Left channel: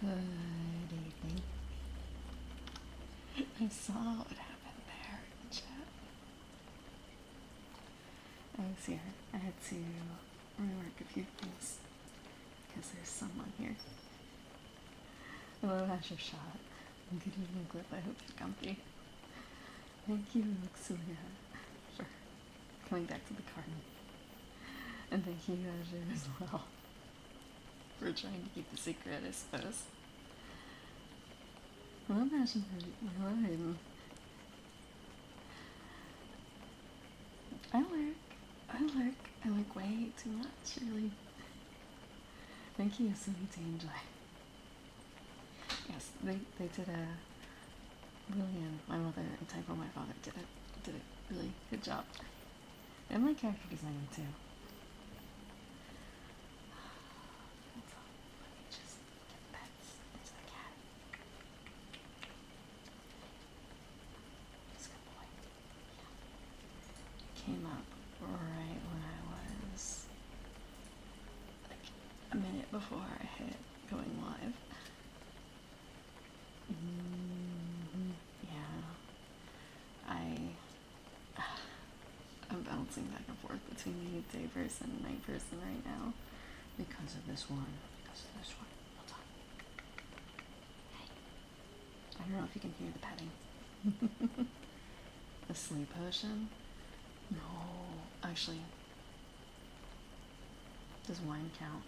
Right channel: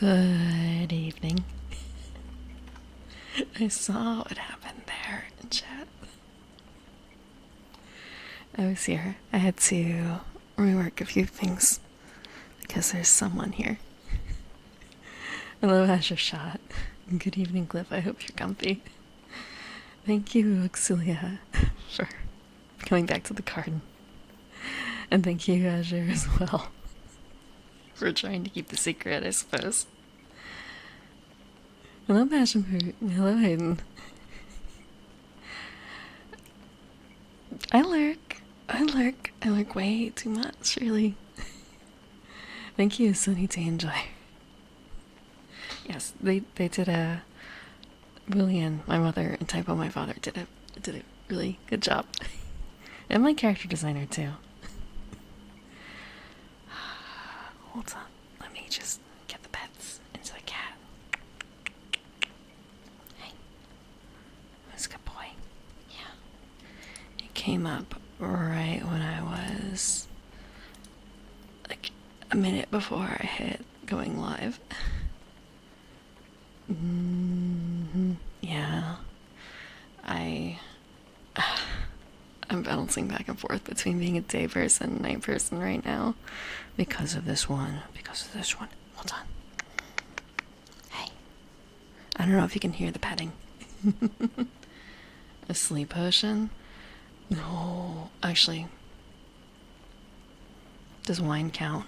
Good evening. I saw what happened there in chat. I was here. I had to rework a few things because there's someone here. Hello, Azure Shot. Good evening, Cliff. I hope you're comfy. Thank you, Auxilia, for coming back to the garden. And thank you, Azure, as well, for trying to keep the secret, I suppose. Hello, Passion Fruit. Hello, Hayden. I lurk way too much, really. Thank you, Sunny to enjoy. Yes, they did a William, my mother, and Typo, my father, did a really good job. And my character designer too. Hold on, let me just get the pets into the cat. Hey, who's a good boy? Yeah. It came up right when I was like a minute before I hit going live. Yeah. I'm bouncing back and forth between being a day person and night person right now because of this one. Hold on. Hey. I don't know if you can hear the petting. A sleep potion? No, actually. Does wine count?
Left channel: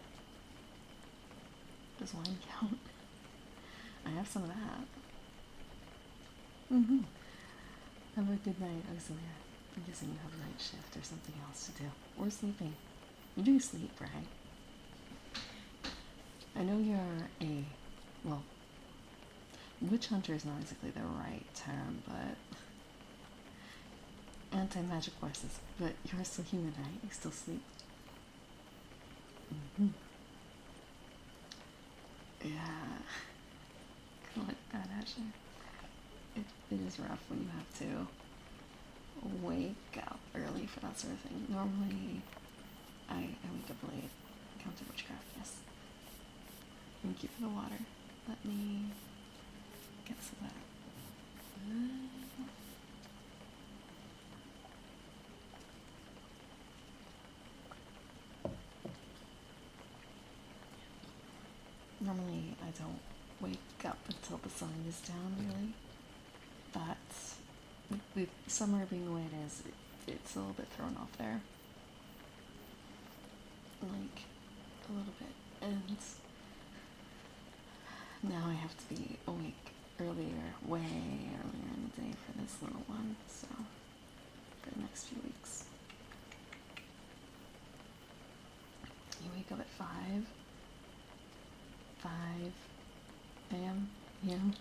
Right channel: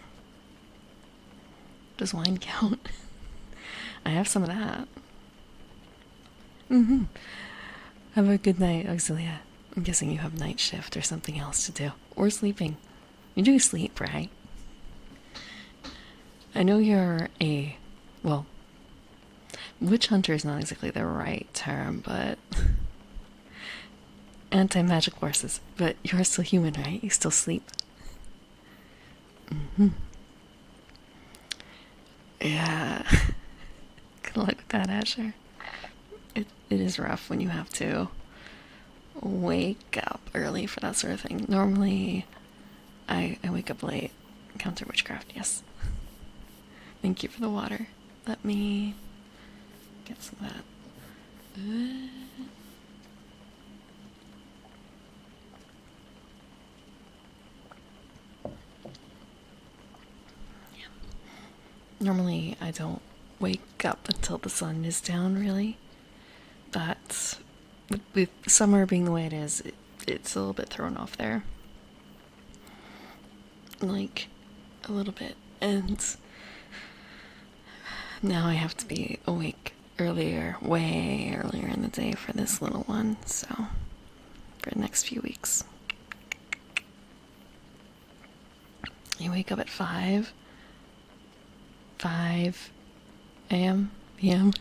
I have some of that. Have a good night, Auxilia. I'm guessing you have night shift or something else to do. Or sleeping. You do sleep, right? I know you're well, witch hunter is not exactly the right term, but anti-magic forces. But you're still human, right? You still sleep. Yeah. Good luck with that, Asher. It is rough when you have to wake up early for that sort of thing. Normally, I wake up late. Counter witchcraft, yes. Thank you for the water. Let me get some of that. Yeah. Normally, I don't wake up until the sun is down, really. But with summer being the way it is, it's a little bit thrown off there. Like, a little bit. And now I have to be awake earlier, way earlier in the day for this little one, so for the next few weeks. You wake up at 5 a.m. p.m.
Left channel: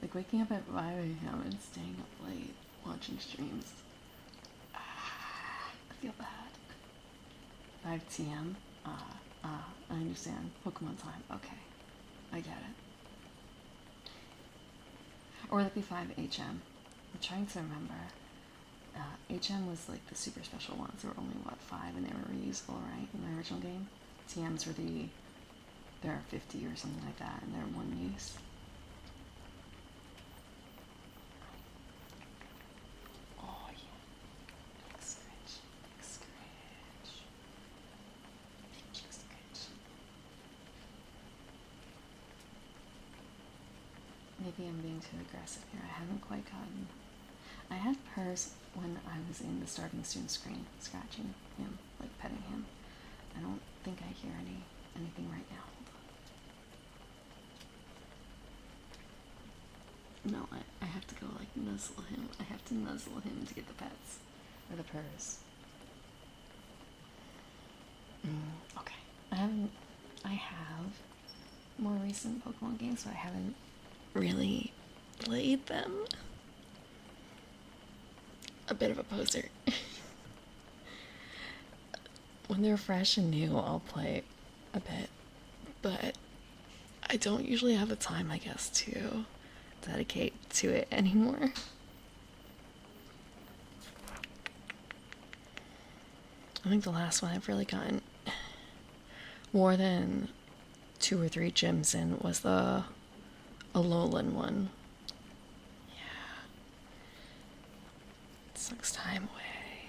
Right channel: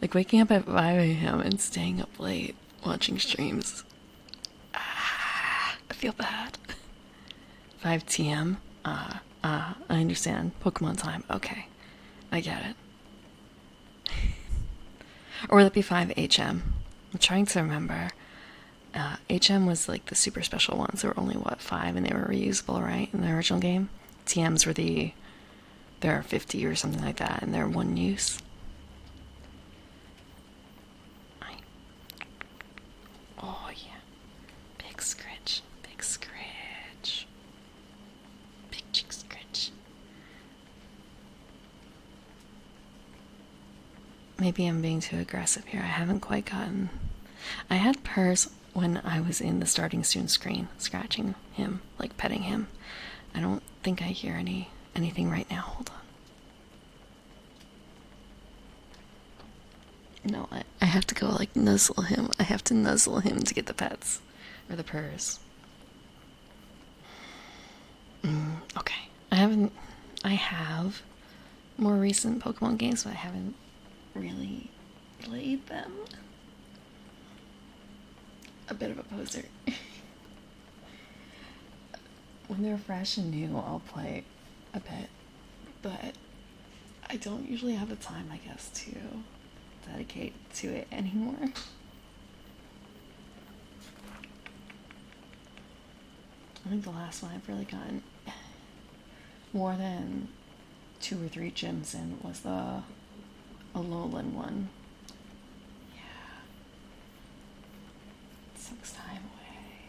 Like waking up at 5 a.m. and staying up late watching streams. I feel bad. 5 t.m. I understand. Pokemon time. Okay. I get it. Or would that be 5 h.m.? I'm trying to remember. HM was like the super special ones. They were only, 5, and they were reusable, right? In the original game? TMs were there are 50 or something like that, and they're one use. Oh, yeah. Big scritch. Big chick scritch. Maybe I'm being too aggressive here. I haven't quite gotten... I had purrs when I was in the starting soon screen, scratching him, like petting him. I don't think I hear anything right now. Hold on. No, I have to go like nuzzle him. I have to nuzzle him to get the pets. Or the purrs. Okay. I have more recent Pokemon games, but I haven't really played them. A bit of a poser. When they're fresh and new, I'll play a bit, but I don't usually have the time, I guess, to dedicate to it anymore. I think the last one I've really gotten more than 2 or 3 gyms in was the Alolan one. Yeah. It sucks time away.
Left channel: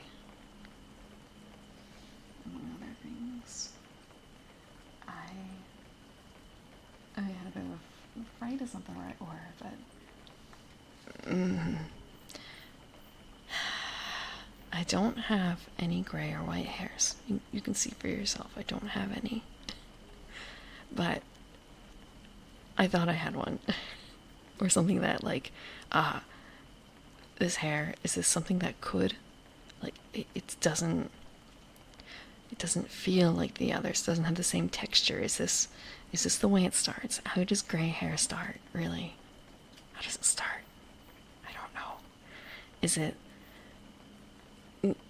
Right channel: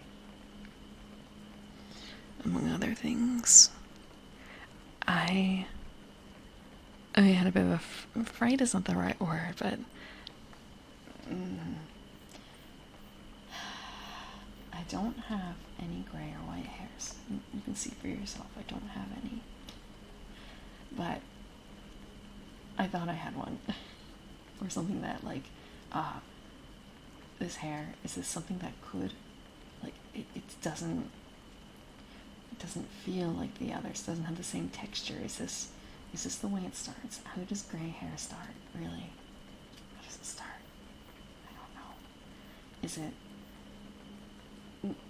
Among other things. I had a bit of a fright is not the right word, but I don't have any gray or white hairs. You can see for yourself, I don't have any. But I thought I had one. Or something that, like, this hair, is this something that could, like, it doesn't feel like the others, doesn't have the same texture. Is this the way it starts? How does gray hair start, really? How does it start? I don't know. Is it,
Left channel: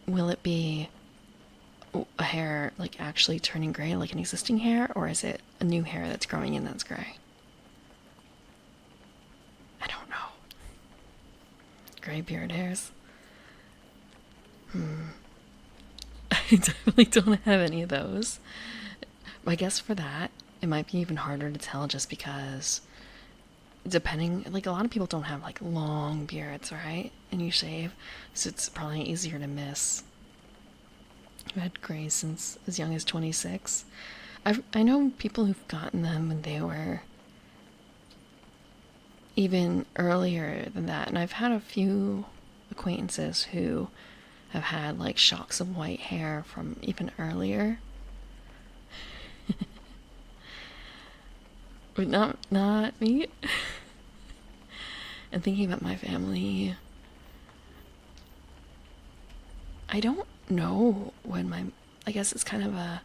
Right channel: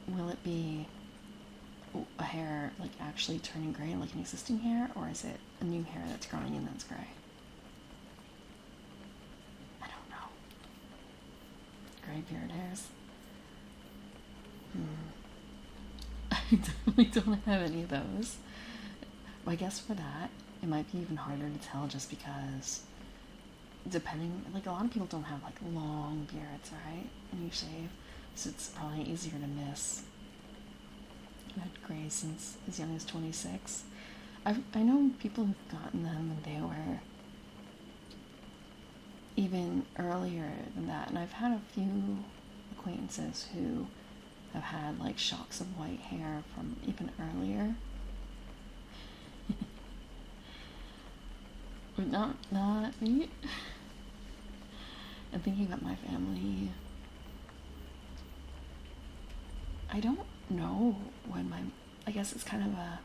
will it be a hair, like, actually turning gray like an existing hair, or is it a new hair that's growing in that's gray? I don't know. Gray beard hairs? I definitely don't have any of those. I guess for that, it might be even harder to tell just because, depending, like, a lot of people don't have, like, long beards, right? And you shave, so it's probably easier to miss. I've had gray since as young as 26. I know people who've gotten them when they were even earlier than that, and I've had a few acquaintances who have had, like, shocks of white hair from even earlier. But not me. And thinking about my family, I don't know when I guess it's kind of a,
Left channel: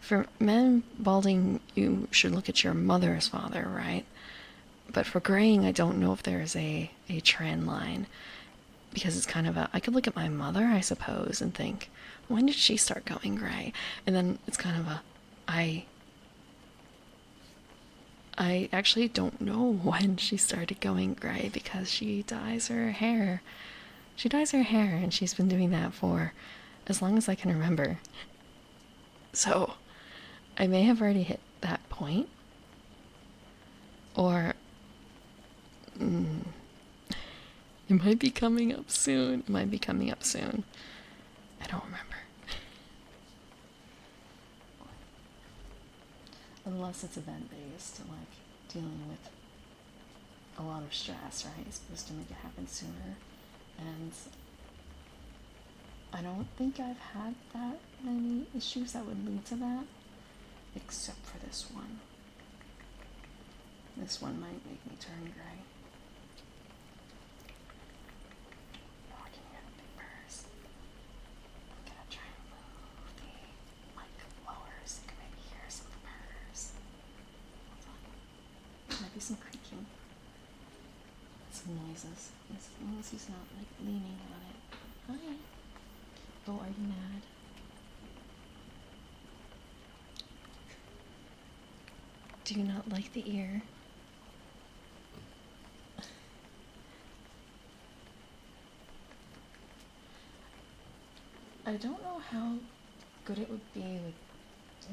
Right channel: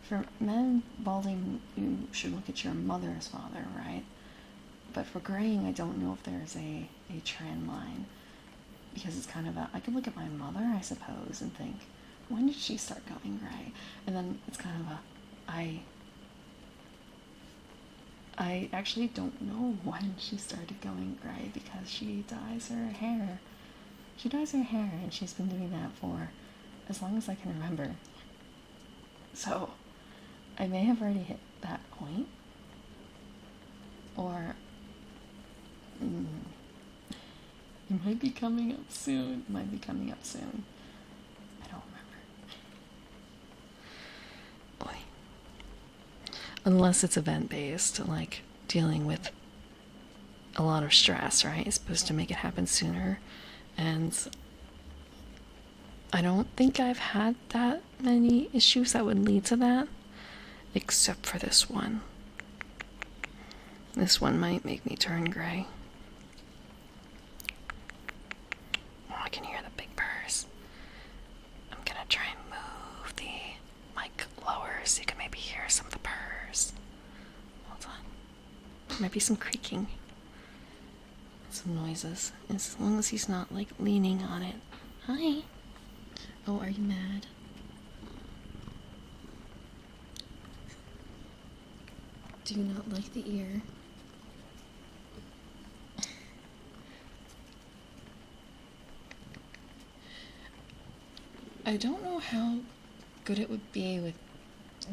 for men balding, you should look at your mother's father, right? But for graying, I don't know if there's a trend line, because it's kind of a, I could look at my mother, I suppose, and think, when did she start going gray? And then it's kind of a, I actually don't know when she started going gray, because she dyes her hair. She dyes her hair, and she's been doing that for as long as I can remember. So, I may have already hit that point. Or, it might be coming up soon. I don't remember. Unless it's event-based, like dealing with a lot of stress, right? It's supposed to make it happen sooner. And I don't think I've had that many issues that would lead to that, except for this one. This one might make me turn gray. Oh, I can hear the big purrs. I'm gonna try and move the mic lower so you can maybe hear some of the purrs. Hold on. There might be some creaking. Some noises. As long as he's not, like, leaning on it. Hi. Oh, are you mad? Do you not like the ear? I don't know how good it would be with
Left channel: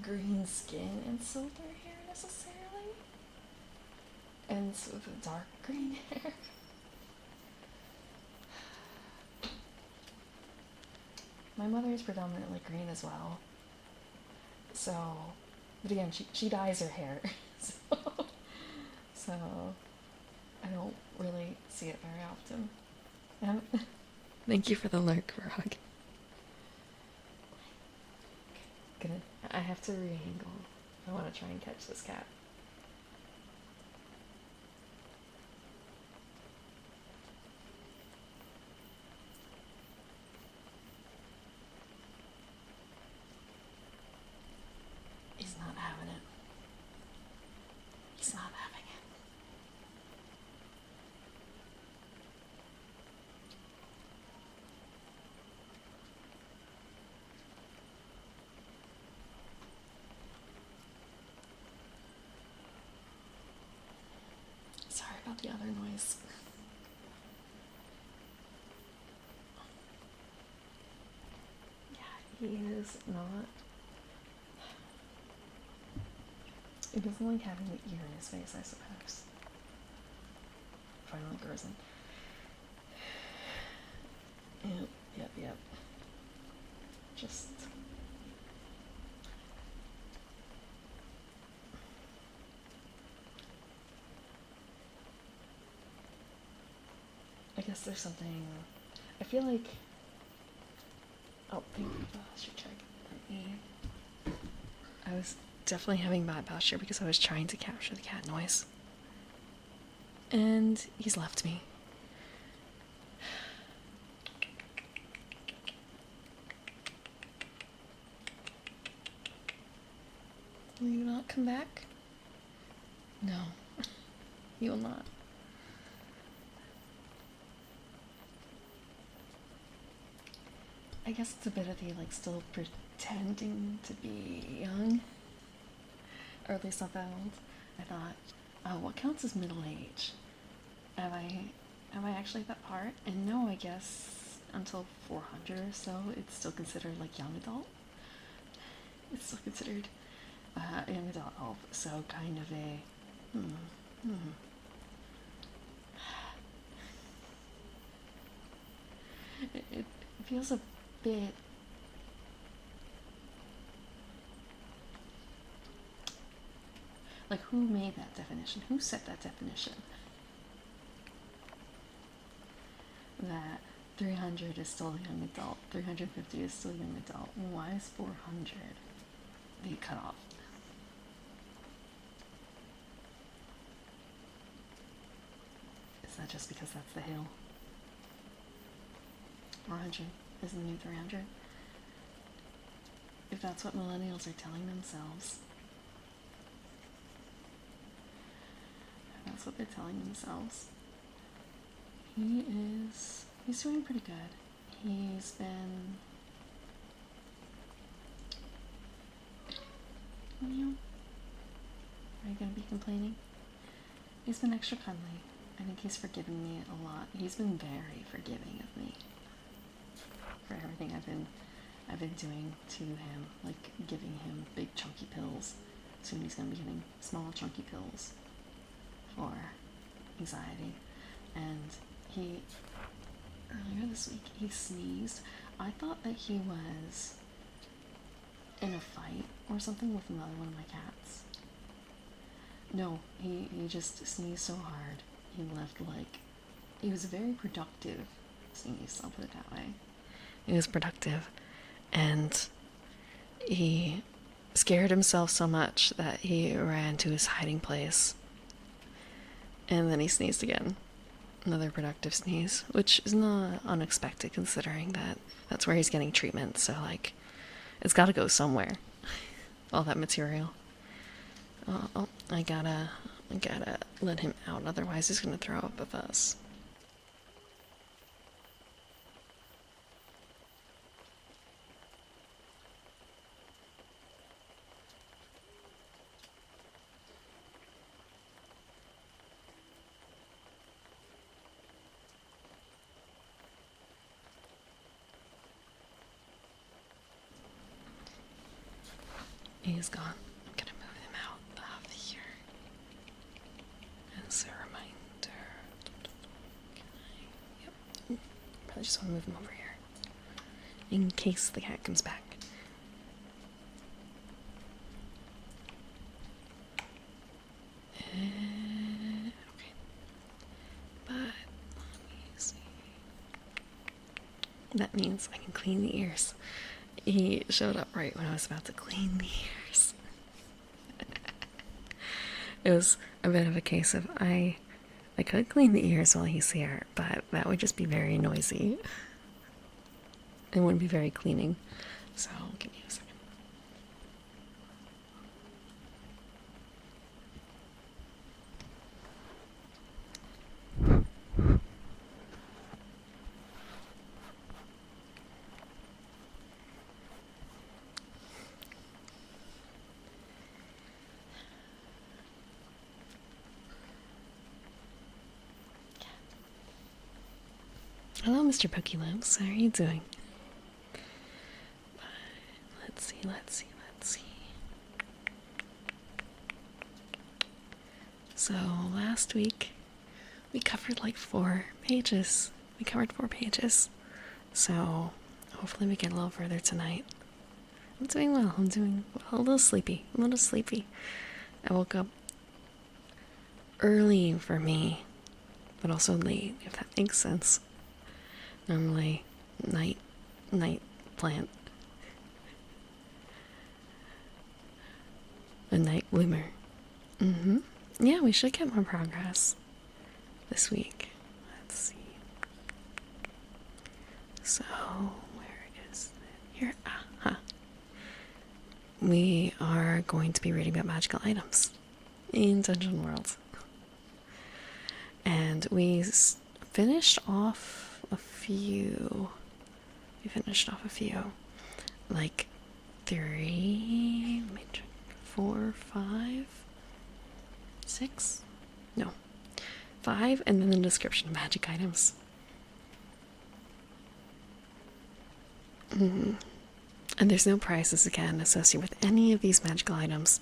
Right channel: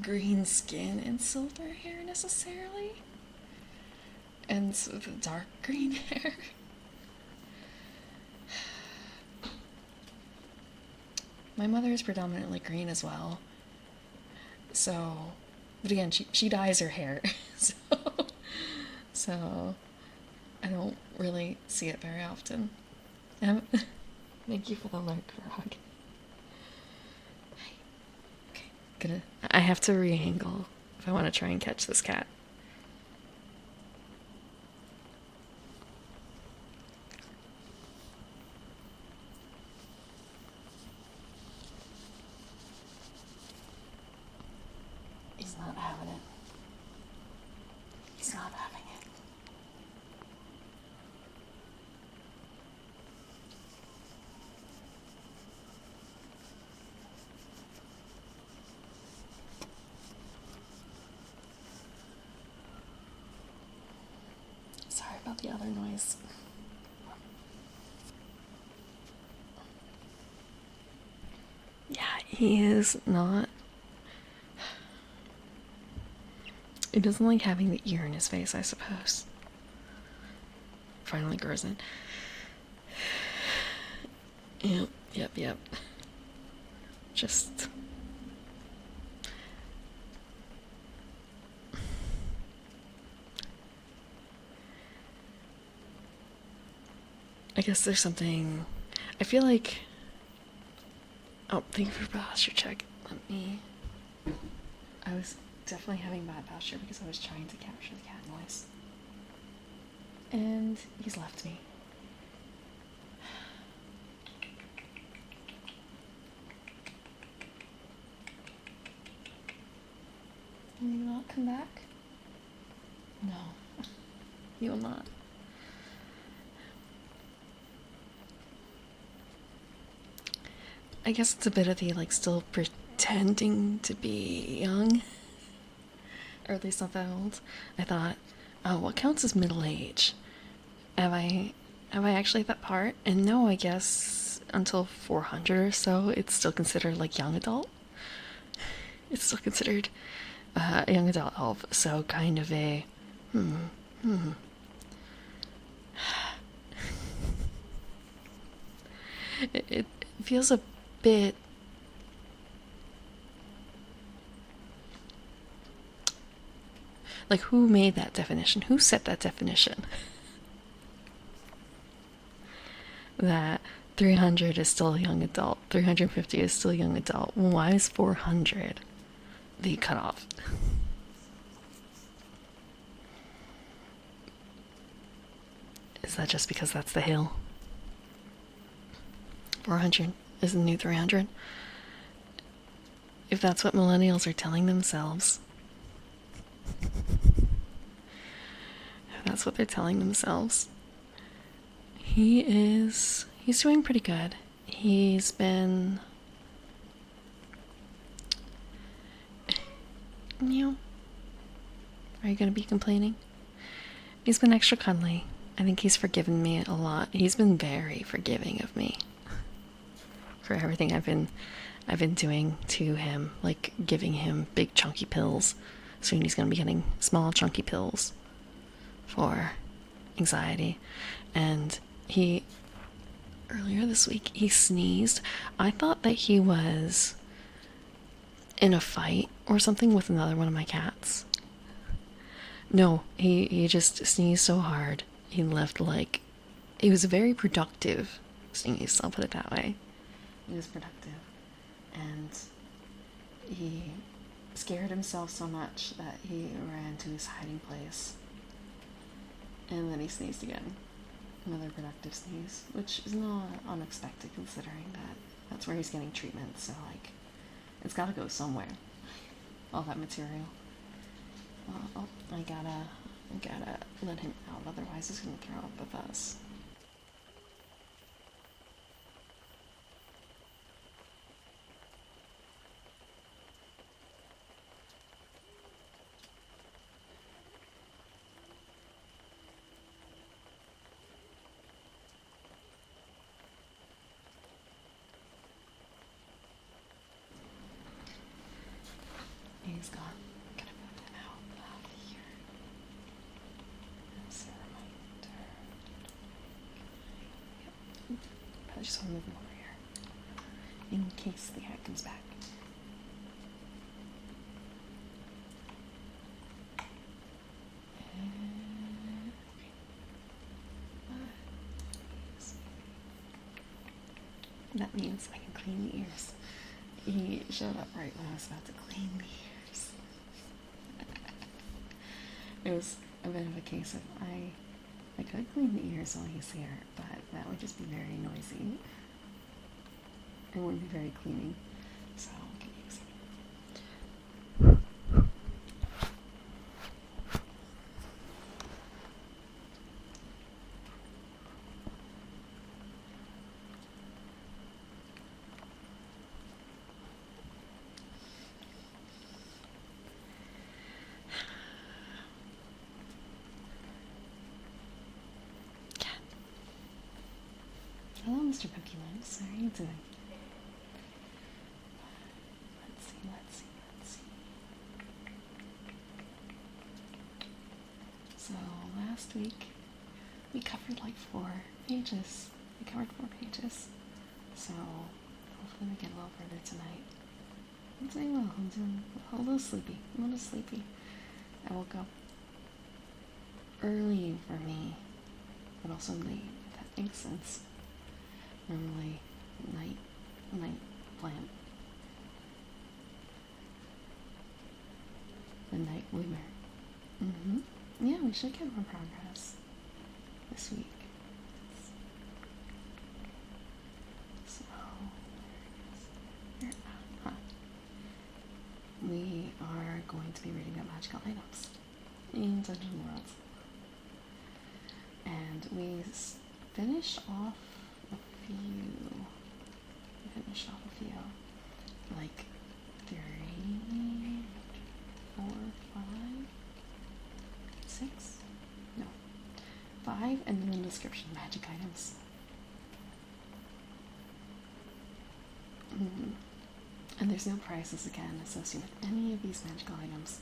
green skin and silver hair necessarily. And so the dark green hair. My mother is predominantly green as well. So, but again, she dyes her hair. So I don't really see it very often. Thank you for the lurk, Frog. Okay, I have to re-angle if I want to try and catch this cat. He's not having it. He's not having it. Sorry about the other noise. Yeah, he is not. It doesn't like having the ear in his face, I suppose. Finally grows in. Yep. Just. I guess there's something. I feel like. Oh, thank you for posture check. Let me. I was definitely having bad posture because I was trying to capture the cat noise. And he's left me. Will you not come back? No. You will not. I guess it's a bit of the like still pretending to be young. Or at least not that old. I thought, oh, what counts as middle age? Have I actually at that part? And no, I guess until 400 or so, it's still considered like young adult. It's still considered a young adult elf, so kind of a it feels a bit like who made that definition? Who set that definition? That 300 is still a young adult, 350 is still a young adult. Why is 400 the cutoff? Is that just because that's the hill? 400 is the new 300? If that's what millennials are telling themselves, if that's what they're telling themselves, he's doing pretty good. He's been, are you gonna be complaining? He's been extra cuddly. I think he's forgiven me a lot. He's been very forgiving of me for everything I've been doing to him, like giving him big chunky pills. Soon he's gonna be getting small chunky pills for anxiety. And earlier this week he sneezed. I thought that he was in a fight or something with another one of my cats. No, he just sneezed so hard. He left like, it was a very productive sneeze, I'll put it that way. It was productive. And he scared himself so much that he ran to his hiding place. And then he sneezed again. Another productive sneeze, which is not unexpected considering that that's where he's getting treatment. So like, it's gotta go somewhere. All that material. Oh, I gotta let him out, otherwise he's gonna throw up with us. He's gone. I'm gonna move him out of here. As a reminder. I just want to move him over here. In case the cat comes back. Okay. But, let me see. That means I can clean the ears. He showed up right when I was about to clean the ears. It was a bit of a case of I could clean the ears while he's here, but that would just be very noisy. It wouldn't be very cleaning. So give me a second. Hello, Mr. Pokelips. How are you doing? Let's see. So last week we covered like 4 pages. We covered 4 pages. So hopefully we get a little further tonight. I'm doing well. I'm doing well. A little sleepy. A little sleepy. I woke up early for me, but also late, if that makes sense. Normally night plant. A night bloomer. Yeah, we should get more progress this week. Let's see. So, where is it? Here. We are going to be reading about magical items in Dungeon World. And we finished off a few. Like 3, 4, 5, 6? No. 5, and then the description of magic items. And there's no prices again associated with any of these magical items.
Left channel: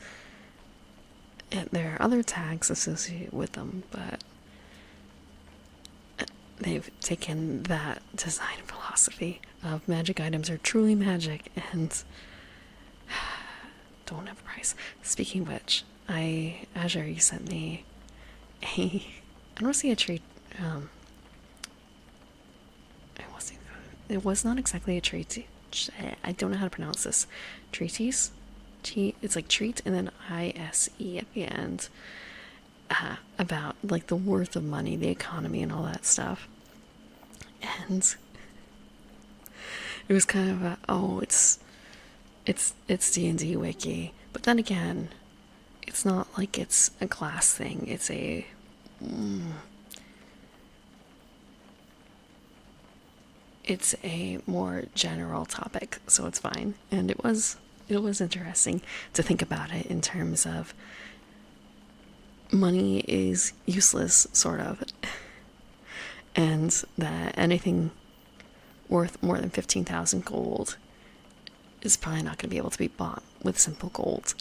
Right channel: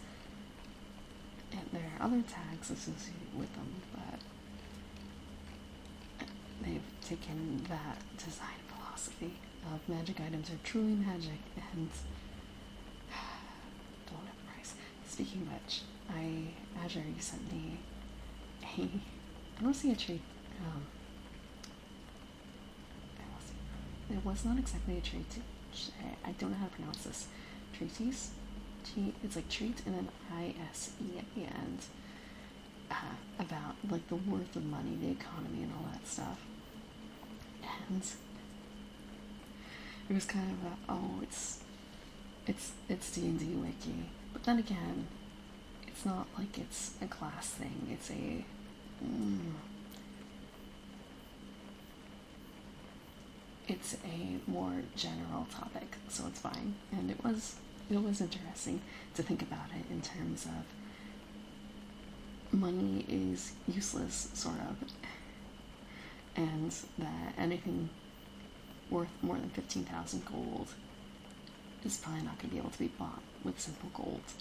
And there are other tags associated with them, but they've taken that design philosophy of magic items are truly magic and don't have a price. Speaking of which, Azure, you sent me I don't see a treat. It was not exactly a treat. I don't know how to pronounce this. Treatise? It's like treat and then ISE at the end. About like the worth of money, the economy, and all that stuff. And it was kind of it's D&D wiki, but then again, it's not like it's a class thing. It's a more general topic, so it's fine. And it was interesting to think about it in terms of money is useless, sort of, and that anything worth more than 15,000 gold is probably not going to be able to be bought with simple gold.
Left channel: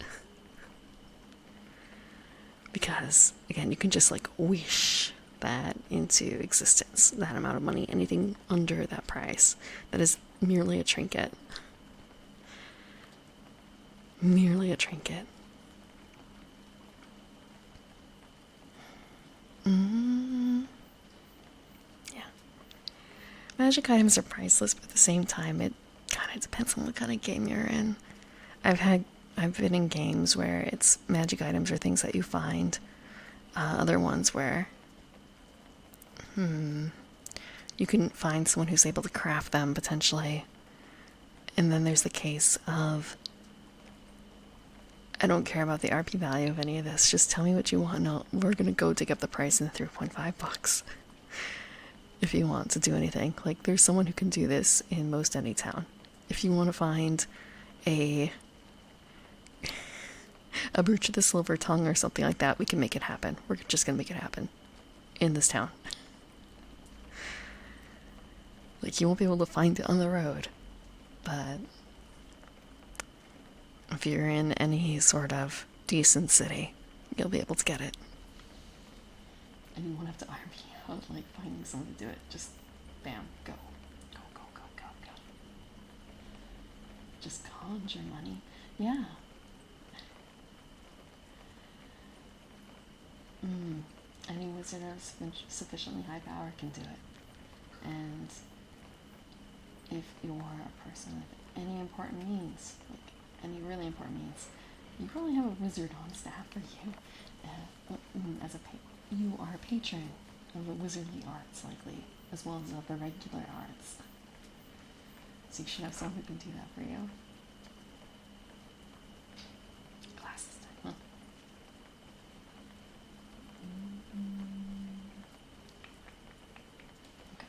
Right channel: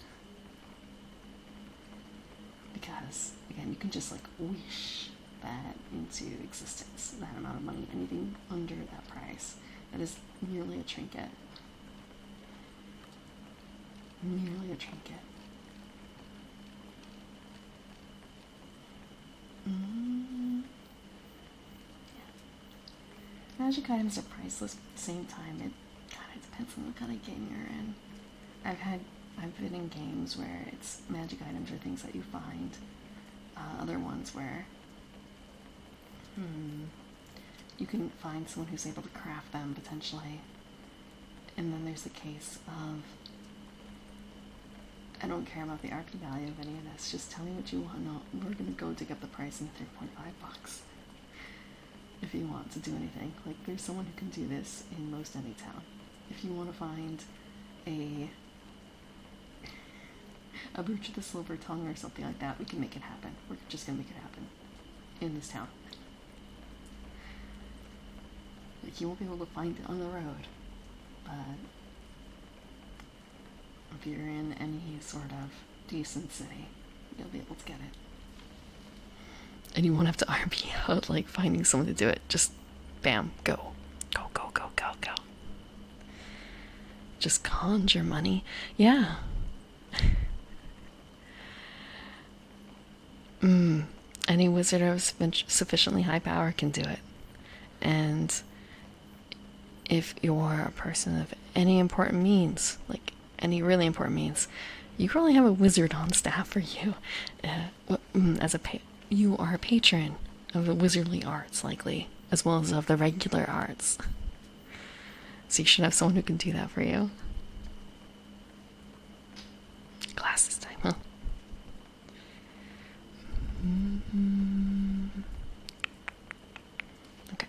Because, again, you can just like wish that into existence, that amount of money. Anything under that price, that is merely a trinket. Merely a trinket. Yeah. Magic items are priceless, but at the same time, it kind of depends on what kind of game you're in. I've been in games where it's magic items or things that you find. Other ones where you can find someone who's able to craft them potentially. And then there's the case of, I don't care about the RP value of any of this. Just tell me what you want. No, we're gonna go dig up the price in the 3.5 bucks. If you want to do anything, like there's someone who can do this in most any town. If you want to find a brooch of the silver tongue or something like that, we can make it happen. We're just gonna make it happen in this town. Like, you won't be able to find it on the road, but if you're in any sort of decent city, you'll be able to get it. And you won't have to RP out, like, finding someone to do it. Just, bam, go. Go, go, go, go, go. Just conjure money. Yeah. Any wizard of sufficiently high power can do it. And if you're a person of any important means, like any really important means, you probably have a wizard on staff for you. You are a patron of the wizardly arts, likely, as well as of the regular arts. So you should have someone who can do that for you. Glasses time, huh? Okay.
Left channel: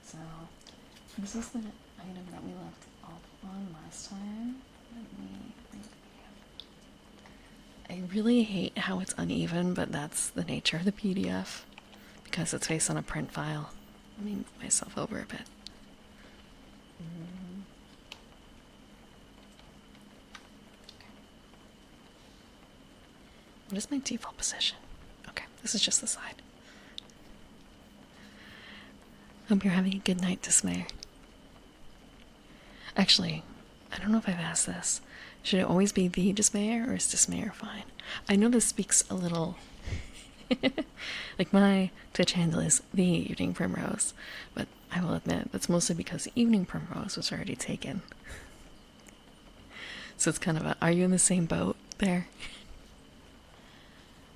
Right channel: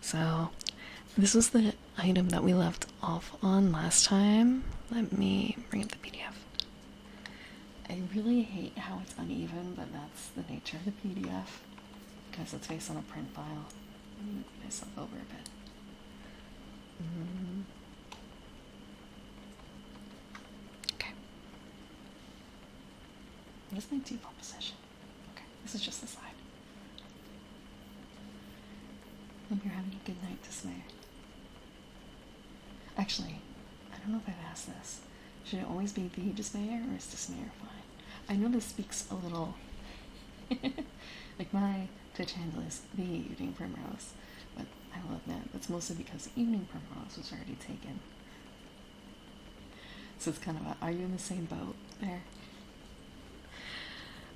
So, this was the item that we left off on last time. Let me bring up the PDF. I really hate how it's uneven, but that's the nature of the PDF because it's based on a print file. Let me move myself over a bit. Okay. What is my default position? Okay, this is just the side. Hope you're having a good night, Dismayer. Actually, I don't know if I've asked this. Should it always be the Dismayer, or is Dismayer fine? I know this speaks a little... like, my Twitch handle is the Evening Primrose, but I will admit that's mostly because Evening Primrose was already taken. So it's kind of a, are you in the same boat there?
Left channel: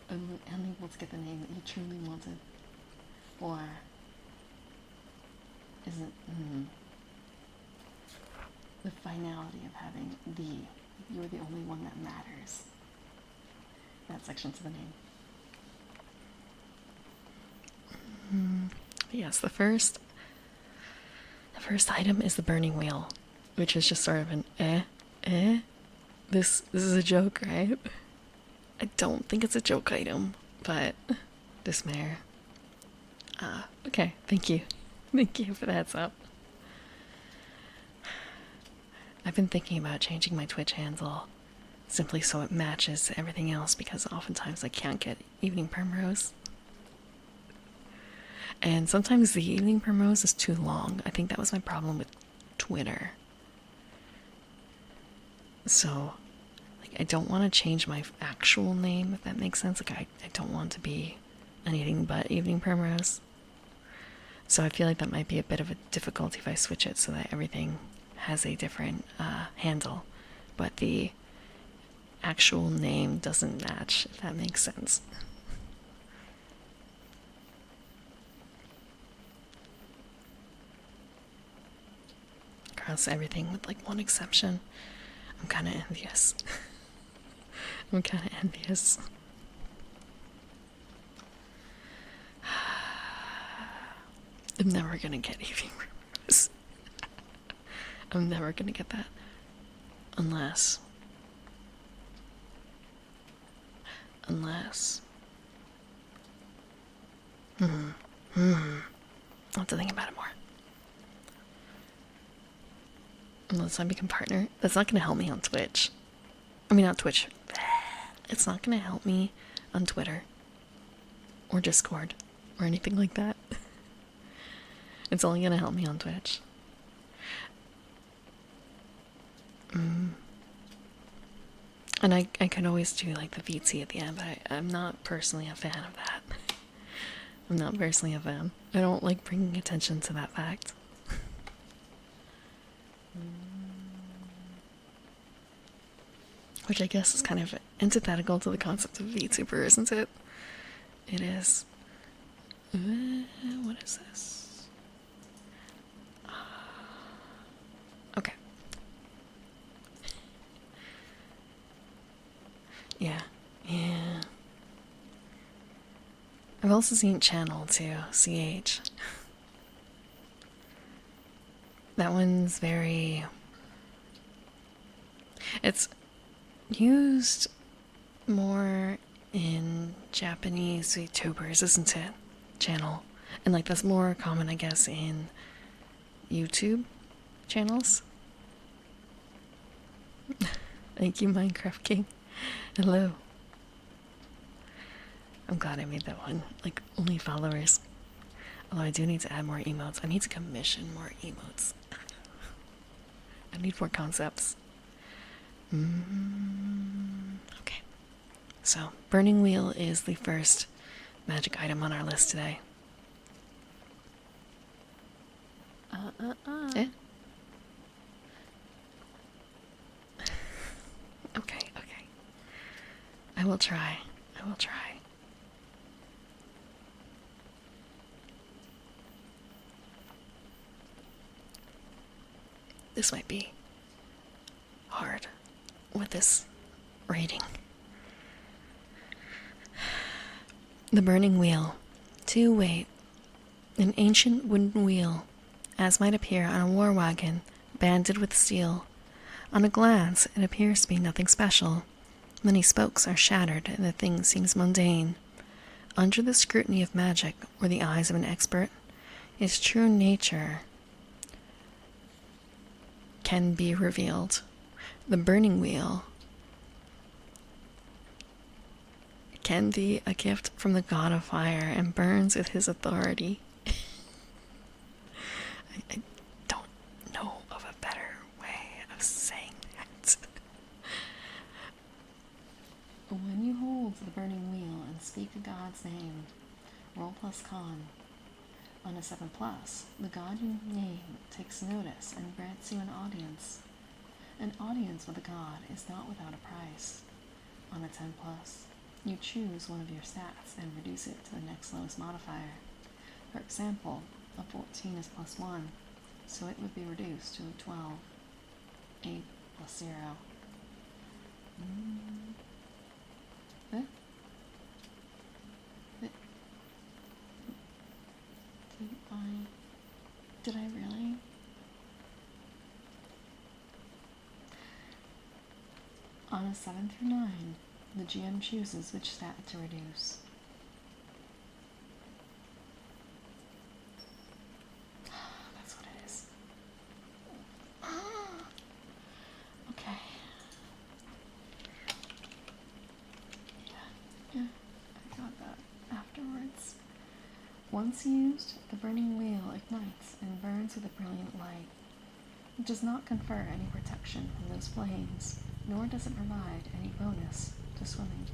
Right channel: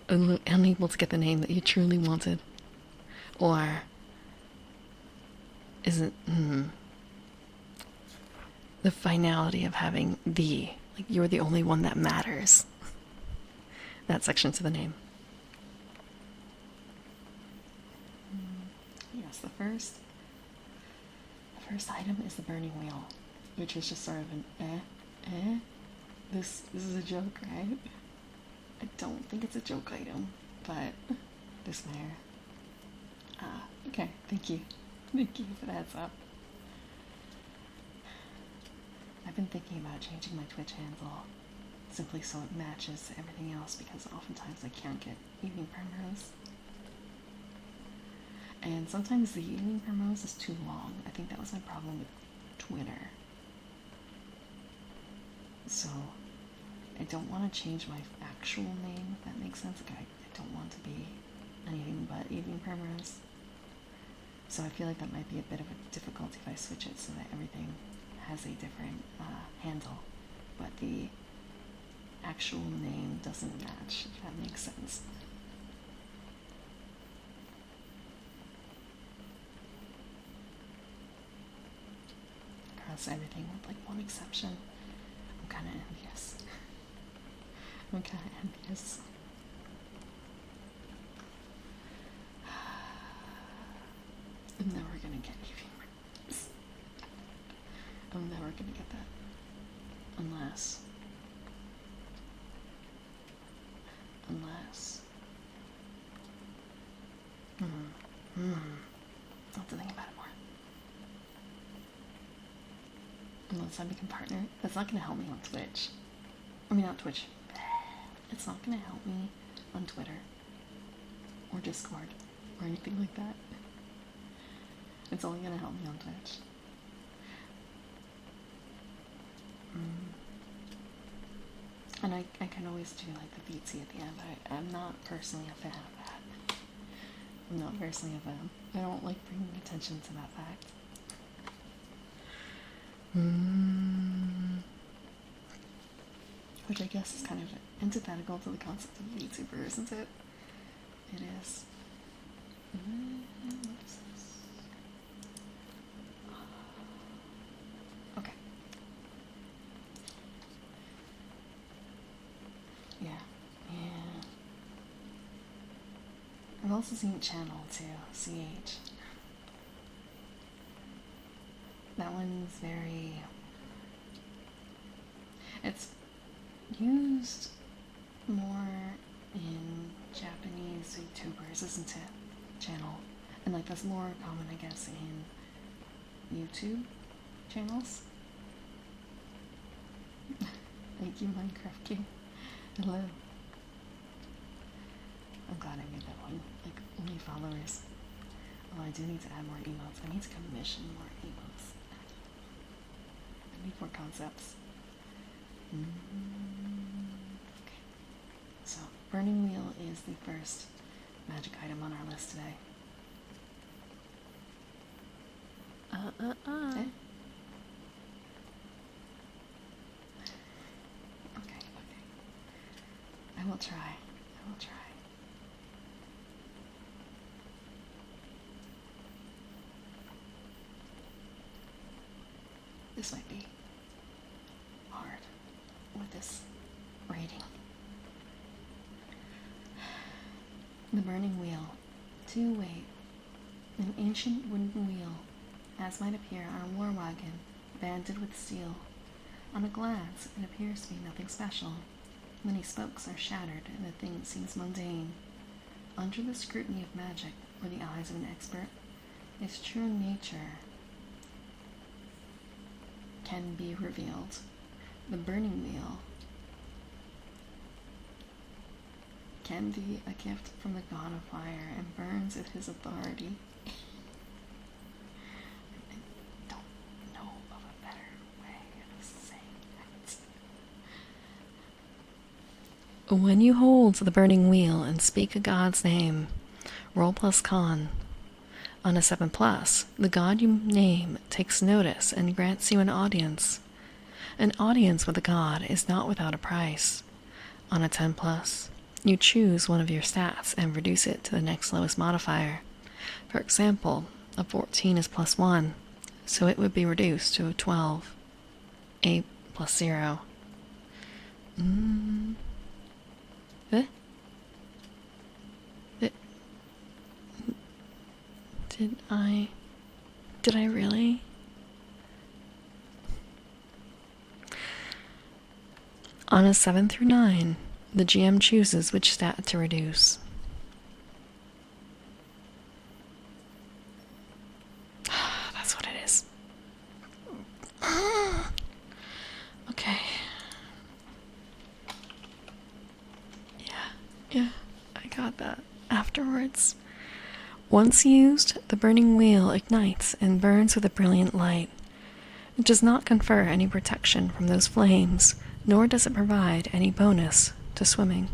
Unable to get the name that you truly wanted? Or is it the finality of having the, like you're the only one that matters? That section to the name. Yes, the first item is the burning wheel, which is just sort of an this is a joke, right? I don't think it's a joke item, but Dismayer. Okay, thank you. Thank you for the heads up. I've been thinking about changing my Twitch handle simply so it matches everything else, because oftentimes I can't get Evening Primrose. And sometimes the Evening Primrose is too long. I think that was my problem with Twitter. So, like, I don't want to change my actual name, if that makes sense. Like, I don't want to be anything but Evening Primrose. So I feel like that might be a bit of a difficulty if I switch it so that everything has a different handle, but the actual name doesn't match, if that makes sense. Across everything with like one exception. I'm kind of envious. I'm kind of envious. I'm never gonna get Evening Primrose. I'm never gonna get that. Unless. I'll have to think about it more. Unless I become partner. That's not gonna help me on Twitch. I mean, not Twitch. It's not gonna help me on Twitter. Or Discord. Or anything like that. It's only gonna help me on Twitch. And I could always do like the VT at the end, but I'm not personally a fan of that. I'm not personally a fan. I don't like bringing attention to that fact. Which I guess is kind of antithetical to the concept of VTuber, isn't it? It is. What is this? Okay. Yeah. I've also seen Channel too, CH. That one's very... It's used more in Japanese VTubers, isn't it? Channel. And like that's more common, I guess, in YouTube channels. Thank you, Minecraft King. Hello. I'm glad I made that one. Like, only followers. Although I do need to add more emotes. I need to commission more emotes. I need more concepts. Okay. So, Burning Wheel is the first magic item on our list today. Yeah? Okay. I will try. This might be hard with this rating. The Burning Wheel. 2 weight. An ancient wooden wheel, as might appear on a war wagon, banded with steel. On a glance, it appears to be nothing special. Many spokes are shattered, and the thing seems mundane. Under the scrutiny of magic, or the eyes of an expert, its true nature can be revealed. The Burning Wheel can be a gift from the god of fire and burns with his authority. I don't know of a better way of saying that. When you hold the burning wheel and speak a god's name, roll plus con. On a 7 plus, the god you name takes notice and grants you an audience. An audience with a god is not without a price. On a 10 plus, you choose one of your stats and reduce it to the next lowest modifier. For example, a 14 is plus 1, so it would be reduced to a 12. 8 plus 0. Eh? Did I really? On a 7 through 9, the GM chooses which stat to reduce. That's what it is. Okay. Yeah, I got that afterwards. Once used, the burning wheel ignites and burns with a brilliant light. It does not confer any protection from those flames, nor does it provide any bonus to swimming.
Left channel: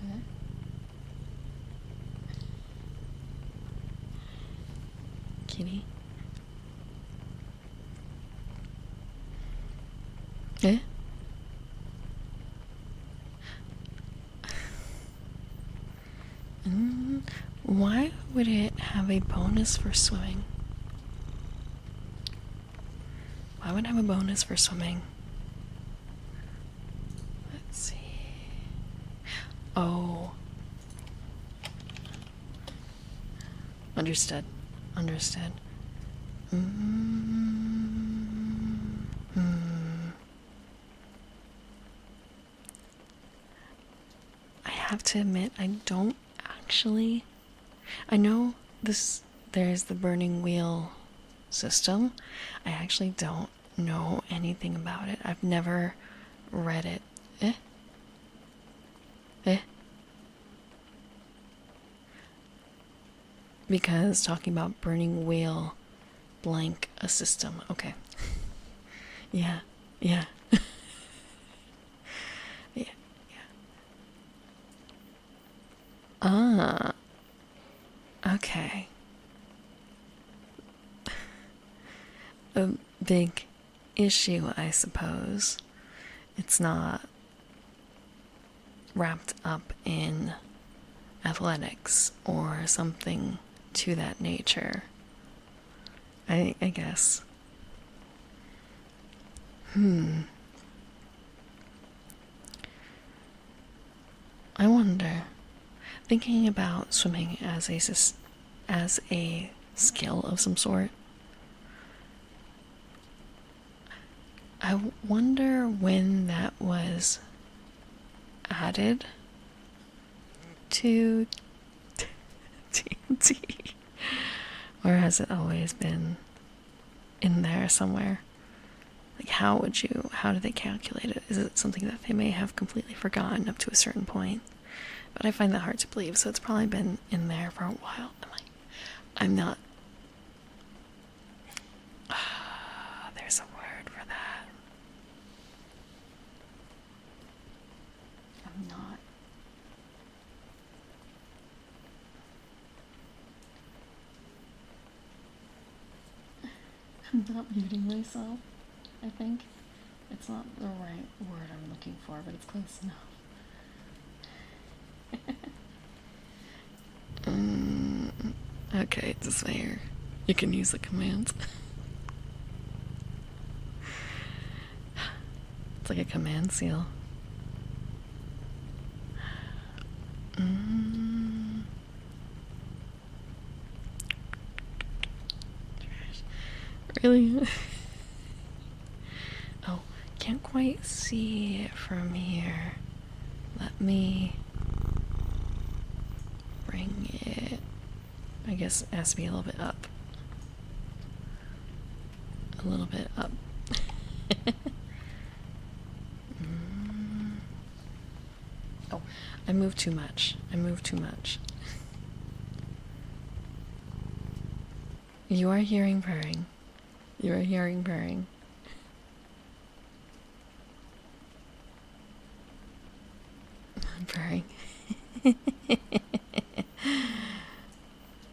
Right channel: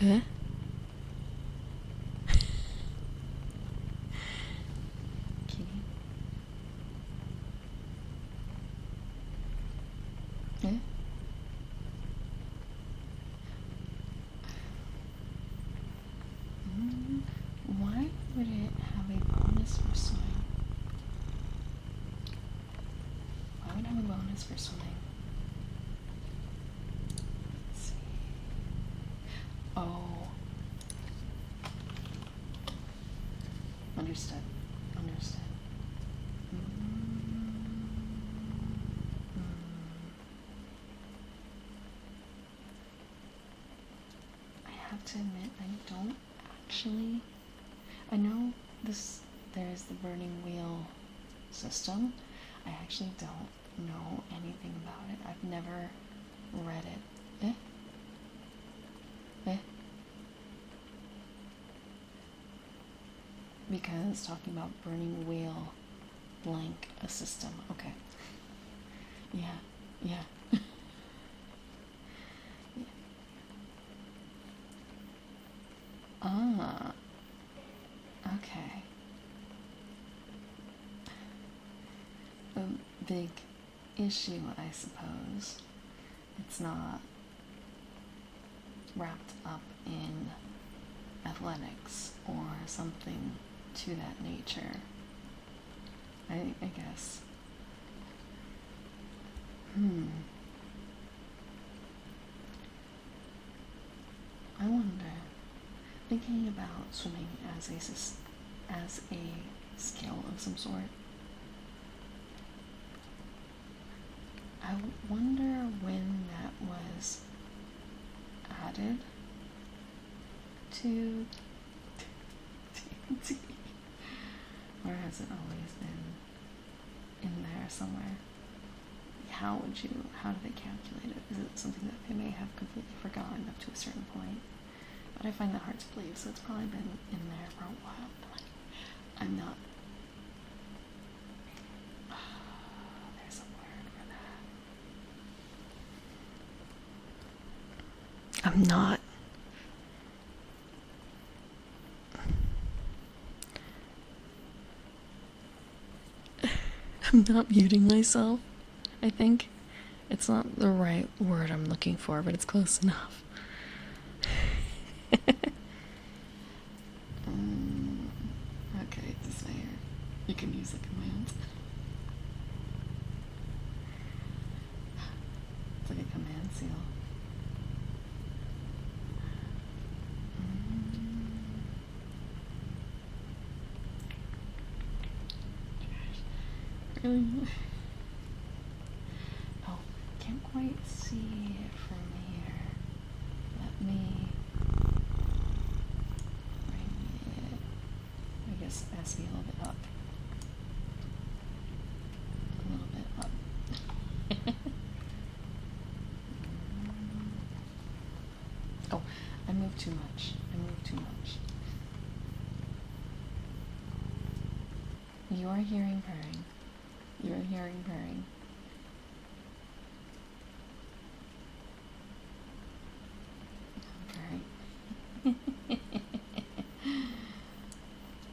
Eh? Kitty? Eh? Why would it have a bonus for swimming? Why would it have a bonus for swimming? Let's see. Oh. Understood. I have to admit, I don't actually. I know there's the burning wheel system. I actually don't know anything about it. I've never read it. Because talking about burning wheel blank a system. Okay. Yeah. Yeah. Ah. Okay. A big issue, I suppose. It's not wrapped up in athletics or something to that nature. I guess. I wonder, thinking about swimming as a skill of some sort, I wonder when that was added to TNT, or has it always been in there somewhere? Like, how do they calculate it? Is it something that they may have completely forgotten up to a certain point? But I find that hard to believe, so it's probably been in there for a while. And like, I'm not. There's a word for that. I'm not. I'm not muting myself, I think. It's not the right word I'm looking for, but it's close enough. Okay, this way here. You can use the commands. It's like a command seal. Really? Oh, can't quite see it from here. Let me bring it. I guess it has to be a little bit up. A little bit up. move too much. I move too much. You are hearing purring. You are hearing purring. Purring.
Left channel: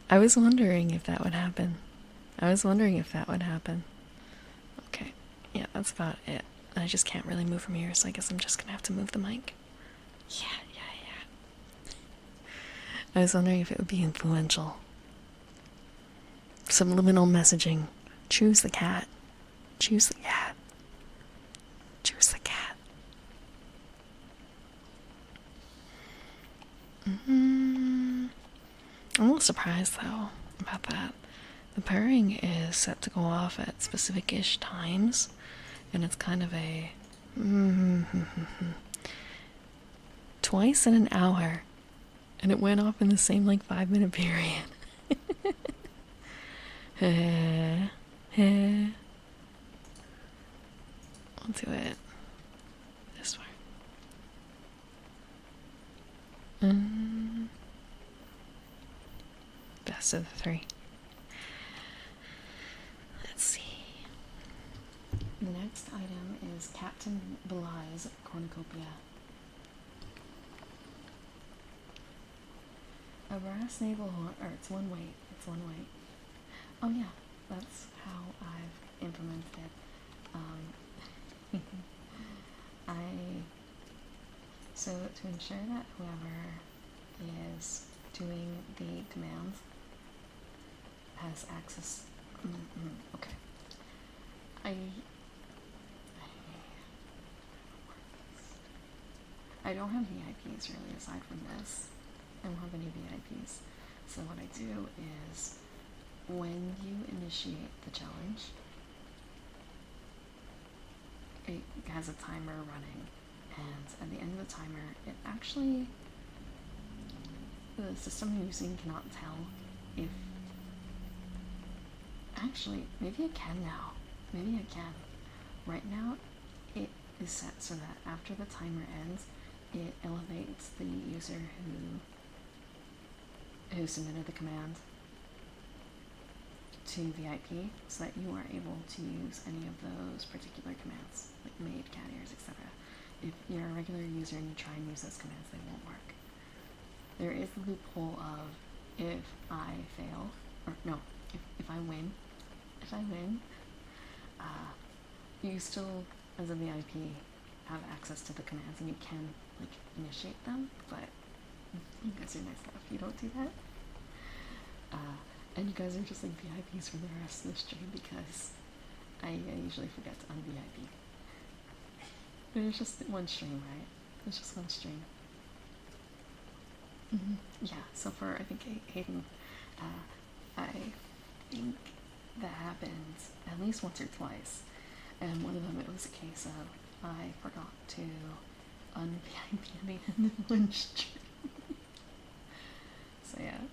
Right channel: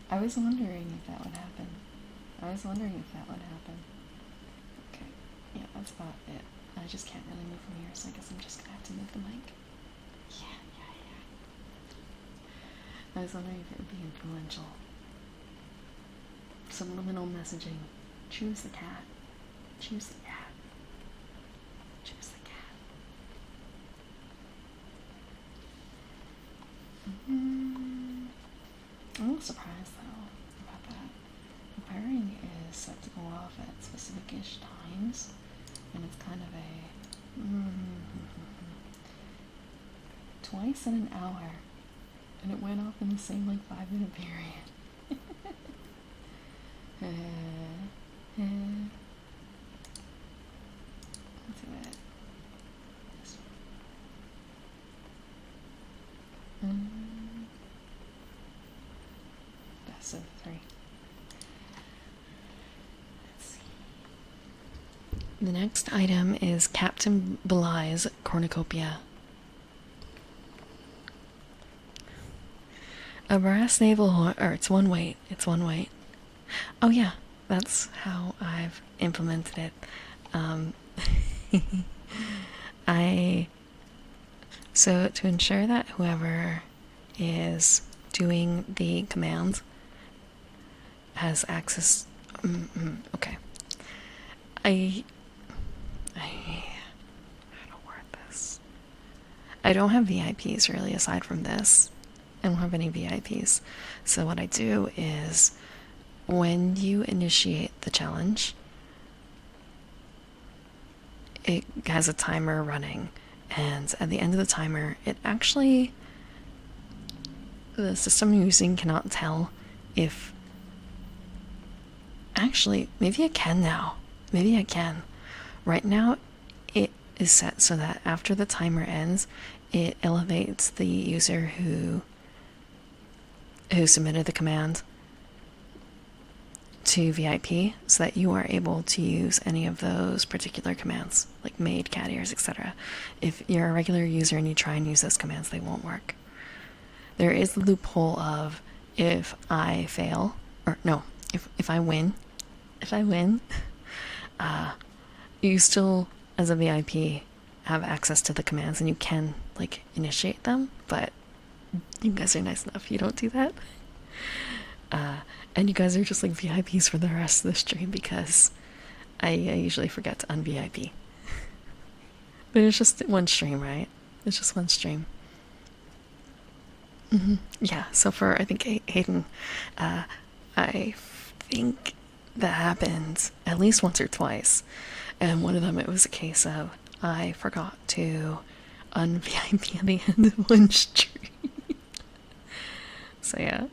I was wondering if that would happen. I was wondering if that would happen. Okay. Yeah, that's about it. I just can't really move from here, so I guess I'm just gonna have to move the mic. Yeah. I was wondering if it would be influential. Subliminal messaging. Choose the cat. Choose the cat. Choose the cat. I'm a little surprised though about that. The purring is set to go off at specific-ish times, and it's kind of a twice in an hour, and it went off in the same like 5-minute period. I'll do it this way. Best of the three. Let's see. The next item is Captain Belize Cornucopia. A brass naval horn, or it's one weight. It's one weight. Oh yeah, that's how I've implemented it. So to ensure that whoever is doing the command has access. Okay. I don't word this. I don't have VIPs really aside from this. I don't have any VIPs. So what I do is when you initiate the challenge, it has a timer running, and at the end of the timer, it actually, the system I'm using cannot tell if, actually, maybe I can now. Maybe I can. Right now, it is set so that after the timer ends, it elevates the user who submitted the command to VIP, so that you are able to use any of those particular commands, like maid, cat ears, etc. If you're a regular user and you try and use those commands, they won't work. There is the loophole of if I fail, or no, if I win, you still, as a VIP, have access to the commands and you can, like, initiate them, but you guys are nice enough, you don't do that. And you guys are just like VIPs for the rest of the stream because I usually forget to un-VIP. But it's just one stream, right? It's just one stream. Yeah, so for, I think, Hayden, I think that happened at least once or twice. And one of them, it was a case of I forgot to un-VIP at the end of one stream. So yeah,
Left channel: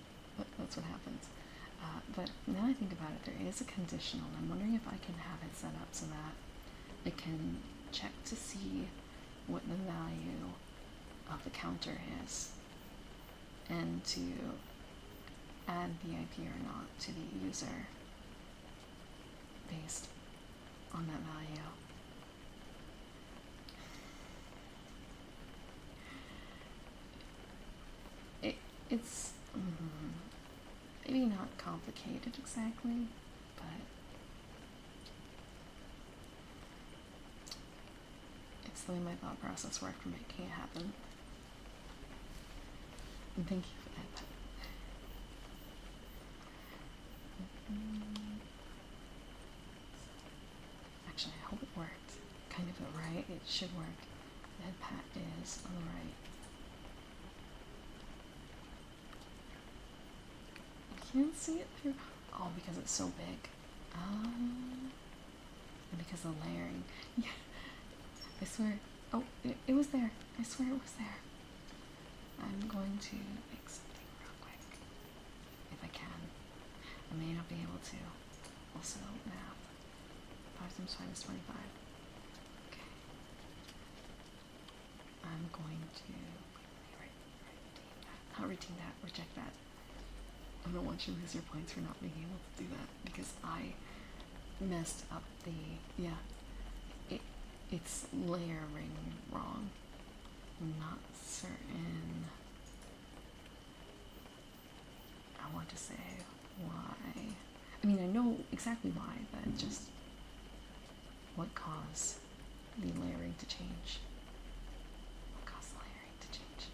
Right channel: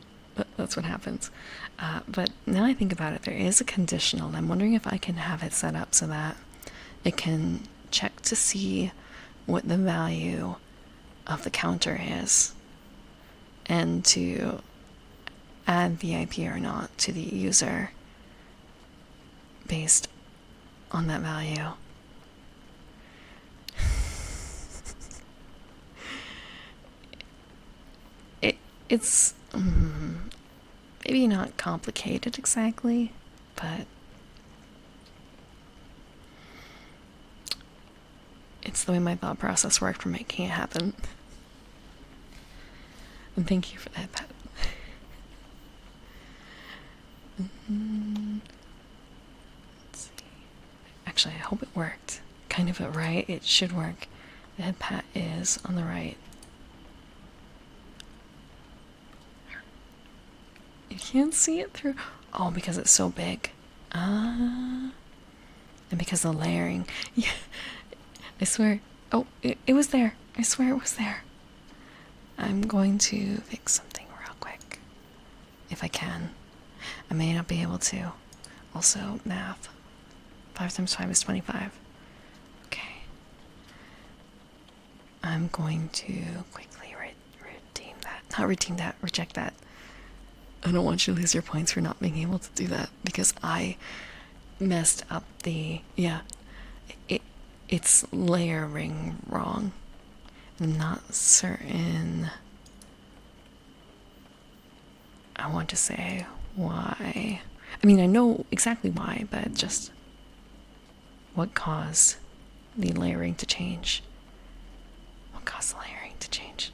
that's what happens. But now I think about it, there is a conditional, and I'm wondering if I can have it set up so that it can check to see what the value of the counter is, and to add VIP or not to the user based on that value. It's maybe not complicated exactly, but it's the way my thought process worked for making it happen. And thank you for that, Pat. Actually, I hope it worked. Kind of right. It should work. The head pat is on the right. You can't see it through. Oh, because it's so big. And because of the layering. Yeah. I swear. Oh, it was there. I swear it was there. I'm going to fix something real quick. If I can. I may not be able to. Also, math. 5 times 5 is 25. Okay. I'm going to quickly not redeem that. Reject that. I don't want you to lose your points for not being able to do that because I messed up the it's layering wrong. I'm not certain. I want to say why. I mean, I know exactly why, but just what caused the layering to change? What caused the layering to change?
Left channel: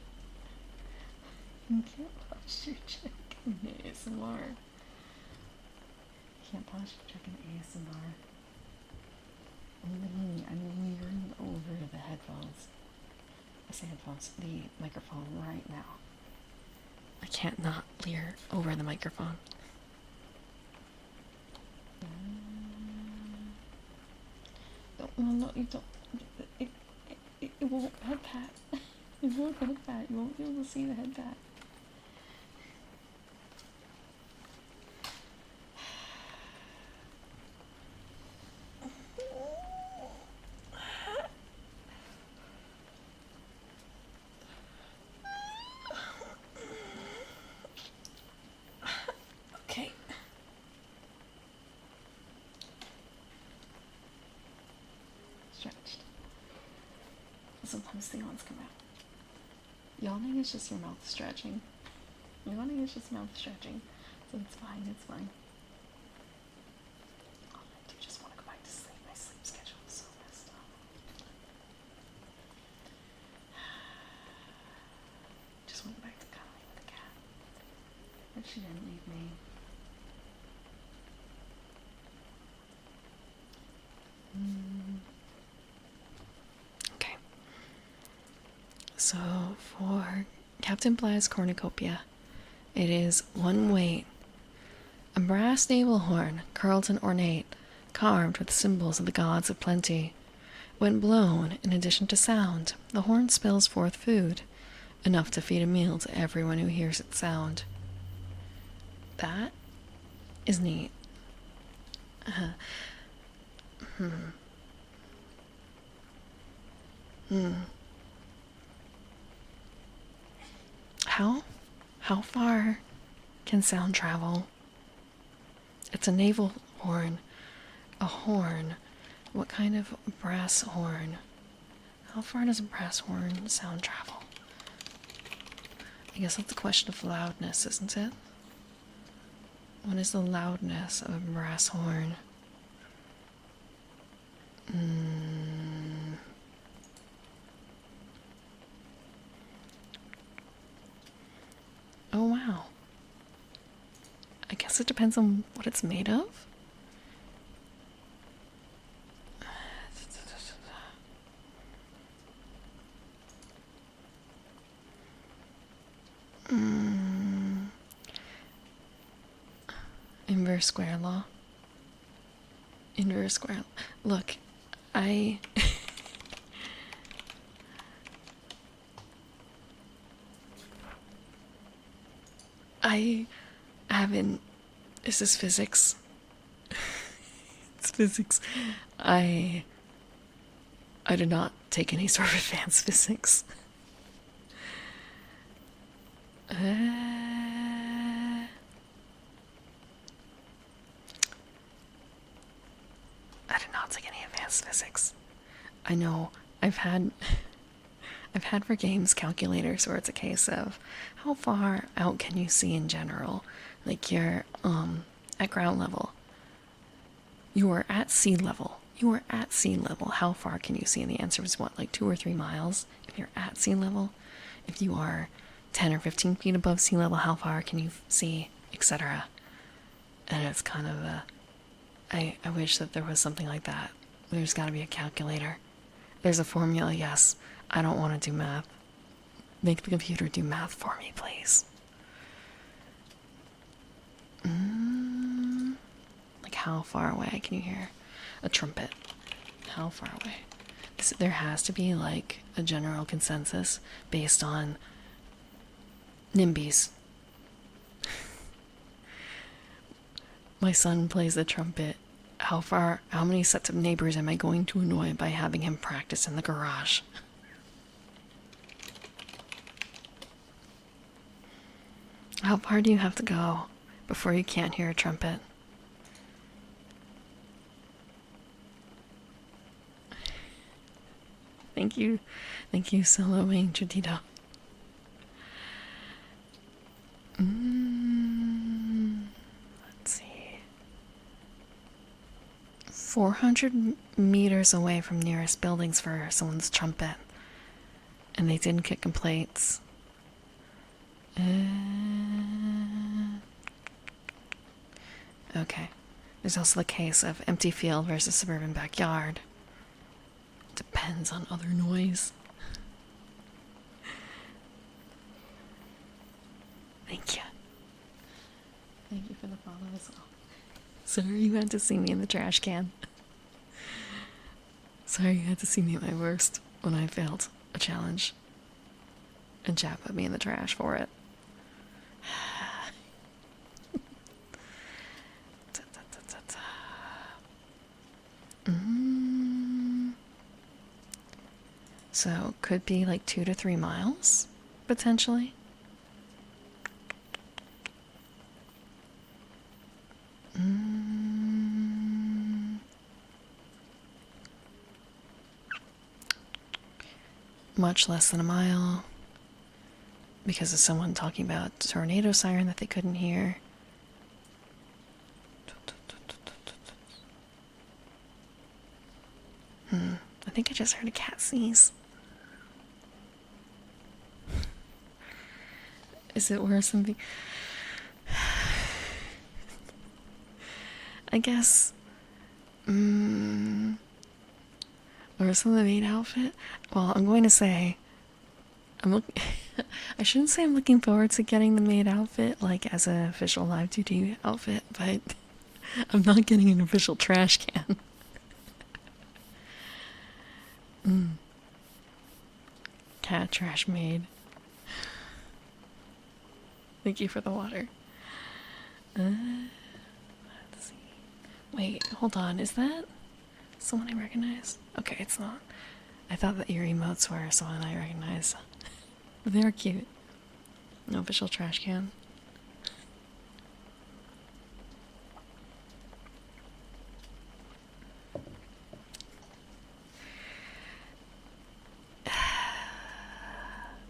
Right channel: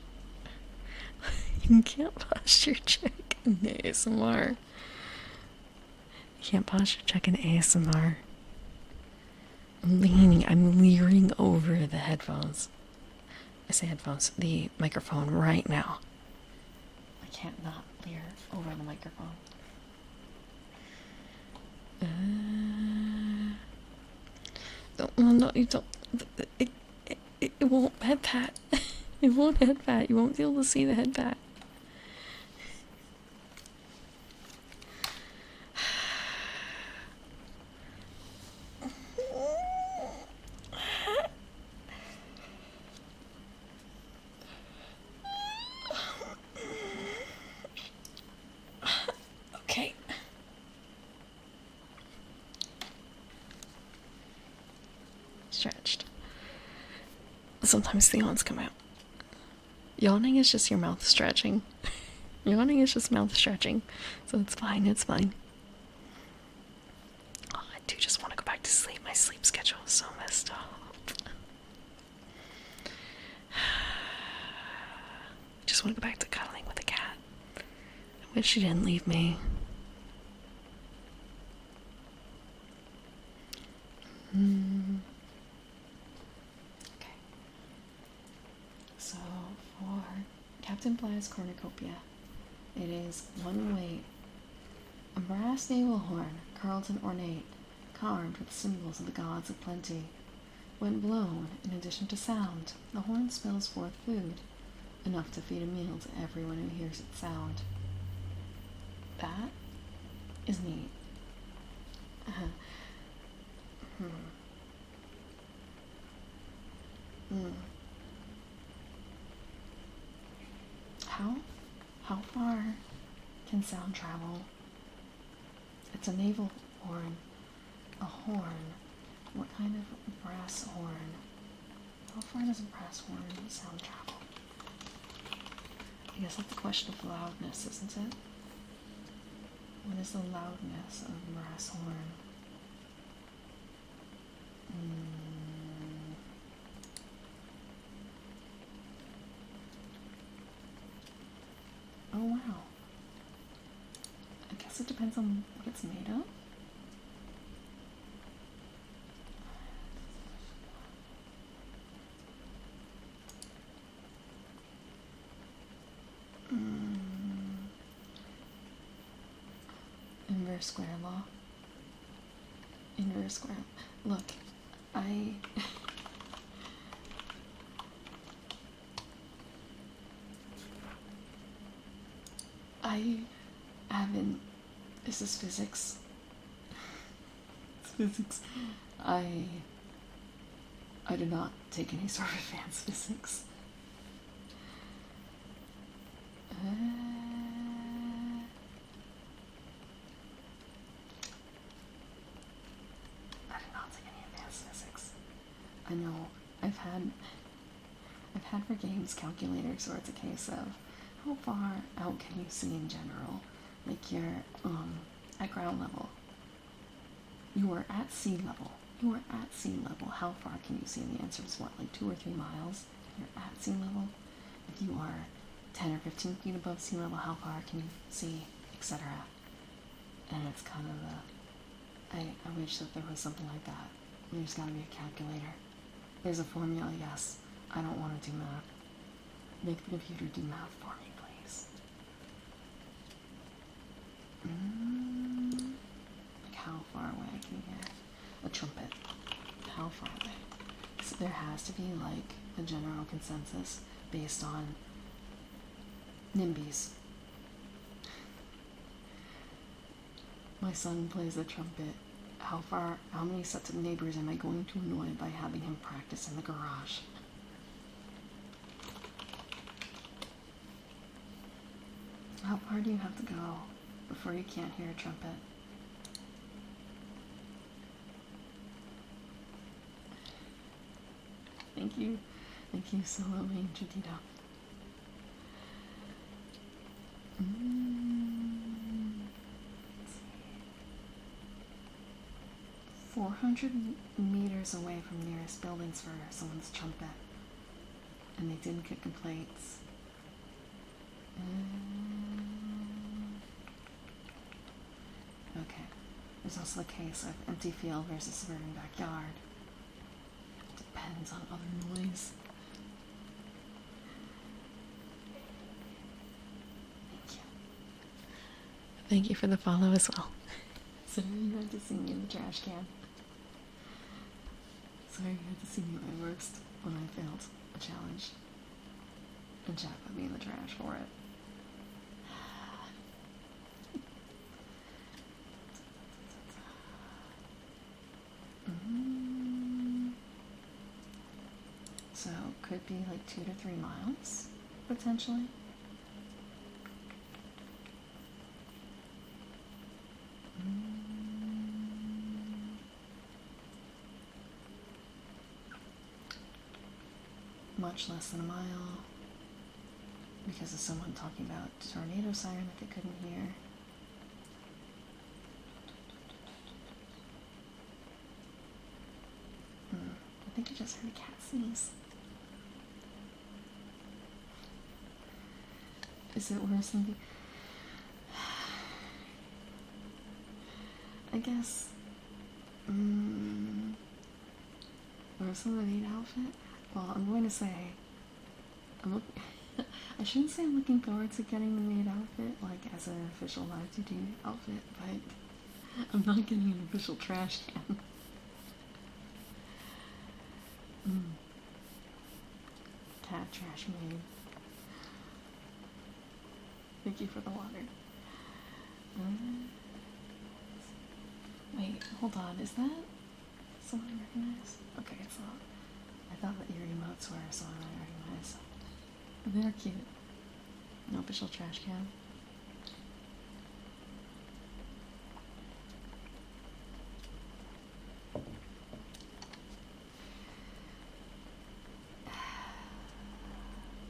You can't posture check in ASMR. You can't posture check in ASMR. I'm leering over the headphones. I say headphones, the microphone right now. I can't not leer over the microphone. No, you don't. It won't head pat. It won't head pat. You won't be able to see the head pat. Okay. Stretched. Sometimes the yawns come out. Yawning is just your mouth stretching. Yawning is just mouth stretching. So it's fine, it's fine. Oh, I do just want to go back to sleep. My sleep schedule is so messed up. Just want to go back to cuddling with the cat. I wish she didn't leave me. Okay. So for Captain Bly's cornucopia, it is one weight, a brass navel horn, curled and ornate, carved with symbols of the gods of plenty. When blown, in addition to sound, the horn spills forth food, enough to feed a meal to everyone who hears its sound. That is neat. How far can sound travel? It's a navel horn. A horn. What kind of brass horn? How far does a brass horn sound travel? I guess that's a question of loudness, isn't it? What is the loudness of a brass horn? Oh wow. I guess it depends on what it's made of. Inverse square law. Inverse square. Look, I haven't. This is physics. It's physics. I did not take any sort of advanced physics. I did not take any advanced physics. I know I've had for games calculators where it's a case of how far out can you see in general, like you're at ground level. You are at sea level. You are at sea level. How far can you see? And the answer was what, like 2 or 3 miles if you're at sea level. If you are 10 or 15 feet above sea level, how far can you see, etc. And it's kind of I wish that there was something like that. There's got to be a calculator. There's a formula, yes. I don't want to do math. Make the computer do math for me, please. Like how far away can you hear a trumpet? How far away? So there has to be like a general consensus based on NIMBYs. My son plays the trumpet. How many sets of neighbors am I going to annoy by having him practice in the garage? How far do you have to go before you can't hear a trumpet? Thank you. Thank you, Soloing Chutito. Let's see. 400 meters away from nearest buildings for someone's trumpet. And they didn't get complaints. Okay. There's also the case of empty field versus suburban backyard. Depends on other noise. Thank you. Thank you for the follow as well. Sorry you had to see me in the trash can. Sorry you had to see me at my worst when I failed a challenge. And Chad put me in the trash for it. So, could be like 2 to 3 miles, potentially. Much less than a mile. Because of someone talking about a tornado siren that they couldn't hear. I think I just heard a cat sneeze. Is it worse than the... I guess... worse than the maid outfit? Well, I'm going to say... I shouldn't say I'm looking forward to getting the maid outfit, like, as an official live duty outfit, but... I'm not getting an official trash can. Cat trash maid. Thank you for the water. Let's see. Wait, hold on. Is that someone I recognize? Okay, it's not. I thought that your emotes were someone I recognize. They're cute. No official trash can.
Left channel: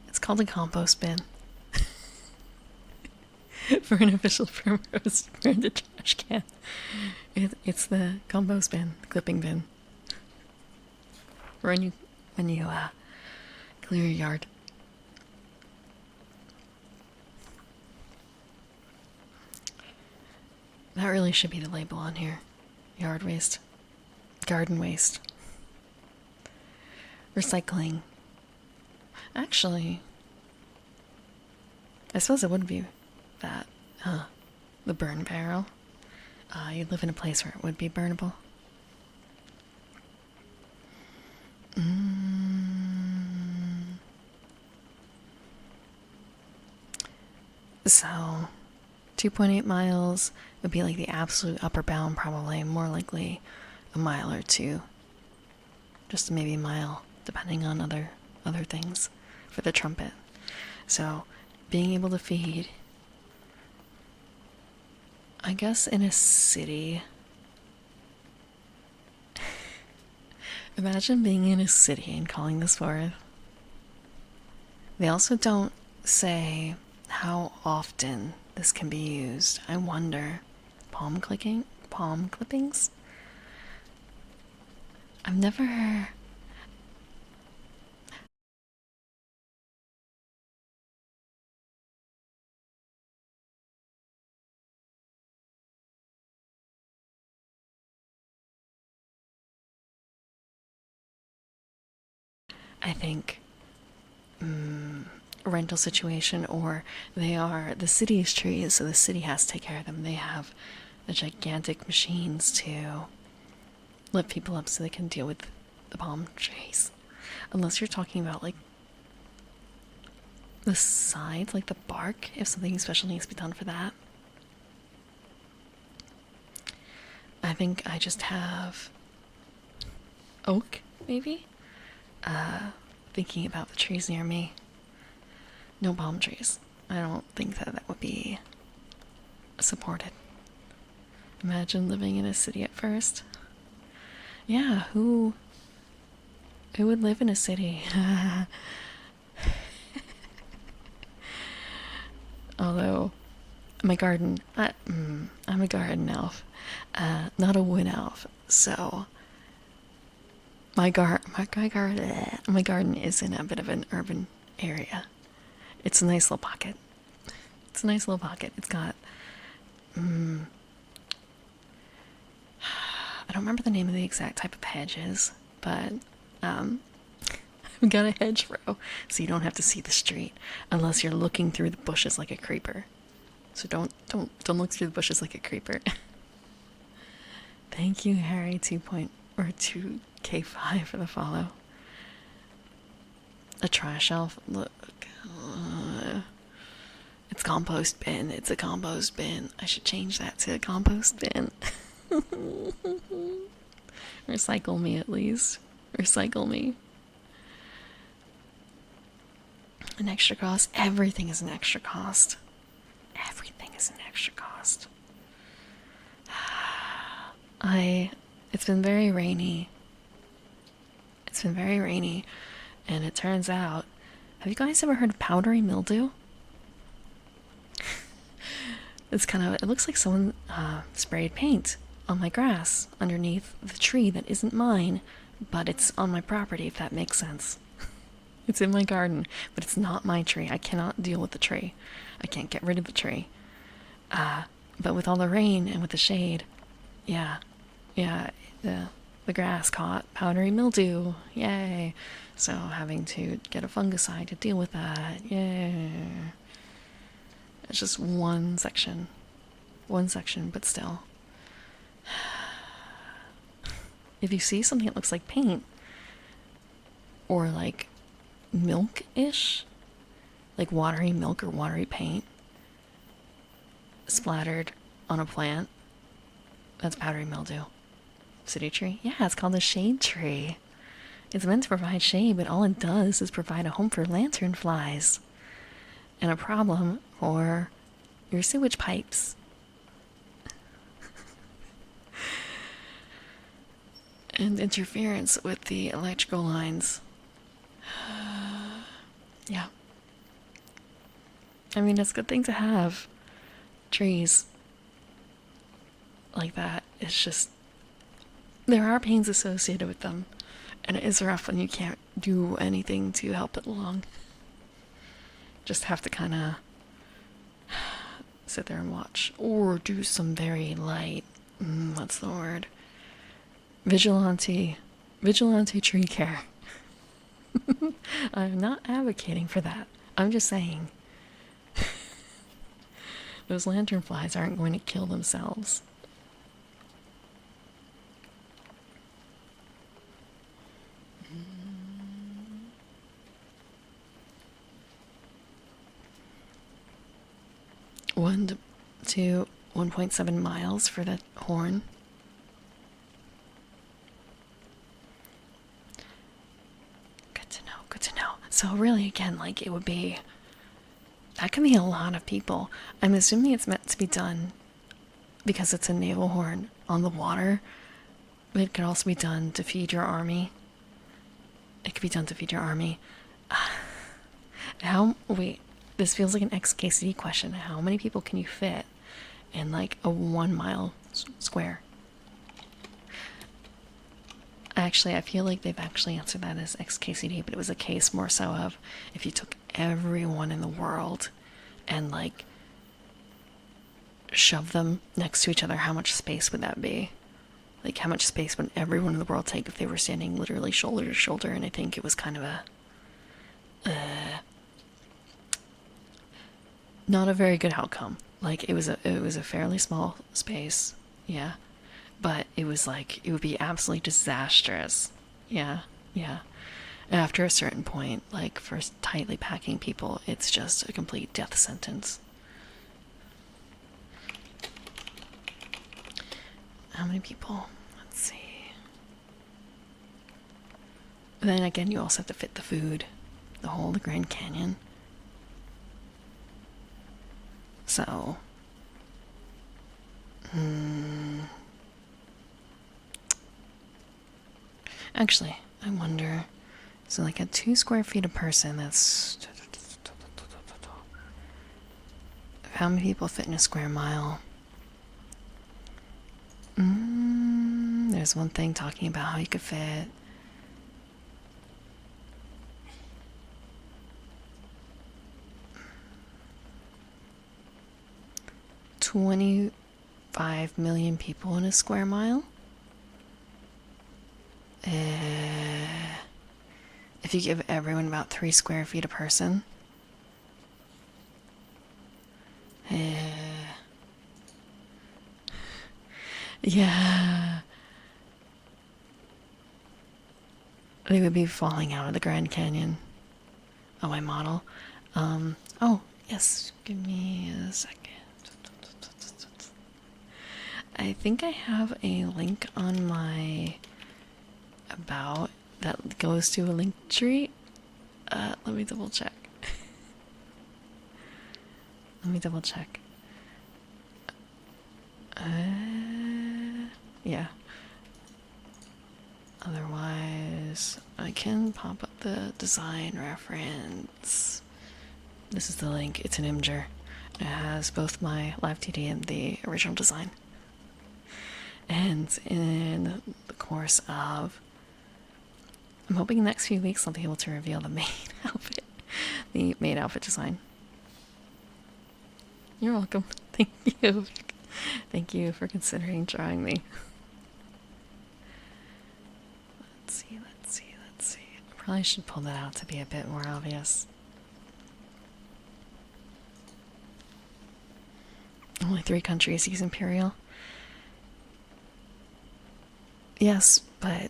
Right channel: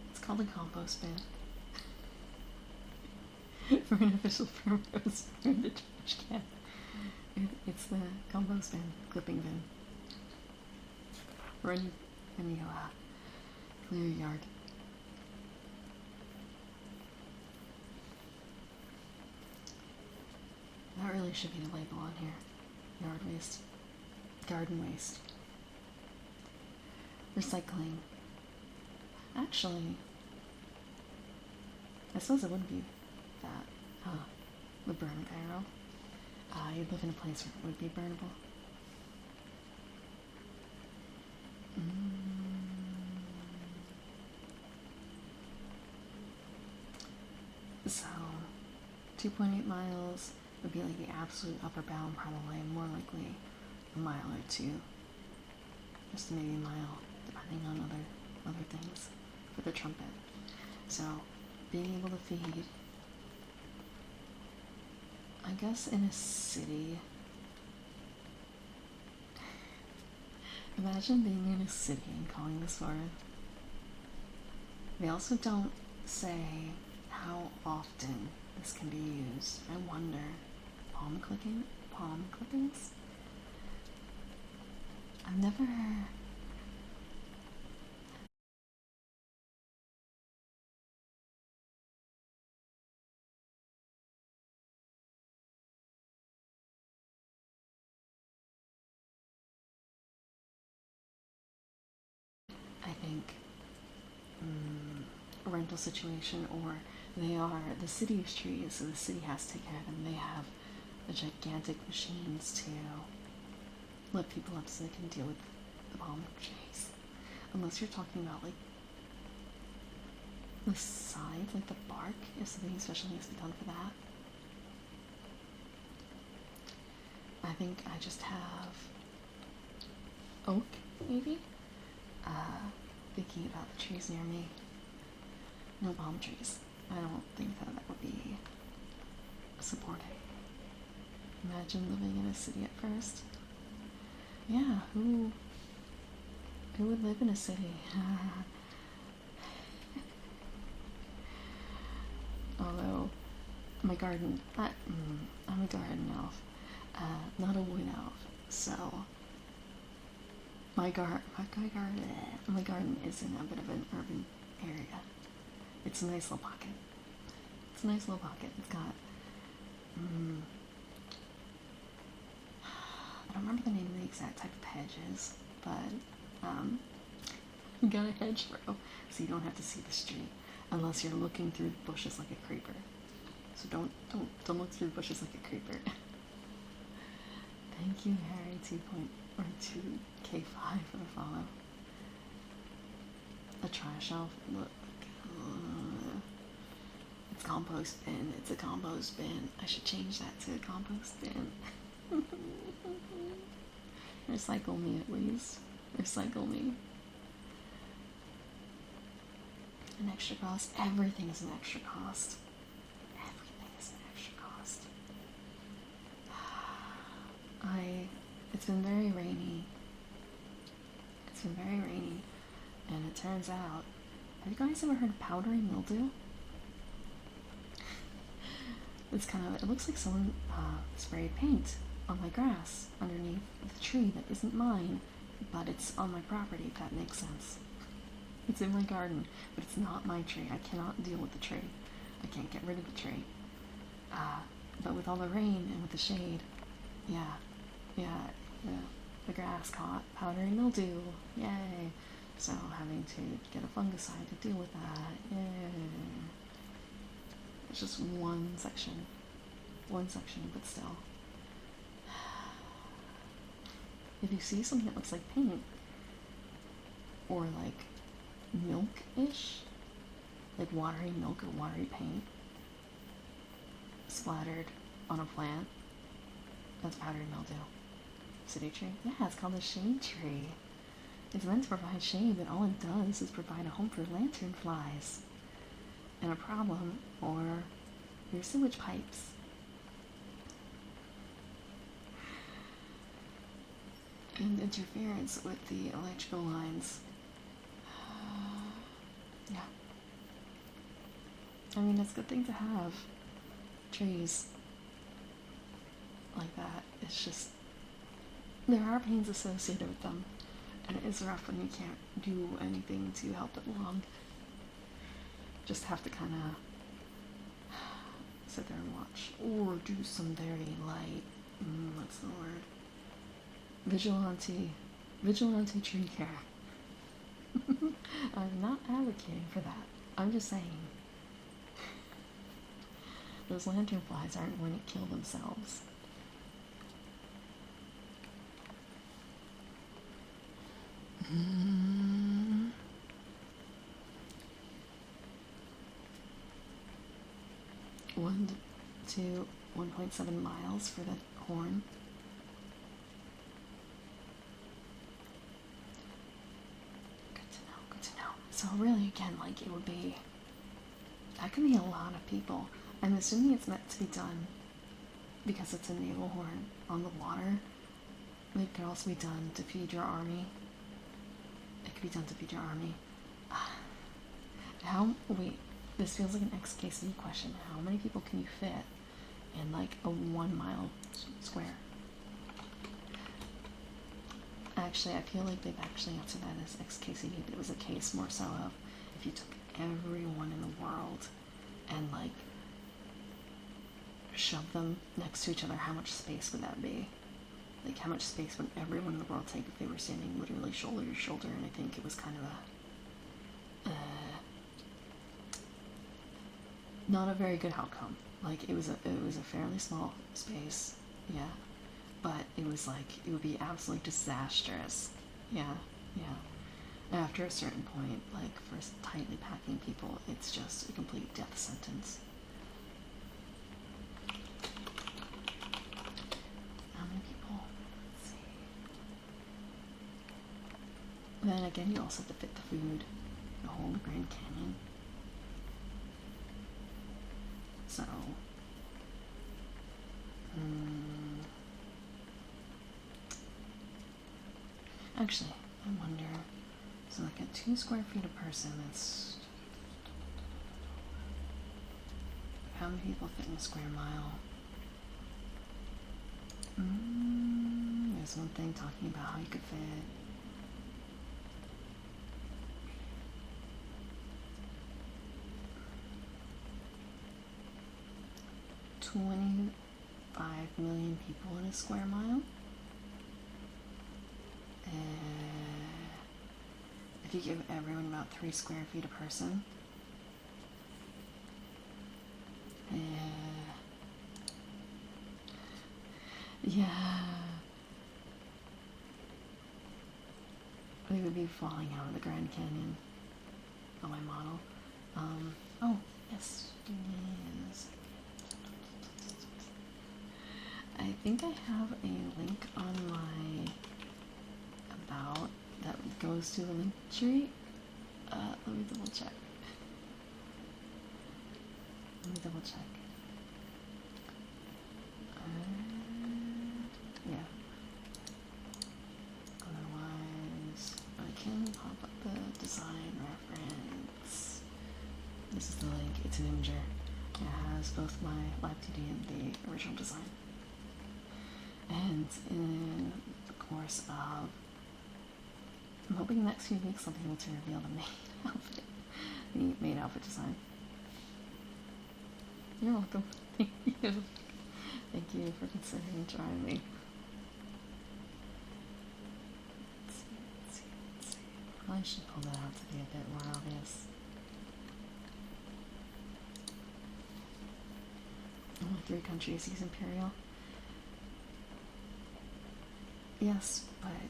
It's called a compost bin. For an official purpose for the trash can. It's the compost bin, the clipping bin. When you clear your yard. That really should be the label on here. Yard waste. Garden waste. Recycling. Actually, I suppose it would be that, the burn barrel. You'd live in a place where it would be burnable. So, 2.8 miles would be like the absolute upper bound, probably more likely a mile or two. Just maybe a mile, depending on other things for the trumpet. So, being able to feed, I guess, in a city. Imagine being in a city and calling this forth. They also don't say how often this can be used. I wonder. Palm clippings? I've never... I think rental situation, or they are the city's trees, so the city has to take care of them. They have the gigantic machines to lift people up so they can deal with the palm trees. Unless you're talking about like the sides, like the bark, if something special needs to be done for that. I think I just have oak, maybe? Thinking about the trees near me. No palm trees. I don't think that that would be supported. Imagine living in a city at first. Yeah, who would live in a city? Although my garden, I'm a garden elf, not a wood elf, so my garden is in a bit of an urban area. It's a nice little pocket. It's a nice little pocket. It's got I don't remember the name of the exact type of hedges, but we got a hedgerow, so you don't have to see the street unless you're looking through the bushes like a creeper. So don't look through the bushes like a creeper. Thank you, Harry 2K5 for the follow. A trash shelf. Look, it's compost bin. It's a compost bin. I should change that to a compost bin. Recycle me at least. Recycle me. An extra cost. Everything is an extra cost. Everything is an extra cost. It's been very rainy. It's been very rainy, and it turns out, have you guys ever heard of powdery mildew? It looks like someone sprayed paint on my grass underneath the tree that isn't mine, but it's on my property, if that makes sense. It's in my garden, but it's not my tree. I cannot deal with the tree. I can't get rid of the tree. But with all the rain and with the shade, yeah, the grass caught powdery mildew. Yay! So having to get a fungicide to deal with that. Yay! It's just one section, but still. If you see something that looks like paint, or like milk-ish, like watery milk or watery paint splattered on a plant, that's powdery mildew. City tree? Yeah, it's called a shade tree. It's meant to provide shade, but all it does is provide a home for lanternflies and a problem for your sewage pipes. And interference with the electrical lines. Yeah. I mean, it's a good thing to have trees like that. It's just, there are pains associated with them, and it is rough when you can't do anything to help it along. Just have to kind of sit there and watch, or do some very light, what's the word? Vigilante tree care. I'm not advocating for that. I'm just saying those lanternflies aren't going to kill themselves. One to 1.7 miles for the horn. Good to know. So really, again, like, it would be, that can be a lot of people. I'm assuming it's meant to be done because it's a naval horn on the water, but it could also be done to feed your army. It could be done to feed your army. Wait, this feels like an XKCD question. How many people can you fit in like a 1 mile square? Actually, I feel like they've actually answered that as XKCD, but it was a case more so of if you took everyone in the world and like shove them next to each other, how much space would that be? Like, how much space would everyone in the world take if they were standing literally shoulder to shoulder? And I think it was kind of a not a very good outcome. Like, it was a fairly small space, yeah, but it was like, it would be absolutely disastrous. Yeah. After a certain point, like, for tightly packing people, it's just a complete death sentence. How many people? Let's see. Then again, you also have to fit the food, the whole Grand Canyon. So, actually, I wonder. So, like at 2 square feet a person, that's how many people fit in a square mile? There's one thing talking about how you could fit 25 million people in a square mile. If you give everyone about 3 square feet a person. Yeah. They would be falling out of the Grand Canyon. Oh, my model. Oh, yes. Give me a second. I think I have a link on my about that goes to a link tree. Let me double check. Yeah. Otherwise, I can pop up the design reference. This is the link. It's an Imgur. It has both my live 2D and the original design. And in the course of, I'm hoping the next few weeks I'll be able to reveal the main outfit, the main outfit design. You're welcome. Thank you. Thank you for considering drawing me. Let's see. Probably should pull that out to be a bit more obvious. Only 3 countries use Imperial. Yes, but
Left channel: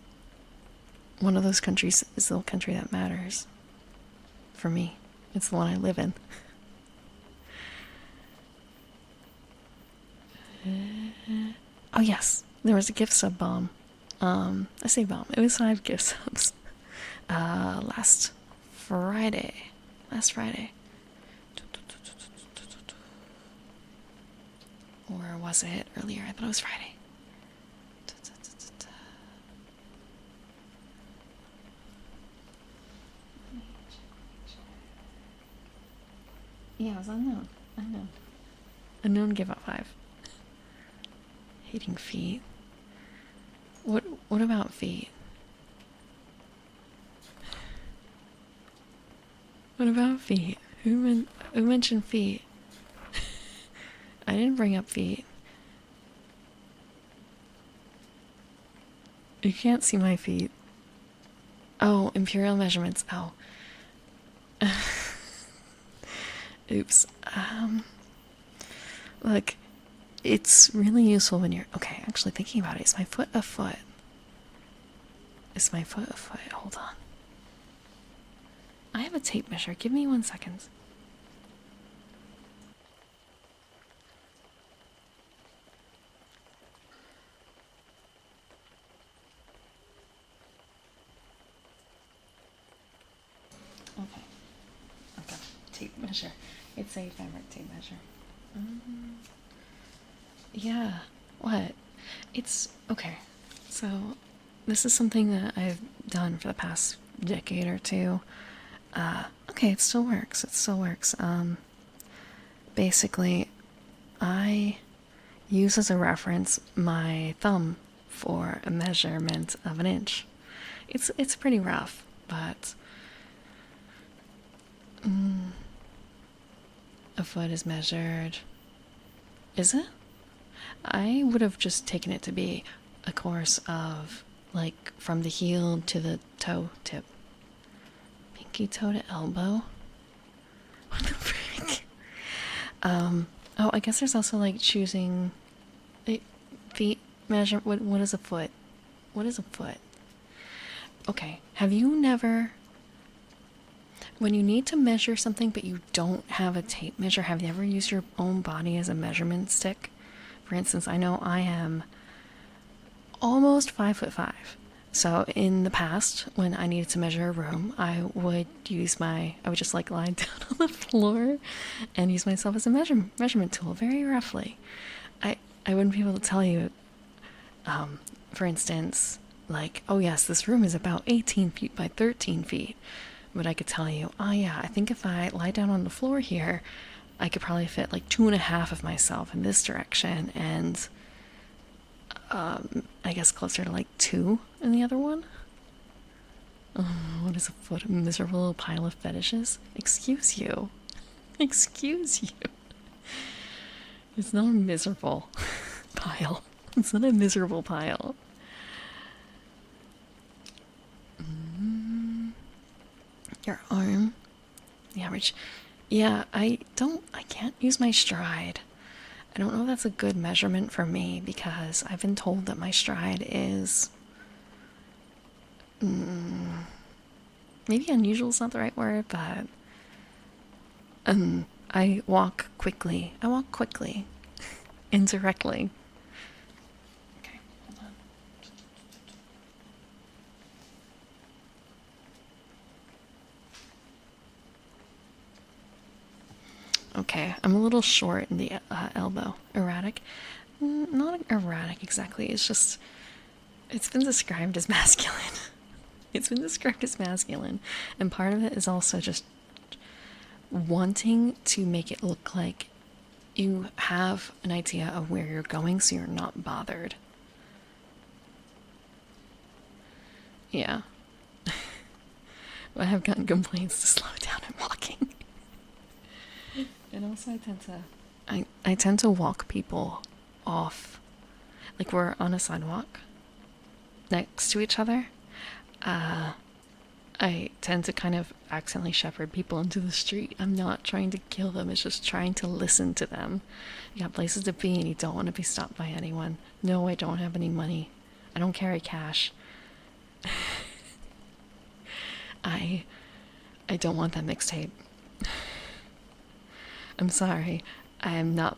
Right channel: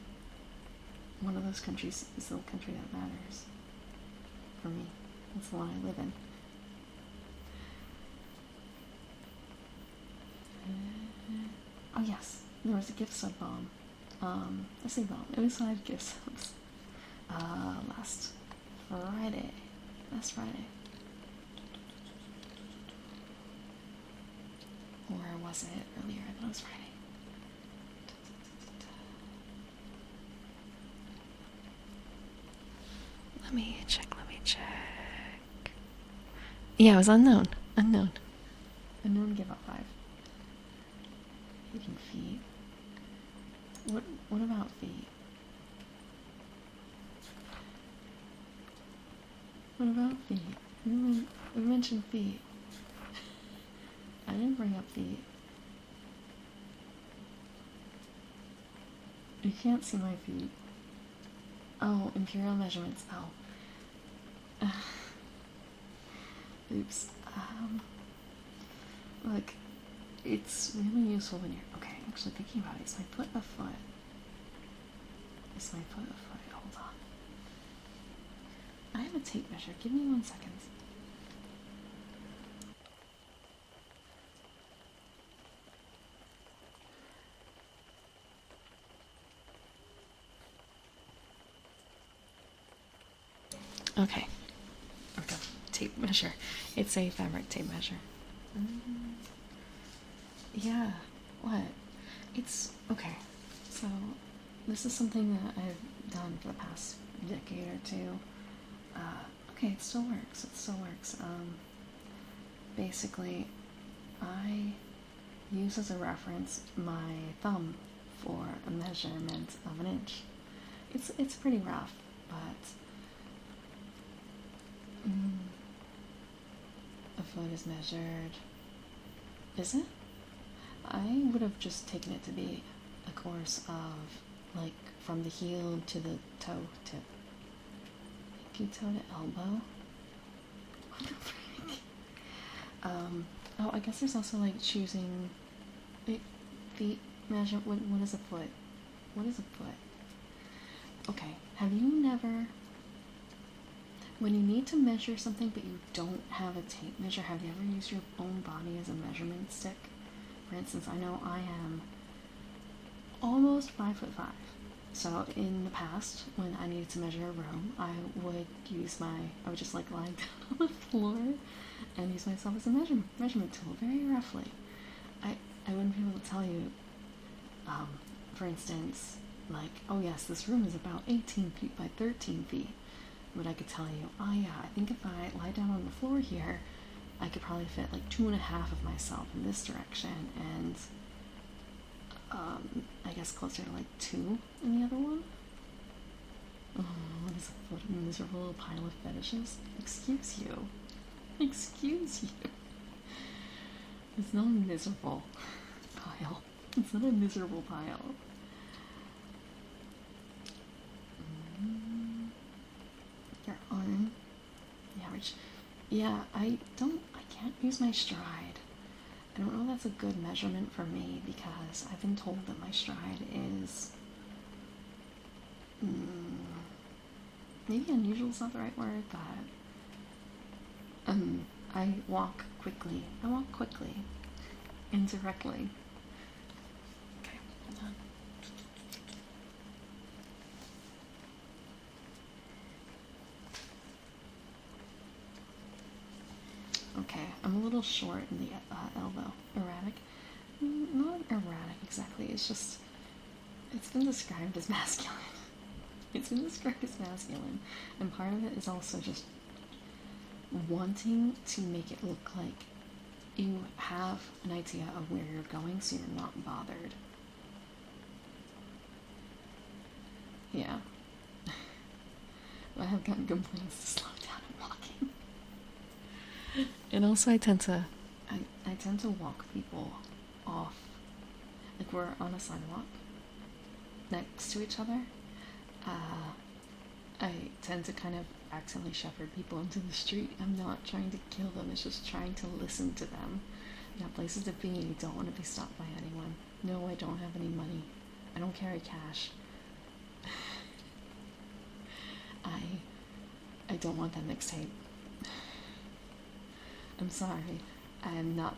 one of those countries is the country that matters. For me, it's the one I live in. Oh yes, there was a gift sub bomb. I say bomb. It was 5 gift subs. Last Friday. Or was it earlier? I thought it was Friday. Let me check. Yeah, it was unknown. Unknown give up 5. Hating feet. What about feet? What about feet? Who mentioned feet? I didn't bring up feet. You can't see my feet. Oh, Imperial measurements. Oh. Oops. Look, it's really useful when you're... Okay, actually thinking about it, is my foot a foot? Hold on. I have a tape measure. Give me 1 second. Okay. Tape measure. It's a fabric tape measure. Yeah. What? It's okay. So, this is something that I've done for the past decade or 2. Okay, it still works. Basically, I use as a reference my thumb for a measurement of 1 inch. It's pretty rough, but a foot is measured. Is it? I would have just taken it to be a course of, like, from the heel to the toe tip. Pinky toe to elbow? What the frick? Oh, I guess there's also, like, choosing feet measure. What is a foot? Okay, have you never... When you need to measure something but you don't have a tape measure, have you ever used your own body as a measurement stick? For instance, I know I am almost 5'5", So in the past, when I needed to measure a room, I would just like lie down on the floor and use myself as a measurement tool, very roughly. I wouldn't be able to tell you, for instance, like, oh yes, this room is about 18 feet by 13 feet. But I could tell you, oh yeah, I think if I lie down on the floor here, I could probably fit like 2.5 of myself in this direction, and I guess closer to like 2 in the other one. Oh, what is a foot? A miserable little pile of fetishes? Excuse you. Excuse you. It's not a miserable pile. It's not a miserable pile. Your arm. The average. Yeah, I can't use my stride. I don't know if that's a good measurement for me because I've been told that my stride is. Maybe unusual is not the right word, but. I walk quickly. I walk quickly. Indirectly. Okay, hold on. Okay, I'm a little short in the elbow. Erratic? Not erratic exactly. It's been described as masculine. It's been described as masculine. And part of it is also just wanting to make it look like you have an idea of where you're going so you're not bothered. Yeah. I have gotten complaints to slow down and walking. And also I tend to walk people off. Like we're on a sidewalk next to each other. I tend to kind of accidentally shepherd people into the street. I'm not trying to kill them, it's just trying to listen to them. You got places to be and you don't want to be stopped by anyone. No, I don't have any money. I don't carry cash. I don't want that mixtape. I'm sorry. I am not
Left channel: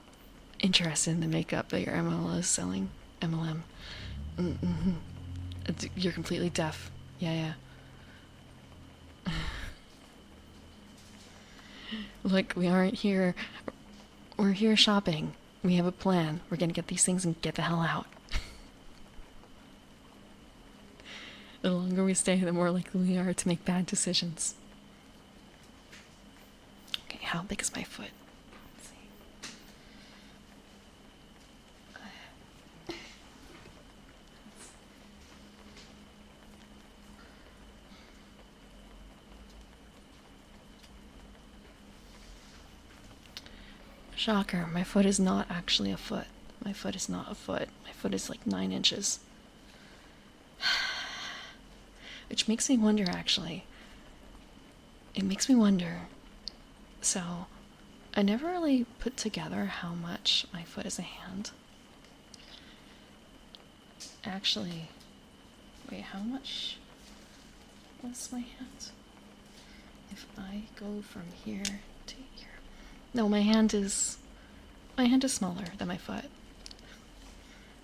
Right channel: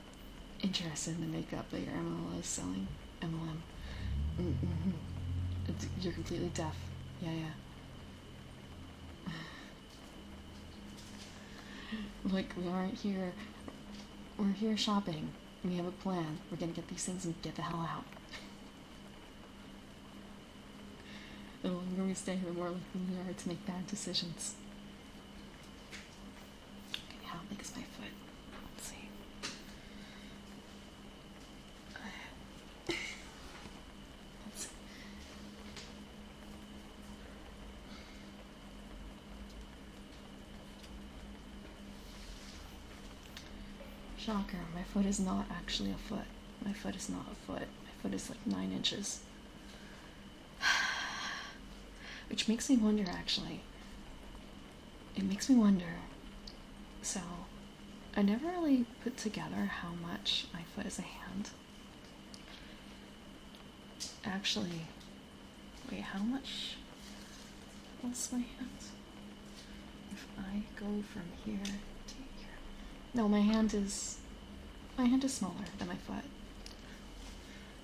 interested in the makeup that your MLM is selling. MLM. You're completely deaf. Yeah. Look, we aren't here. We're here shopping. We have a plan. We're gonna get these things and get the hell out. The longer we stay, the more likely we are to make bad decisions. Okay, how big is my foot? Let's see. Shocker, my foot is not actually a foot. My foot is not a foot. My foot is like 9 inches. Which makes me wonder, actually. It makes me wonder. So, I never really put together how much my foot is a hand. Actually, wait, how much was my hand? If I go from here to here. No, my hand is smaller than my foot.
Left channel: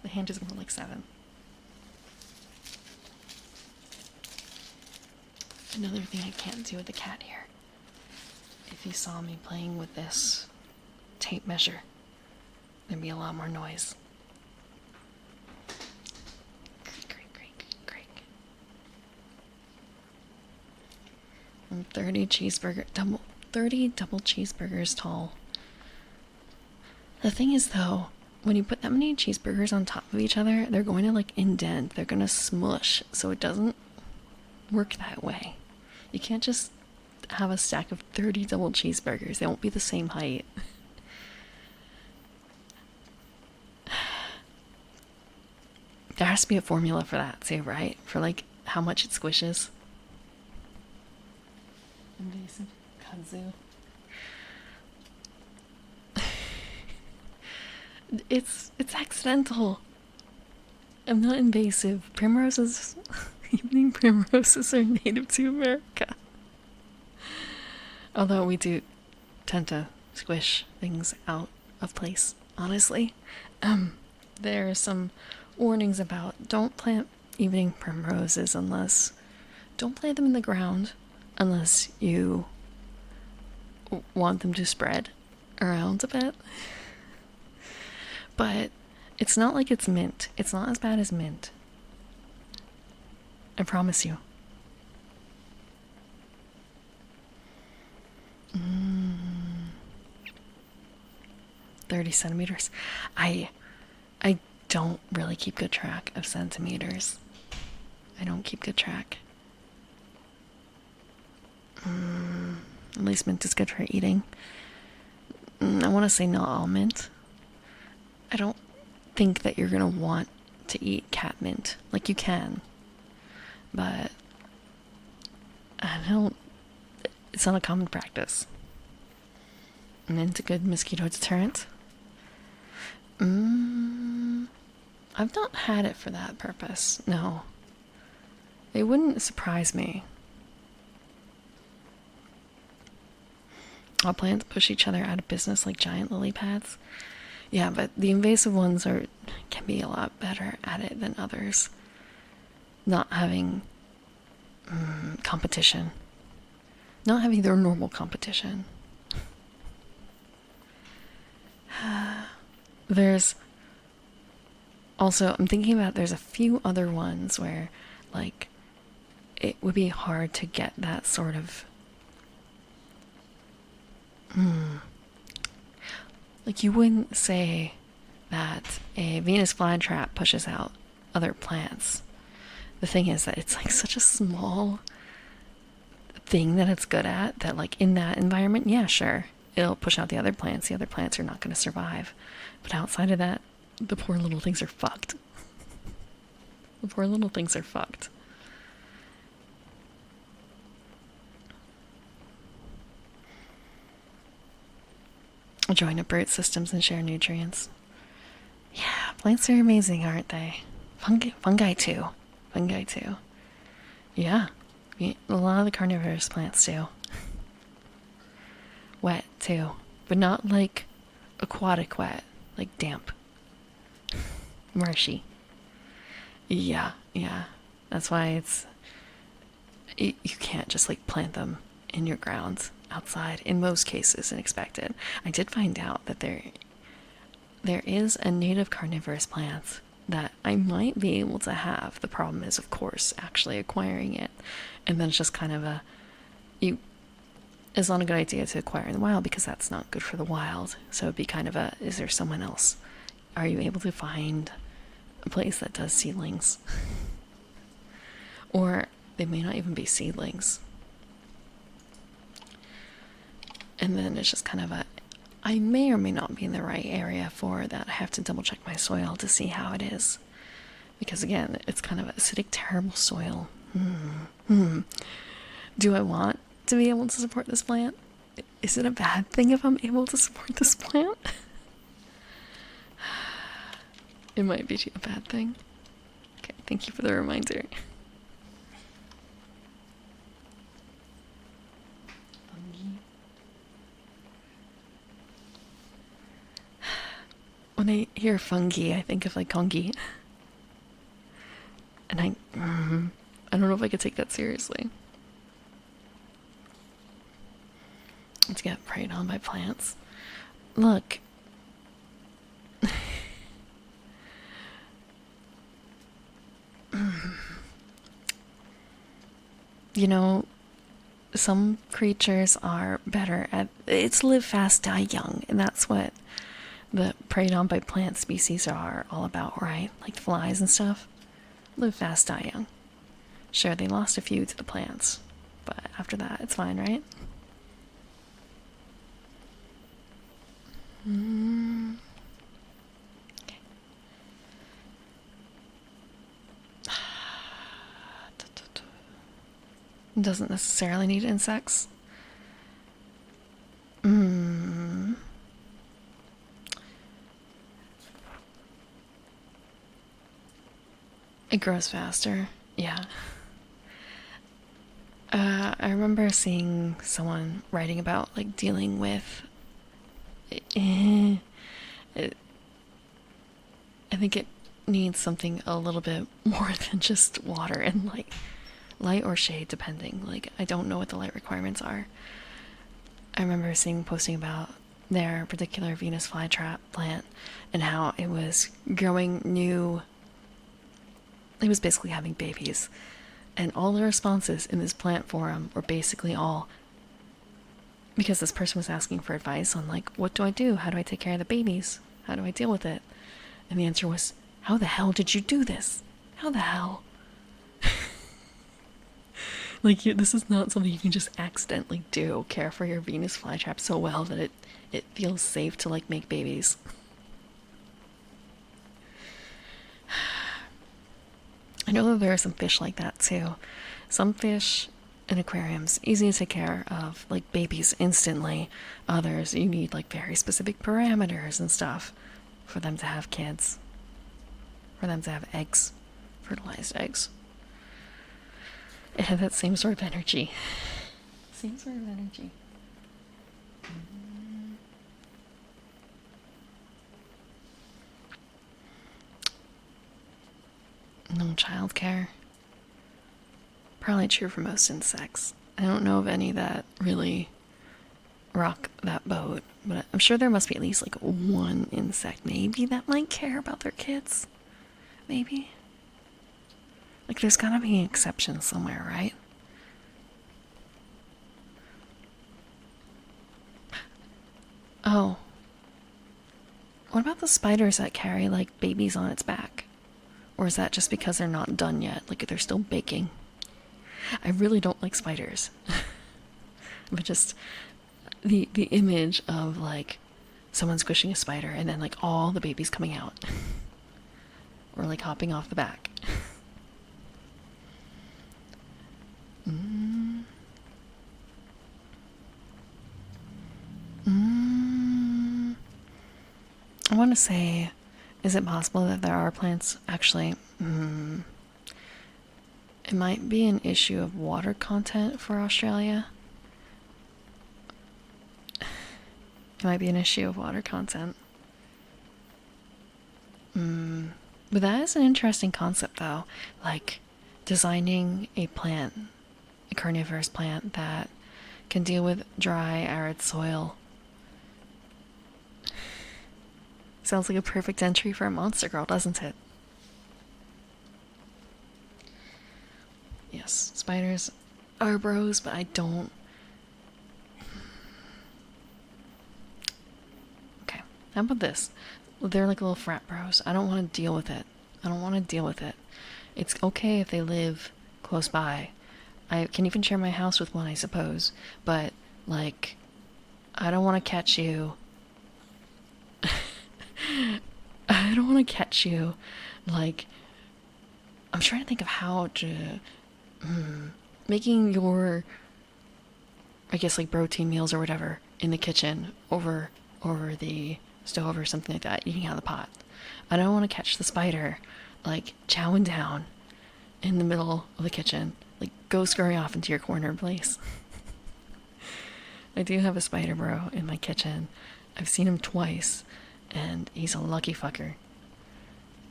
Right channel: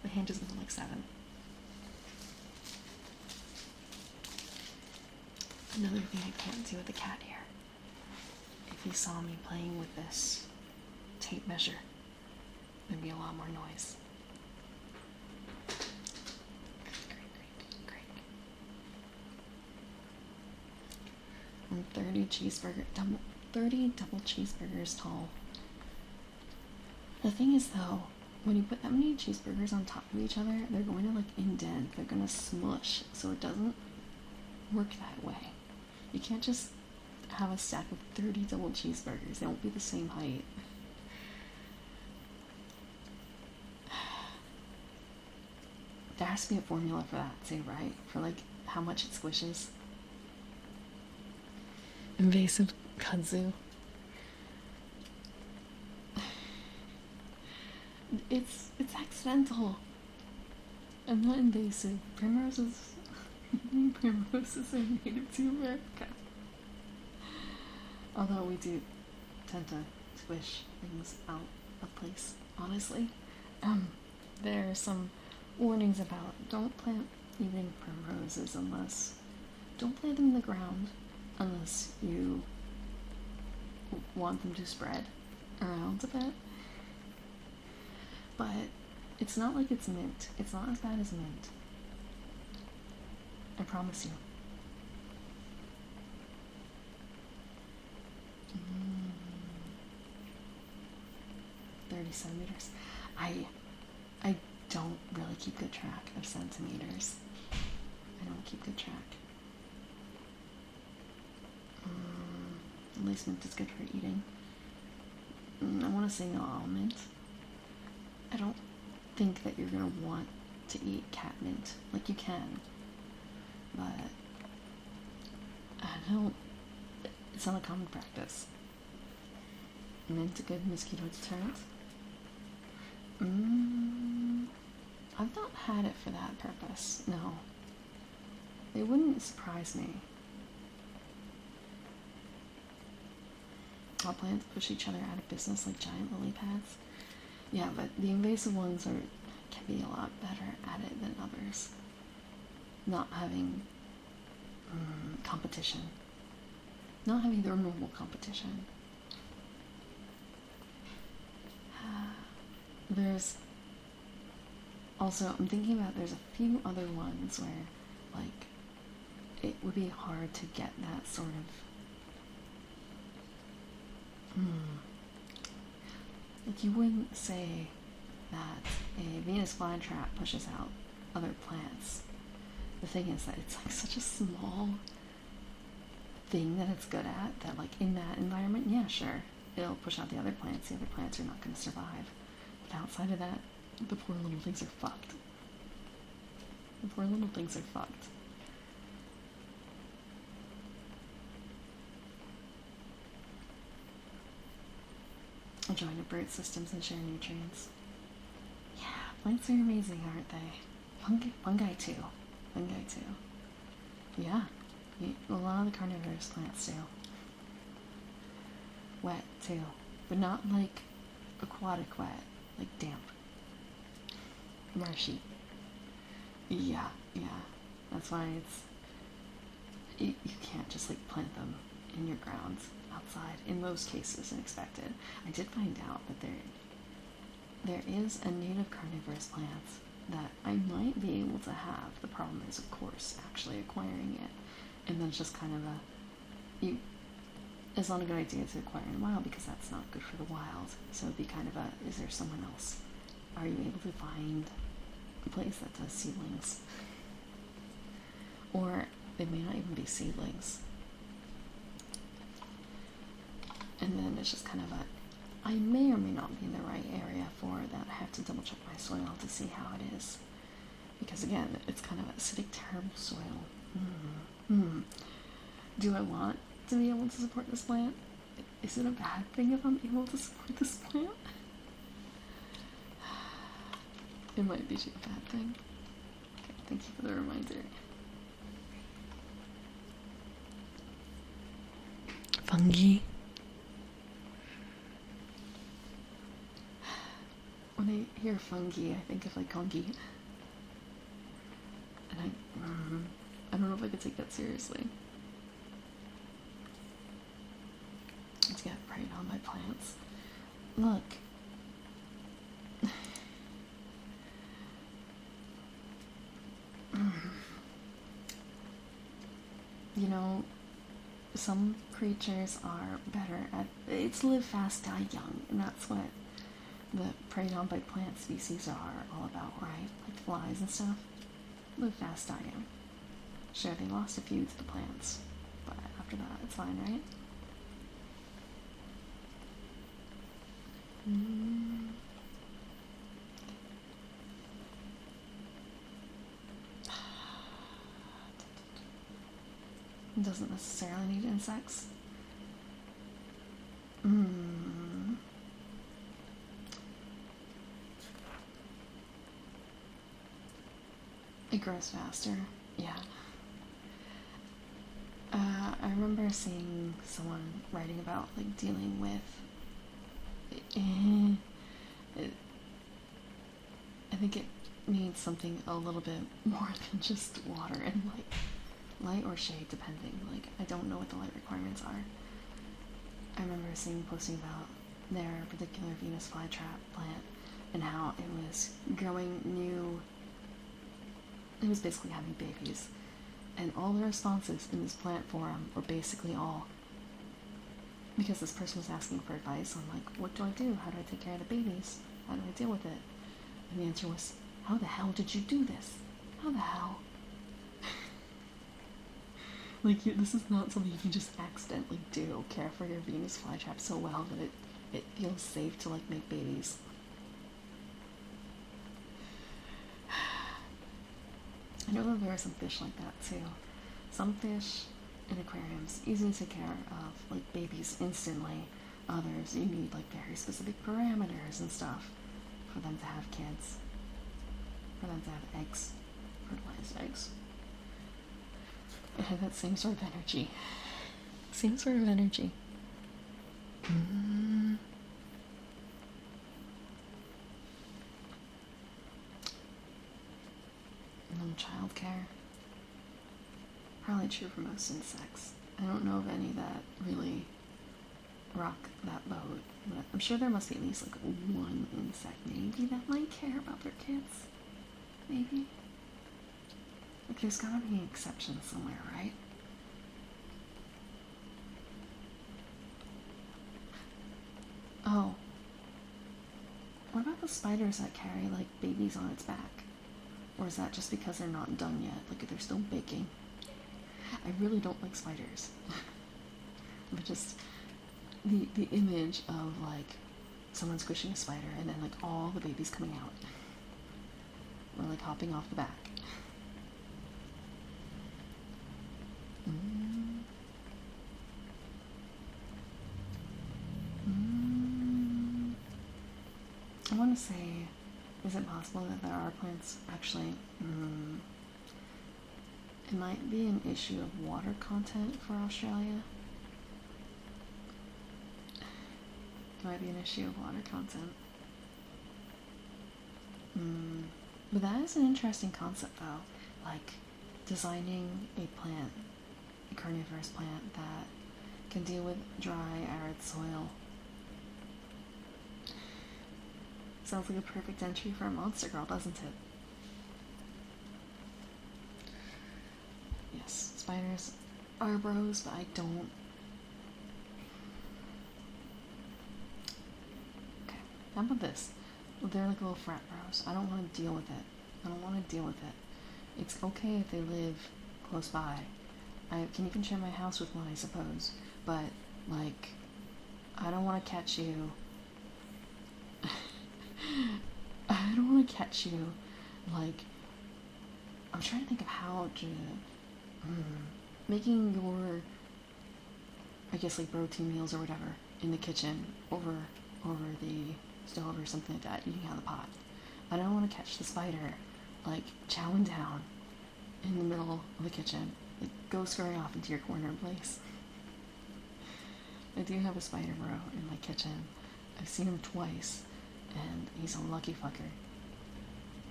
My hand is more like 7. Another thing I can't do with the cat here. If you saw me playing with this tape measure, there'd be a lot more noise. Creak. 30 double cheeseburgers tall. The thing is though, when you put that many cheeseburgers on top of each other, they're going to like indent, they're gonna smush, so it doesn't work that way. You can't just have a stack of 30 double cheeseburgers. They won't be the same height. There has to be a formula for that too, right? For like how much it squishes. Invasive kudzu. It's accidental. I'm not invasive. Primroses, evening primroses are native to America. Although we do tend to squish things out of place, honestly. There are some warnings about don't plant evening primroses unless... Don't plant them in the ground unless you want them to spread around a bit. But it's not like it's mint. It's not as bad as mint. I promise you. 30 centimeters. I don't really keep good track of centimeters. I don't keep good track. At least mint is good for eating. I want to say not all mint. I don't think that you're gonna want to eat cat mint. Like, you can, but I don't. It's not a common practice. Mint a good mosquito deterrent. I've not had it for that purpose. No. It wouldn't surprise me. All plants push each other out of business like giant lily pads. Yeah, but the invasive ones can be a lot better at it than others. Not having competition. Not having their normal competition. There's also, I'm thinking about, there's a few other ones where, like, it would be hard to get that sort of like, you wouldn't say that a Venus flytrap pushes out other plants. The thing is that it's like such a small thing that it's good at that, like, in that environment, yeah, sure, it'll push out the other plants. The other plants are not going to survive. But outside of that, the poor little things are fucked. The poor little things are fucked. Join up root systems and share nutrients. Yeah, plants are amazing, aren't they? Fungi too. Fungi too. Yeah, a lot of the carnivorous plants do. Wet too, but not like aquatic wet, like damp. Marshy. Yeah. That's why you can't just like plant them in your grounds outside in most cases and expect it. I did find out that there is a native carnivorous plant that I might be able to have. The problem is, of course, actually acquiring it, and then it's just kind of it's not a good idea to acquire in the wild because that's not good for the wild. So it'd be kind of is there someone else? Are you able to find a place that does seedlings? Or they may not even be seedlings. And then it's just kind of I may or may not be in the right area for that. I have to double check my soil to see how it is. Because again, it's kind of acidic, terrible soil. Do I want to be able to support this plant? Is it a bad thing if I'm able to support this plant? It might be a bad thing. Okay, thank you for the reminder. Fungi. When I hear fungi, I think of like congy. And I don't know if I could take that seriously. Let's get preyed on by plants. Look. You know, some creatures are better at it's live fast, die young, and that's what the preyed on by plant species are all about, right? Like flies and stuff. Live fast, die young. Sure, they lost a few to the plants, but after that, it's fine, right? Okay. Doesn't necessarily need insects. It grows faster. Yeah. I remember seeing someone writing about like dealing with I think needs something a little bit more than just water and light. Light or shade, depending. Like, I don't know what the light requirements are. I remember seeing posting about their particular Venus flytrap plant and how it was growing new. It was basically having babies. And all the responses in this plant forum were basically all because this person was asking for advice on, like, what do I do? How do I take care of the babies? How do I deal with it? And the answer was, how the hell did you do this? How the hell? Like, this is not something you can just accidentally do. Care for your Venus flytrap so well that it feels safe to, like, make babies. I know that there are some fish like that too. Some fish in aquariums, easy to take care of, like babies instantly. Others, you need like very specific parameters and stuff for them to have kids. For them to have eggs, fertilized eggs. It had that same sort of energy. Same sort of energy. No childcare. Probably true for most insects. I don't know of any that really rock that boat, but I'm sure there must be at least like one insect maybe that might care about their kids. Maybe. Like, there's gotta be an exception somewhere, right? Oh. What about the spiders that carry like babies on its back? Or is that just because they're not done yet? Like, they're still baking? I really don't like spiders. But just the image of like someone squishing a spider and then like all the babies coming out. Or like hopping off the back. I want to say, is it possible that there are plants actually? It might be an issue of water content for Australia. It might be an issue of water content. But that is an interesting concept, though. Like, designing a plant, a carnivorous plant that can deal with dry, arid soil. Sounds like a perfect entry for a monster girl, doesn't it? Yes, spiders are bros, but I don't. Okay, how about this? They're like little frat bros. I don't want to deal with it. I don't want to deal with it. It's okay if they live close by. I can even share my house with one, I suppose. But, like, I don't want to catch you. I don't want to catch you. Like, I'm trying to think of how to. Making your, I guess, like, protein meals or whatever in the kitchen over the stove or something like that, eating out of the pot. I don't want to catch the spider, like, chowing down in the middle of the kitchen. Like, go scurry off into your corner place. I do have a spider bro in my kitchen. I've seen him twice, and he's a lucky fucker.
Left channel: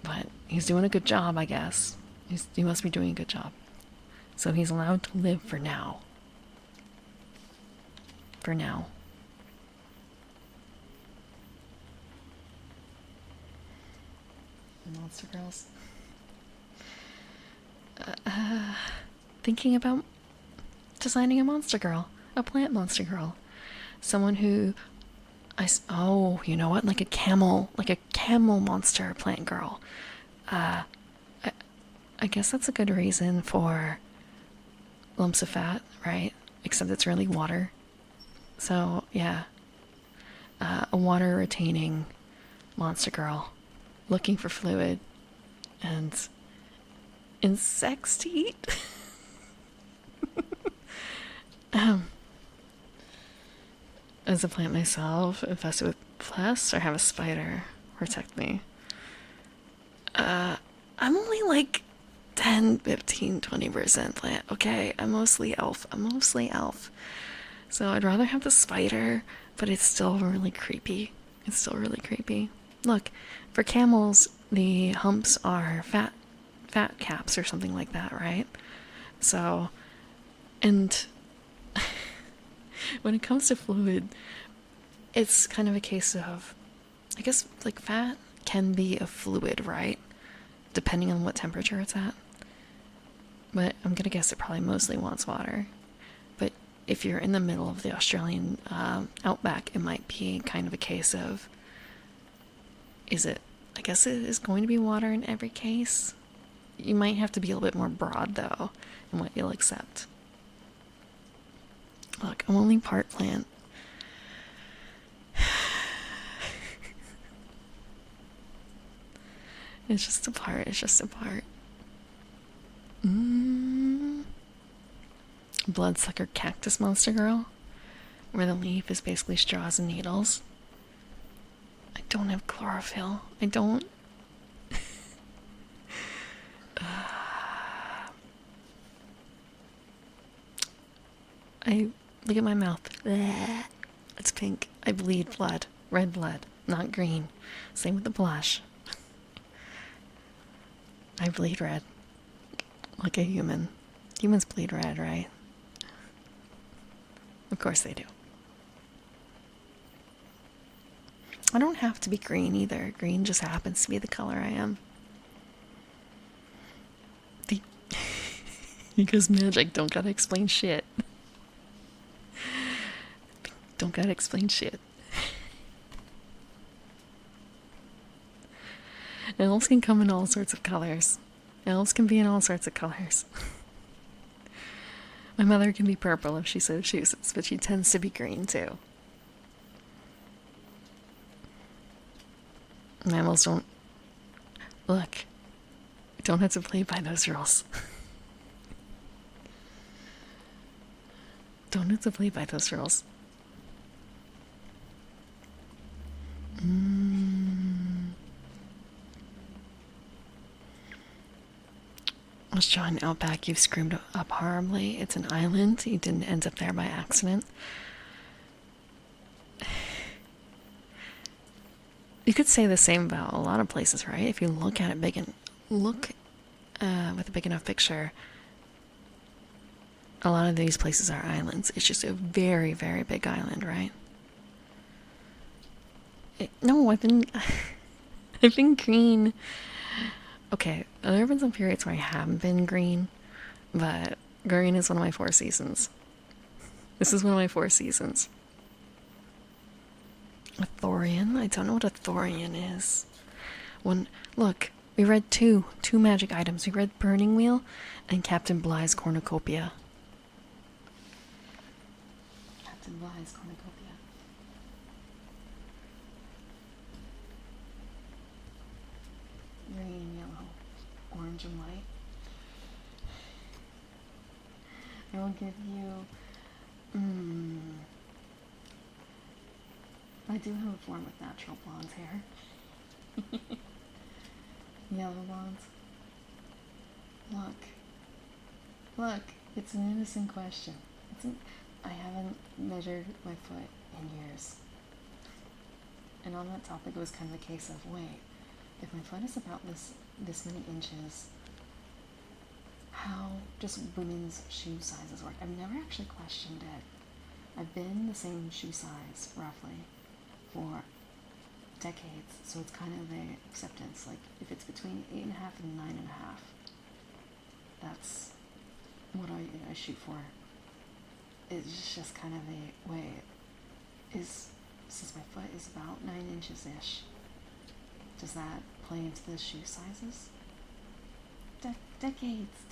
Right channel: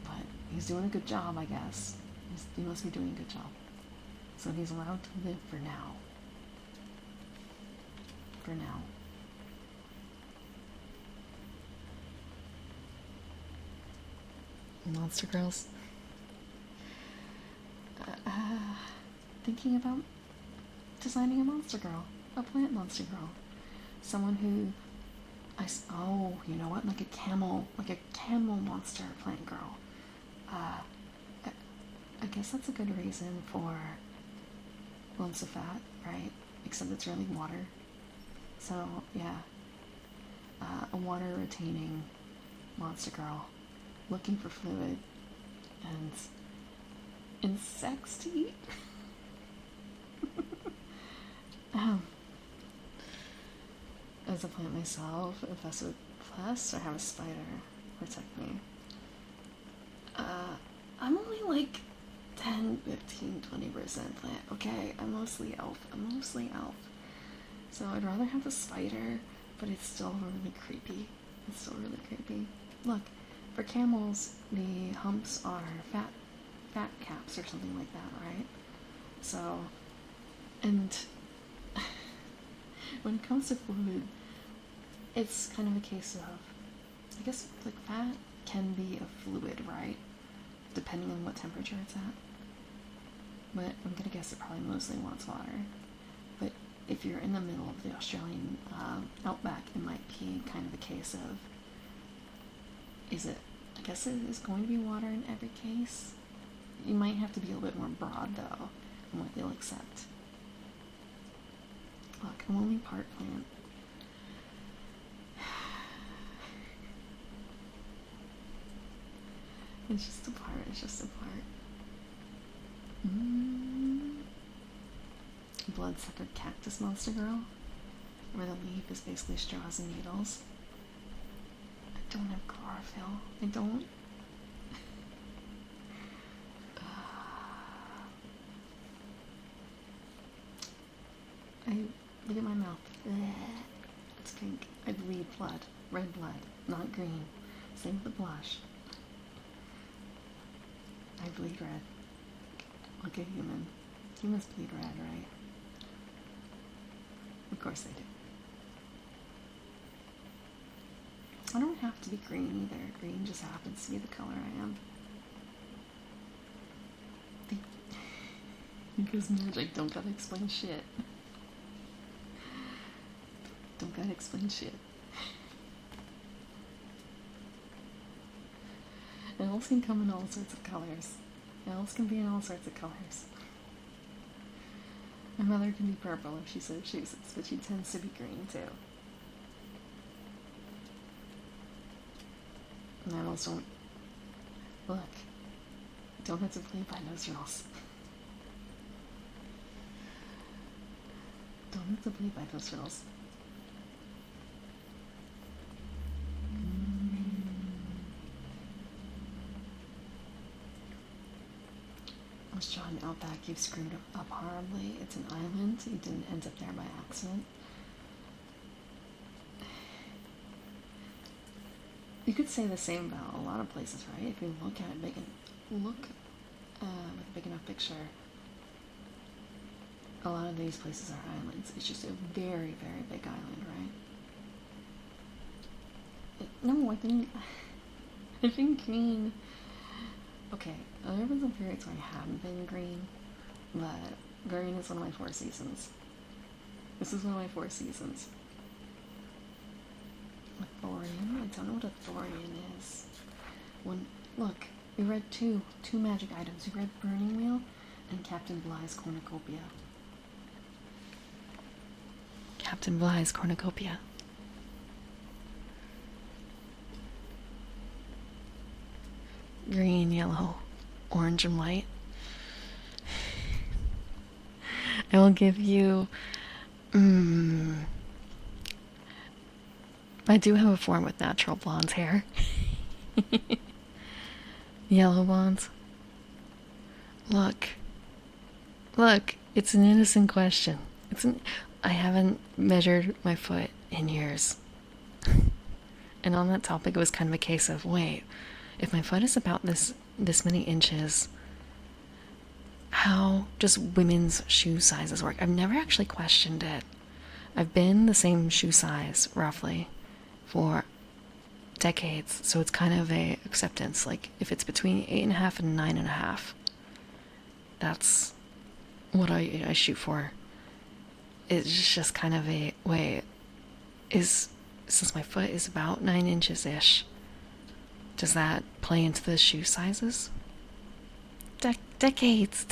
But he's doing a good job, I guess. He must be doing a good job. So he's allowed to live for now. For now. Monster girls. Thinking about designing a monster girl. A plant monster girl. Someone who... Oh, you know what? Like a camel monster plant girl. I guess that's a good reason for lumps of fat, right? Except it's really water. So, yeah. A water retaining monster girl. Looking for fluid. And insects to eat. As a plant myself, infested with pests, or have a spider protect me. I'm only like 10, 15, 20% plant, okay? I'm mostly elf. So I'd rather have the spider, but it's still really creepy. Look, for camels, the humps are fat caps or something like that, right? So, and when it comes to fluid, it's kind of a case of, I guess, like fat can be a fluid, right? Depending on what temperature it's at. But I'm gonna guess it probably mostly wants water. But if you're in the middle of the Australian outback, it might be kind of a case of, I guess it is going to be water in every case. You might have to be a little bit more broad, though, in what you'll accept. Look, I'm only part plant. It's just a part. Bloodsucker cactus monster girl, where the leaf is basically straws and needles. I don't have chlorophyll. I don't. Look at my mouth. It's pink. I bleed blood. Red blood, not green. Same with the blush. I bleed red. Like a human. Humans bleed red, right? Of course they do. I don't have to be green either. Green just happens to be the color I am. Because magic don't gotta explain shit. Don't gotta explain shit. Elves can come in all sorts of colors. Elves can be in all sorts of colors. My mother can be purple if she so chooses, but she tends to be green too. Mammals don't... Look, I don't have to play by those rules. Don't have to play by those rules. John Outback, you've screwed up horribly. It's an island. You didn't end up there by accident. You could say the same about a lot of places, right? If you look at it with a big enough picture, a lot of these places are islands. It's just a very, very big island, right? No, I've been green. Okay, there have been some periods where I haven't been green, but green is one of my 4 seasons. This is one of my 4 seasons. A Thorian? I don't know what a Thorian is. Look, we read two magic items. We read Burning Wheel and Captain Bly's Cornucopia. Captain Bly's Cornucopia. Green, yellow, orange, and white. I will give you... I do have a form with natural blonde hair. Yellow blondes. Look, it's an innocent question. I haven't measured my foot in years. And on that topic, it was kind of a case of, wait, if my foot is about this many inches, how does women's shoe sizes work? I've never actually questioned it. I've been the same shoe size, roughly, for decades, so it's kind of a acceptance. Like, if it's between 8.5 and 9.5, that's what I shoot for. It's just kind of a, wait, since my foot is about 9 inches-ish, does that play into the shoe sizes? Decades.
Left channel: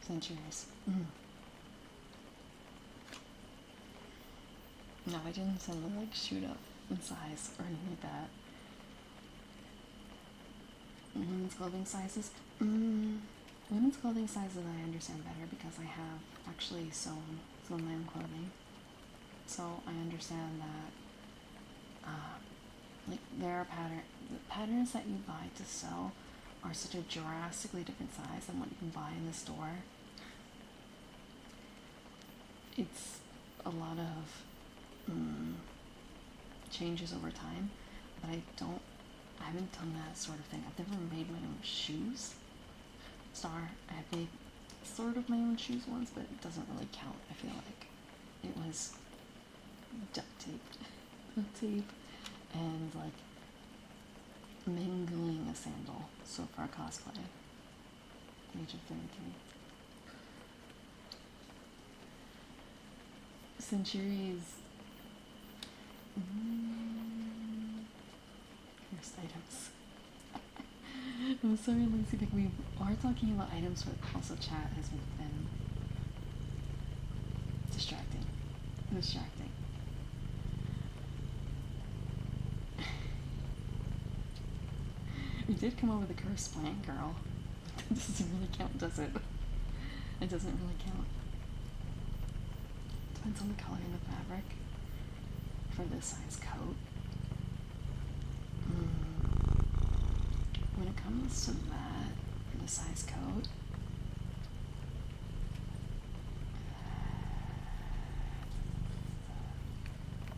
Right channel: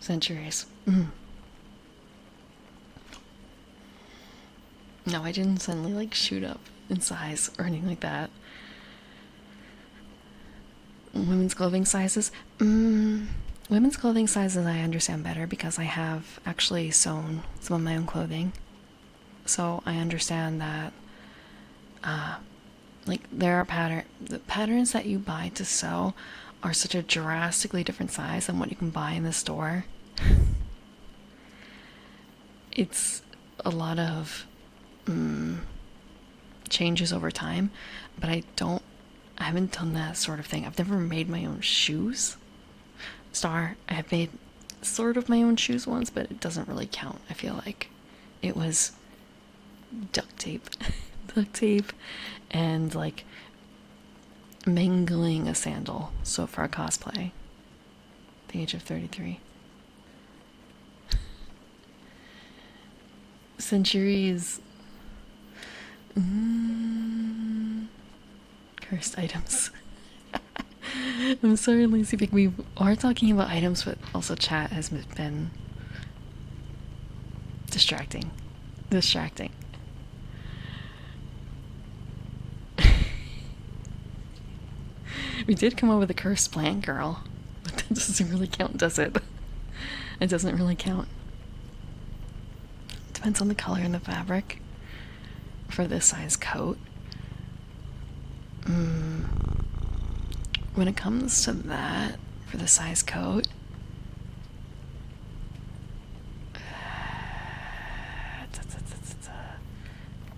Centuries. No, I didn't suddenly, shoot up in size or anything like that. Women's clothing sizes? Women's clothing sizes I understand better because I have actually sewn some of my own clothing. So I understand that, there are the patterns that you buy to sew are such a drastically different size than what you can buy in the store. It's a lot of changes over time, but I don't I haven't done that sort of thing. I've never made my own shoes. Star, I have made sort of my own shoes once, but it doesn't really count. I feel like it was duct tape, duct tape, and like mangling a sandal. So for a cosplay, at the age of 33. Centuries. Cursed items. I'm sorry, Lazy Pig. We are talking about items, but also chat has been distracting. We did come up with a cursed plant girl, but that doesn't really count, does it? It doesn't really count. Depends on the color and the fabric for this size coat. When it comes to that, for the size coat,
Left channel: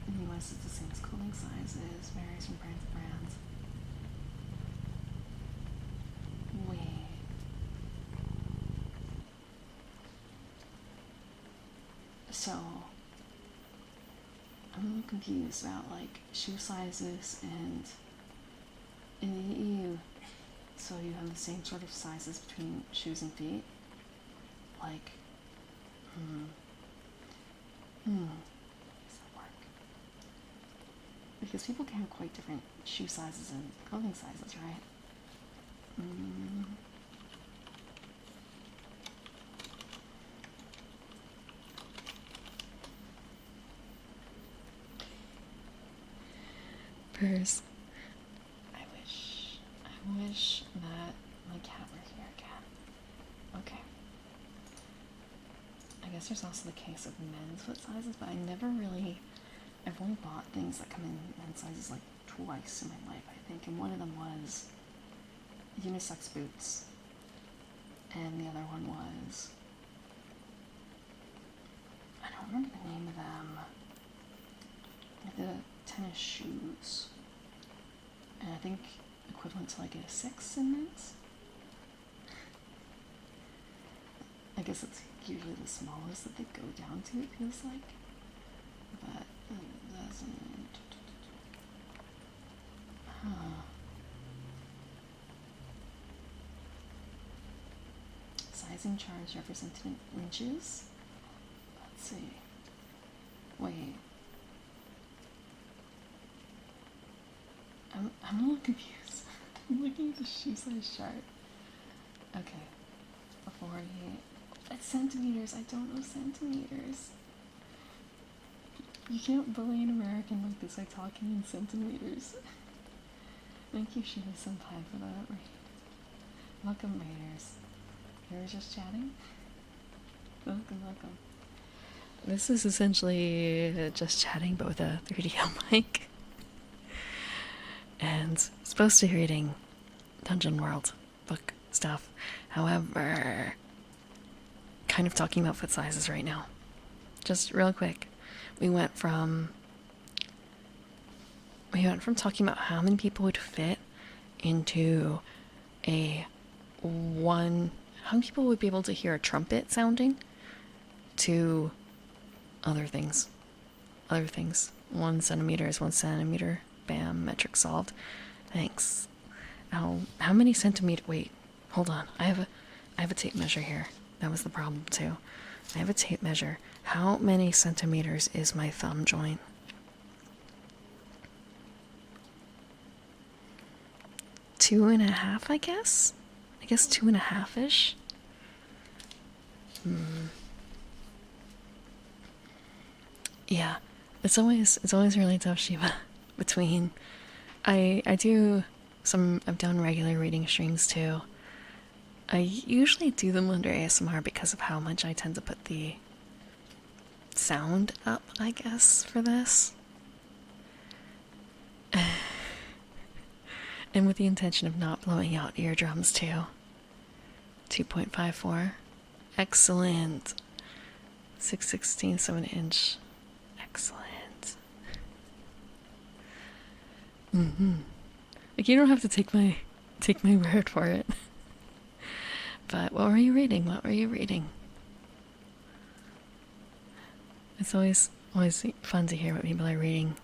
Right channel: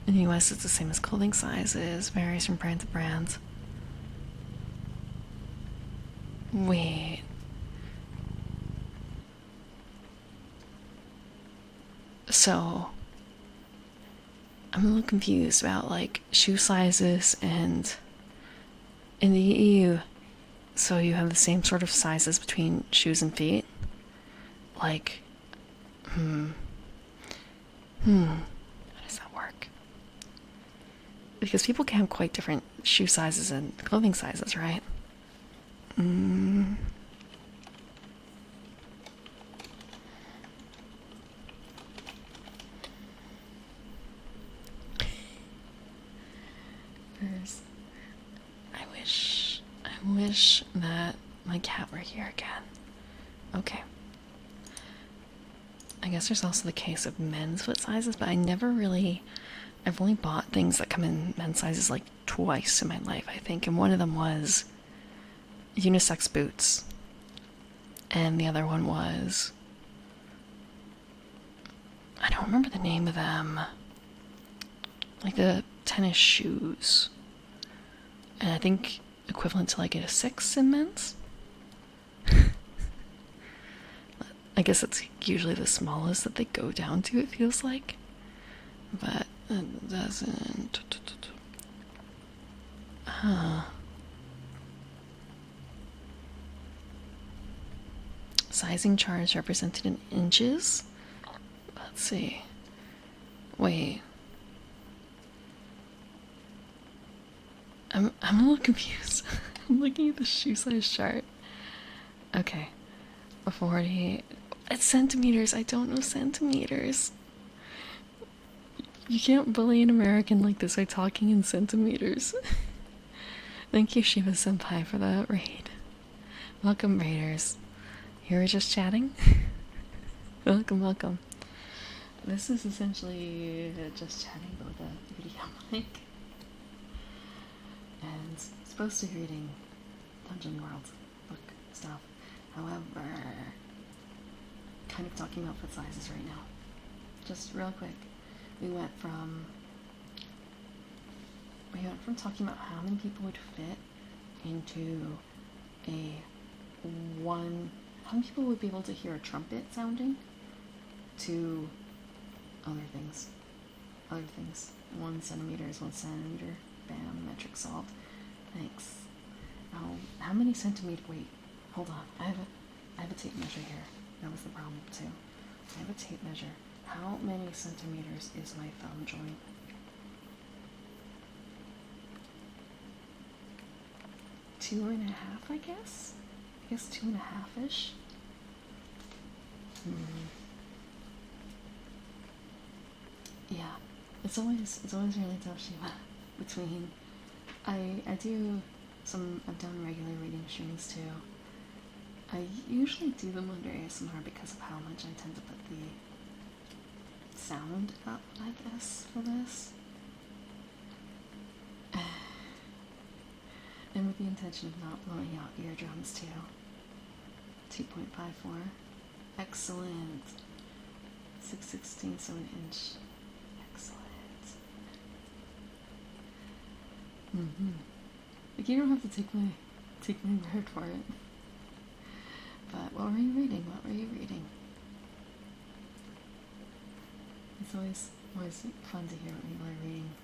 in the US it's the same as clothing sizes, varies from brand to brand. Wait. So, I'm a little confused about like shoe sizes and in the EU, so you have the same sort of sizes between shoes and feet? Like, how does that work? Because people can have quite different shoe sizes and clothing sizes, right? Purse. I wish that my cat were here again. Okay. I guess there's also the case of men's foot sizes, but I've only bought things that come in men's sizes like twice in my life, I think, and one of them was unisex boots, and the other one was, I don't remember the name of them, like the tennis shoes, and I think equivalent to like a 6 in men's. I guess it's usually the smallest that they go down to, it feels like, but it doesn't. Sizing charts represented in inches. Let's see. Wait. I'm a little confused. I'm looking at the shoe size chart. Okay. 40. It's centimeters. I don't know centimeters. You can't bully an American like this by talking in centimeters. Thank you, Shiva Senpai, for the raid. Welcome, raiders. You were just chatting? Welcome. This is essentially just chatting, but with a 3DO mic. And supposed to be reading Dungeon World book stuff. However, kind of talking about foot sizes right now. Just real quick. We went from talking about how many people would fit into how many people would be able to hear a trumpet sounding, to other things. 1 centimeter is 1 centimeter. Bam, metric solved. Thanks. How many centimeter? Wait, hold on. I have a tape measure here. That was the problem too. I have a tape measure. How many centimeters is my thumb joint? 2.5, I guess? I guess 2.5-ish? Yeah. It's always really tough, Shiva. Between I've done regular reading streams too. I usually do them under ASMR because of how much I tend to put the sound up, I guess, for this. And with the intention of not blowing out eardrums too. 2.54. Excellent. 6/16, 7-inch. Excellent. Like, you don't have to take my word for it. But what were you reading? What were you reading? It's always fun to hear what people are reading.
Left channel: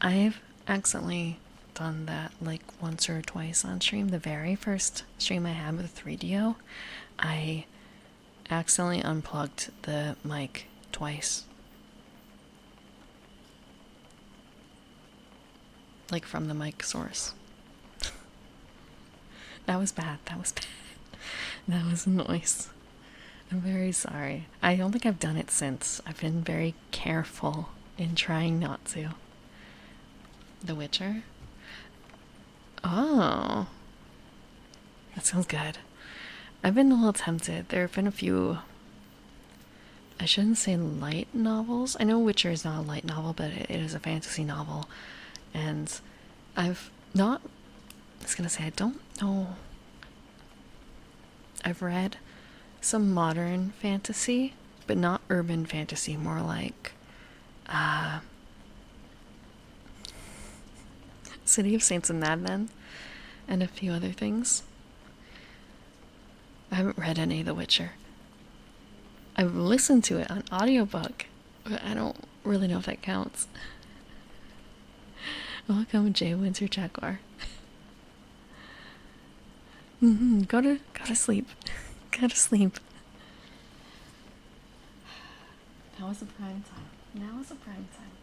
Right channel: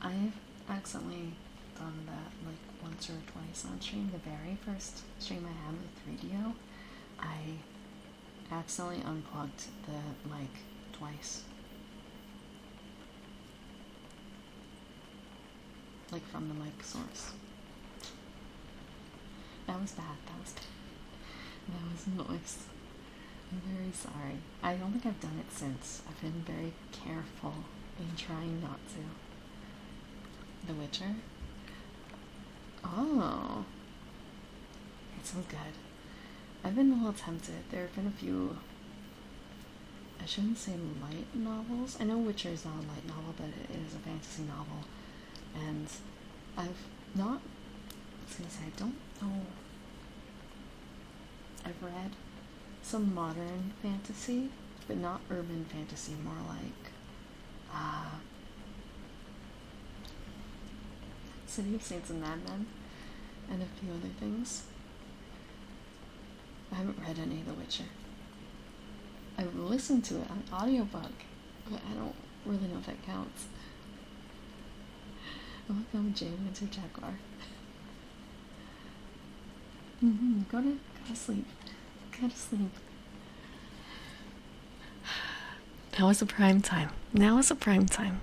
I've accidentally done that like once or twice on stream. The very first stream I had with 3DO, I accidentally unplugged the mic twice. Like from the mic source. That was bad. That was bad. That was a noise. I'm very sorry. I don't think I've done it since. I've been very careful in trying not to. The Witcher? Oh. That sounds good. I've been a little tempted. There have been a few, I shouldn't say light novels. I know Witcher is not a light novel, but it is a fantasy novel. And I've not, I was gonna say, I don't know. I've read some modern fantasy, but not urban fantasy, more like City of Saints and Madmen, and a few other things. I haven't read any of The Witcher. I've listened to it on audiobook, but I don't really know if that counts. Welcome, Jay Winter Jaguar. Go to sleep. Go to sleep. Now is the prime time. Now is the prime time.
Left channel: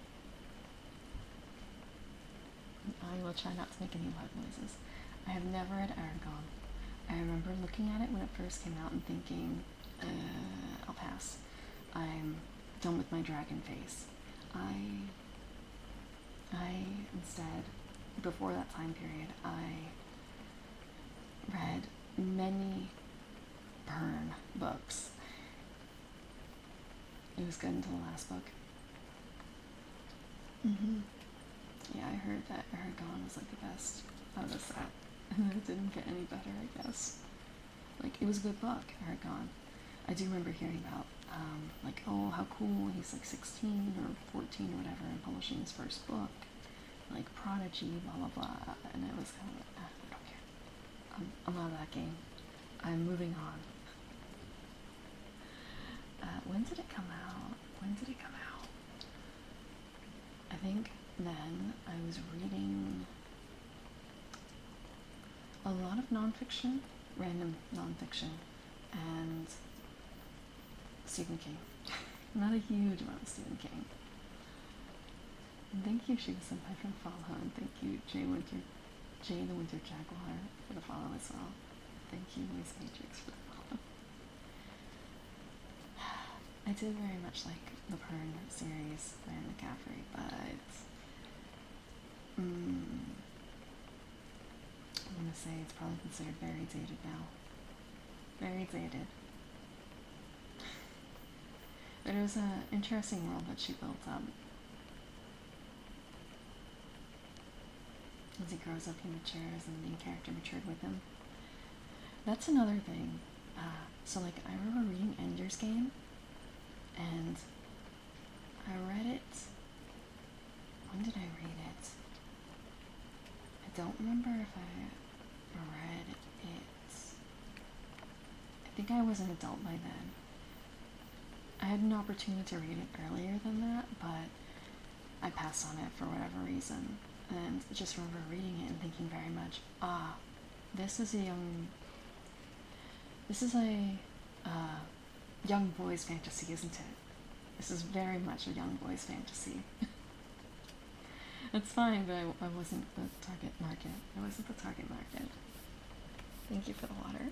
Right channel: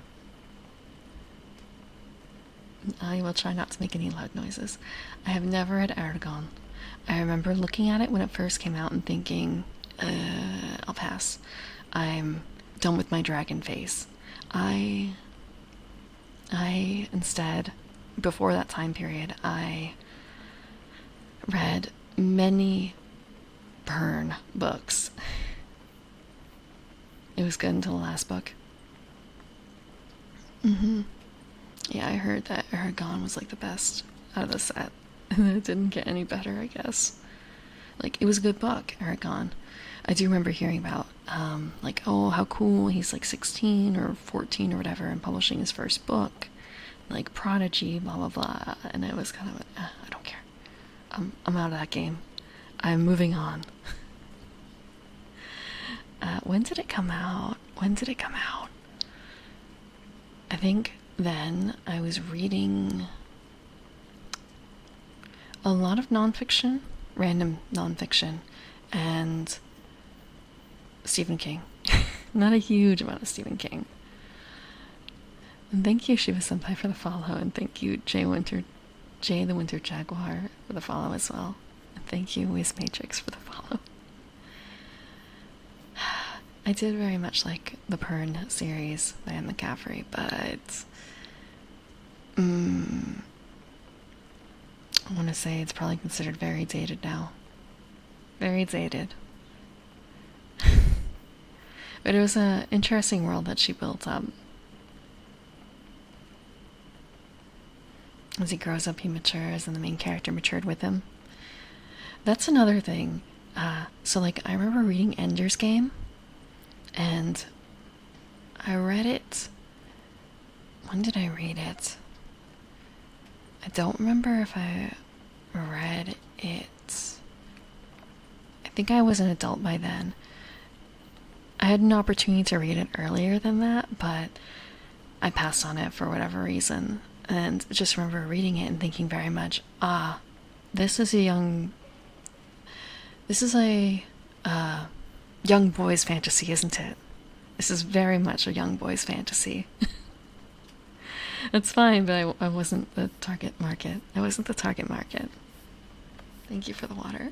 I will try not to make any loud noises. I have never read Aragon. I remember looking at it when it first came out and thinking, I'll pass. I'm done with my dragon face. I instead, before that time period, I read many Byrne books. It was good until the last book. Yeah, I heard that Aragon was like the best out of the set. And it didn't get any better, I guess. Like, it was a good book, Aragon. I do remember hearing about, like, oh, how cool, he's like 16 or 14 or whatever and publishing his first book. Like, Prodigy, blah, blah, blah. And it was kind of, I don't care. I'm out of that game. I'm moving on. When did it come out? I think then I was reading a lot of nonfiction, random nonfiction, and Stephen King. Not a huge amount of Stephen King. And thank you, Shiva Senpai, for the follow, and thank you, Jay the Winter Jaguar, for the follow as well. And thank you, Wiz Matrix, for the follow. I did very much like the Pern series by Anne McCaffrey, but I want to say it's probably considered very dated now. Very dated. But it was an interesting world that she built up. As he grows up, he matures, and the main character matured with him. That's another thing. So, like, I remember reading Ender's Game, and I read it. When did I read it? I don't remember if I read it. I think I was an adult by then. I had an opportunity to read it earlier than that, but I passed on it for whatever reason. And just remember reading it and thinking very much, this is a young boy's fantasy, isn't it? This is very much a young boy's fantasy. That's fine, but I wasn't the target market. Thank you for the water.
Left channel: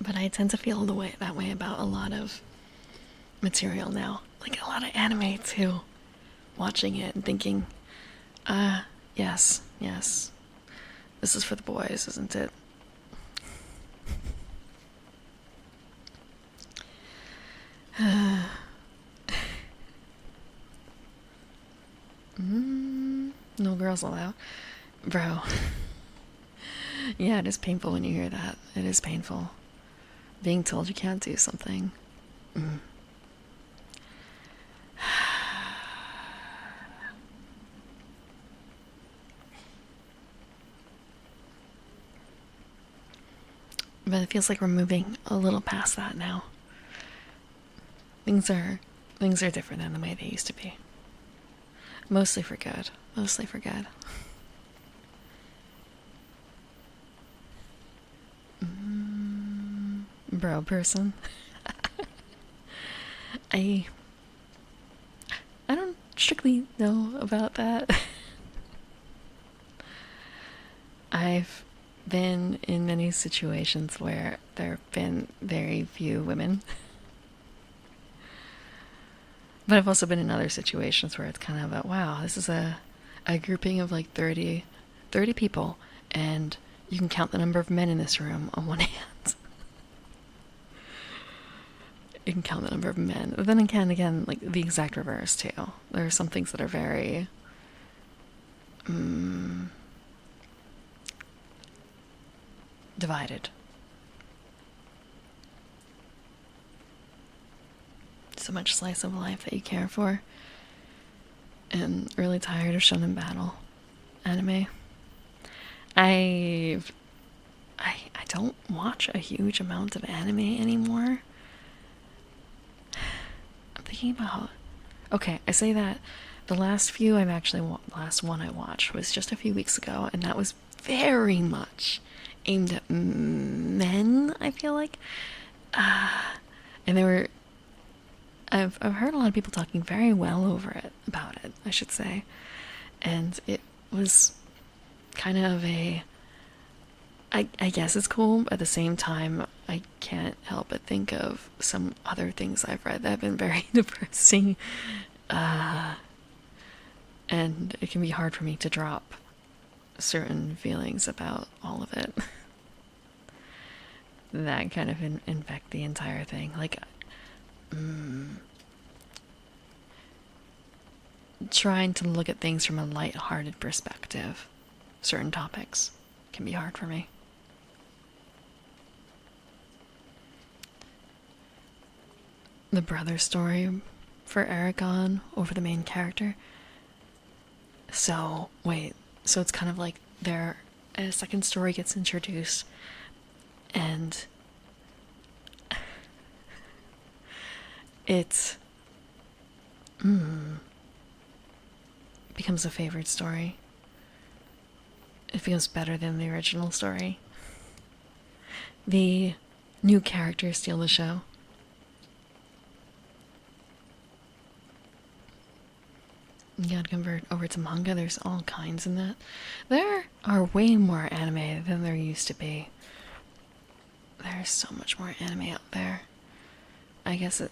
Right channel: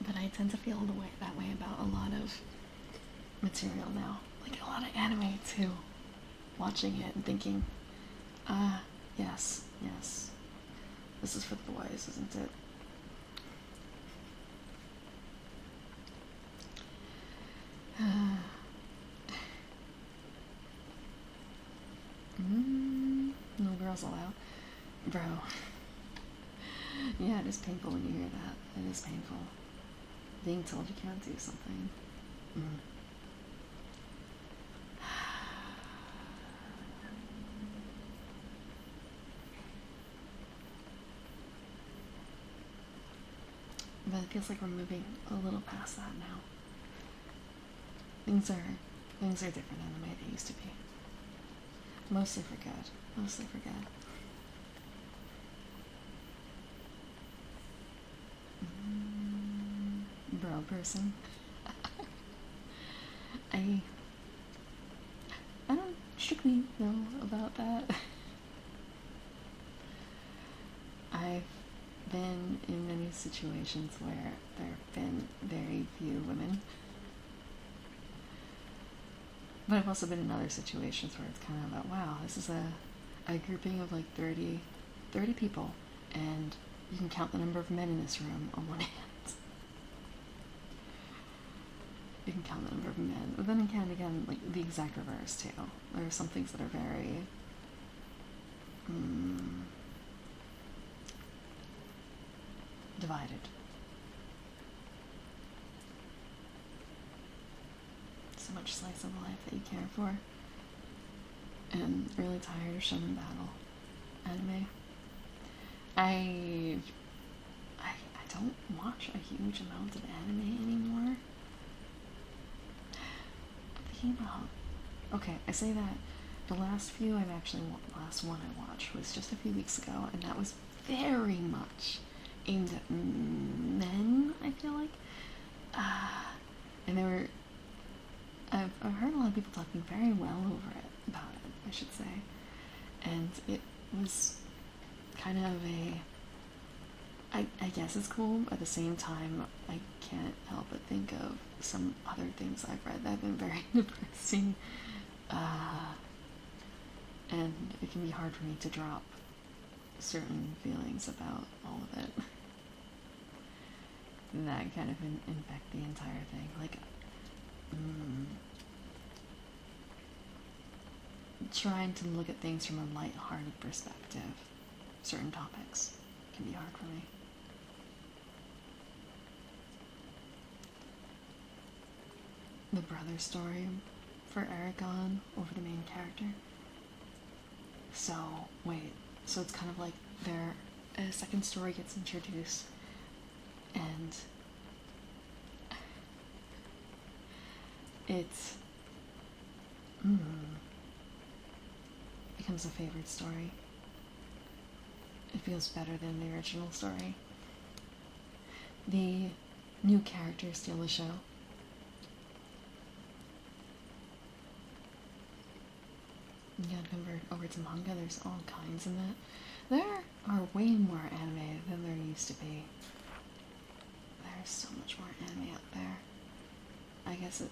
But I tend to feel that way about a lot of material now. Like a lot of anime too. Watching it and thinking, yes. This is for the boys, isn't it? No girls allowed. Bro. Yeah, it is painful when you hear that. It is painful. being told you can't do something. Mm. But it feels like we're moving a little past that now. Things are different than the way they used to be. Mostly for good. Mostly for good. Bro person. I don't strictly know about that. I've been in many situations where there have been very few women. But I've also been in other situations where it's kind of a, wow, this is a grouping of like 30 people, and you can count the number of men in this room on one hand. You can count the number of men. But then again, like the exact reverse too. There are some things that are very divided. So much slice of life that you care for. And really tired of shonen battle anime. I don't watch a huge amount of anime anymore. I'm thinking about. Okay, I say that the last one I watched was just a few weeks ago, and that was very much aimed at men. I feel like, and they were. I've heard a lot of people talking very well about it, I should say, and it was kind of a. I guess it's cool, but at the same time, I can't help but think of some other things I've read that have been very depressing, and it can be hard for me to drop certain feelings about all of it. That kind of infect the entire thing. Like, trying to look at things from a light-hearted perspective, certain topics can be hard for me. The brother story for Aragon over the main character. So, wait, so it's kind of like a second story gets introduced, and it becomes a favorite story. It becomes better than the original story. The new characters steal the show. You gotta convert over to manga. There's all kinds in that. There are way more anime than there used to be. There's so much more anime out there. I guess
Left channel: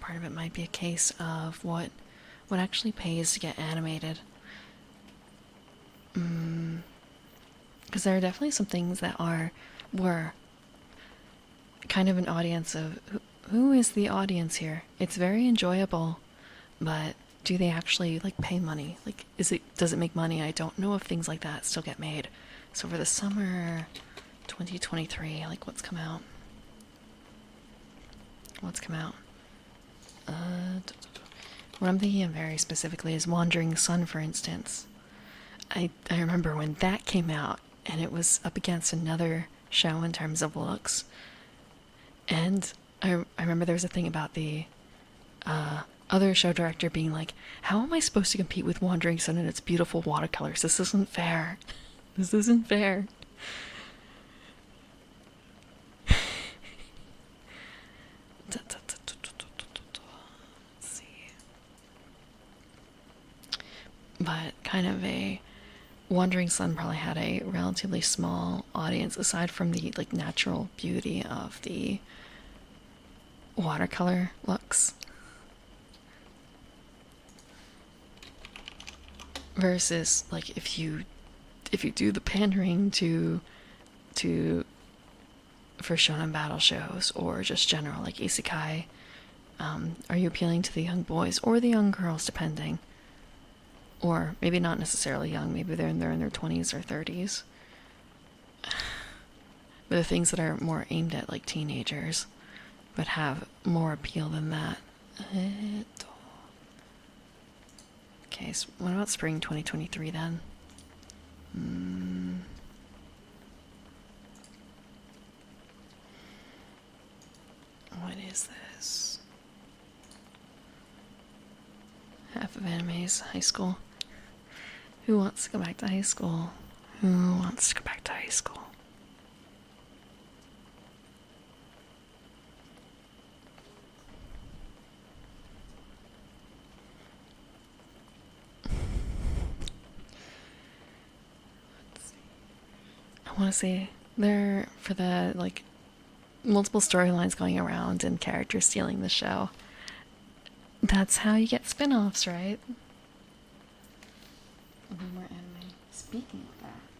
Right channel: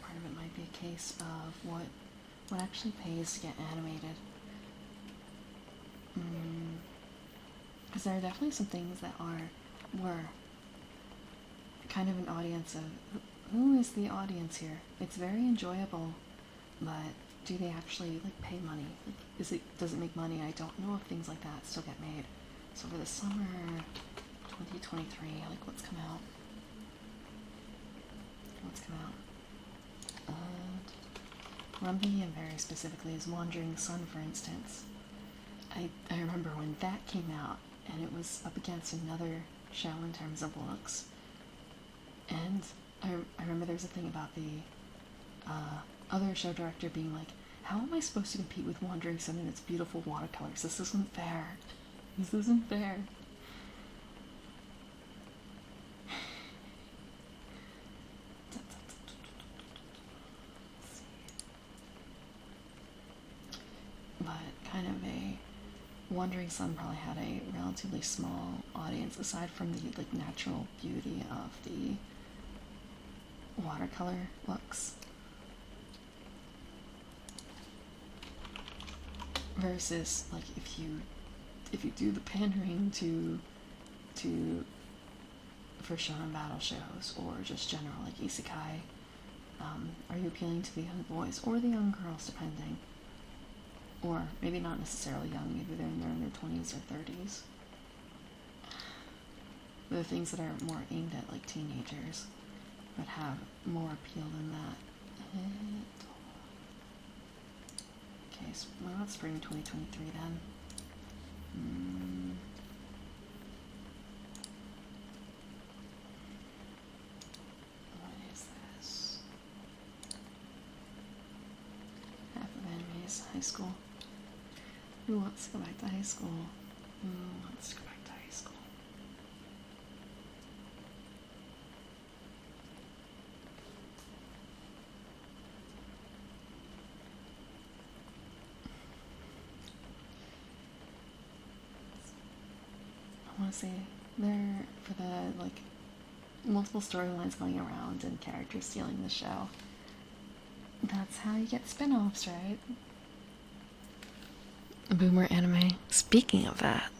part of it might be a case of what actually pays to get animated. Because there are definitely some things that were kind of an audience of who is the audience here? It's very enjoyable, but do they actually like pay money? Like, does it make money? I don't know if things like that still get made. So for the summer 2023, like what's come out? What I'm thinking of very specifically is Wandering Sun, for instance. I remember when that came out, and it was up against another show in terms of looks. And I remember there was a thing about the other show director being like, how am I supposed to compete with Wandering Sun and its beautiful watercolors? This isn't fair. This isn't fair. Let's see. But kind of Wandering Sun probably had a relatively small audience aside from the like natural beauty of the watercolor looks. Versus like if you do the pandering for shonen battle shows or just general like isekai, are you appealing to the young boys or the young girls, depending? Or maybe not necessarily young, maybe they're in their 20s or 30s. But the things that are more aimed at like teenagers but have more appeal than that. Okay, so what about spring 2023 then? What is this? Half of anime's high school. Who wants to go back to high school? Who wants to go back to high school? I want to say there for the like multiple storylines going around and characters stealing the show. That's how you get spin-offs, right? Boomer anime. Speaking of that,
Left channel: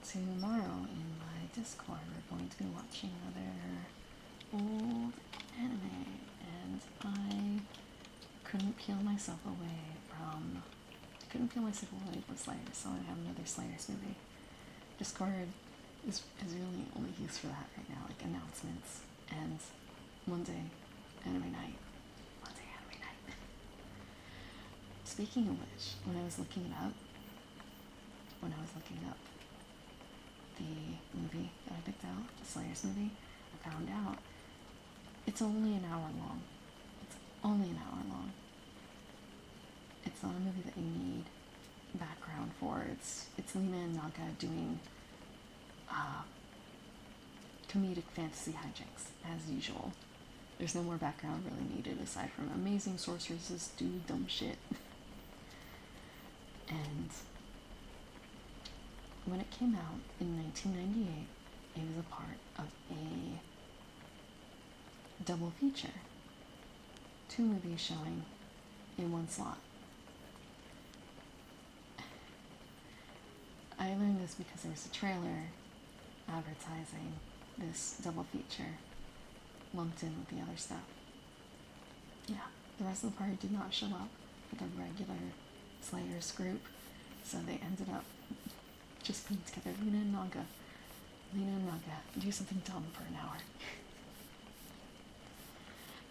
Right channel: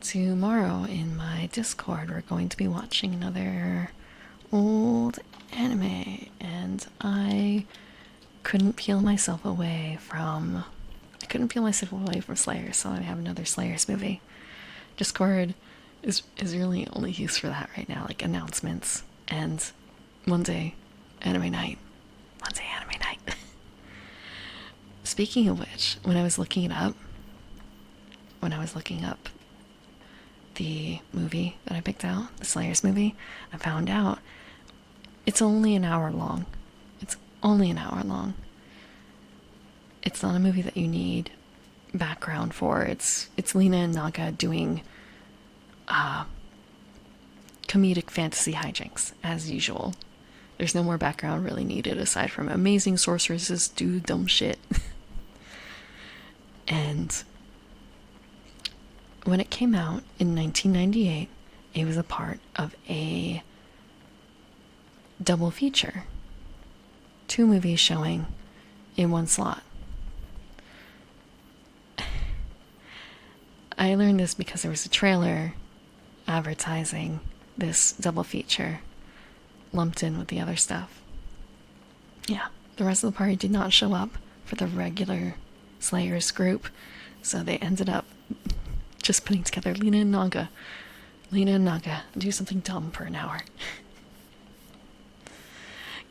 tomorrow in my Discord we're going to be watching another old anime, and I couldn't peel myself away from Slayer, so I have another Slayers movie. Discord is really only used for that right now, like announcements and Monday anime night. Speaking of which, when I was looking up the movie that I picked out, the Slayers movie, I found out it's only an hour long. It's not a movie that you need background for. It's Lena and Naga doing comedic fantasy hijinks as usual. There's no more background really needed aside from amazing sorceresses do dumb shit. And when it came out in 1998, it was a part of a double feature. 2 movies showing in one slot. I learned this because there was a trailer advertising this double feature lumped in with the other stuff. Yeah, the rest of the party did not show up for the regular Slayers group, so they ended up just putting together Lena and Naga, do something dumb for an hour.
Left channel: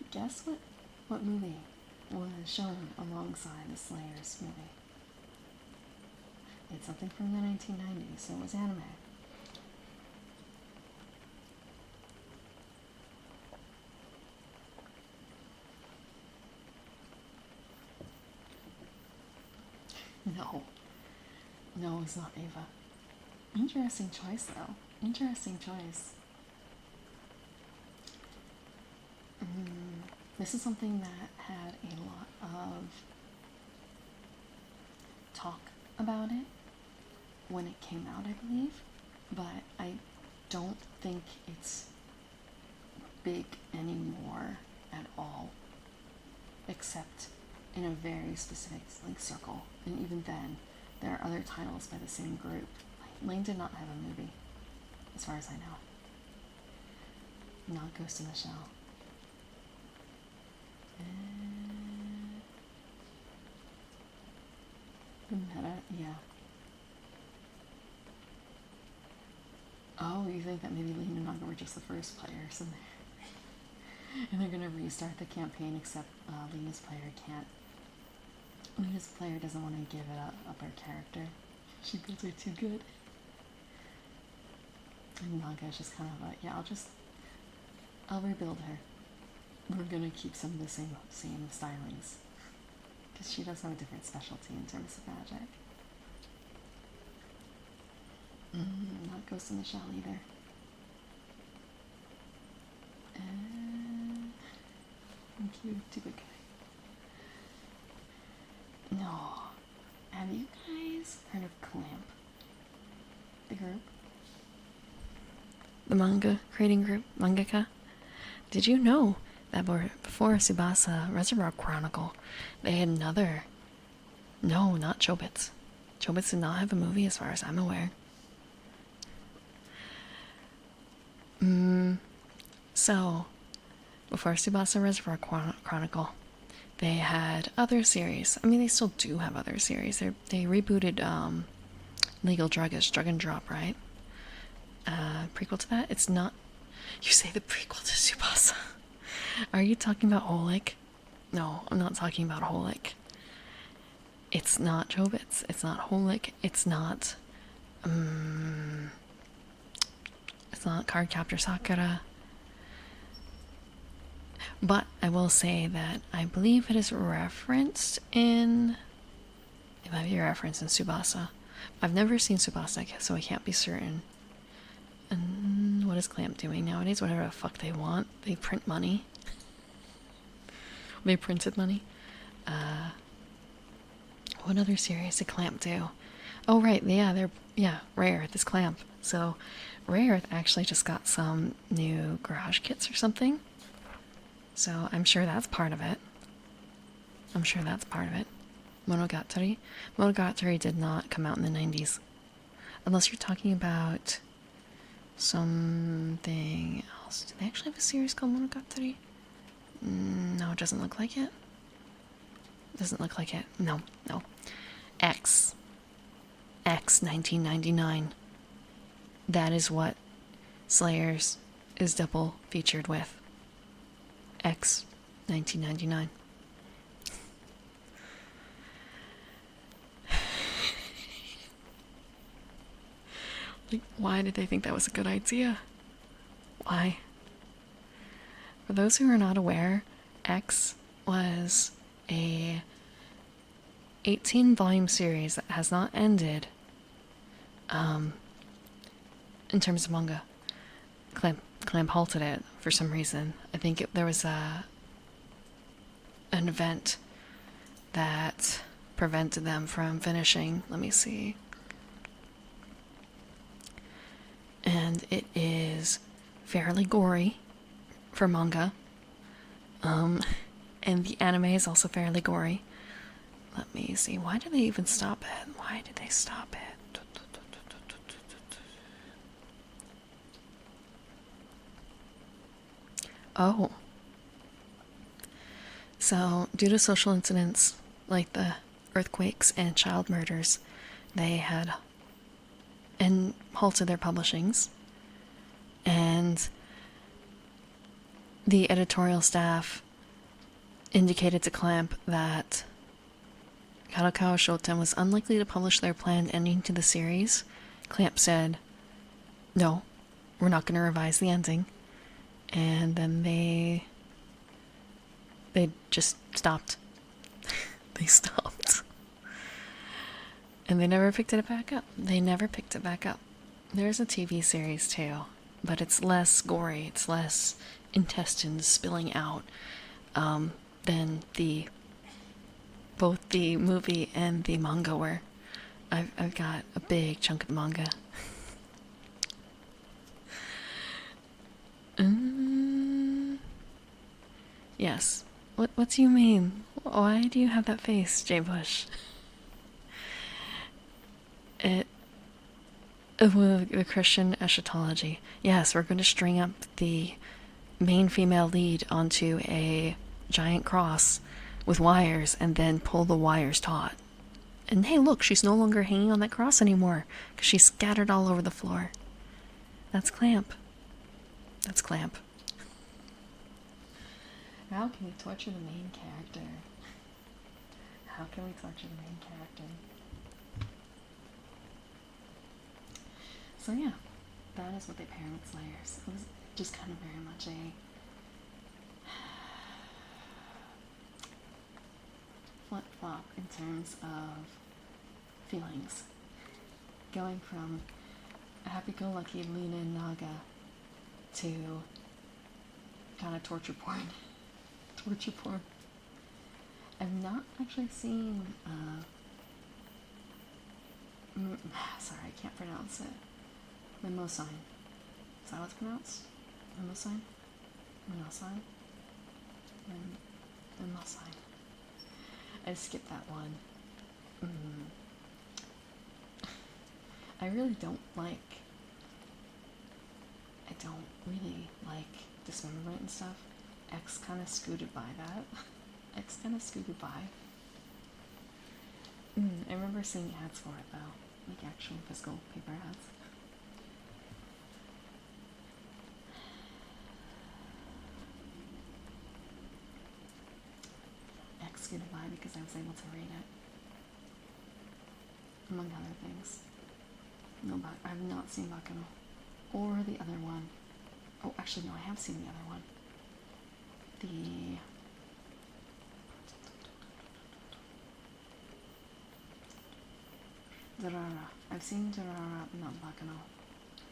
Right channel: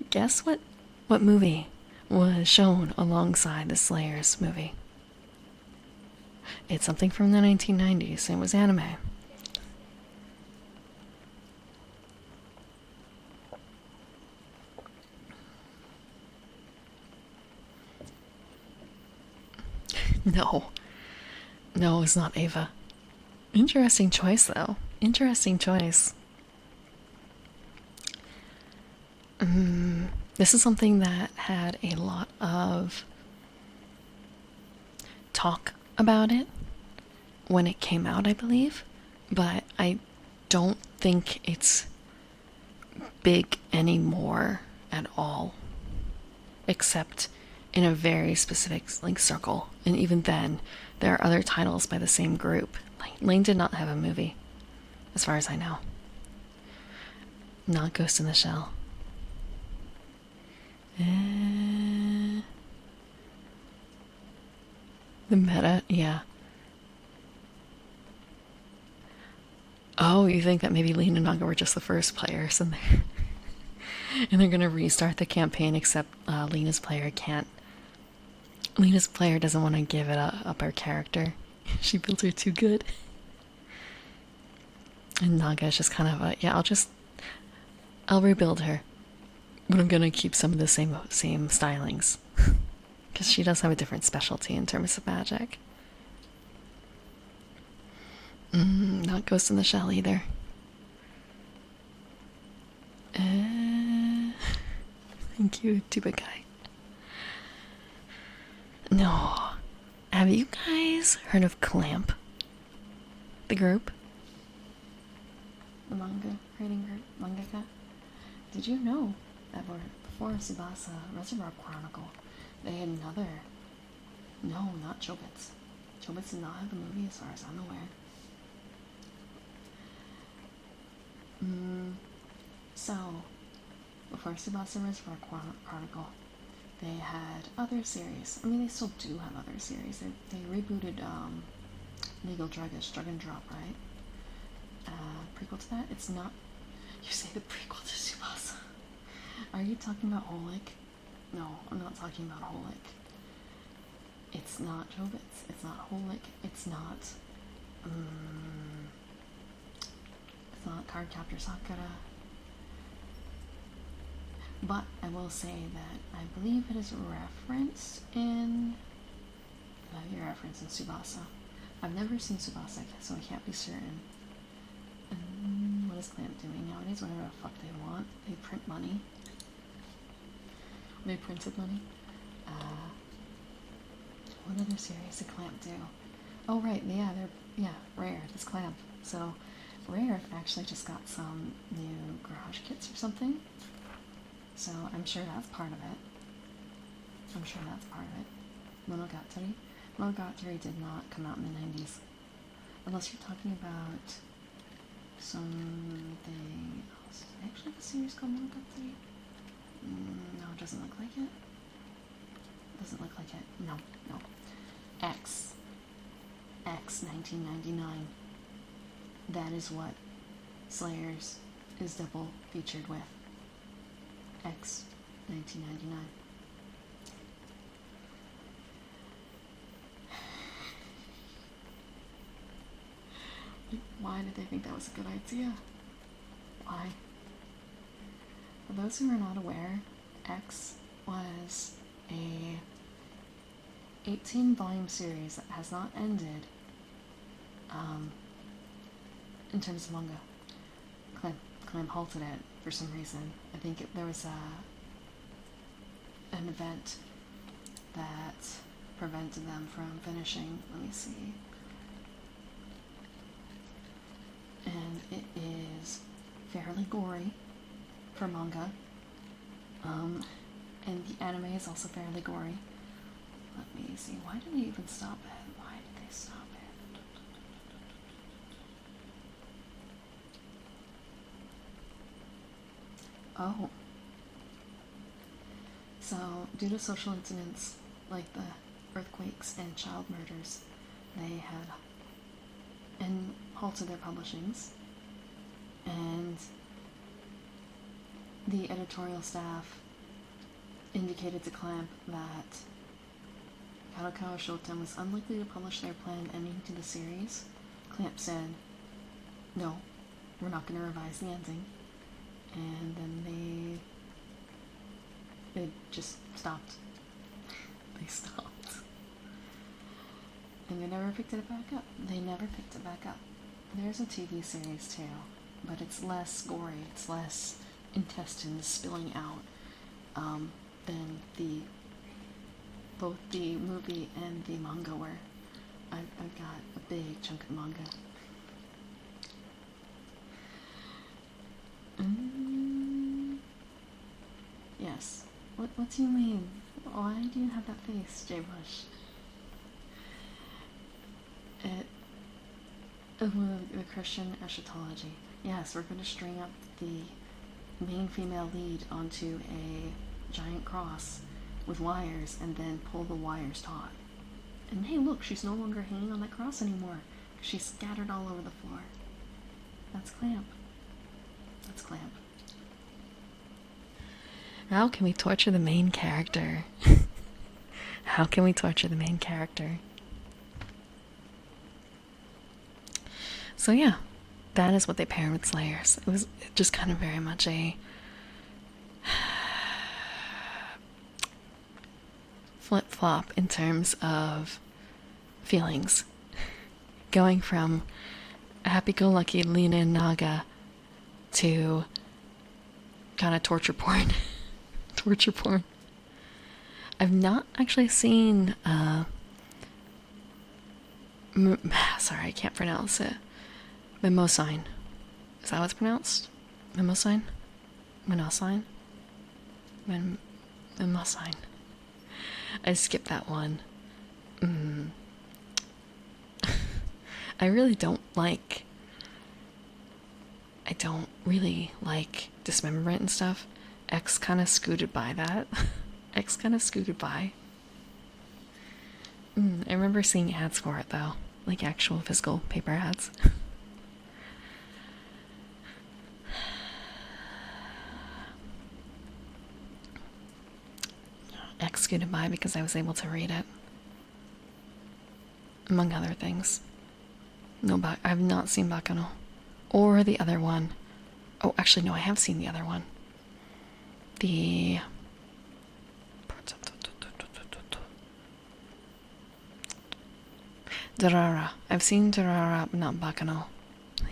Guess what movie was shown alongside the Slayers movie? It's something from the 1990s. It was anime. No, it's not Ava. Interesting choice, though. Interesting choice. This is something that had a lot of talk about it when it came out, I believe, but I don't think it's big anymore at all, except in a very specific circle, and even then there are other titles by the same group. Lane did not have a movie as far as I know, not Ghost in the Shell. The meta, yeah. Oh, you think that maybe Lena and Naga were just the first players and they're gonna restart the campaign, except Lena's player can't. Lena's player doesn't want to give it up her character. She built her too good. And Naga's just kind of yeah, I'll rebuild her, but I'm gonna keep some of the same stylings. Because she does have a different specialty in terms of magic. Not Ghost in the Shell either. Thank you, Tuba Guy. No. Have you guys heard of Clamp? The group? The manga creating group? Mangaka? Did you know that before Tsubasa Reservoir Chronicle, they had another... No, not Chobits. Chobits did not have a movie as far as I'm aware. So, before Tsubasa Reservoir Chronicle, they had other series. I mean, they still do have other series. They rebooted Legal Druggish, Drug and Drop, right? prequel to that. It's not. You say the prequel to Tsubasa. Are you talking about Holic? No, I'm not talking about Holic. It's not Chobits. It's not Holic. It's not. It's not Cardcaptor Sakura. But I will say that I believe it is referenced in. It might be referenced in Tsubasa. I've never seen Tsubasa, so I can't be certain. And what is Clamp doing nowadays? Whatever the fuck they want. They print money. They printed money. What other series did Clamp do? Oh right, they're Rare Earth is Clamp. So Rare Earth actually just got some new garage kits or something. So I'm sure that's part of it. Monogatari. Monogatari did not come out in the 90s. Unless you're talking about something else. Do they actually have a series called Monogatari? No, it doesn't look like it. No. X 1999. That is what Slayers is double featured with. X 1999. Why did they think that was a good idea? Why? For those who are not aware, X was a 18-volume series that has not ended in terms of manga. Clamp halted it for some reason. I think there was an event that prevented them from finishing. Let me see. And it is fairly gory for manga. And the anime is also fairly gory. Let me see. Why did they even stop it? Why did they stop it? Oh. So, due to social incidents like the earthquakes and child murders, they had halted their publishings. And the editorial staff indicated to Clamp that Kadokawa Shoten was unlikely to publish their planned ending to the series. Clamp said, no, we're not going to revise the ending. And then they just stopped. They stopped. And they never picked it back up. There's a TV series too, but it's less gory, it's less intestines spilling out than both the movie and the manga were. I've got a big chunk of manga. Yes. What do you mean? Why do you have that face, Jay Bush? The Christian eschatology. Yes, we're going to string up the main female lead onto a giant cross with wires and then pull the wires taut. And hey, look, she's no longer hanging on that cross anymore because she's scattered all over the floor. That's Clamp. How can we torture the main character? So yeah, that is what they paired with Slayers. It was just kind of very much a flip-flop in terms of feelings. Going from a happy-go-lucky Lina and Naga to kind of torture porn. I've not actually seen sorry, I can't pronounce it. Mimosine. Is that how it's pronounced? Mimosine? Mimosine? Mimosine. I skipped that one. I really don't like dismemberment and stuff. X kind of scooted by that. I remember seeing ads for it though, like actual physical paper ads. X scooted by because I was able to read it. Among other things. No, I have not seen Bakano. Or the other one. Oh, actually, no, I have seen the other one. The... Durara. I've seen Durara, but not Bakano.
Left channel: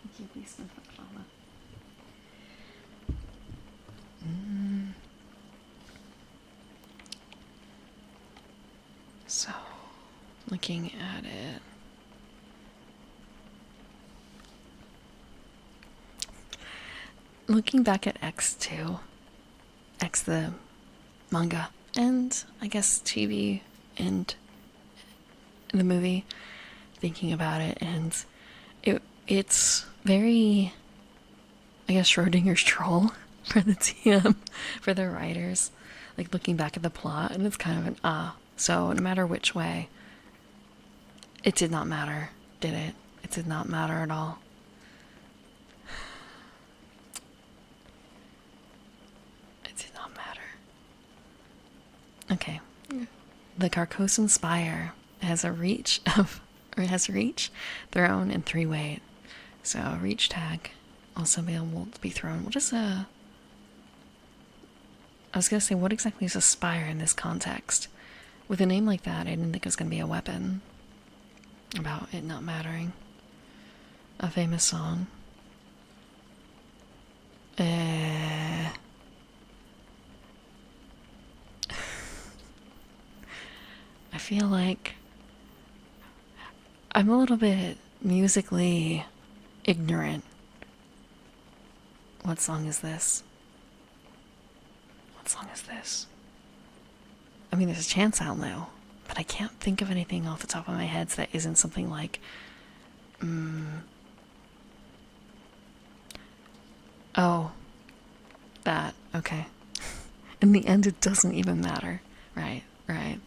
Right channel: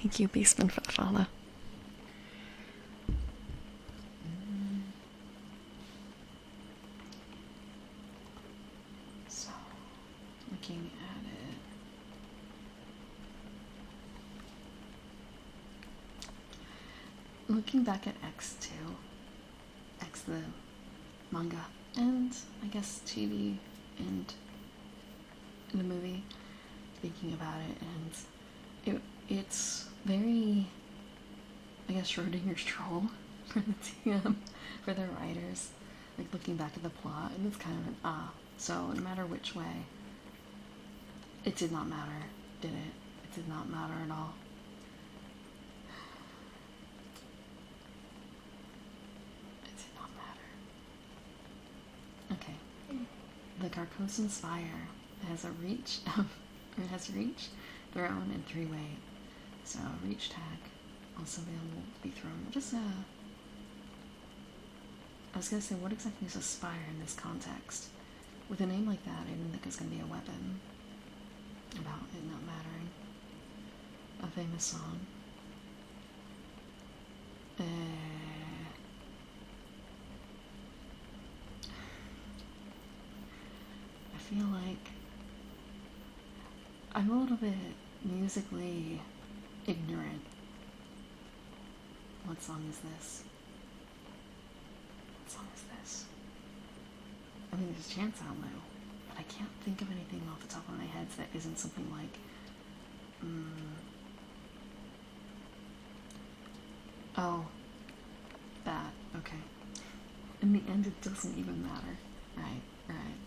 Thank you, Beastman, for the follow. So, looking at it. Looking back at X2, X the manga, and I guess TV and the movie, thinking about it, and it's very, I guess, Schrodinger's troll for the TM, for the writers, like looking back at the plot, and it's kind of an so no matter which way, it did not matter, did it? It did not matter at all. It did not matter. Okay. The Carcosan Spire has a reach of, or has reach, thrown, and 3 weight. So reach tag also be able to be thrown. What is a... I was gonna say, what exactly is a spire in this context? With a name like that, I didn't think it was gonna be a weapon. About it not mattering. A famous song. I feel like I'm a little bit musically ignorant. What song is this? What song is this? I mean, there's a chance I'll know, but I can't think of anything off the top of my head that isn't something like, oh, that, okay. In the end, it doesn't even matter. Right, right.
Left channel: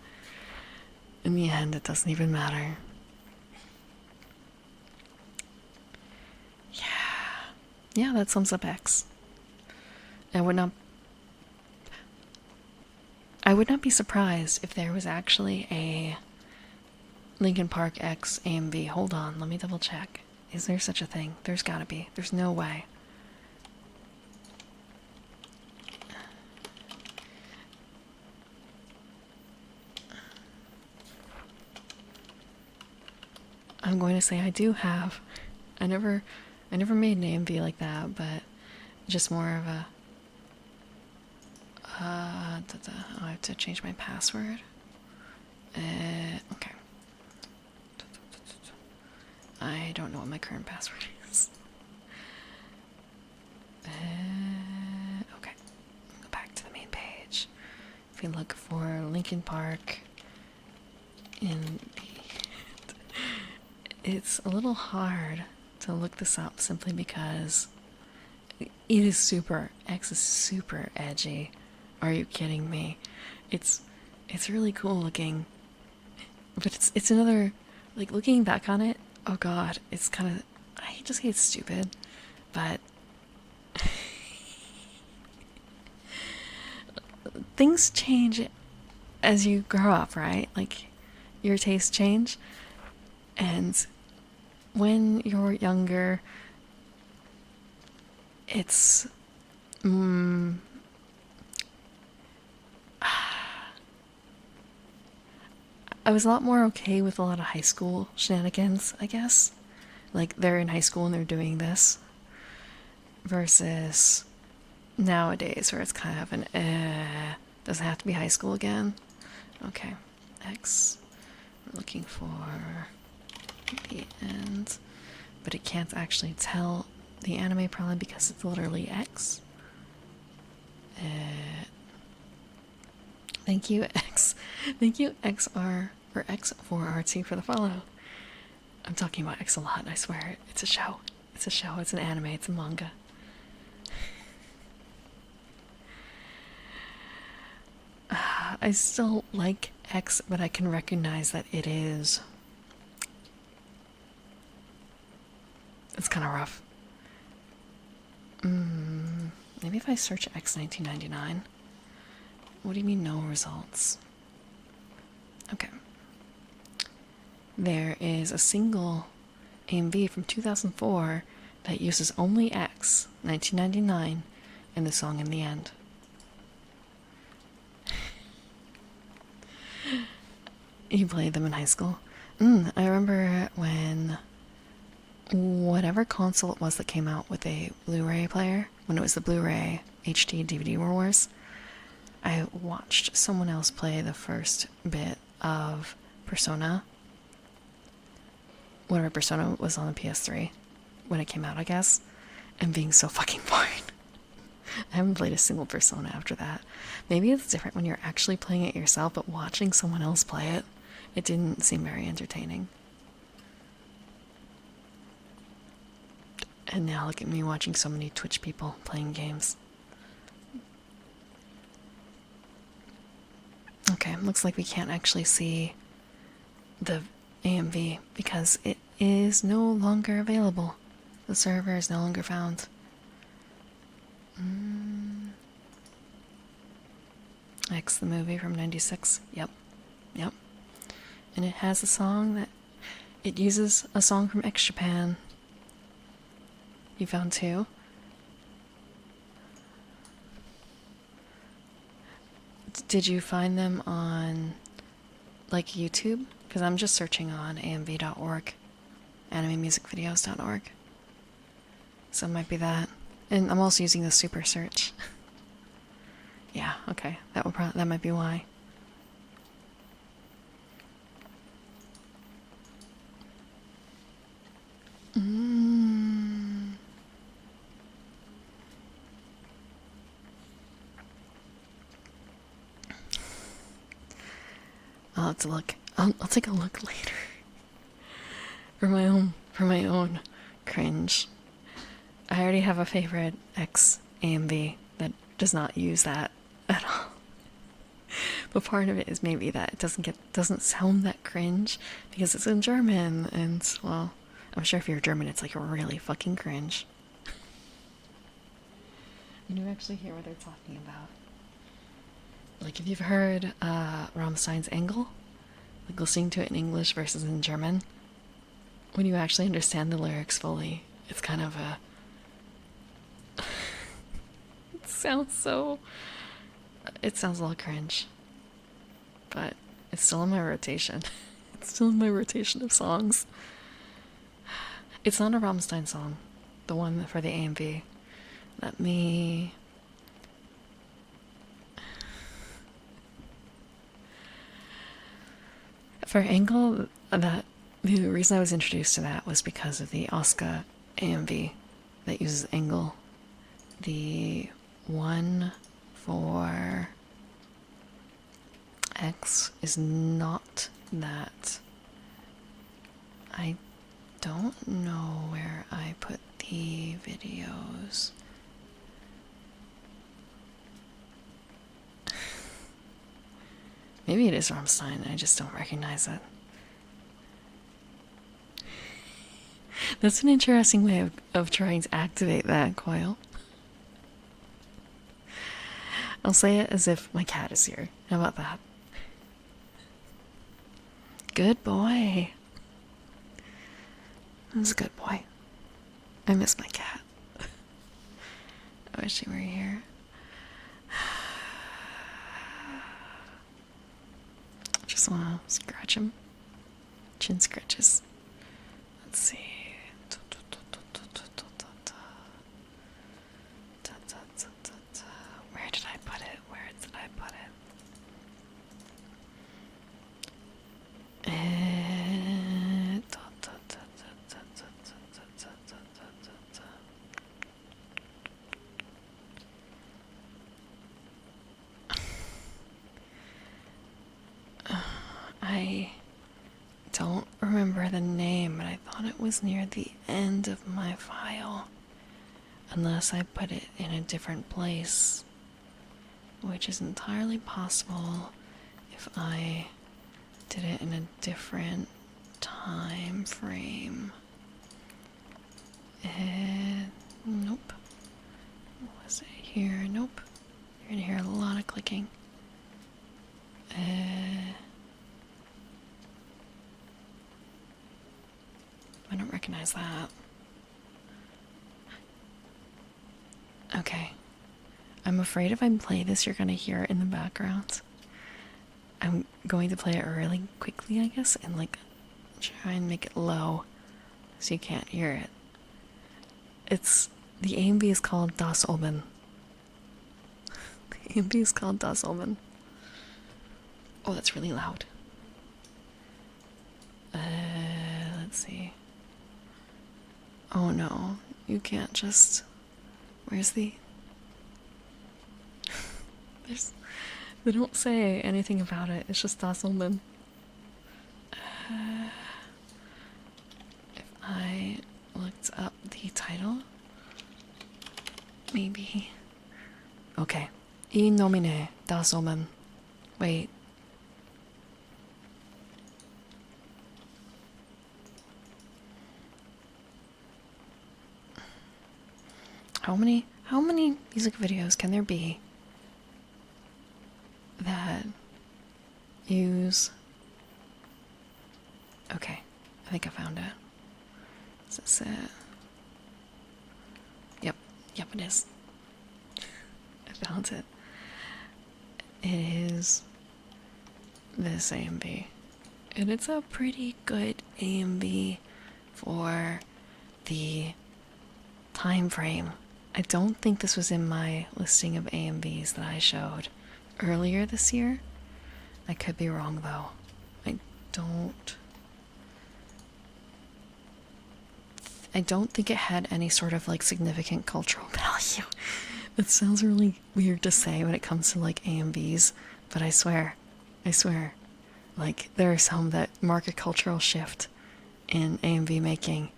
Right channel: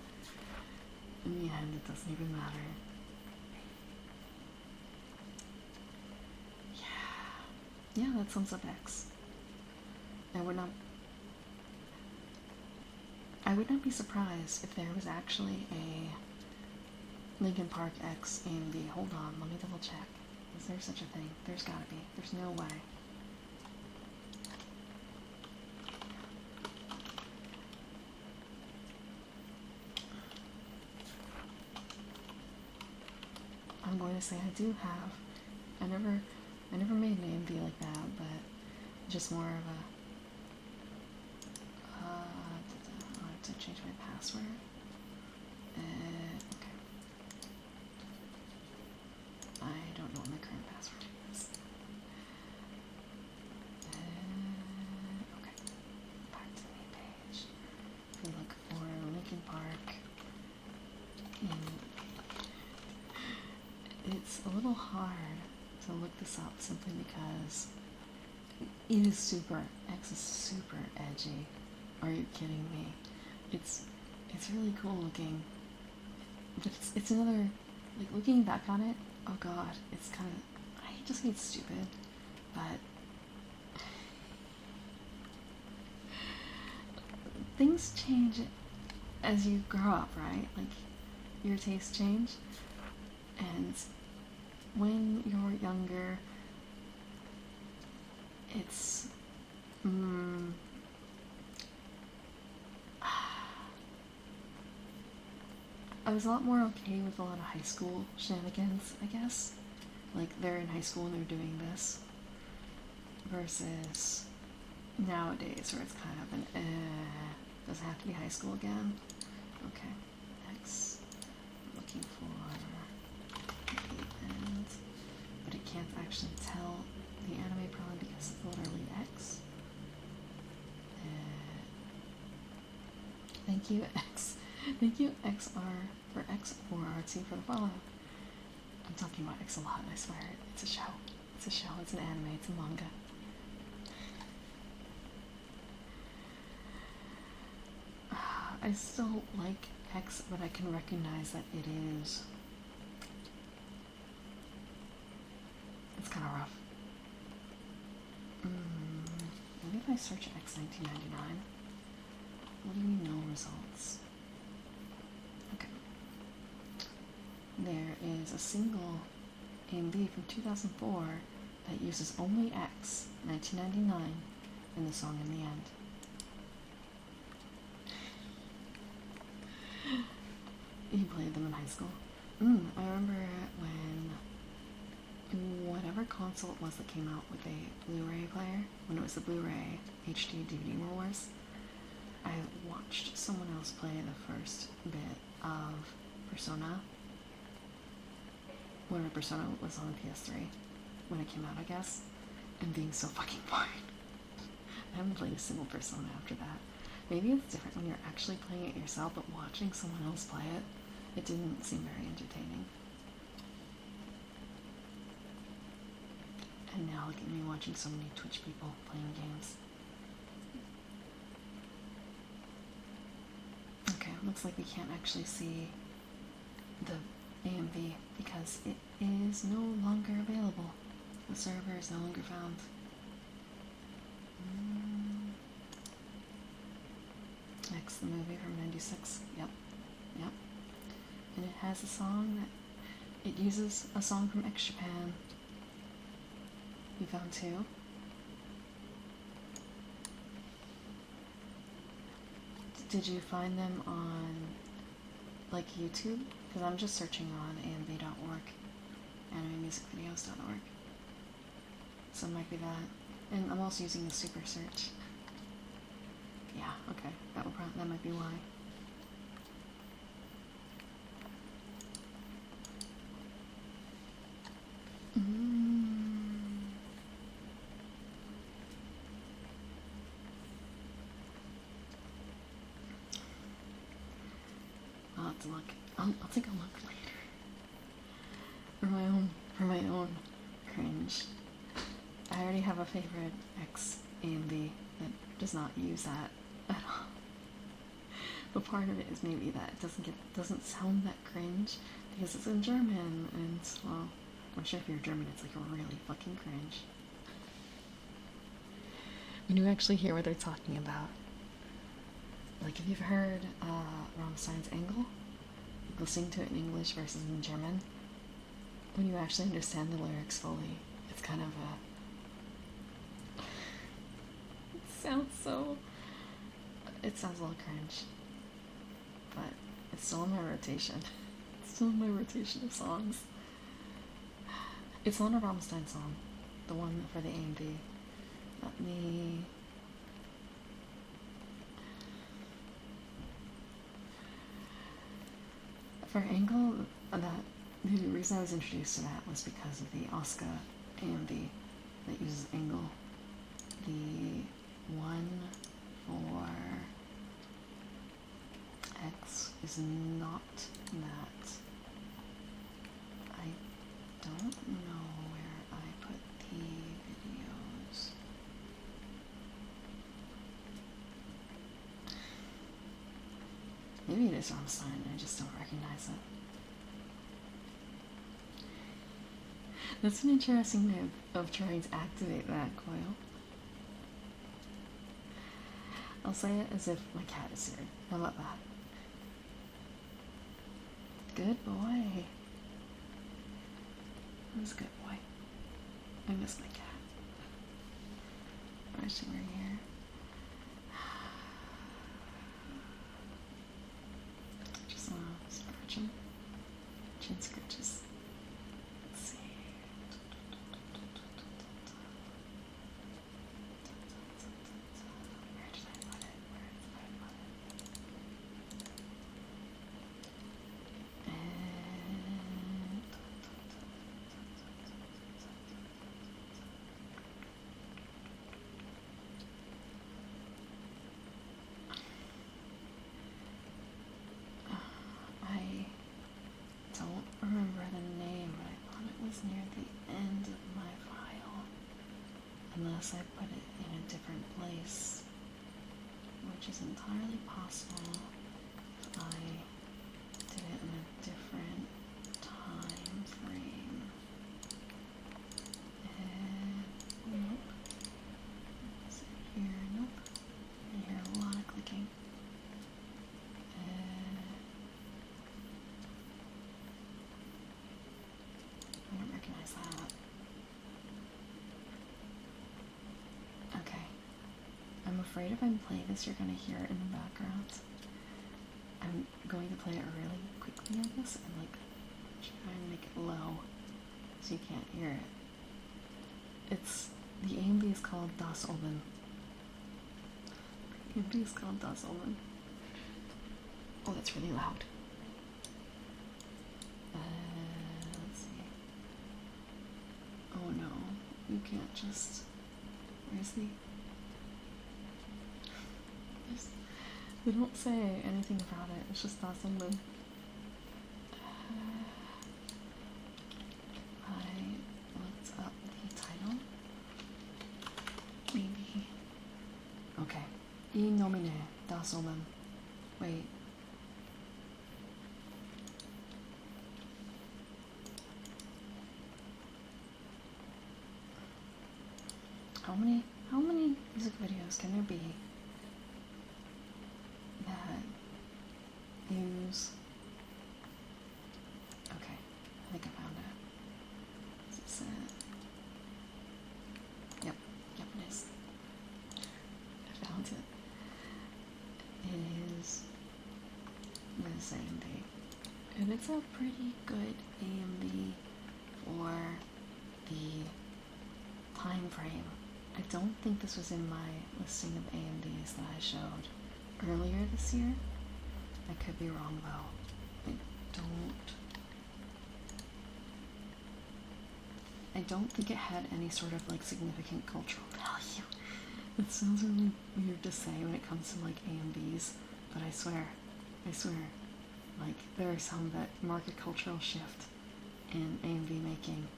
In the end, it doesn't even matter. Yeah, that sums up X. I would not be surprised if there was actually a Linkin Park X AMV. Hold on, let me double check. Is there such a thing? There's gotta be. There's no way. I'm going to say I do have. I never made an AMV like that, but just more of a I have to change my password. Okay. I don't know what my current password is. Okay. Go back to the main page. If you look for Linkin Park it's a little hard to look this up simply because it is super, X is super edgy. Are you kidding me? It's really cool looking, but it's another, like, looking back on it, oh god, it's kind of, I hate to say it's stupid, but things change as you grow up, right? Like, your tastes change, and when you're younger, it's I was a lot more okay with a lot of high school shenanigans, I guess. Like, they're in high school and they're doing this. Versus nowadays, where it's kind of an does it have to be high school again? Okay. X. I'm looking for the end. But it can't actually tell the anime probably because it's literally X. Thank you, X. Thank you, XR, or X4RT for the follow. I'm talking about X a lot, I swear. It's a show. It's a show. It's an anime. It's a manga. I still like X, but I can recognize that it is... It's kind of rough. Maybe if I search X 1999. What do you mean no results? there is a single AMV from 2004 that uses only X, 1999, in the song In the End. You played them in high school? I remember when whatever console it was that came out with a Blu-ray player, when it was the Blu-ray HD DVD Wars, I watched someone else play the first bit of Persona. Whatever Persona was on the PS3 when it came out, I guess, and being so fucking bored. I haven't played a single Persona after that. Maybe it's different when you're actually playing it yourself, but watching someone else play it, it didn't seem very entertaining. And now look at me watching so many Twitch people playing games. Okay, looks like we can't actually see the AMV because it is no longer available. The server is no longer found. X, the movie from 96. Yep. And it has a song that... It uses a song from X Japan. You found two? Did you find them on, like, YouTube? Because I'm just searching on amv.org, animemusicvideos.org. So it might be that. And I'm also using the super search. Yeah, okay. That might be why. I'll have to look. I'll take a look later. For my own cringe. I already have a favorite X AMV that does not use that at all. But part of it is maybe that it doesn't sound that cringe because it's in German, and well, I'm sure if you're German it's like really fucking cringe. When you actually hear what they're talking about. Like if you've heard Rammstein's Engel, like listening to it in English versus in German, when you actually understand the lyrics fully, it's kind of a... It sounds a little cringe. But it's still in my rotation. It's still in my rotation of songs. It's not a Rammstein song, the one for the AMV. Let me... For Engel, the reason I was introduced to that was because of the Oscar AMV that uses Engel. The one for X is not that. I don't know where I put the videos. Maybe it is Rammstein, I just don't recognize it. That's an interesting way of trying to activate that coil. I'll say it as if my cat is here. How about that? Good boy. That's a good boy. I miss my cat. I wish he were here. Just wanna scratch him. Chin scratches. Let's see. Where did I put it? I don't remember the name, but I thought it was near the end of my file. Unless I put it in a different place, which is entirely possible if I did it in a different time frame. Nope. Was it here? Nope. You're gonna hear a lot of clicking. minimize that. Okay. I'm afraid if I play this, you're gonna hear it in the background. I'm going to play it really quickly, I guess, and like try and make it low so you can't hear it. It's the AMV is called Das Oben. The AMV is called Das Oben. Oh, that's really loud. Let's see. Oh no, you can't just. Where's the? They don't say anything about it. It's just Das Oben. If I looked up the title, maybe. Okay. In nomine Das Oben. Wait. How many music videos can there be that use... Okay, I think I found it. Is this it? Yep, it is. I found it. It is this AMV. And it's a pretty good AMV for the time frame. I don't think this was in my listing of AMVs that I showed earlier this year. I could be wrong though. I don't think it had any sort of like significant cultural value. It sounds really weird to say when it comes to like AMVs, but I swear, like there are some that mark a cultural shift in AMV making,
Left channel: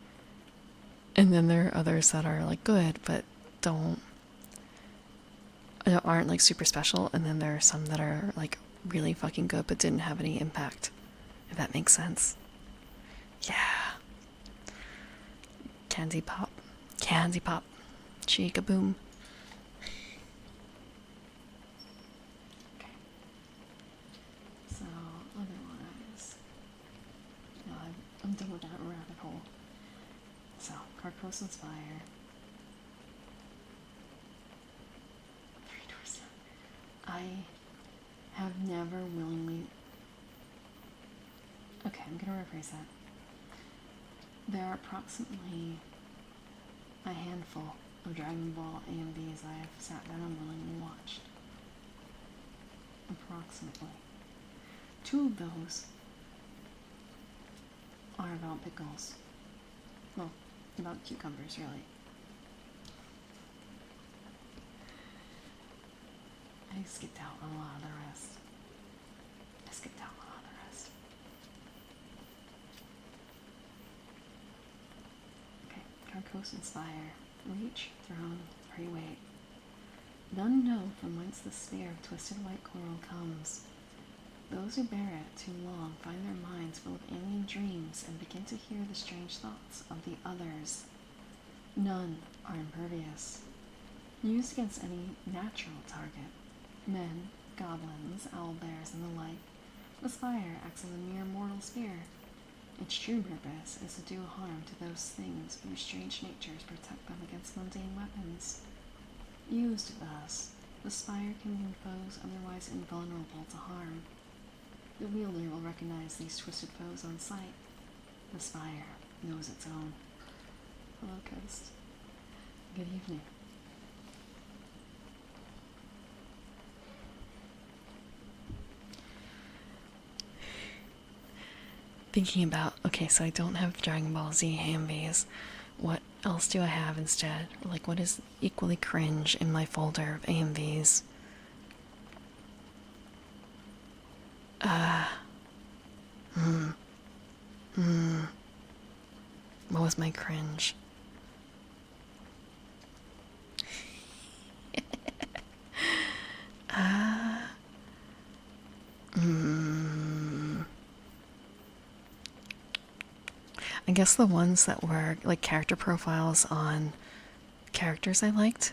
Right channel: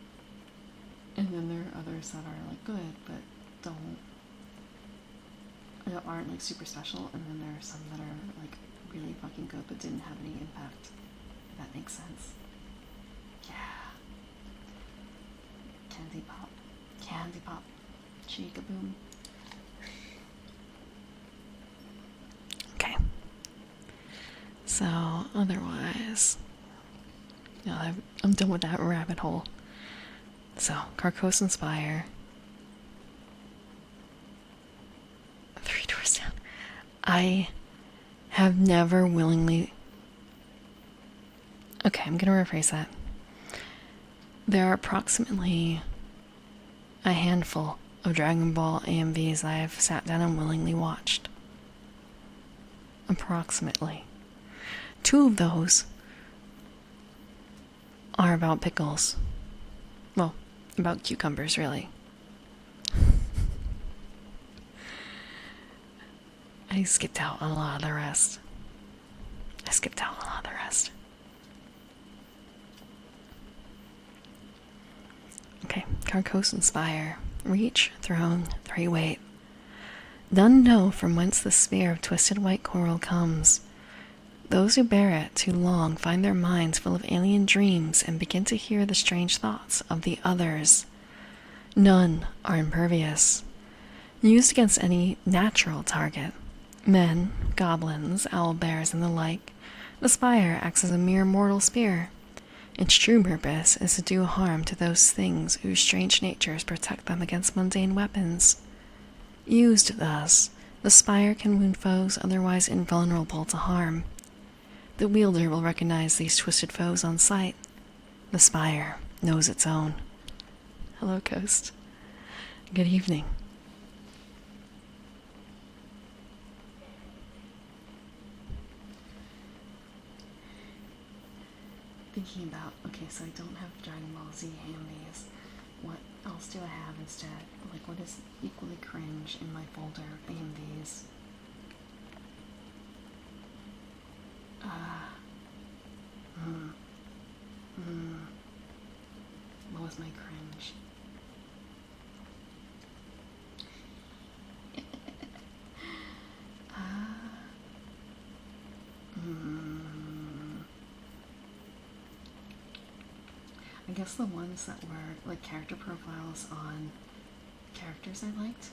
and then there are others that are like good but aren't like super special, and then there are some that are like really fucking good but didn't have any impact, if that makes sense. Yeah. Candy pop, chica boom. Okay, so otherwise, I'm done with that rabbit hole. So Carcosa Spire, Three Doors Down. I have never willingly... Okay, I'm gonna rephrase that. There are approximately a handful of Dragon Ball AMVs I have sat down and willingly watched. Approximately. 2 of those are about pickles. Well, about cucumbers, really. I skipped out on a lot of the rest. Okay, Carcosa Spire. Reach, throne, 3 weight. None know from whence the spear of twisted white coral comes. Those who bear it too long find their minds full of alien dreams and begin to hear the strange thoughts of the others. None are impervious. Used against any natural target, men, goblins, owlbears, and the like, the spire acts as a mere mortal spear. Its true purpose is to do harm to those things whose strange natures protect them against mundane weapons. Used thus, the spire can wound foes otherwise invulnerable to harm. The wielder will recognize these twisted foes on sight. The spire knows its own. Hello, Coast. Good evening. Thinking about, okay, so I don't have Dragon Ball Z AMVs. What else do I have instead? Like, what is equally cringe in my folder of AMVs? What was my cringe? I guess the ones that were like character profiles on characters I liked,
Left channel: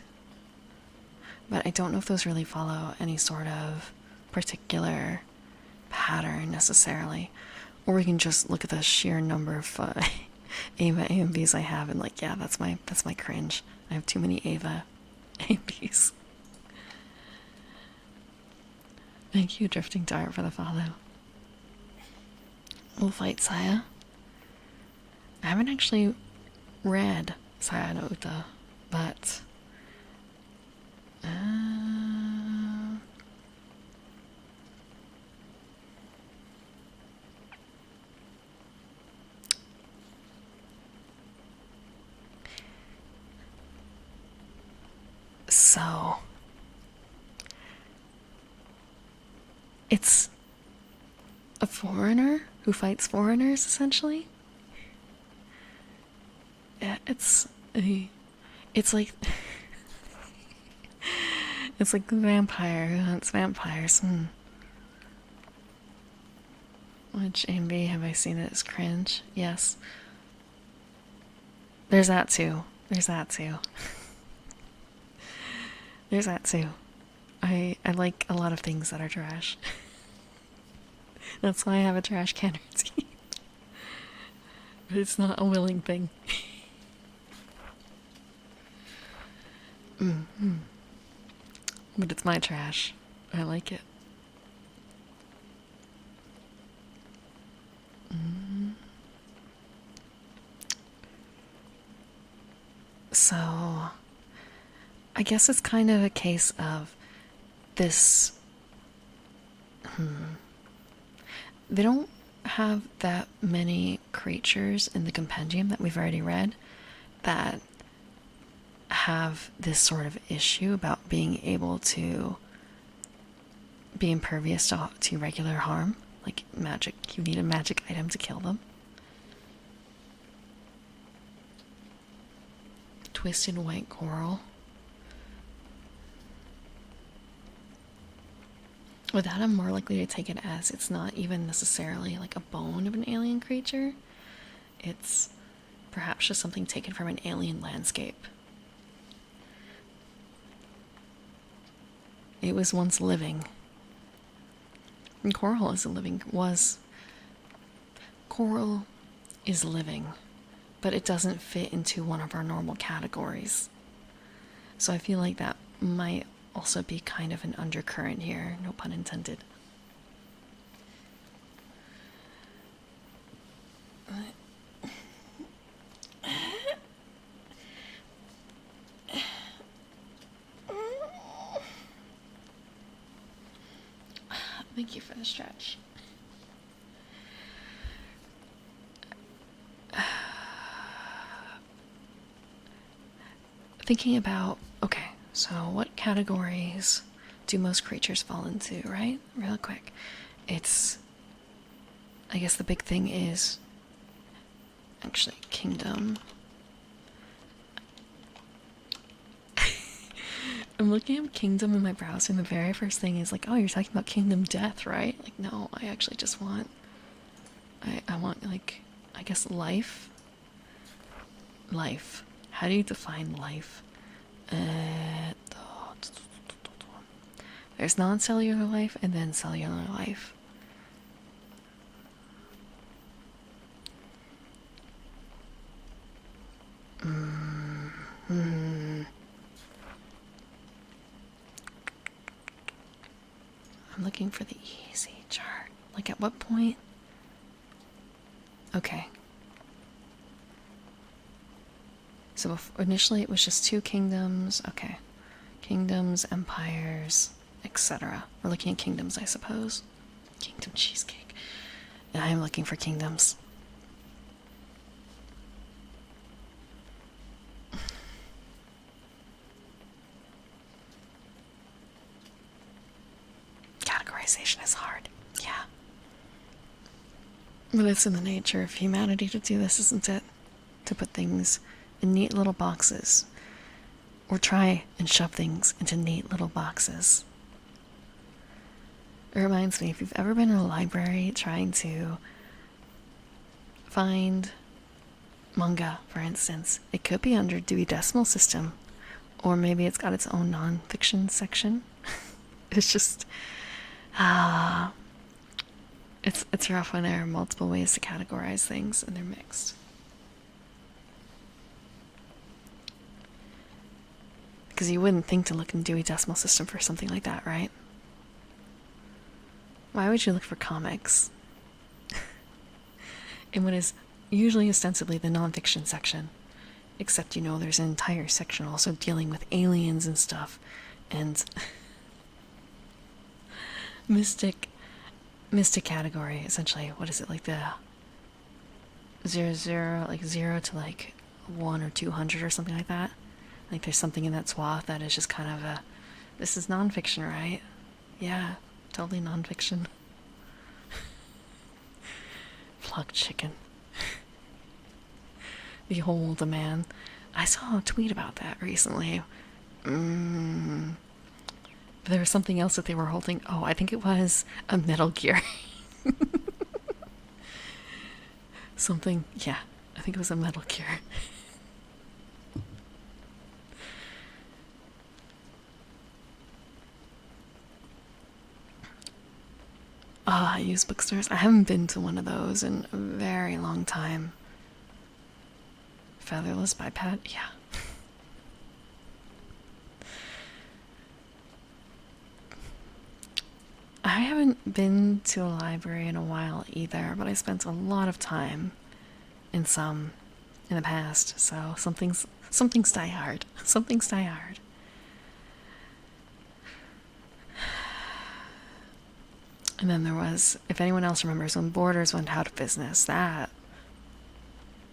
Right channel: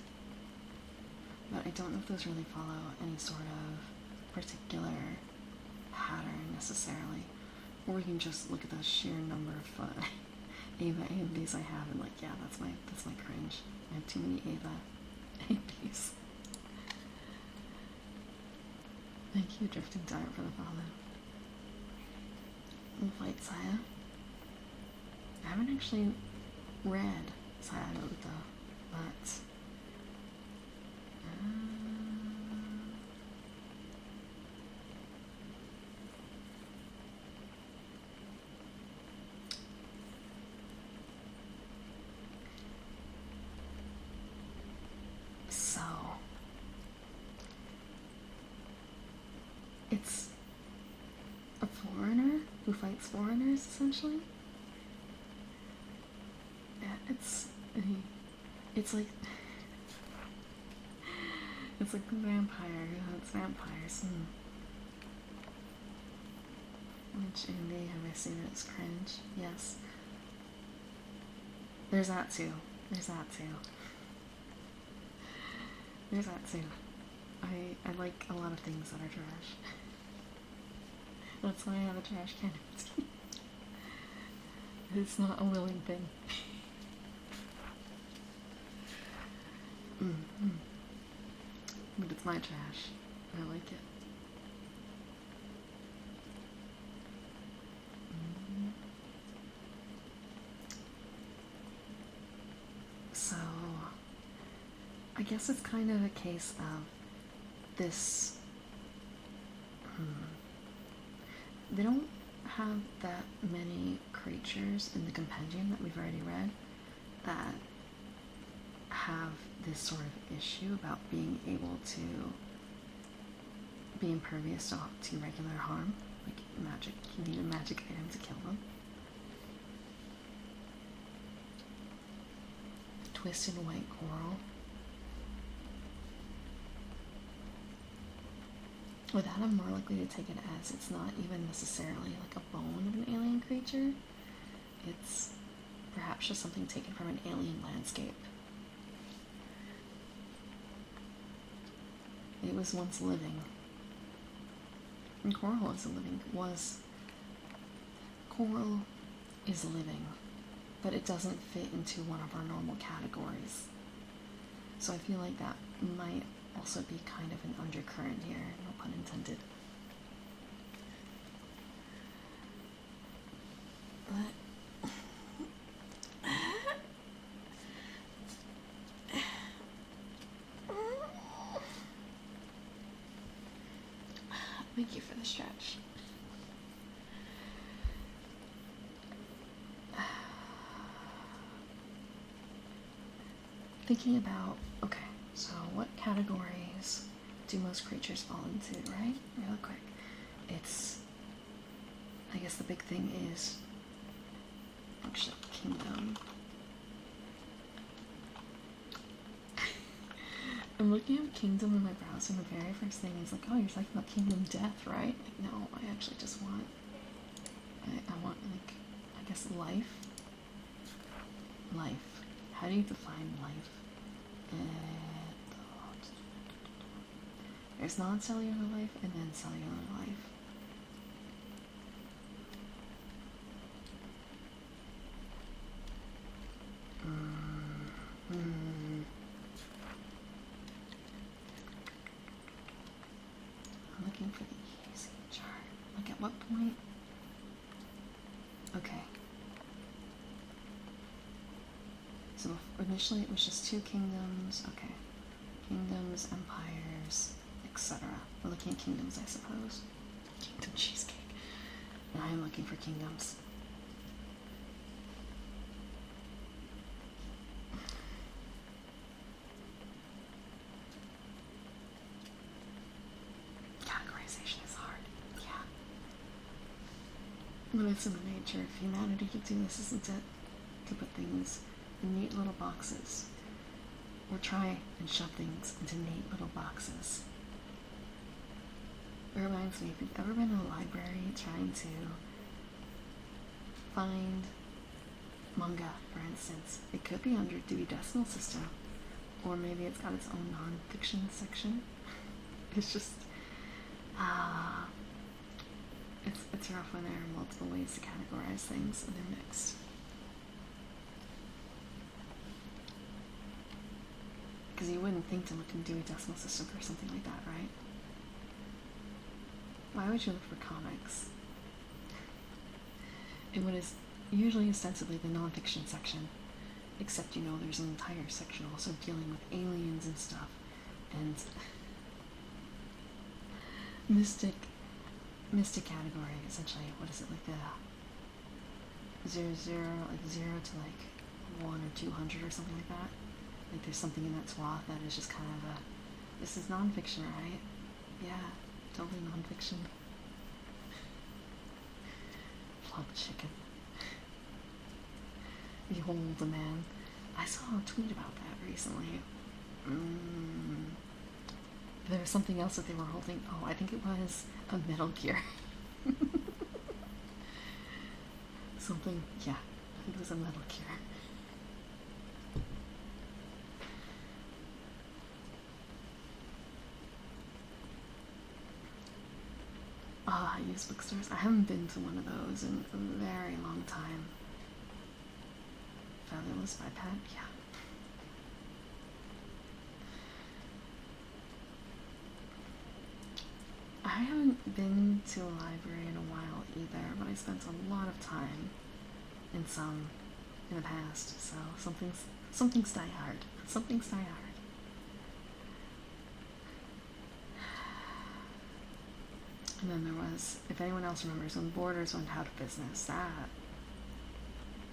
but I don't know if those really follow any sort of particular pattern necessarily, or we can just look at the sheer number of Ava AMVs I have, and like, yeah, that's my cringe. I have too many Ava AMVs. Thank you, Drifting Dart, for the follow. We'll fight Saya. I haven't actually read Saya no Uta, but so it's a foreigner who fights foreigners, essentially. Yeah, it's like it's like the vampire who hunts vampires. Which AMV have I seen it as cringe? Yes. There's that too. There's that too. There's that too. I like a lot of things that are trash. That's why I have a trash can routine. But it's not a willing thing. But it's my trash. I like it. So, I guess it's kind of a case of this. They don't have that many creatures in the compendium that we've already read that have this sort of issue about being able to be impervious to regular harm. Like magic, you need a magic item to kill them. Twisted white coral. With that, I'm more likely to take it as it's not even necessarily like a bone of an alien creature. It's perhaps just something taken from an alien landscape. It was once living. And coral is coral is living, but it doesn't fit into one of our normal categories. So I feel like that might also be kind of an undercurrent here, no pun intended. Thank you for the stretch. Thinking about, okay, so what categories do most creatures fall into, right? Real quick. It's, I guess the big thing is actually kingdom. I'm looking at kingdom in my browser, and the very first thing is like, oh, you're talking about kingdom death, right? Like, no, I actually just want, I want, like, I guess life. Life. How do you define life? There's non-cellular life and then cellular life. I'm looking for the easy chart. Like, at what point? Okay. So initially it was just 2 kingdoms. Okay. Kingdoms, empires, etc. We're looking at kingdoms, I suppose. Kingdom cheesecake. And I'm looking for kingdoms. Categorization is hard. Yeah. But it's in the nature of humanity to do this, isn't it? To put things in neat little boxes. Or try and shove things into neat little boxes. It reminds me, if you've ever been in a library trying to find manga, for instance, it could be under Dewey Decimal System, or maybe it's got its own non-fiction section. It's just, it's rough when there are multiple ways to categorize things and they're mixed. Because you wouldn't think to look in Dewey Decimal System for something like that, right? Why would you look for comics in what is usually ostensibly the nonfiction section? Except, you know, there's an entire section also dealing with aliens and stuff, and mystic category, essentially. What is it, like the 0 to like 1 or 200 or something like that? Like there's something in that swath that is just kind of a, this is nonfiction, right? Yeah, totally nonfiction. Plugged chicken. Behold a man. I saw a tweet about that recently. There was something else that they were holding. Oh, I think it was a Metal Gear. Something, yeah, I think it was a Metal Gear. I use bookstores. I haven't been to one of those in a very long time. Featherless biped? Yeah. I haven't been to a library in a while either, but I spent a lot of time in some in the past, so something's die hard. Something's die hard. And then there was, if anyone else remembers, when Borders went out of business, that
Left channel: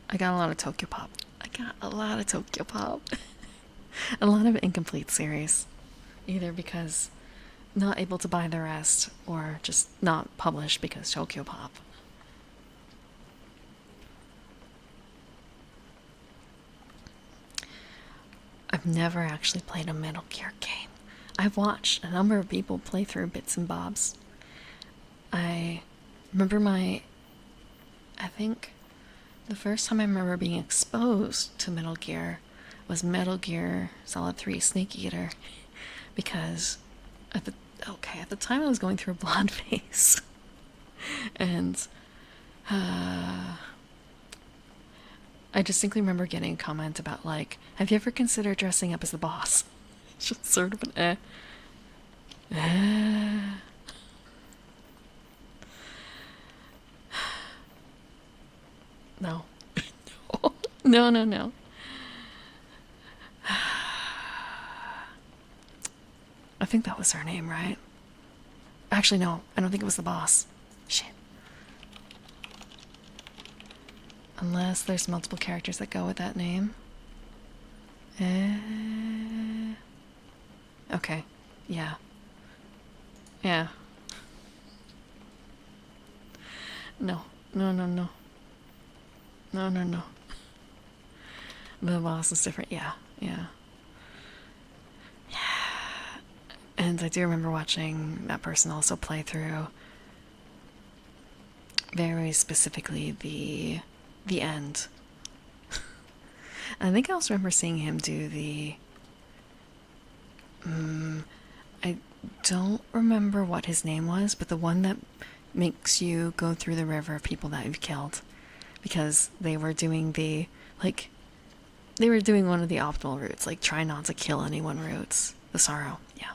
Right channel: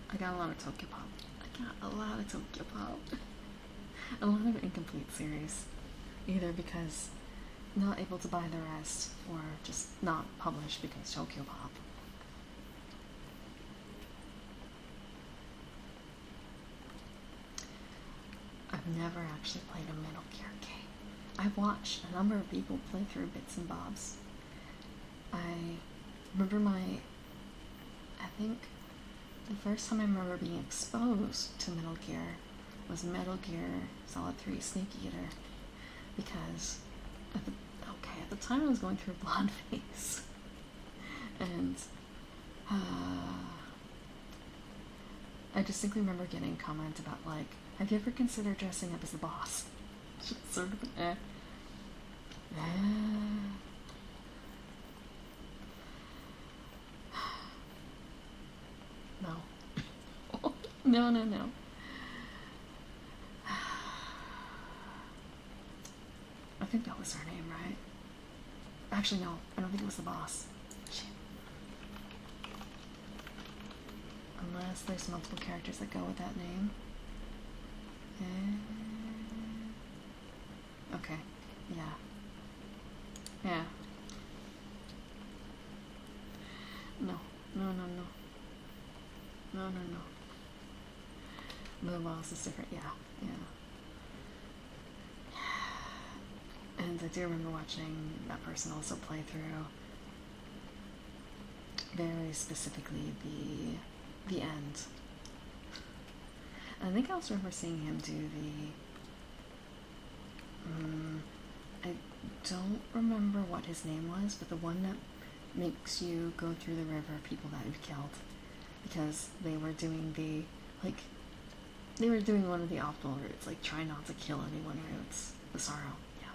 I got a lot of Tokyo Pop. A lot of incomplete series. Either because not able to buy the rest, or just not published because Tokyo Pop. I've never actually played a Metal Gear game. I've watched a number of people play through bits and bobs. I remember I think the first time I remember being exposed to Metal Gear was Metal Gear Solid 3 Snake Eater, because at the time I was going through a blonde phase, and I distinctly remember getting a comment about, like, have you ever considered dressing up as the boss? Just sort of an No. No. I think that was her name, right? Actually, no. I don't think it was the boss. Shit. Unless there's multiple characters that go with that name. Okay. Yeah. Yeah. No. No. The boss is different. Yeah. And I do remember watching that person also play through very specifically the end. I think I also remember seeing him do the I don't remember what his name was, but the one that makes you go through the river of people that you've killed, because they were doing one of the optimal routes, like try not to kill anyone routes. The Sorrow, yeah.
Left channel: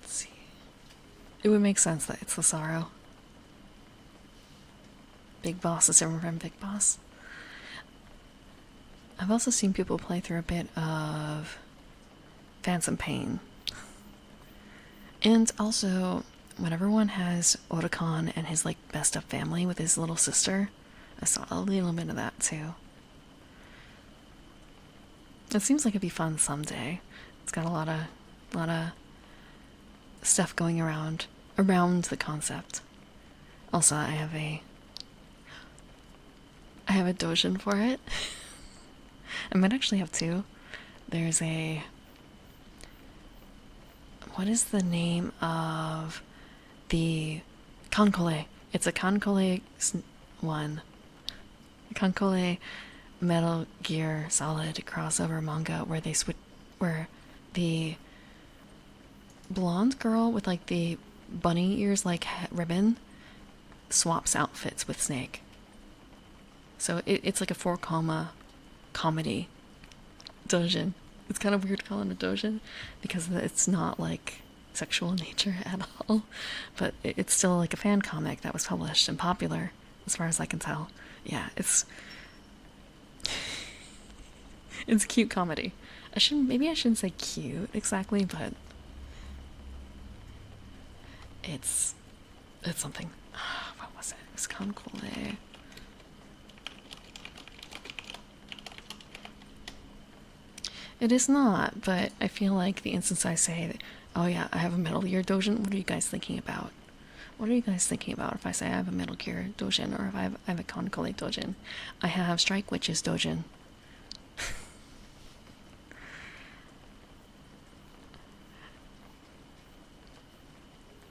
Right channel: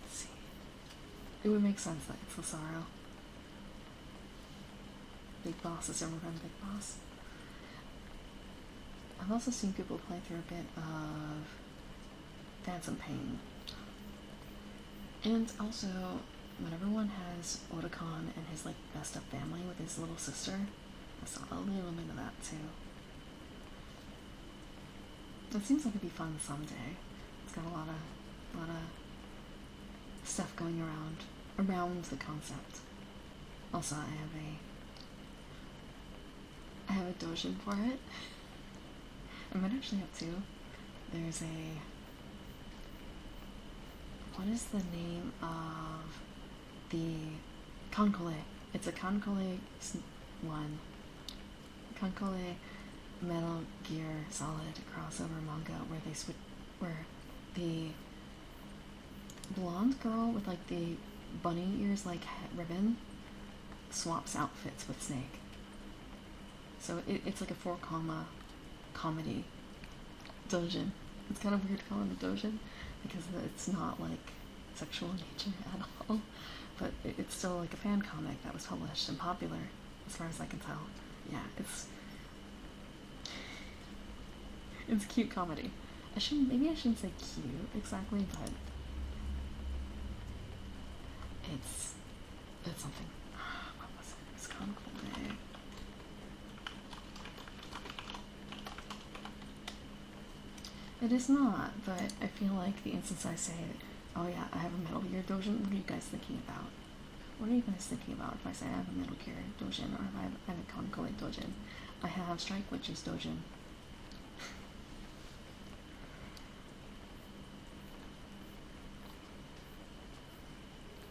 Let's see. It would make sense that it's the Sorrow. Big Boss is everyone from Big Boss. I've also seen people play through a bit of Phantom Pain. And also, when everyone has Otacon and his, like, messed up family with his little sister, I saw a little bit of that too. It seems like it'd be fun someday. It's got a lot of stuff going around the concept. Also, I have a Dojin for it. I might actually have two. There's what is the name of the Konkole? It's a Konkole one. Konkole Metal Gear Solid crossover manga where the blonde girl with, like, the bunny ears like ribbon swaps outfits with Snake. So it's like a 4 comma comedy doujin. It's kind of weird to call it a doujin because it's not like sexual in nature at all, but it's still like a fan comic that was published and popular as far as I can tell. Yeah, it's cute comedy. Maybe I shouldn't say cute exactly, but it's something. What was it? It was Concole. It is not, but I feel like the instance I say that, oh yeah, I have a Metal Gear Dojin, what are you guys thinking about? What are you guys thinking about if I say I have a Metal Gear Dojin or if I have a Concole Dojin? I have Strike Witches Dojin.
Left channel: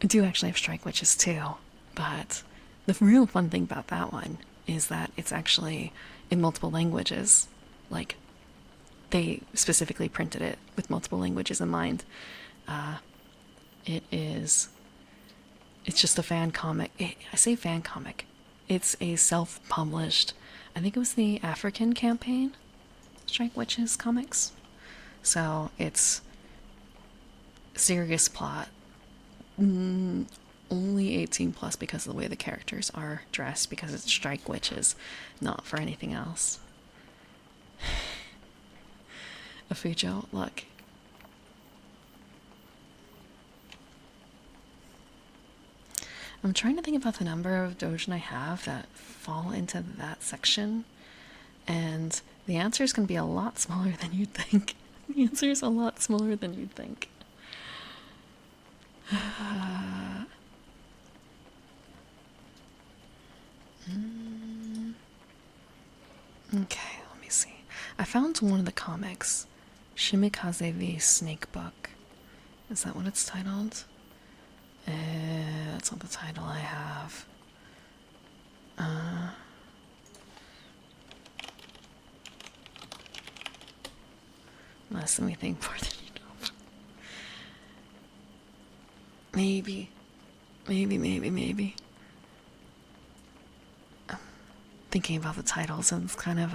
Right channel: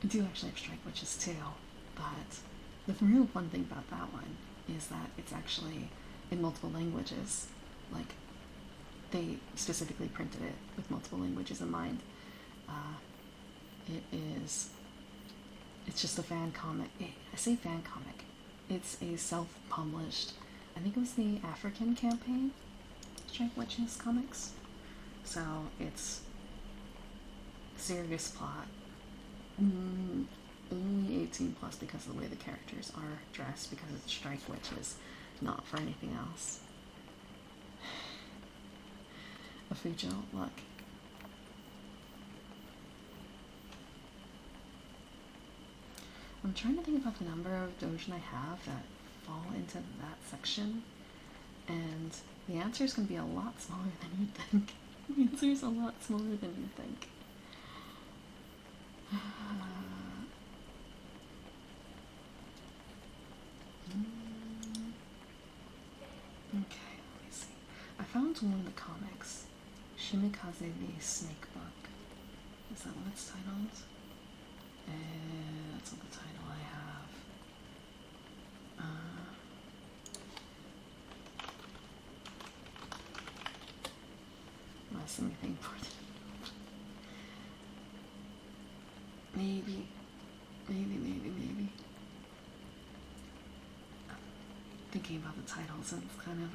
I do actually have Strike Witches too, but the real fun thing about that one is that it's actually in multiple languages. Like, they specifically printed it with multiple languages in mind. It's just a fan comic. I say fan comic. It's a self-published, I think it was the African campaign, Strike Witches comics. So it's serious plot. Only 18 plus because of the way the characters are dressed, because it's Strike Witches, not for anything else. A Fujo, look. I'm trying to think about the number of Dojin I have that fall into that section, and the answer is going to be a lot smaller than you'd think. The answer is a lot smaller than you'd think. Okay, let me see. I found one of the comics, Shimikaze v Snake Book. Is that what it's titled? That's not the title I have. Let me think more than enough. Maybe. I'm thinking about the titles, and it's kind of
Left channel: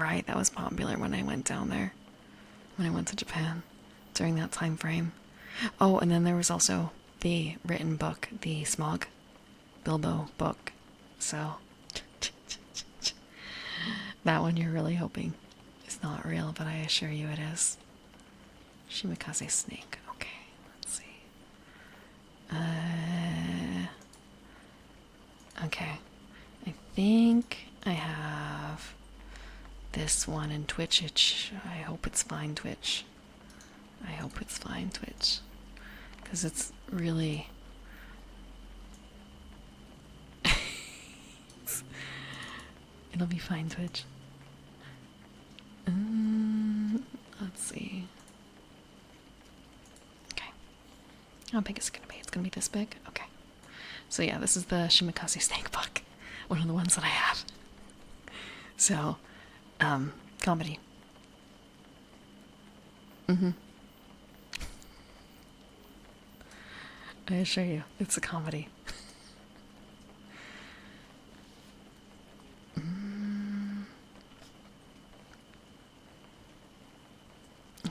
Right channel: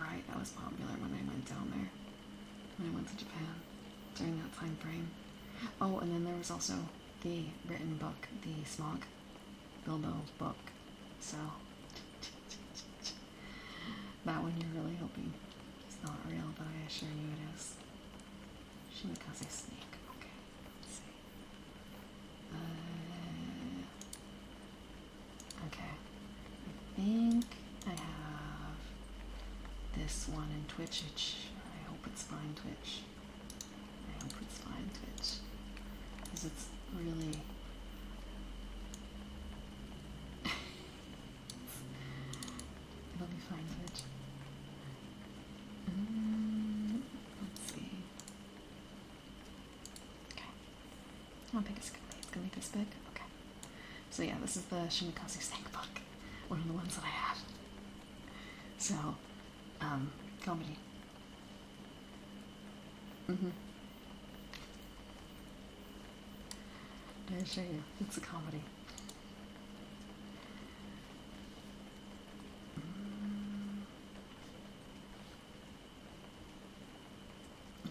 right, that was popular when I went down there. When I went to Japan during that time frame. Oh, and then there was also the written book, the Smog Bilbo book. So that one you're really hoping is not real, but I assure you it is. Shimikaze Snake. Okay, let's see. Okay. I think I have this one in Twitch. I hope it's fine, Twitch. I hope it's fine, Twitch. Because it's really... It'll be fine, Twitch. Let's see. Okay. How big is it going to be? It's going to be this big? Okay. So yeah, this is the Shimikaze Snake book. One of the ones that I have. So, comedy. I assure you, it's a comedy.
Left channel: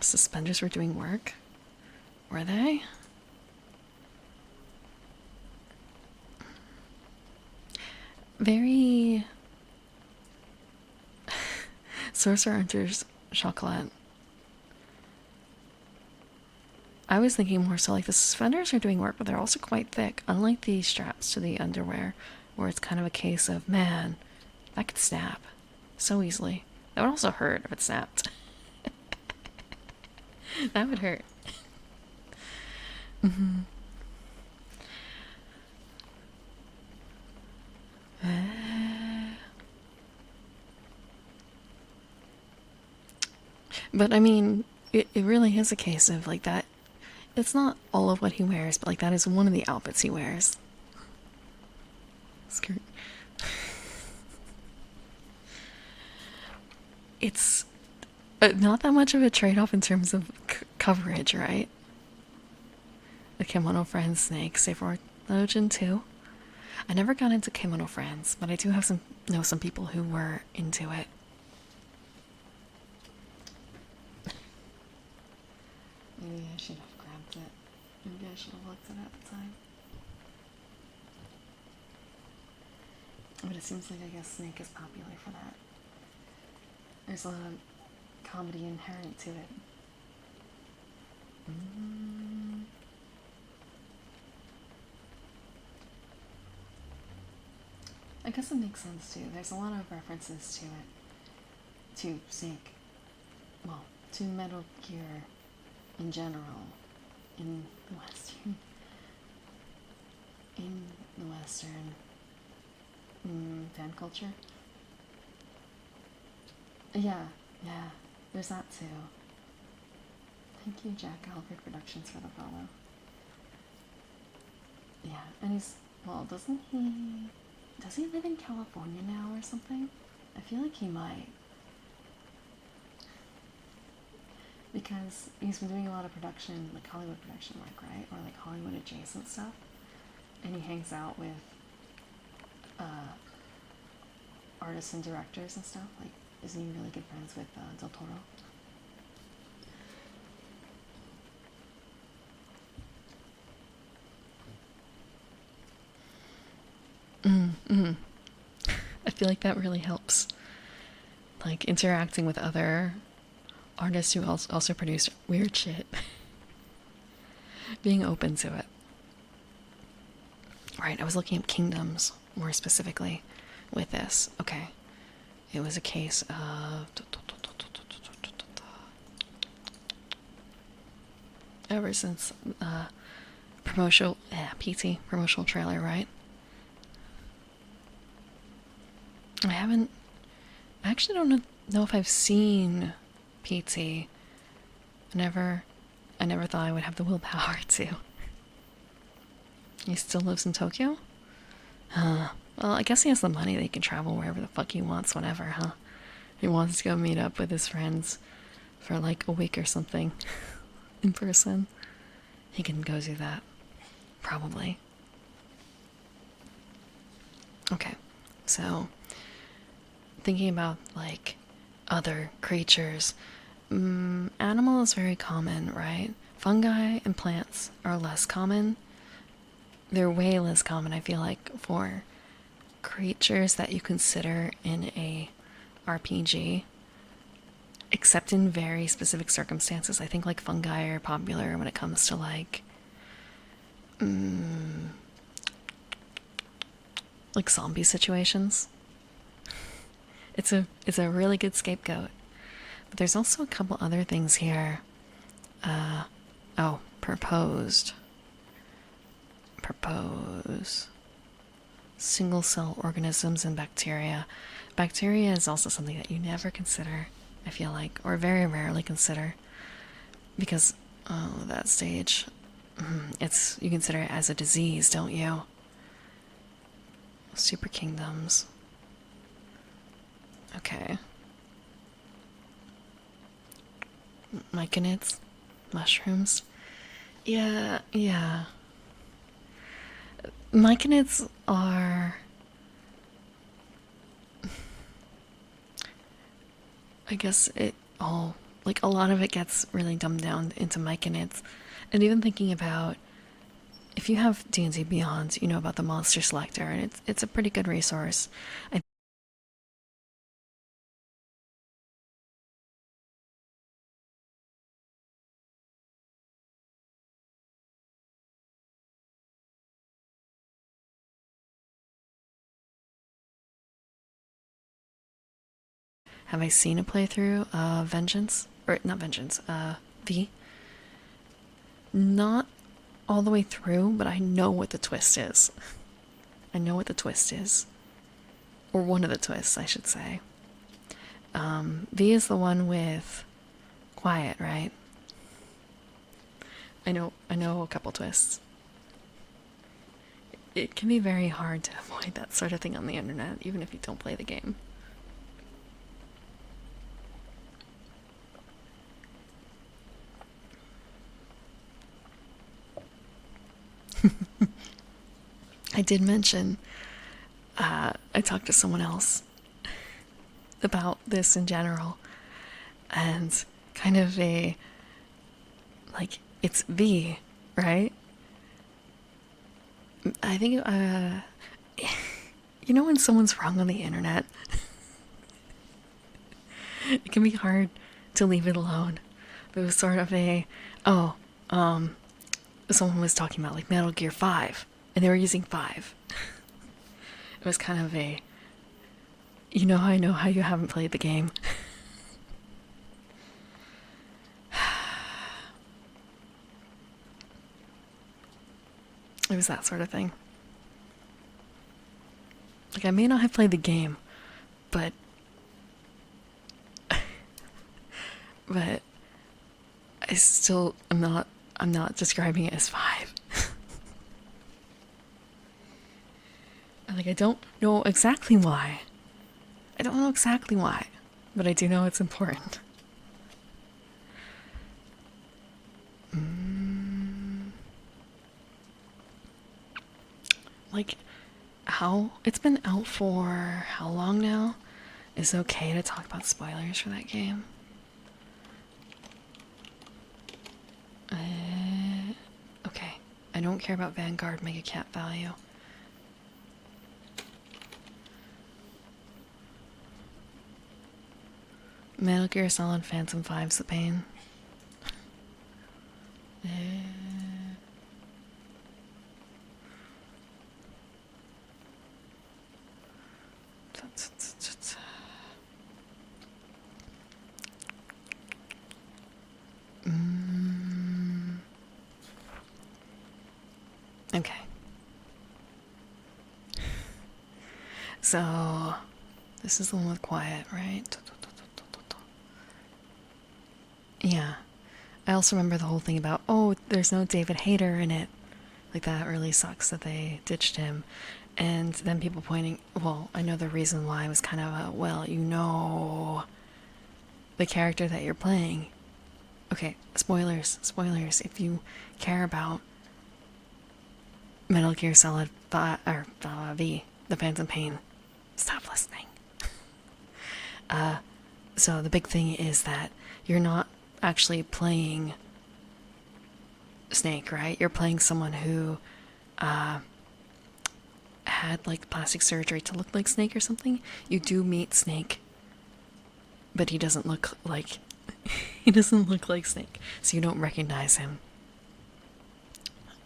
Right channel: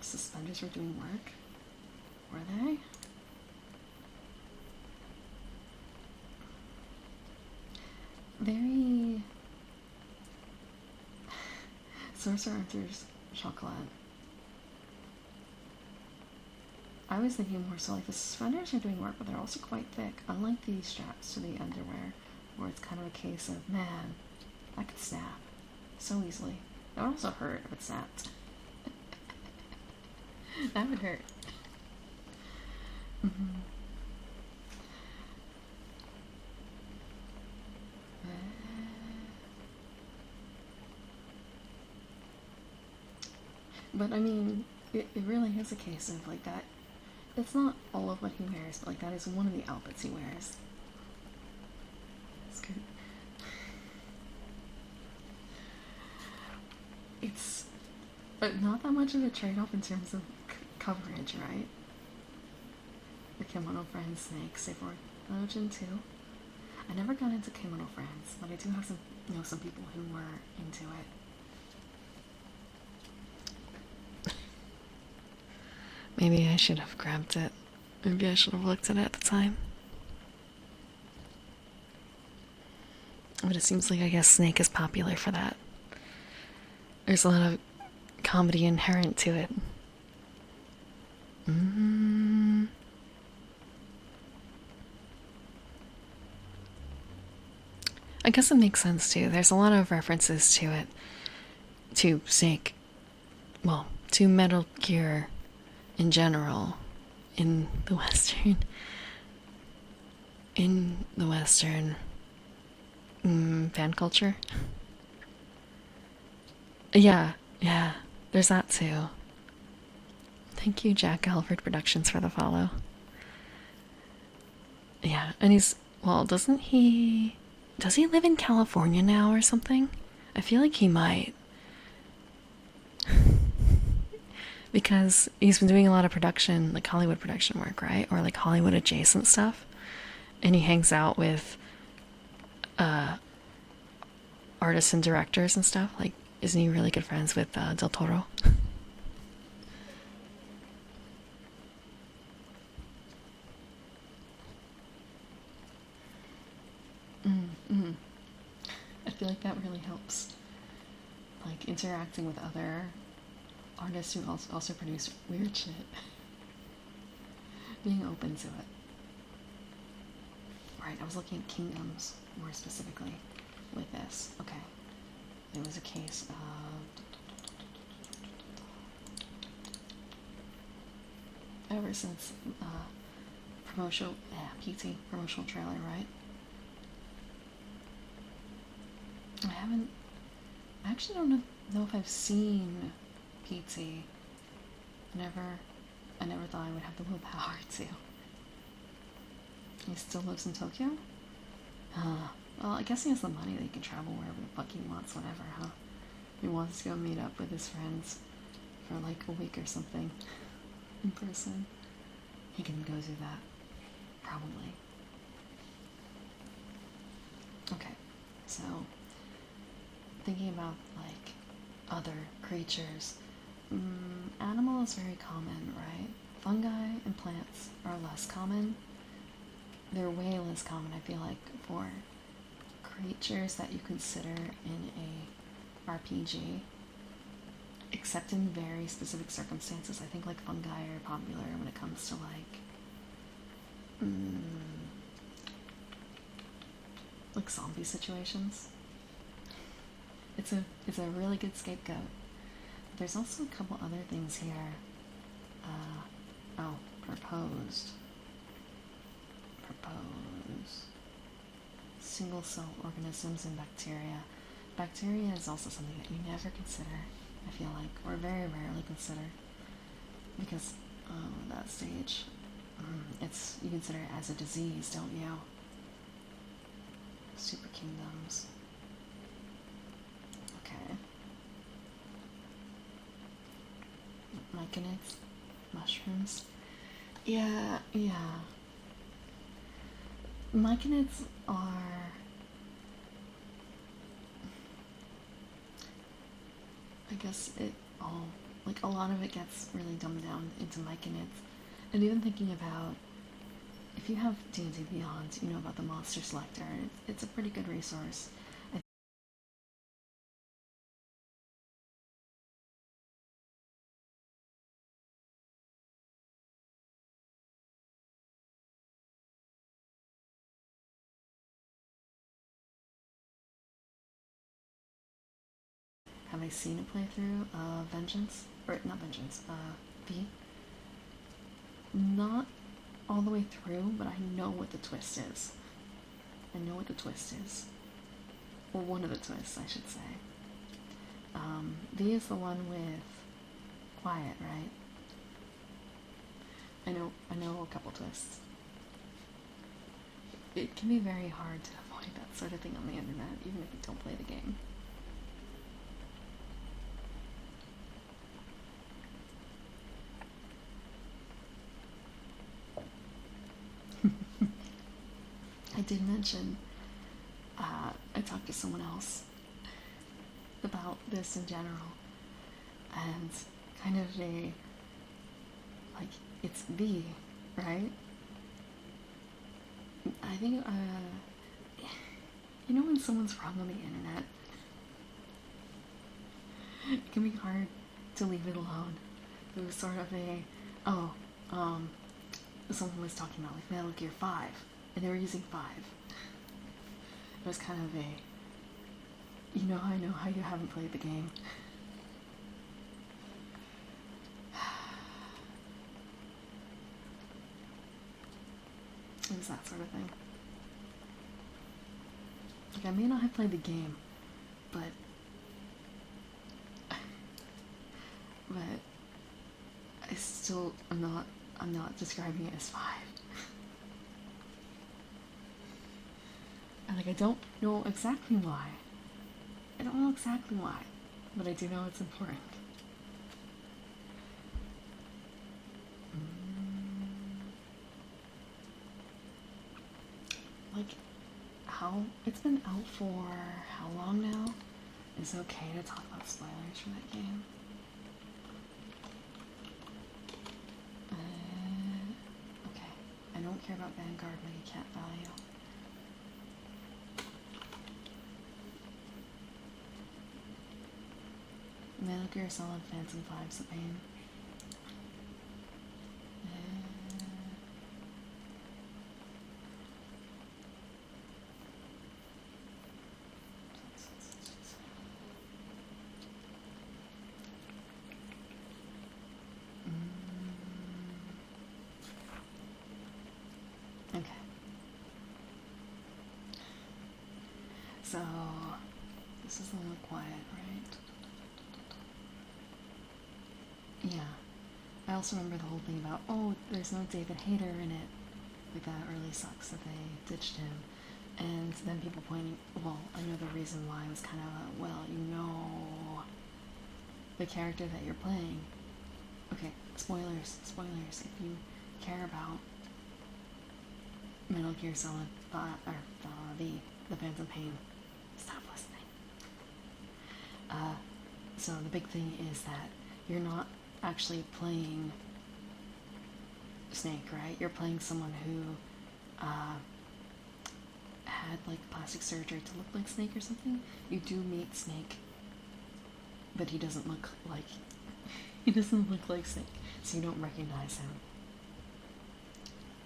Suspenders were doing work? Were they? Very... Sorcerer Hunter's chocolate. I was thinking more so like the suspenders are doing work, but they're also quite thick, unlike the straps to the underwear, where it's kind of a case of, man, that could snap so easily. That would also hurt if it snapped. That would hurt. But I mean, it really is a case of like that. It's not all of what he wears, but like that is one of the outfits he wears. Skirt. It's not that much of a trade-off in terms of coverage, right? The Kimono Friend Snake, Safe for Legend 2. I never got into Kimono Friends, but I do have some people who were into it. Maybe I should have grabbed it. Maybe I should have looked at it at the time. But it seems like I guess Snake is popular for that. There's a lot of comedy inherent to it. I guess it makes sense too. There's a lot of references to it. To Snake. Well, to Metal Gear in general. In the Western. Fan culture. Yeah, yeah. There's that too. Thank you, Jack Alfred Productions, for the follow. Yeah, and he's well, doesn't he? Does he live in California now or something? I feel like he might. Because he's been doing a lot of production, like Hollywood production work, right? Or like Hollywood adjacent stuff. And he hangs out with artists and directors and stuff. Like, isn't he really good friends with Del Toro? I feel like that really helps. Like interacting with other artists who also produce weird shit. Being open to it. Right, I was looking at Kingdoms more specifically with this. Okay. It was a case of ever since promotional PT promotional trailer, right? I actually don't know if I've seen PT. I never thought I would have the willpower to. He still lives in Tokyo? Well, I guess he has the money that he can travel wherever the fuck he wants, whenever, huh? He wants to go meet up with his friends for like a week or something in person. He can go do that. Probably. Okay, so thinking about like other creatures, animal is very common, right? Fungi and plants are less common. They're way less common, I feel like, for creatures that you consider in a RPG, except in very specific circumstances. I think like fungi are popular when it comes to like zombie situations. It's a really good scapegoat. But there's also a couple other things here. Proposed. Single cell organisms and bacteria. Bacteria is also something that you never consider, I feel like, or very rarely consider. Because, that stage, you consider it as a disease, don't you? Super kingdoms. Okay. Myconids? Mushrooms? Yeah. Myconids are... I guess like a lot of it gets really dumbed down into myconids. And even thinking about, if you have D&D Beyond, you know about the Monster Selector, and it's a pretty good resource. Have I seen a playthrough of Vengeance? Or, not Vengeance, V? Not all the way through, but I know what the twist is. I know what the twist is. Or one of the twists, I should say. V is the one with Quiet, right? I know a couple twists. It can be very hard to avoid that sort of thing on the internet, even if you don't play the game. I did mention I talked to someone else about this in general, and kind of a, like, it's V, right? I think, you know when someone's wrong on the internet? It can be hard to leave it alone. There was sort of a, oh, someone was talking about like Metal Gear 5, and they were using 5. It was kind of a, I know how you haven't played the game. It was that sort of thing. Like, I may not have played the game, but I still I'm not describing it as 5. Like, I don't know exactly why. I don't know exactly why, but I do know it's important. Like, how it's been out for how long now? Is it okay to talk about spoilers for that game? Okay. I don't care about Vanguard Mega Cat value. Metal Gear Solid Phantom 5's the pain. Okay. So, this is the one with quiet, right? Yeah. I also remember the whole thing about, oh, there's no David Hayter in it. Like, that really sucks that they ditched him. And then people pointing, well, I know the reason why was kind of a, well, the character that you're playing. Okay, spoilers. If you care about Metal Gear Solid V, The Phantom Pain, stop listening. So the big thing is that you're not actually playing Snake, right? You're playing someone who had like plastic surgery to look like Snake or something. You do meet Snake, but he doesn't look like Snake, so you don't recognize him.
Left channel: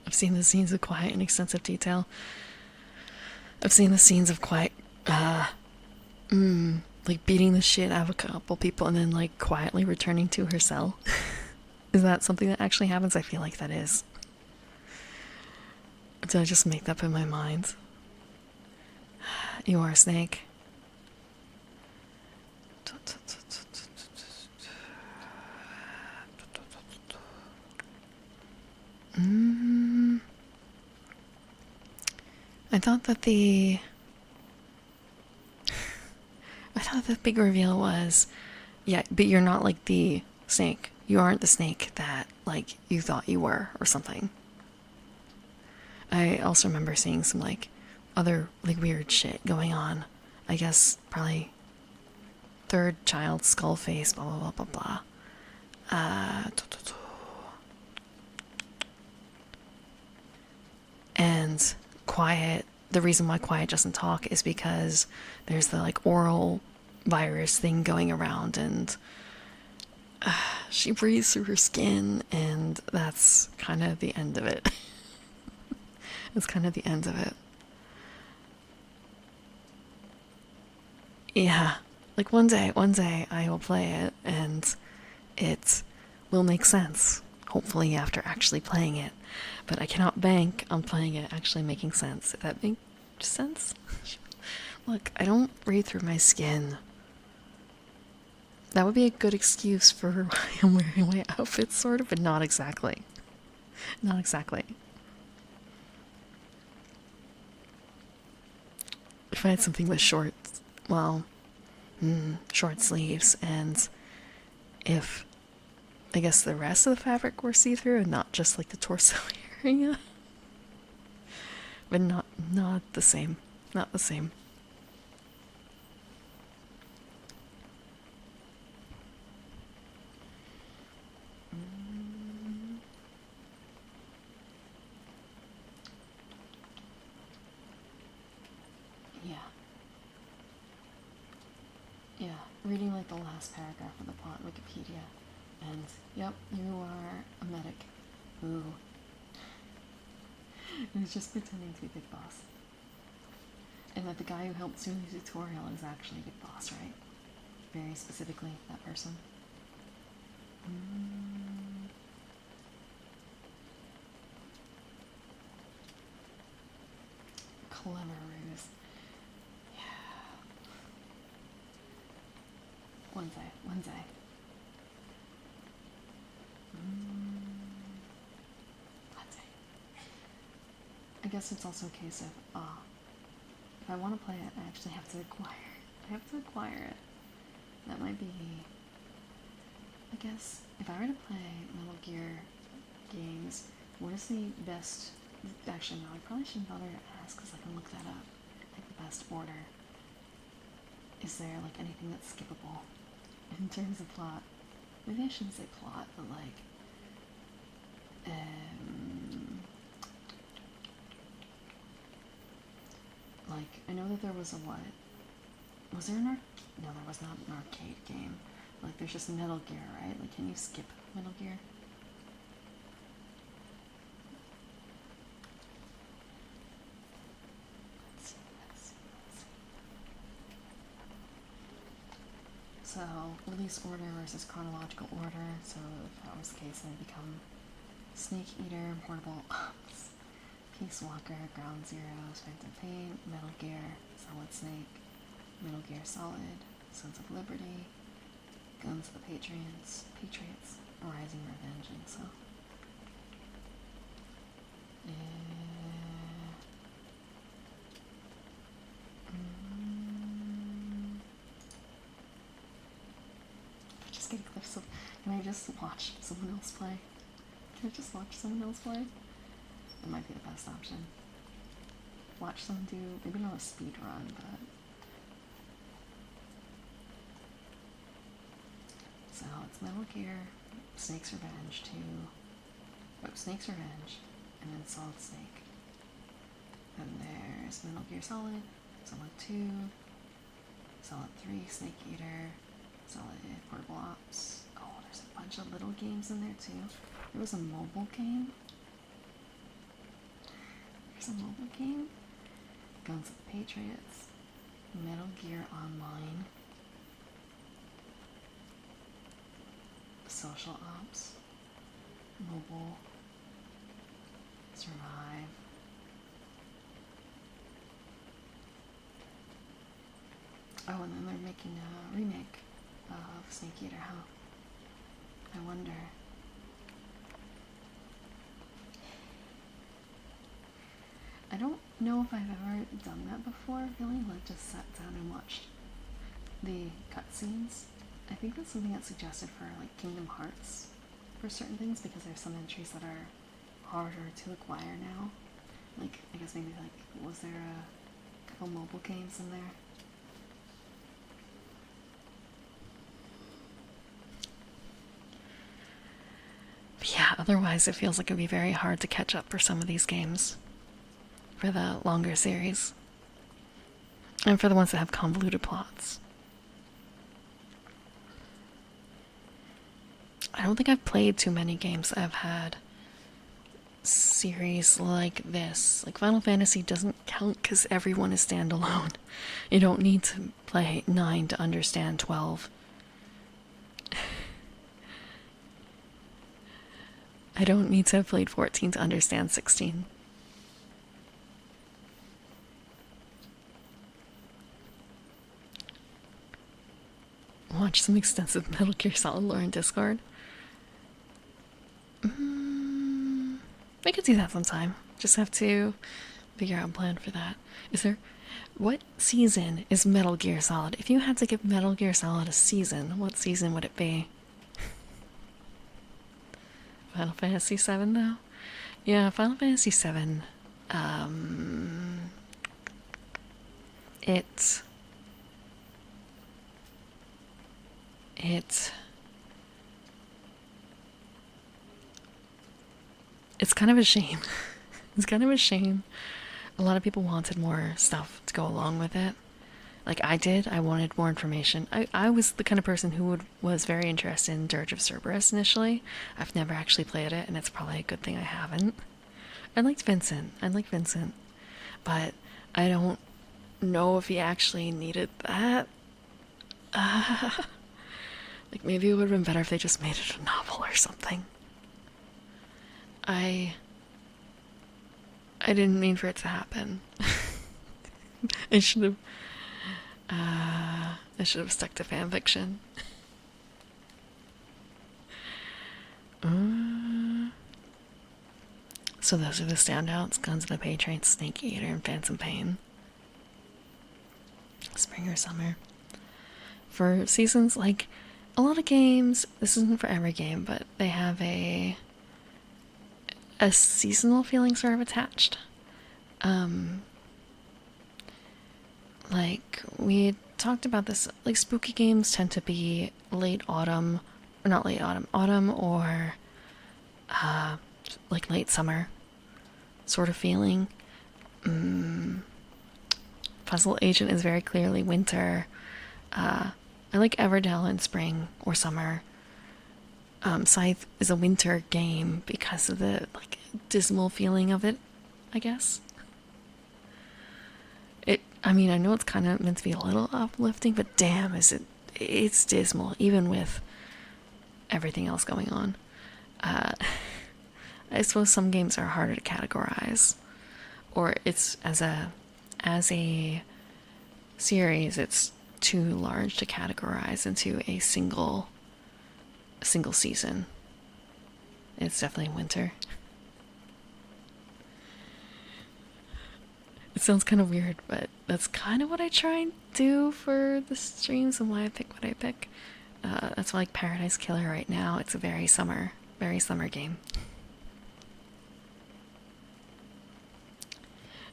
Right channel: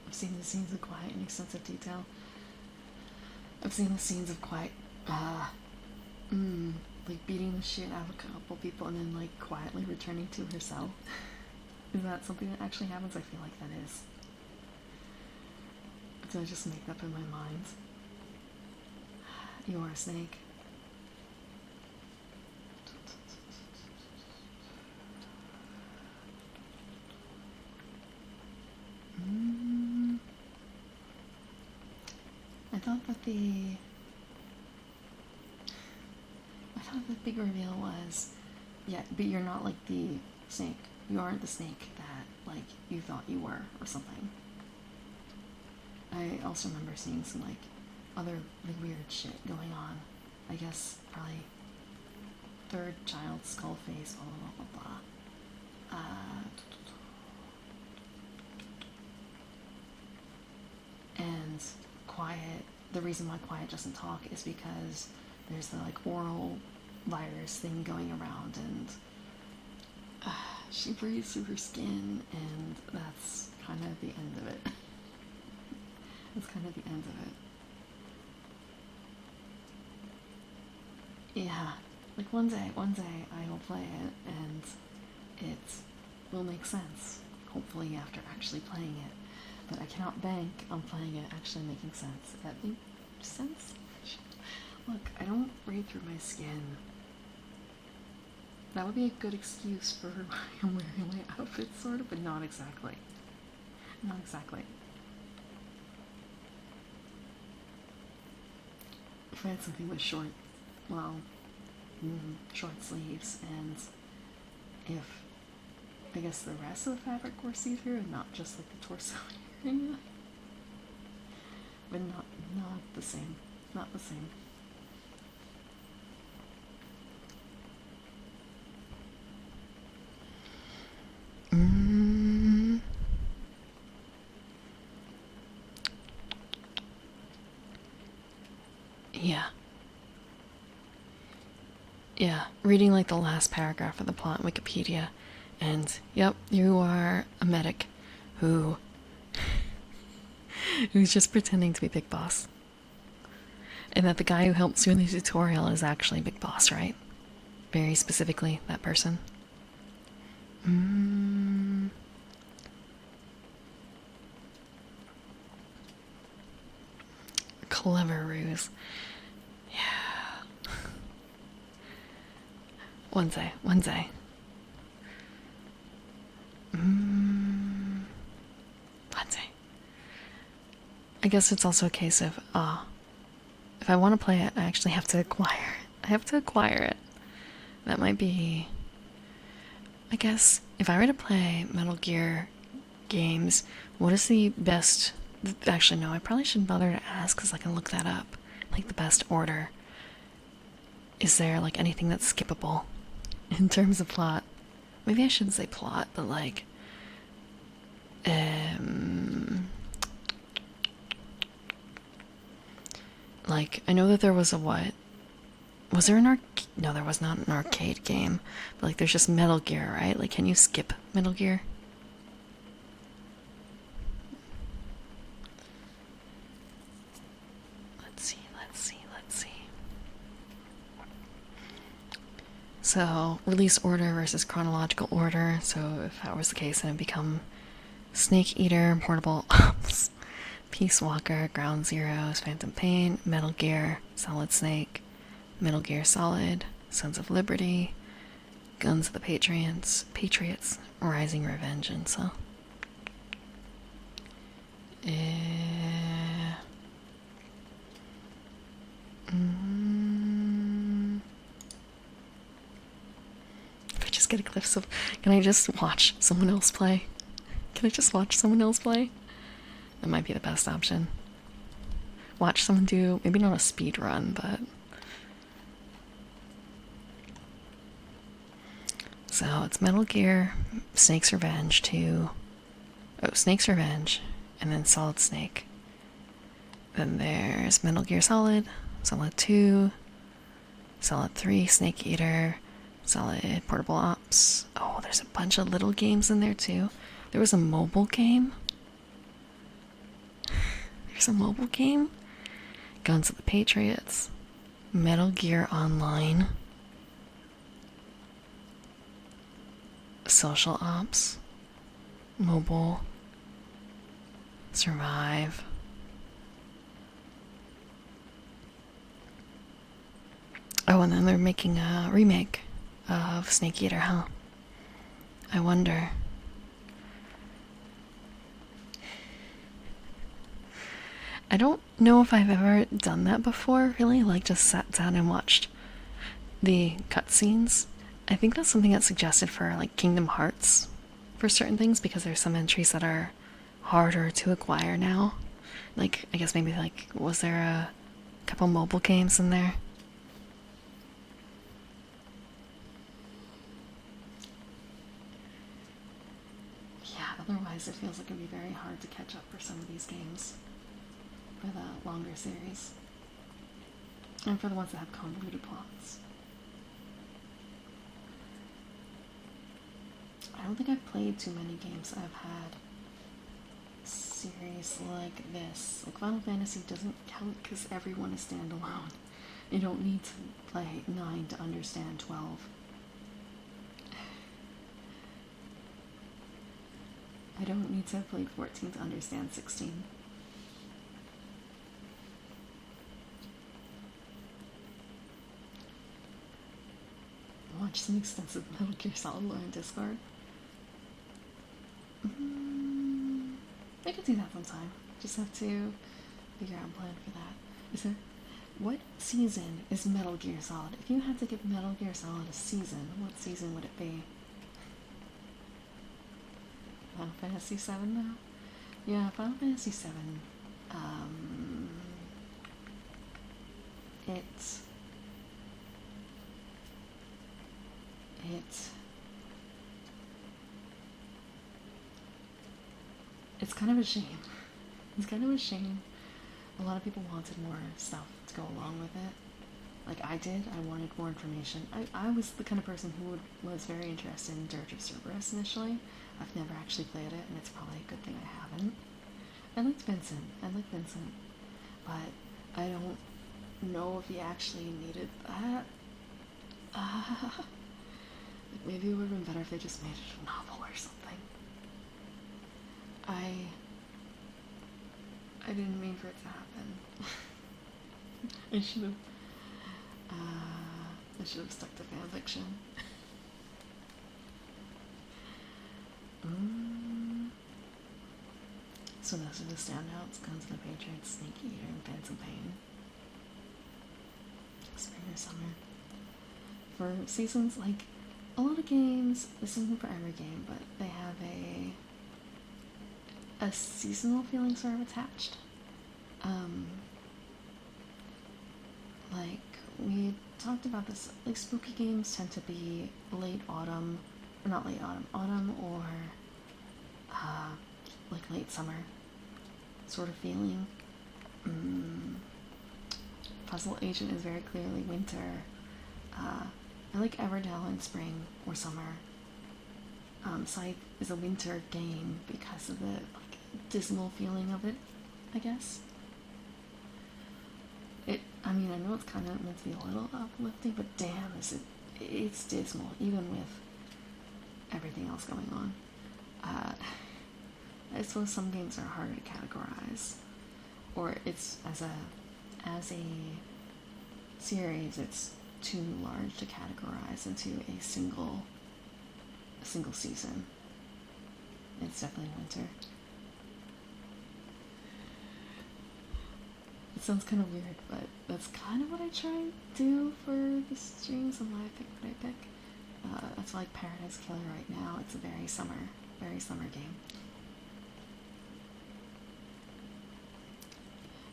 I've seen the scenes of Quiet in extensive detail. I've seen the scenes of Quiet like beating the shit out of a couple people and then like quietly returning to her cell. Is that something that actually happens? I feel like that is. Did I just make that up in my mind? You are a Snake. I thought that the big reveal was, yeah, but you're not like the Snake. You aren't the Snake that like you thought you were or something. I also remember seeing some like other like weird shit going on. I guess probably third child skull face, blah blah blah blah blah. And Quiet, the reason why Quiet doesn't talk is because there's the like oral virus thing going around, and she breathes through her skin, and that's kind of the end of it. That's kind of the end of it. Yeah, like one day I will play it, and it will make sense, hopefully after actually playing it. But I cannot bank on playing it actually making sense. Does that make sense? Look, I don't breathe through my skin. That would be a good excuse for why I'm wearing my outfit, sort of, but not exactly. Not exactly. If I had something with short sleeves, and if I guess the rest of the fabric were see-through and not just like the torso area. But not the same. Not the same. Yeah, reading like the last paragraph of the plot in Wikipedia, and yep, you are a medic who who's just pretending to be Big Boss, and that the guy who helps you in the tutorial is actually Big Boss, right? Very specifically, that person. Mm. Clever ruse. Yeah. One day, one day. One day. I guess it's also a case of, if I want to play it, I actually have to acquire. I have to acquire it. That might be. I guess if I were to play Metal Gear games, what is the best? Actually, no, I probably shouldn't bother to ask because I can look that up. Like the best order. Is there like anything that's skippable in terms of plot? Maybe I shouldn't say plot, but like, like I know that there was a what? Was there an No, there was not an arcade game. But like, there's just Metal Gear, right? Like, can you skip Metal Gear? Let's see, let's see, let's see. So, release order versus chronological order. So, if that was the case, then it'd become Snake Eater, Portable Ops, Peace Walker, Ground Zeroes, Phantom Pain, Metal Gear, Solid Snake, Metal Gear Solid, Sons of Liberty, Guns of the Patriots, Rising Revengeance. So, if I just get a glimpse of, can I just watch someone else play? Can I just watch someone else play? That might be the best option. Watch someone do, maybe not a speed run, but. So it's Metal Gear, Snake's Revenge 2. Oh, Snake's Revenge, and then Solid Snake. Then there's Metal Gear Solid, Solid 2, Solid 3, Snake Eater, Solid Portable Ops. Oh, there's a bunch of little games in there too. There was a mobile game. There's a mobile game. Guns of the Patriots, Metal Gear Online, Social Ops, Mobile, Survive. Oh, and then they're making a remake of Snake Eater, huh? I wonder. I don't know if I've ever done that before, really, like just sat down and watched the cutscenes. I think that's something that's suggested for like Kingdom Hearts for certain things because there's some entries that are harder to acquire now. Like, I guess maybe like, was there a couple mobile games in there? But yeah, otherwise it feels like it'd be very hard to catch up for some of these games. For the longer series. And for the ones that have convoluted plots. I don't think I've played too many games that have had series like this. Like Final Fantasy doesn't count because everyone is standalone. You don't need to play 9 to understand 12. I don't need to have played 14 to understand 16. Watch some extensive Metal Gear Solid lore in Discord. I could do that sometime. Just have to figure out a plan for that. Is there... What season is Metal Gear Solid? If you had to give Metal Gear Solid a season, what season would it be? Final Fantasy VII, though? Yeah, Final Fantasy VII. It's kind of a shame. It's kind of a shame. A lot of people wanted more stuff to go along with it. Like I did, I wanted more information. I was the kind of person who was very interested in Dirge of Cerberus initially. I've never actually played it, and it's probably a good thing I haven't. I liked Vincent. I like Vincent. But I don't know if he actually needed that. Like maybe it would have been better if they just made it a novel or something. I didn't mean for it to happen. I should have stuck to fanfiction. So those are the standouts: Guns of the Patriots, Snake Eater, and Phantom Pain. Spring or summer. For seasons, like a lot of games, this isn't for every game, but they have a seasonal feeling sort of attached. Like we talked about this, like spooky games tend to be late autumn, or not late autumn, autumn or like late summer sort of feeling. Puzzle Agent is very clearly winter. I like Everdell in spring or summer. Scythe is a winter game because of the like dismal feeling of it, I guess. I mean, I know it's kind of meant to be a little uplifting, but damn, it's dismal, even with everything else going on. I suppose some games are harder to categorize, or it's as a series, it's too large to categorize into a single season. It's definitely winter. It sounds kind of weird, but that's kind of what I try and do for the streams and why I pick what I pick. That's why, like Paradise Killer right now, it's a very summer game.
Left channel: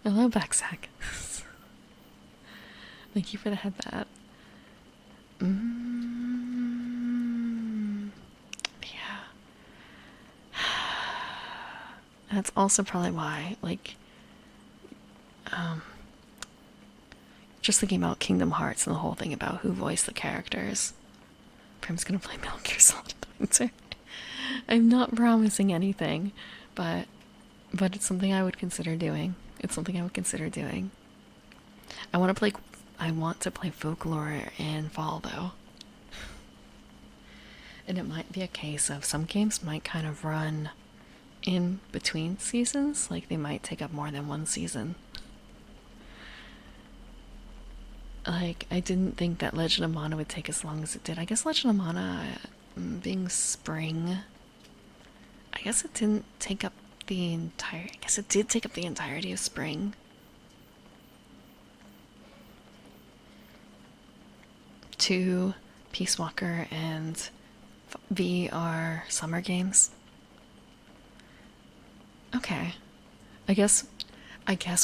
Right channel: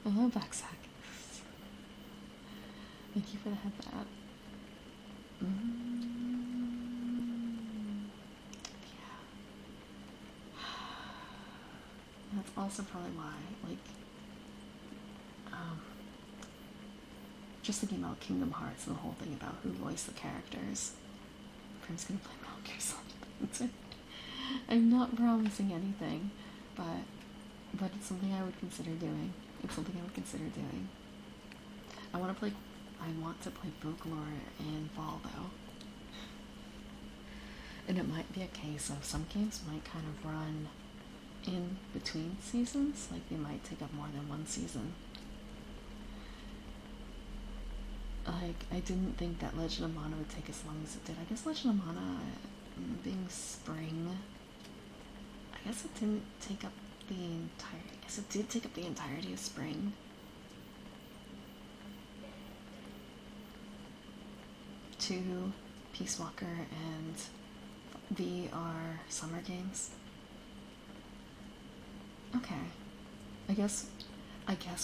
Hello, Backsack. Thank you for the headband. Yeah. That's also probably why, like, just thinking about Kingdom Hearts and the whole thing about who voiced the characters. Prim's gonna play Metal Gear Solid. I'm not promising anything, but it's something I would consider doing. I want to play Folklore in fall though. And it might be a case of some games might kind of run in between seasons, like they might take up more than one season. Like, I didn't think that Legend of Mana would take as long as it did. I guess Legend of Mana, being spring, I guess it didn't take up the entire... I guess it did take up the entirety of spring. Two, Peace Walker and V are summer games. Okay. I guess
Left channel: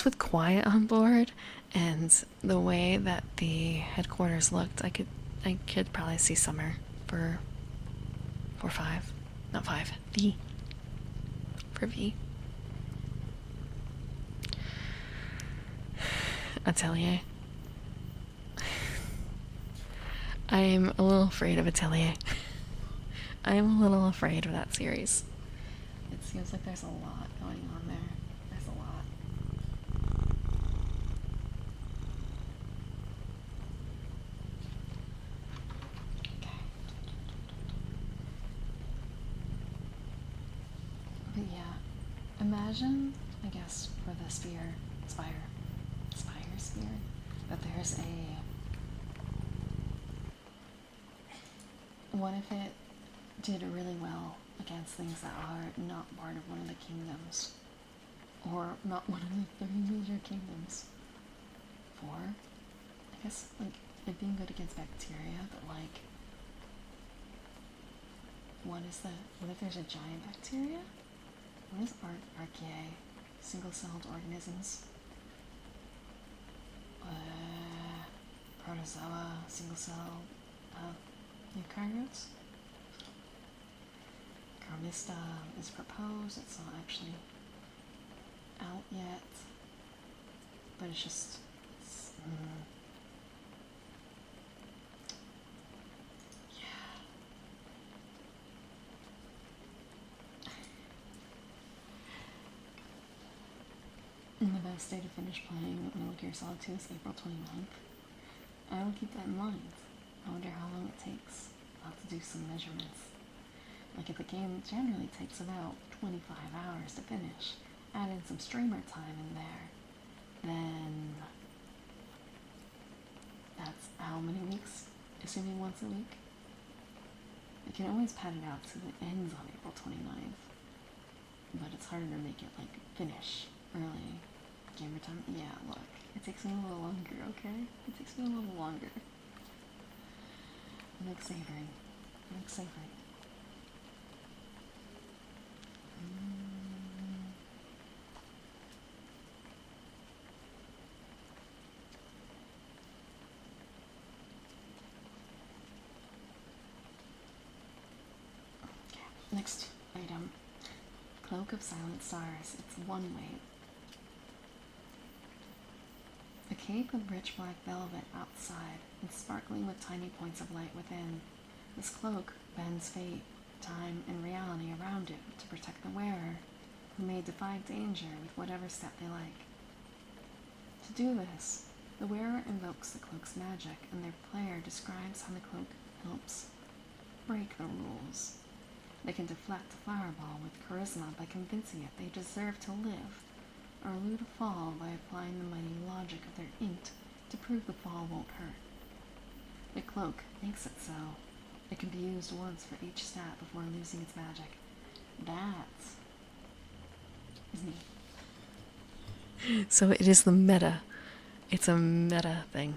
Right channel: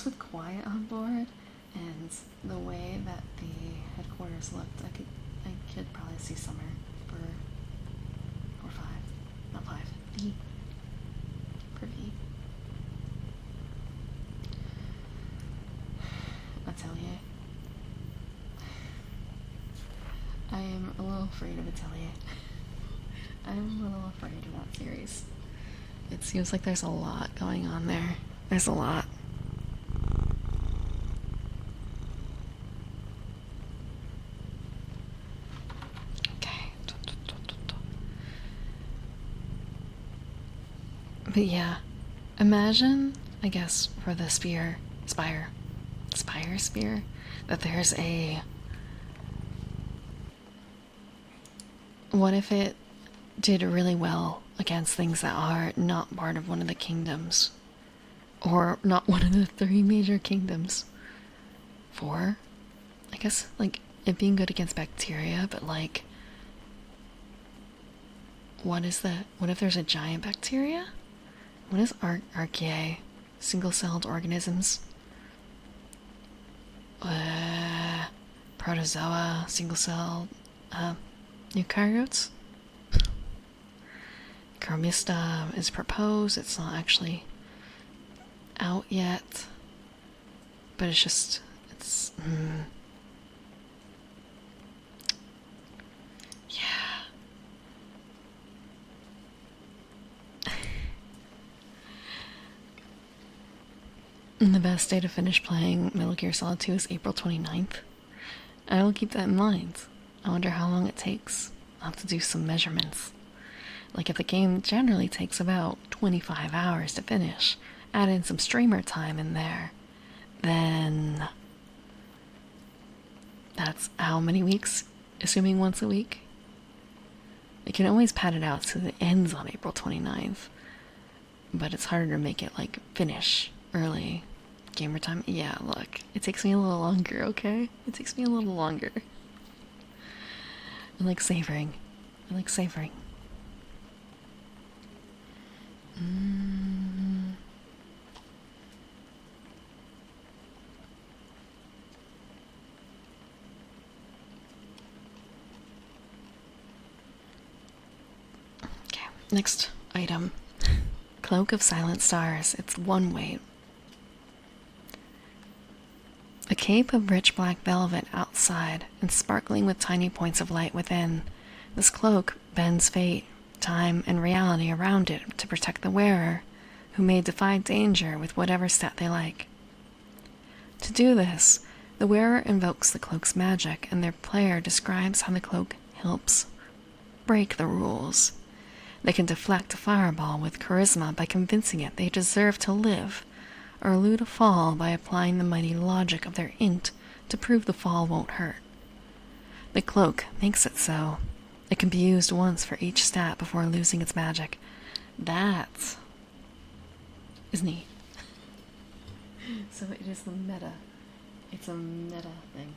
with Quiet on board and the way that the headquarters looked, I could probably see summer for 5. Not 5. V. For V. Atelier. I'm a little afraid of Atelier. I'm a little afraid of that series. It seems like there's a lot going on there. There's a lot. Okay. But yeah, imagine, I guess, for the Spire, that there's a... What if it did really well against things that are not part of one of the kingdoms? Or not one of the 3 major kingdoms? 4? I guess, like, it being good against bacteria, but, like... What if there's a giant bacteria? What is Archaea? Single-celled organisms? Protozoa, single-celled, eukaryotes? Chromista is proposed. It's not actually out yet, but it's And the best day to finish playing Metal Gear Solid 2 is April 29th. I will keep that in mind. I wonder how long it takes. I'll have to do some measurements. Like if the game generally takes about 25 hours to finish, add in some streamer time in there, then that's how many weeks? Assuming once a week? I can always pad it out so it ends on April 29th. But it's harder to make it like finish early. Gamer time? Yeah, look. It takes me a little longer, okay? It takes me a little longer. I like savoring. I like savoring. Okay, next item. Cloak of Silent Stars. It's one weight. A cape of rich black velvet outside and sparkling with tiny points of light within. This cloak bends fate, time, and reality around it to protect the wearer, who may defy danger with whatever stat they like. To do this, the wearer invokes the cloak's magic, and their player describes how the cloak helps break the rules. They can deflect a fireball with charisma by convincing it they deserve to live, or elude a fall by applying the mighty logic of their int to prove the fall won't hurt. The cloak makes it so. It can be used once for each stat before losing its magic. That is neat. So it is the meta. It's a meta thing.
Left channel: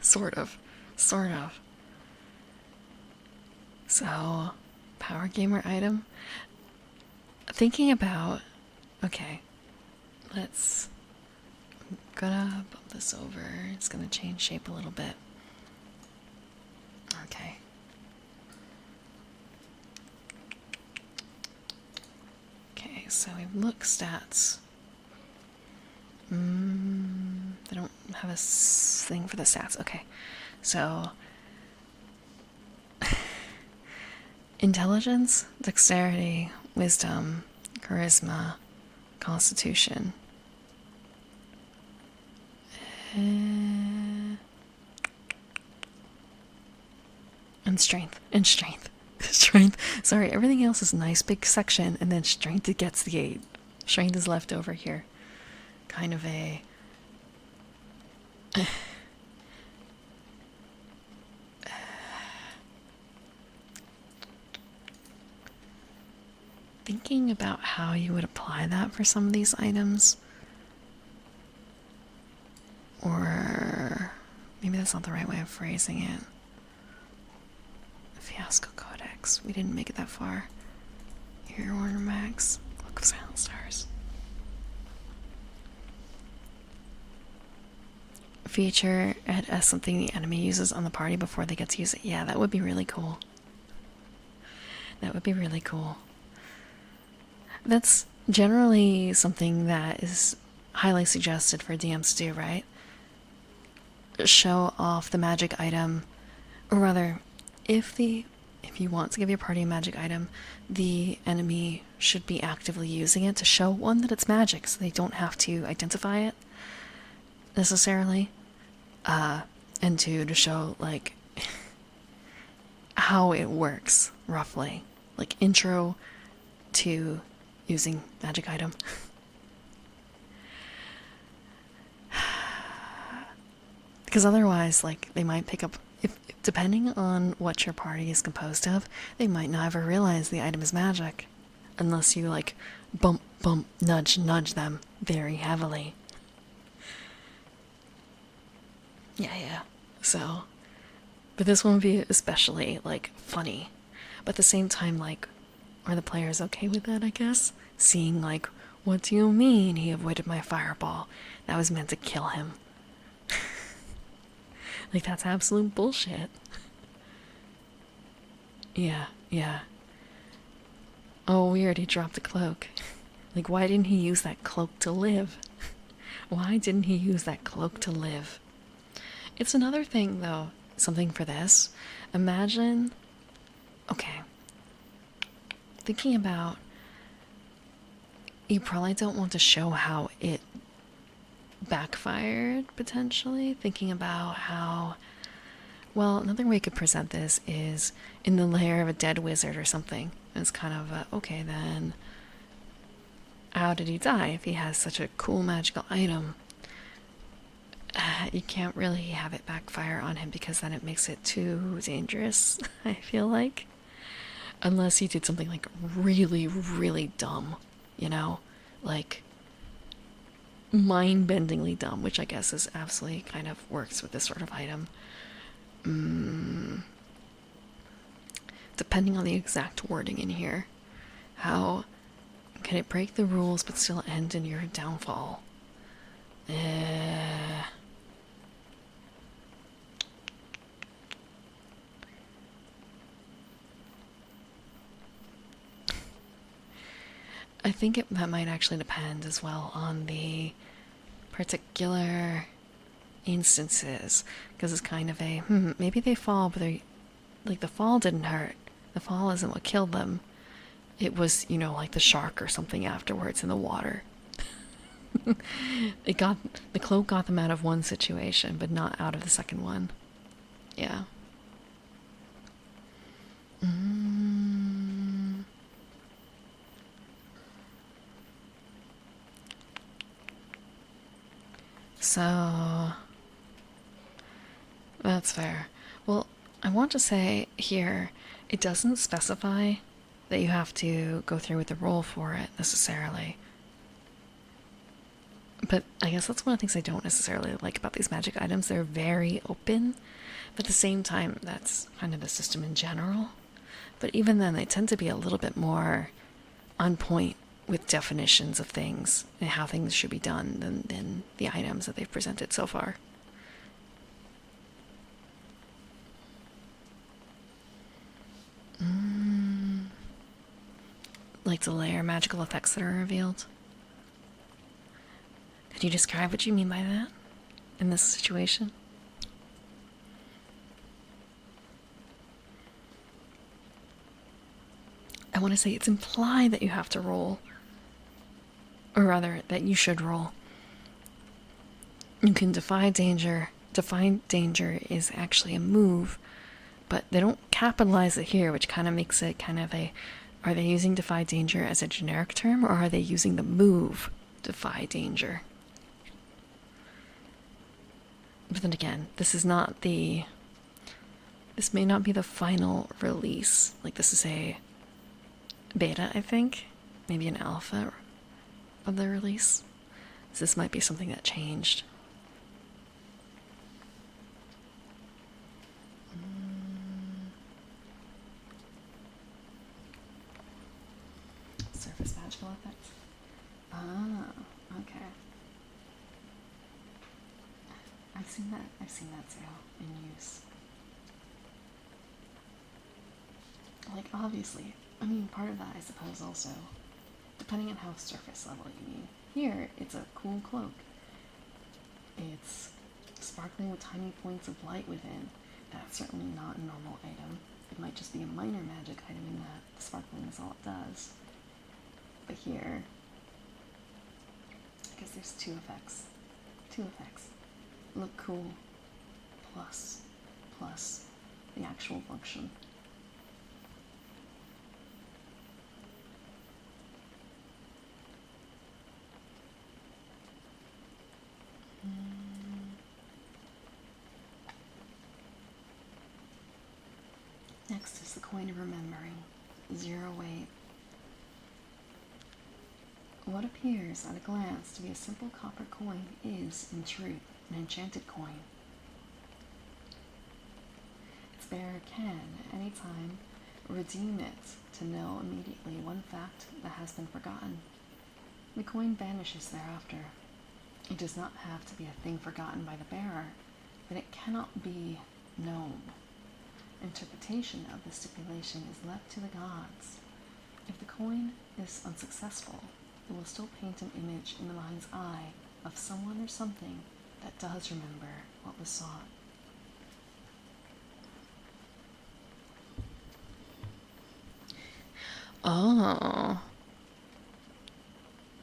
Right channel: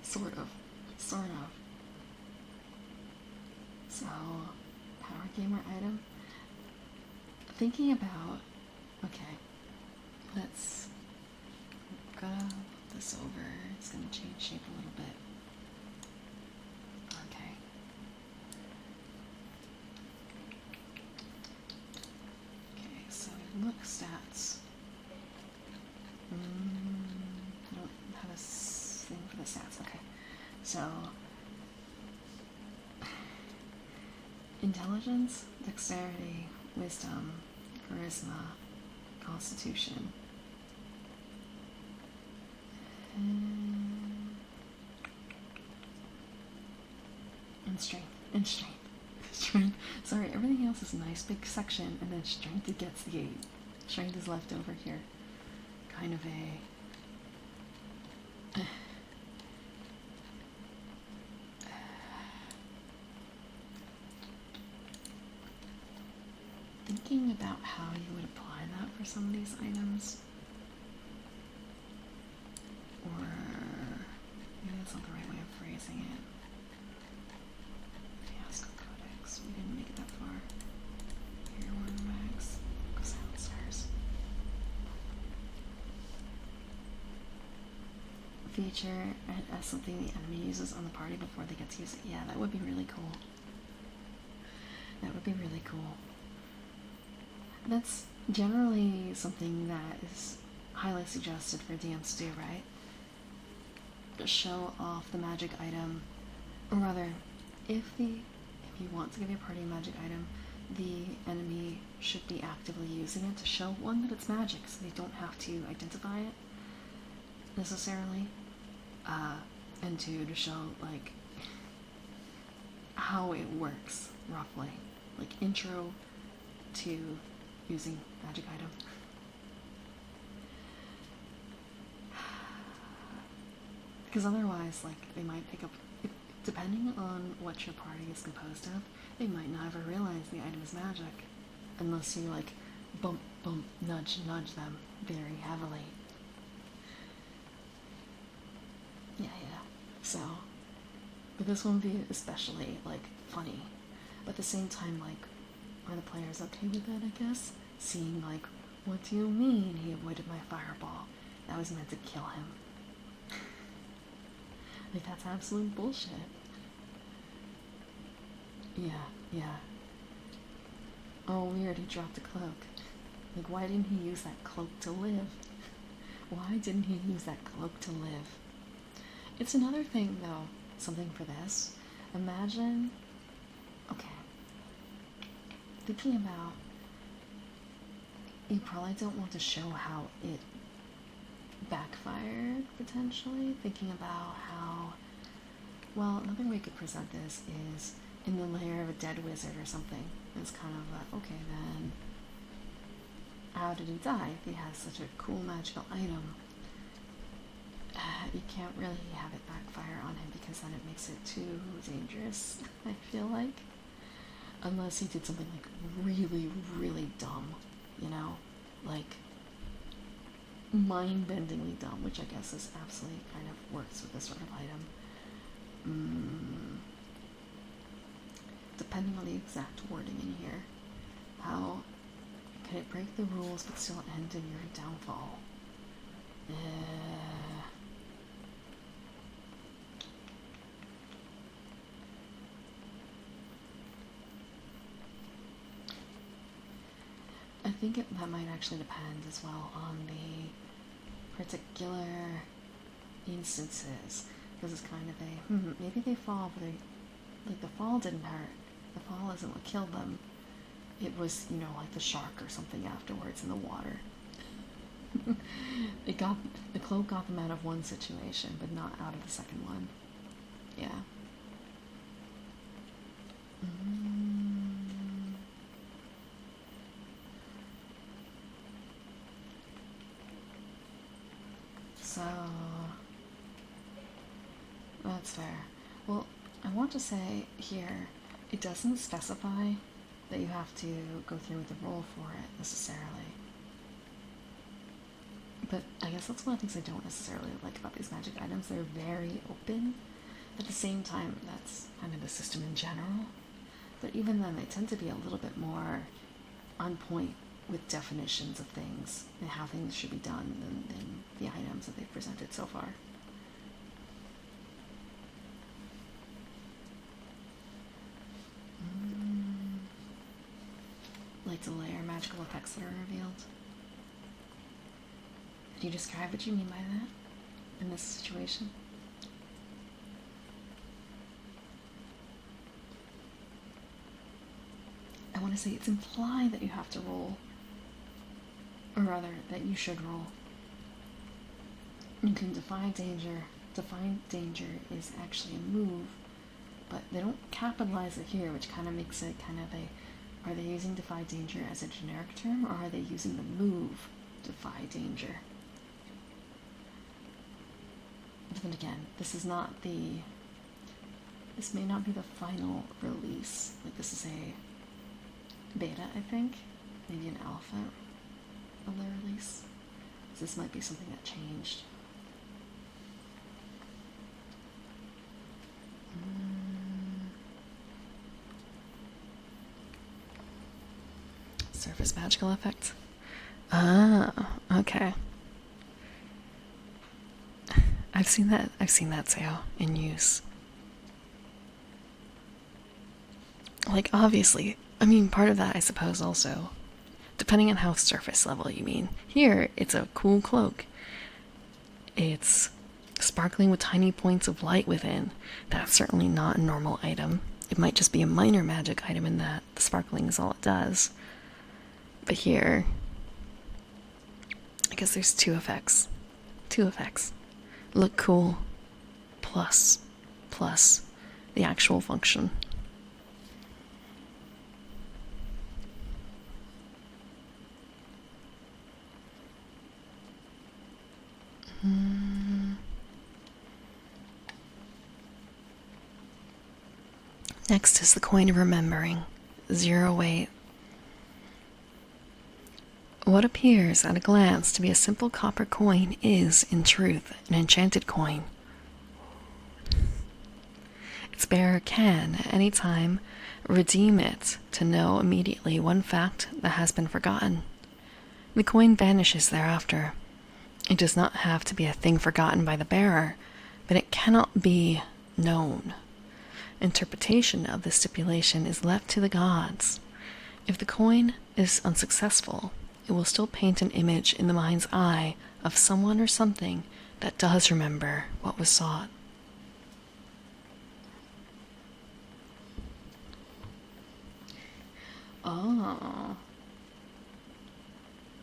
Sort of. So, power gamer item. Thinking about, okay, I'm gonna put this over. It's gonna change shape a little bit. Okay. Okay, so we look stats. They don't have a thing for the stats. Okay, so intelligence, dexterity, wisdom, charisma, constitution. And strength. Strength. Sorry, everything else is nice big section, and then strength it gets the 8. Strength is left over here. Kind of a thinking about how you would apply that for some of these items. Or maybe that's not the right way of phrasing it. Fiasco Codex. We didn't make it that far. Here, Warner Max. Cloak of Silent Stars. Feature it as something the enemy uses on the party before they get to use it. Yeah, that would be really cool. That would be really cool. That's generally something that is highly suggested for DMs to do, right? Show off the magic item, or rather, if you want to give your party a magic item, the enemy should be actively using it to show, one, that it's magic, so they don't have to identify it necessarily, and two, to show like how it works roughly, like intro to using magic item. Because otherwise, like, they might pick up, if depending on what your party is composed of, they might not ever realize the item is magic, unless you like bump, nudge them very heavily. Yeah. So, but this one would be especially like funny, but at the same time, like, are the players okay with that? I guess seeing like, what do you mean he avoided my fireball? That was meant to kill him. Like, that's absolute bullshit. Yeah. Oh, weird, he dropped the cloak. Like, why didn't he use that cloak to live? Why didn't he use that cloak to live? It's another thing, though, something for this. Imagine Okay. Thinking about, you probably don't want to show how it backfired, potentially. Thinking about how, well, another way you could present this is in the lair of a dead wizard or something. It's kind of okay, then how did he die if he has such a cool magical item? You can't really have it backfire on him because then it makes it too dangerous, I feel like. Unless he did something like really, really dumb, you know? Like mind-bendingly dumb, which I guess is absolutely kind of works with this sort of item. Depending on the exact wording in here, how can it break the rules but still end in your downfall? I think that might actually depend as well on the particular instances, because it's kind of a maybe they fall, but they, like, the fall didn't hurt. The fall isn't what killed them. It was, you know, like the shark or something afterwards in the water. The cloak got them out of one situation, but not out of the second one. Yeah. So that's fair. Well, I want to say here, it doesn't specify that you have to go through with the roll for it necessarily. But I guess that's one of the things I don't necessarily like about these magic items. They're very open, but at the same time, that's kind of the system in general. But even then, they tend to be a little bit more on point with definitions of things and how things should be done than the items that they've presented so far. Like the layer magical effects that are revealed. Could you describe what you mean by that in this situation? I want to say it's implied that you have to roll. Or rather, that you should roll. You can defy danger. Defy danger is actually a move, but they don't capitalize it here, which kind of makes it kind of a... Are they using defy danger as a generic term, or are they using the move defy danger? But then again, this is not the... This may not be the final release. Like, this is a beta, I think. Maybe an alpha of the release. So this might be something that changed. Surface magical effects. Ah, okay. I've seen that Sao in use. Like, obviously, I mean, part of that, I suppose, also, depending on how surface level you mean. Here, it's a cool cloak. It's sparkling with tiny points of light within. That's certainly not a normal item. It might just be a minor magic item in that the sparkling is all it does. But here, I guess there's two effects. Two effects. Look cool, plus the actual function. Next is the coin of remembering. 0 weight. What appears at a glance to be a simple copper coin is, in truth, an enchanted coin. Its bearer can, at any time, redeem it to know immediately one fact that has been forgotten. The coin vanishes thereafter. It does not have to be a thing forgotten by the bearer, but it cannot be known. Interpretation of this stipulation is left to the gods. If the coin is unsuccessful, it will still paint an image in the mind's eye of someone or something that does remember what was sought. Oh,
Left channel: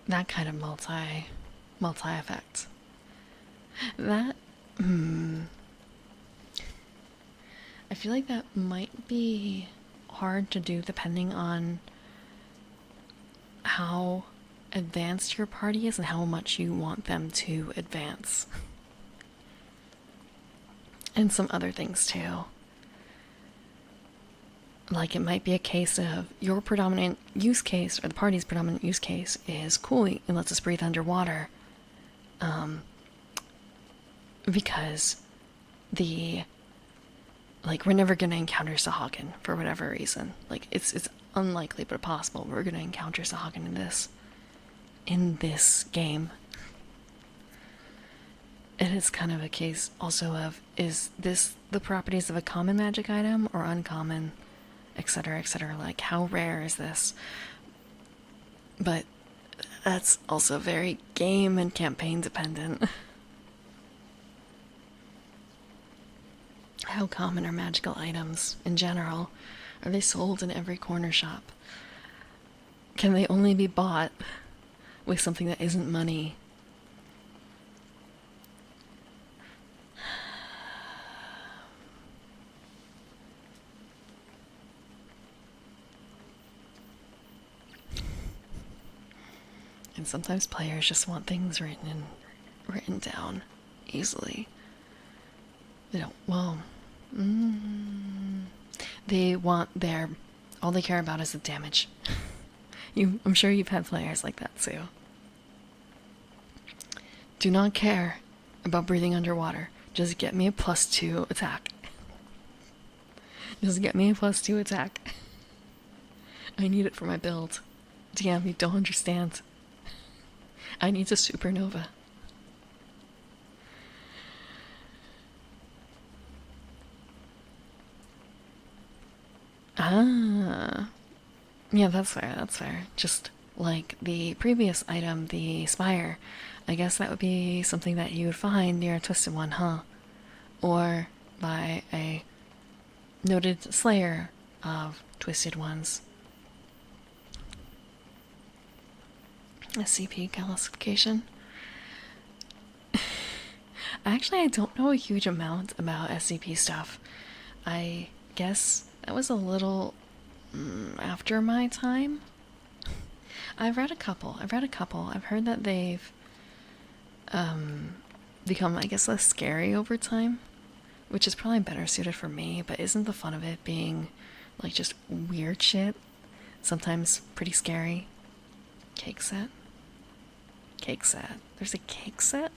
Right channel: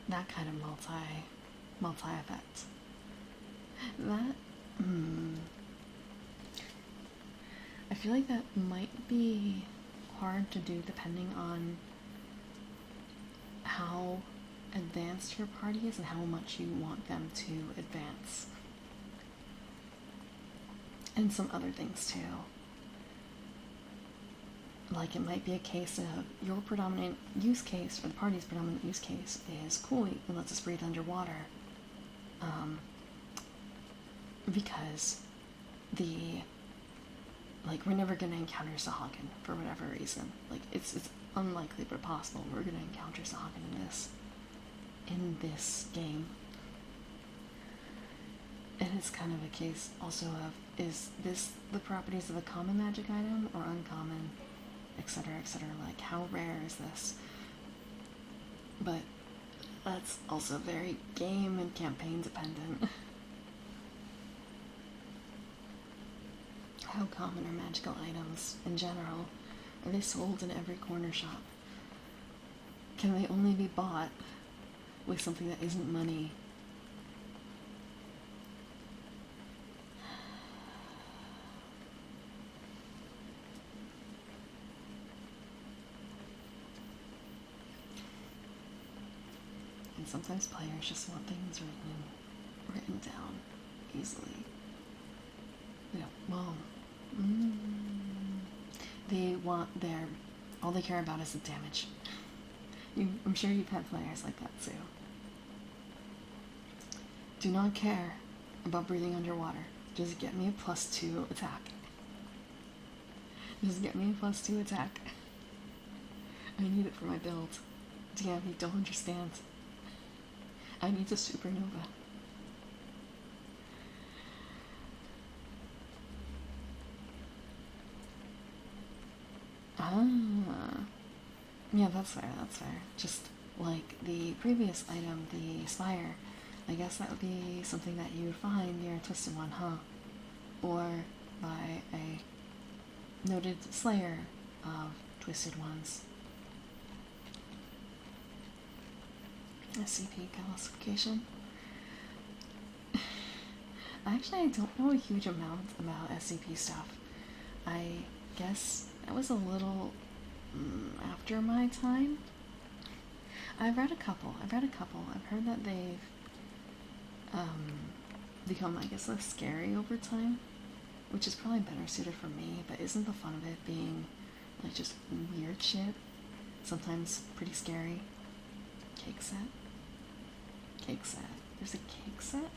that kind of multi effect. That I feel like that might be hard to do depending on how advanced your party is and how much you want them to advance. And some other things too. Like it might be a case of your predominant use case or the party's predominant use case is cool, it lets us breathe underwater. Because we're never gonna encounter Sahagin for whatever reason. Like it's unlikely but possible we're gonna encounter Sahagin in this game. And it's kind of a case also of, is this the properties of a common magic item or uncommon, etc., etc. Like how rare is this? But that's also very game and campaign dependent. How common are magical items in general? Are they sold in every corner shop? Can they only be bought with something that isn't money? And sometimes players just want things written down easily. They don't. Well, they want all they care about is the damage. I'm sure you've had players like that too. Do not care about breathing underwater. Just get me a +2 attack. Just get me a +2 attack. I need it for my build. DM, you don't understand. I need a supernova. Ah. Yeah, that's fair, that's fair. Just like the previous item, the Spire. I guess that would be something that you would find near a Twisted One, huh? Or by a noted slayer of Twisted Ones. SCP calcification. Actually, I don't know a huge amount about SCP stuff. I guess that was a little after my time. I've read a couple. I've heard that they've become, I guess, less scary over time, which is probably better suited for me, but isn't the fun of it being like just weird shit? Sometimes pretty scary. Cake set? Cake set. There's a cake set?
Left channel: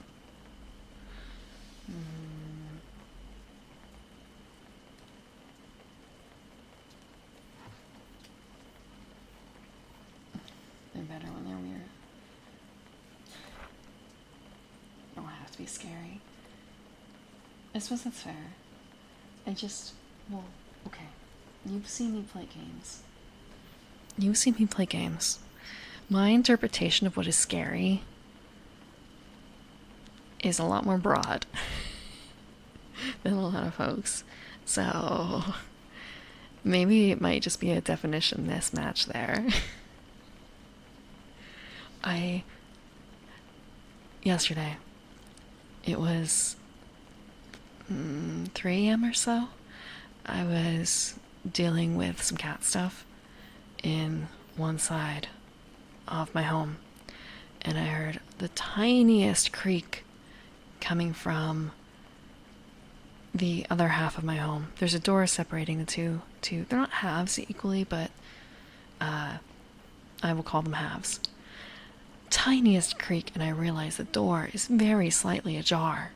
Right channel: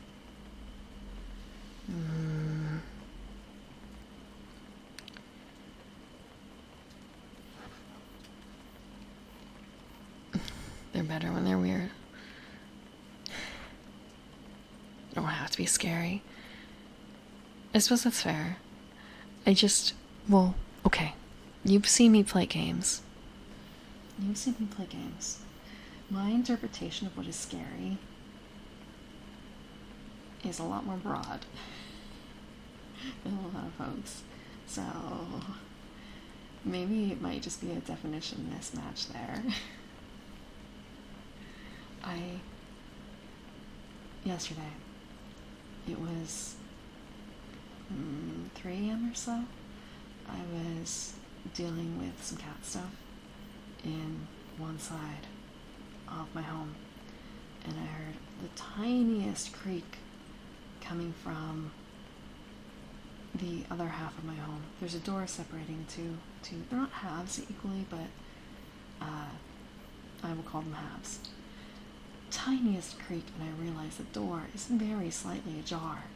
They're better when they're weird. They don't have to be scary. I suppose that's fair. Well, okay. You've seen me play games. My interpretation of what is scary is a lot more broad than a lot of folks. So maybe it might just be a definition mismatch there. Yesterday, it was 3 a.m. or so. I was dealing with some cat stuff in one side of my home, and I heard the tiniest creak coming from the other half of my home. There's a door separating the two. They're not halves equally, but I will call them halves. Tiniest creak, and I realize the door is very slightly ajar,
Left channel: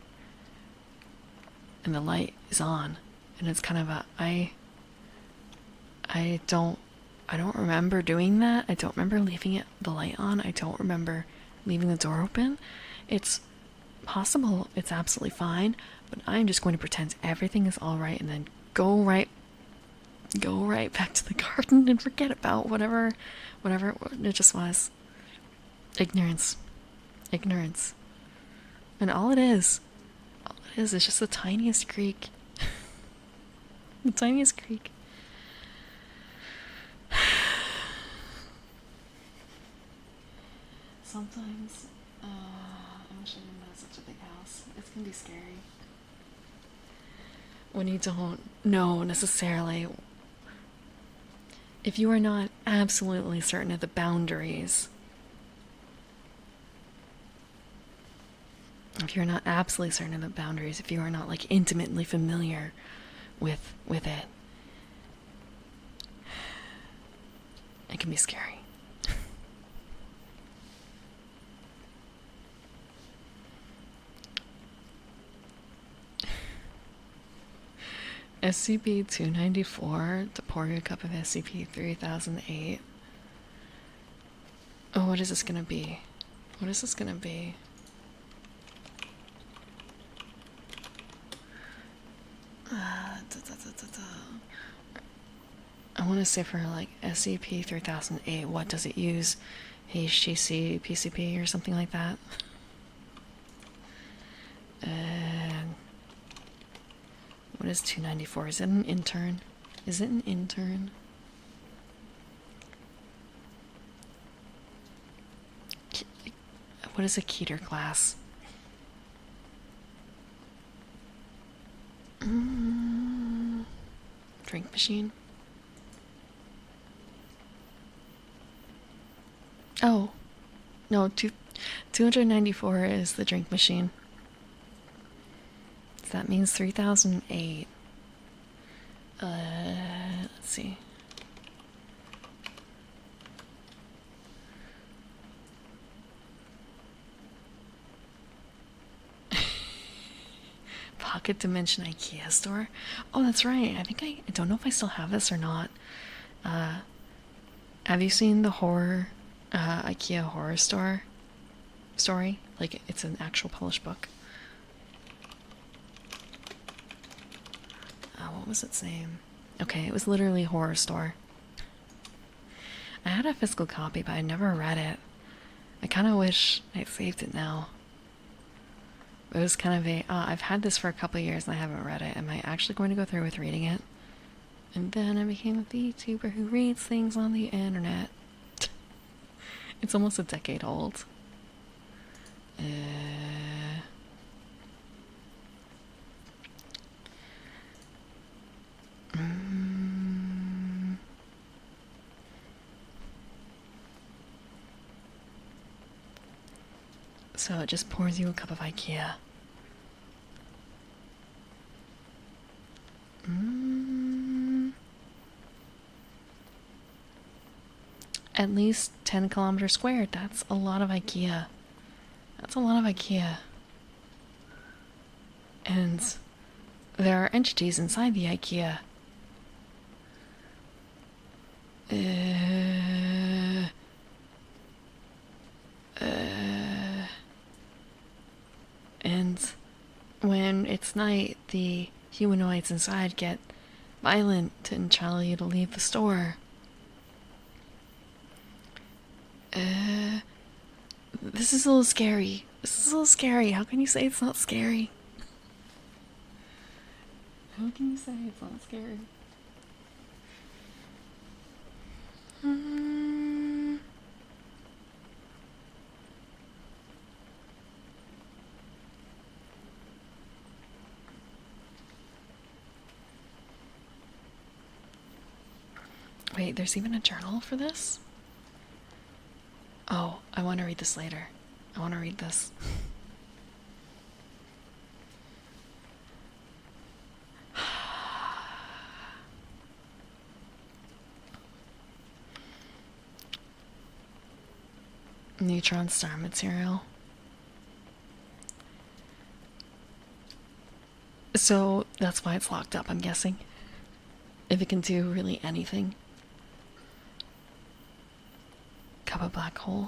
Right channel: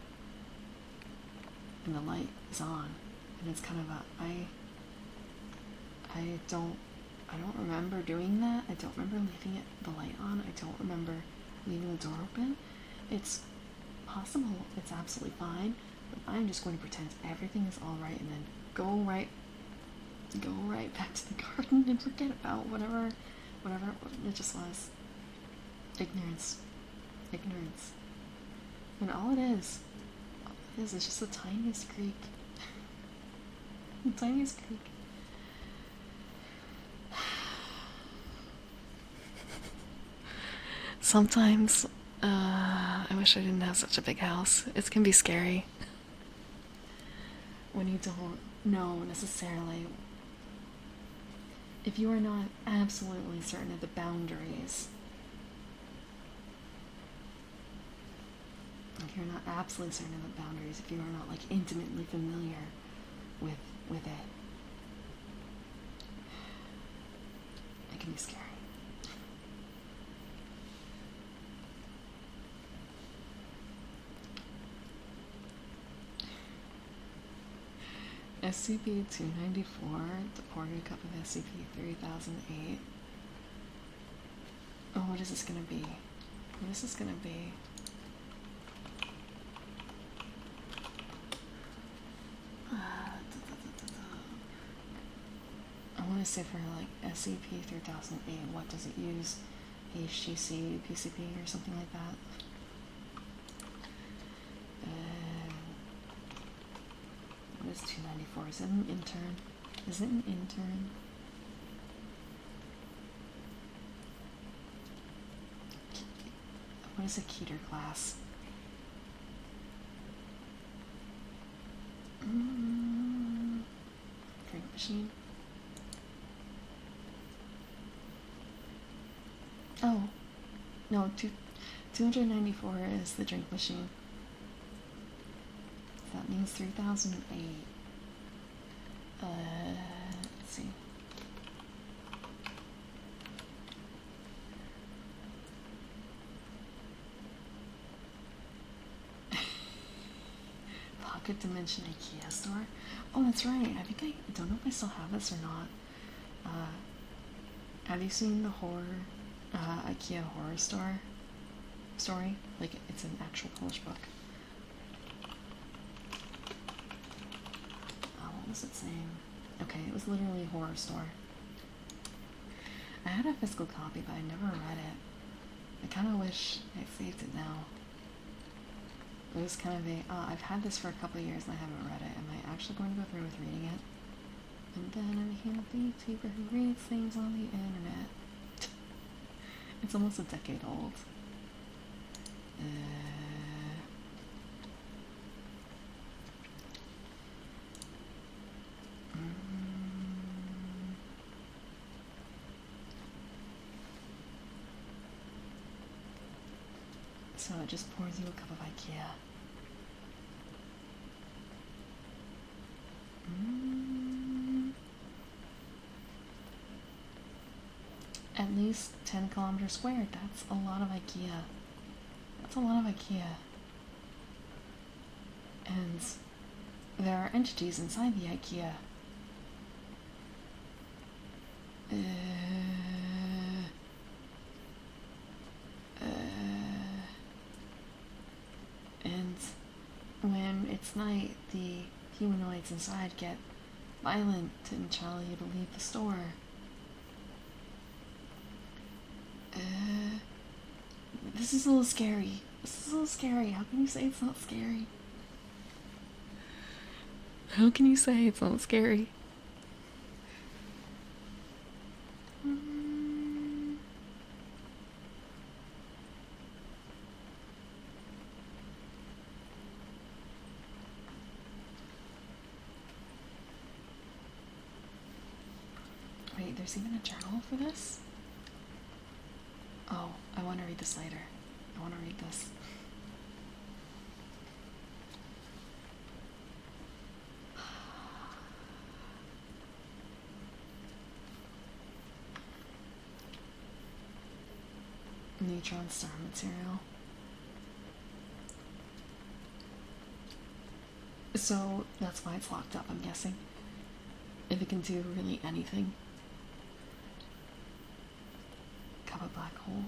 and the light is on, and it's kind of I don't remember doing that. I don't remember leaving the light on. I don't remember leaving the door open. It's possible it's absolutely fine, but I'm just going to pretend everything is all right and then go right back to the garden and forget about whatever it just was. Ignorance. And all it is just the tiniest creak. The tiniest creak. Sometimes, I wish I didn't have such a big house. It can be scary when you don't know necessarily. If you are not absolutely certain of the boundaries, if you're not absolutely certain of the boundaries, if you are not like intimately familiar with it, it can be scary. SCP-294 to pour you a cup of SCP-3008. Oh, what is this gonna be? What is this gonna be? I want to say for like SCP-3008, what does it use? HTC, PCP, or something like that? What is 294? Is it an intern? Is it an intern? What is a Keter class? Drink machine? Oh, no, 294 is the drink machine. So that means 3008. Let's see. Pocket Dimension IKEA store. Oh, that's right. I don't know if I still have this or not. Have you seen the horror IKEA horror story? Like, it's an actual published book. What was its name? Okay, it was literally Horror Store. I had a physical copy, but I never read it. I kind of wish I saved it now. It was kind of a, I've had this for a couple of years and I haven't read it. Am I actually going to go through with reading it? And then I became a VTuber who reads things on the internet. It's almost a decade old. So it just pours you a cup of IKEA. At least 10 kilometers squared. That's a lot of IKEA. That's a lot of IKEA. And there are entities inside the IKEA. And when it's night, the humanoids inside get violent and tell you to leave the store. This is a little scary. This is a little scary. How can you say it's not scary? How can you say it's not scary? Wait, there's even a journal for this? Oh, I want to read this later. I want to read this. Neutron star material. So that's why it's locked up, I'm guessing. If it can do really anything. Cup of black hole.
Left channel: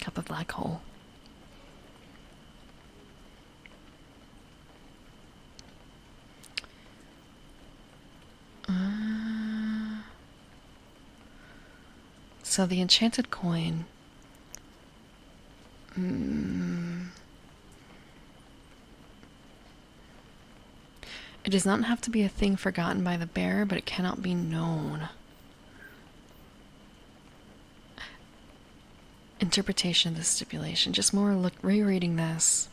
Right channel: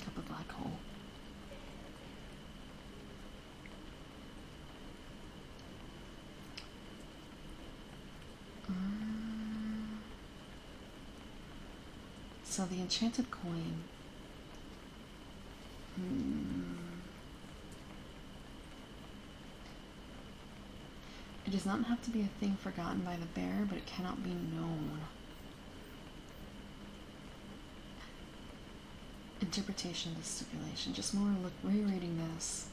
Cup of black hole. So the enchanted coin. It does not have to be a thing forgotten by the bearer, but it cannot be known. interpretation of the stipulation. Just more rereading this.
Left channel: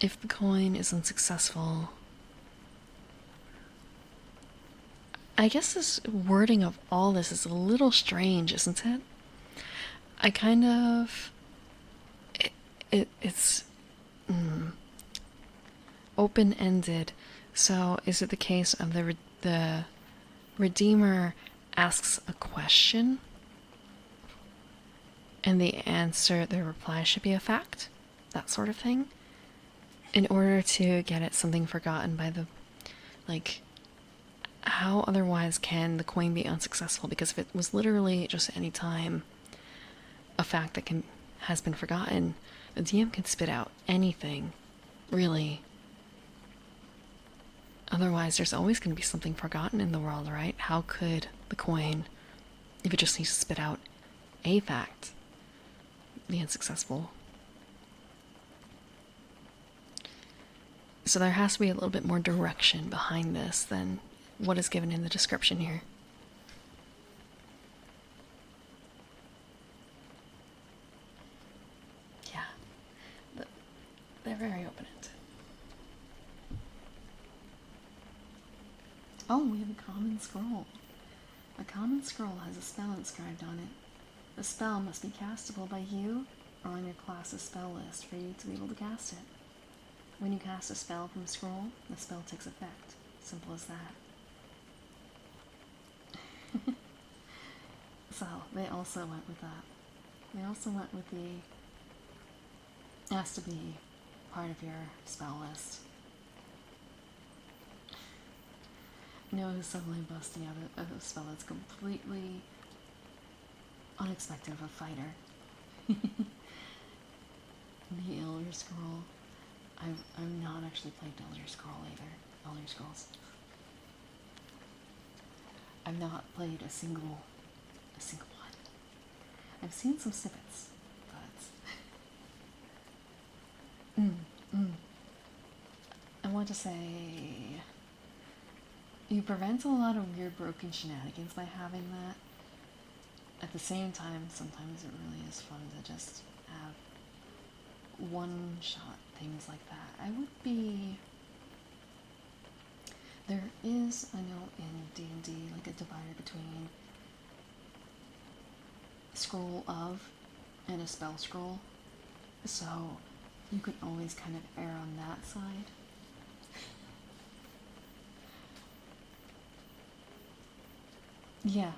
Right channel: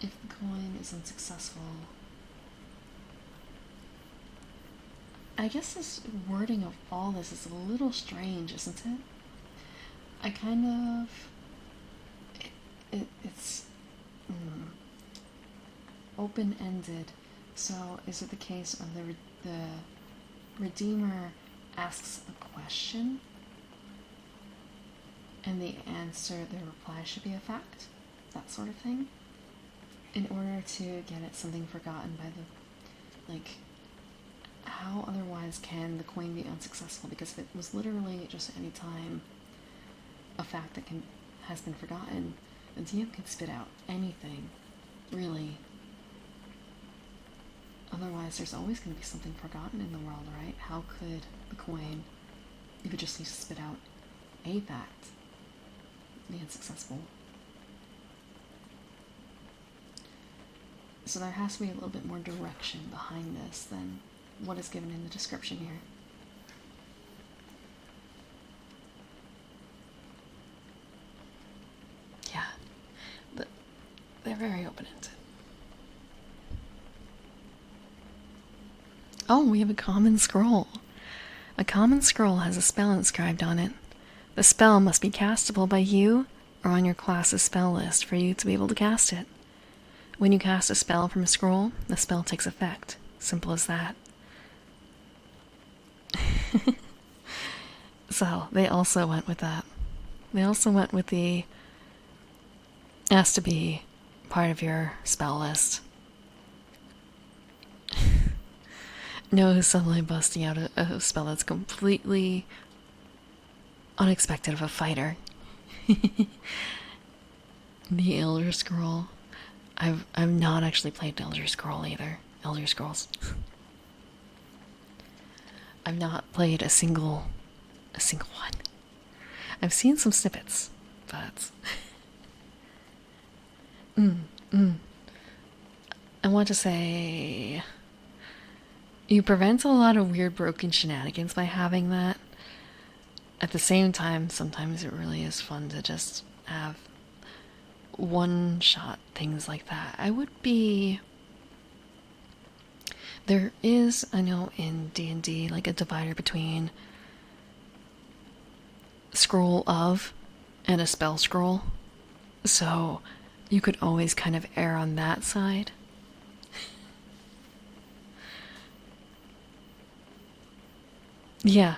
If the coin is unsuccessful, I guess this wording of all this is a little strange, isn't it? I kind of... It's open-ended. So is it the case of the Redeemer asks a question and the reply should be a fact? That sort of thing? In order to get at something forgotten by the... Like, how otherwise can the coin be unsuccessful? Because if it was literally just any time a fact that has been forgotten, the DM can spit out anything, really. Otherwise, there's always going to be something forgotten in the world, right? How could the coin, if it just needs to spit out a fact, be unsuccessful? So there has to be a little bit more direction behind this than what is given in the description here. Yeah, but they're very open-ended. Oh, we have a common scroll. A common scroll has a spell inscribed on it. The spell must be castable by you or on your class's spell list for you to be able to cast it. When you cast a spell from a scroll, the spell takes effect. Simple as that. So, they also went with that. They also went with the... has to be part of your spell list. No, suddenly busting out a spell that's completely unexpected of a fighter. The Elder Scroll. I've not actually played Elder Scroll either. Elder Scrolls. I've not played a single one. I've seen some snippets, but I want to say you prevent a lot of weird broken shenanigans by having that. At the same time, sometimes it really is fun to just have one-shot things like that. I would be... There is, I know, in D&D, like a divider between scroll of and a spell scroll. So you could always kind of err on that side. Yeah,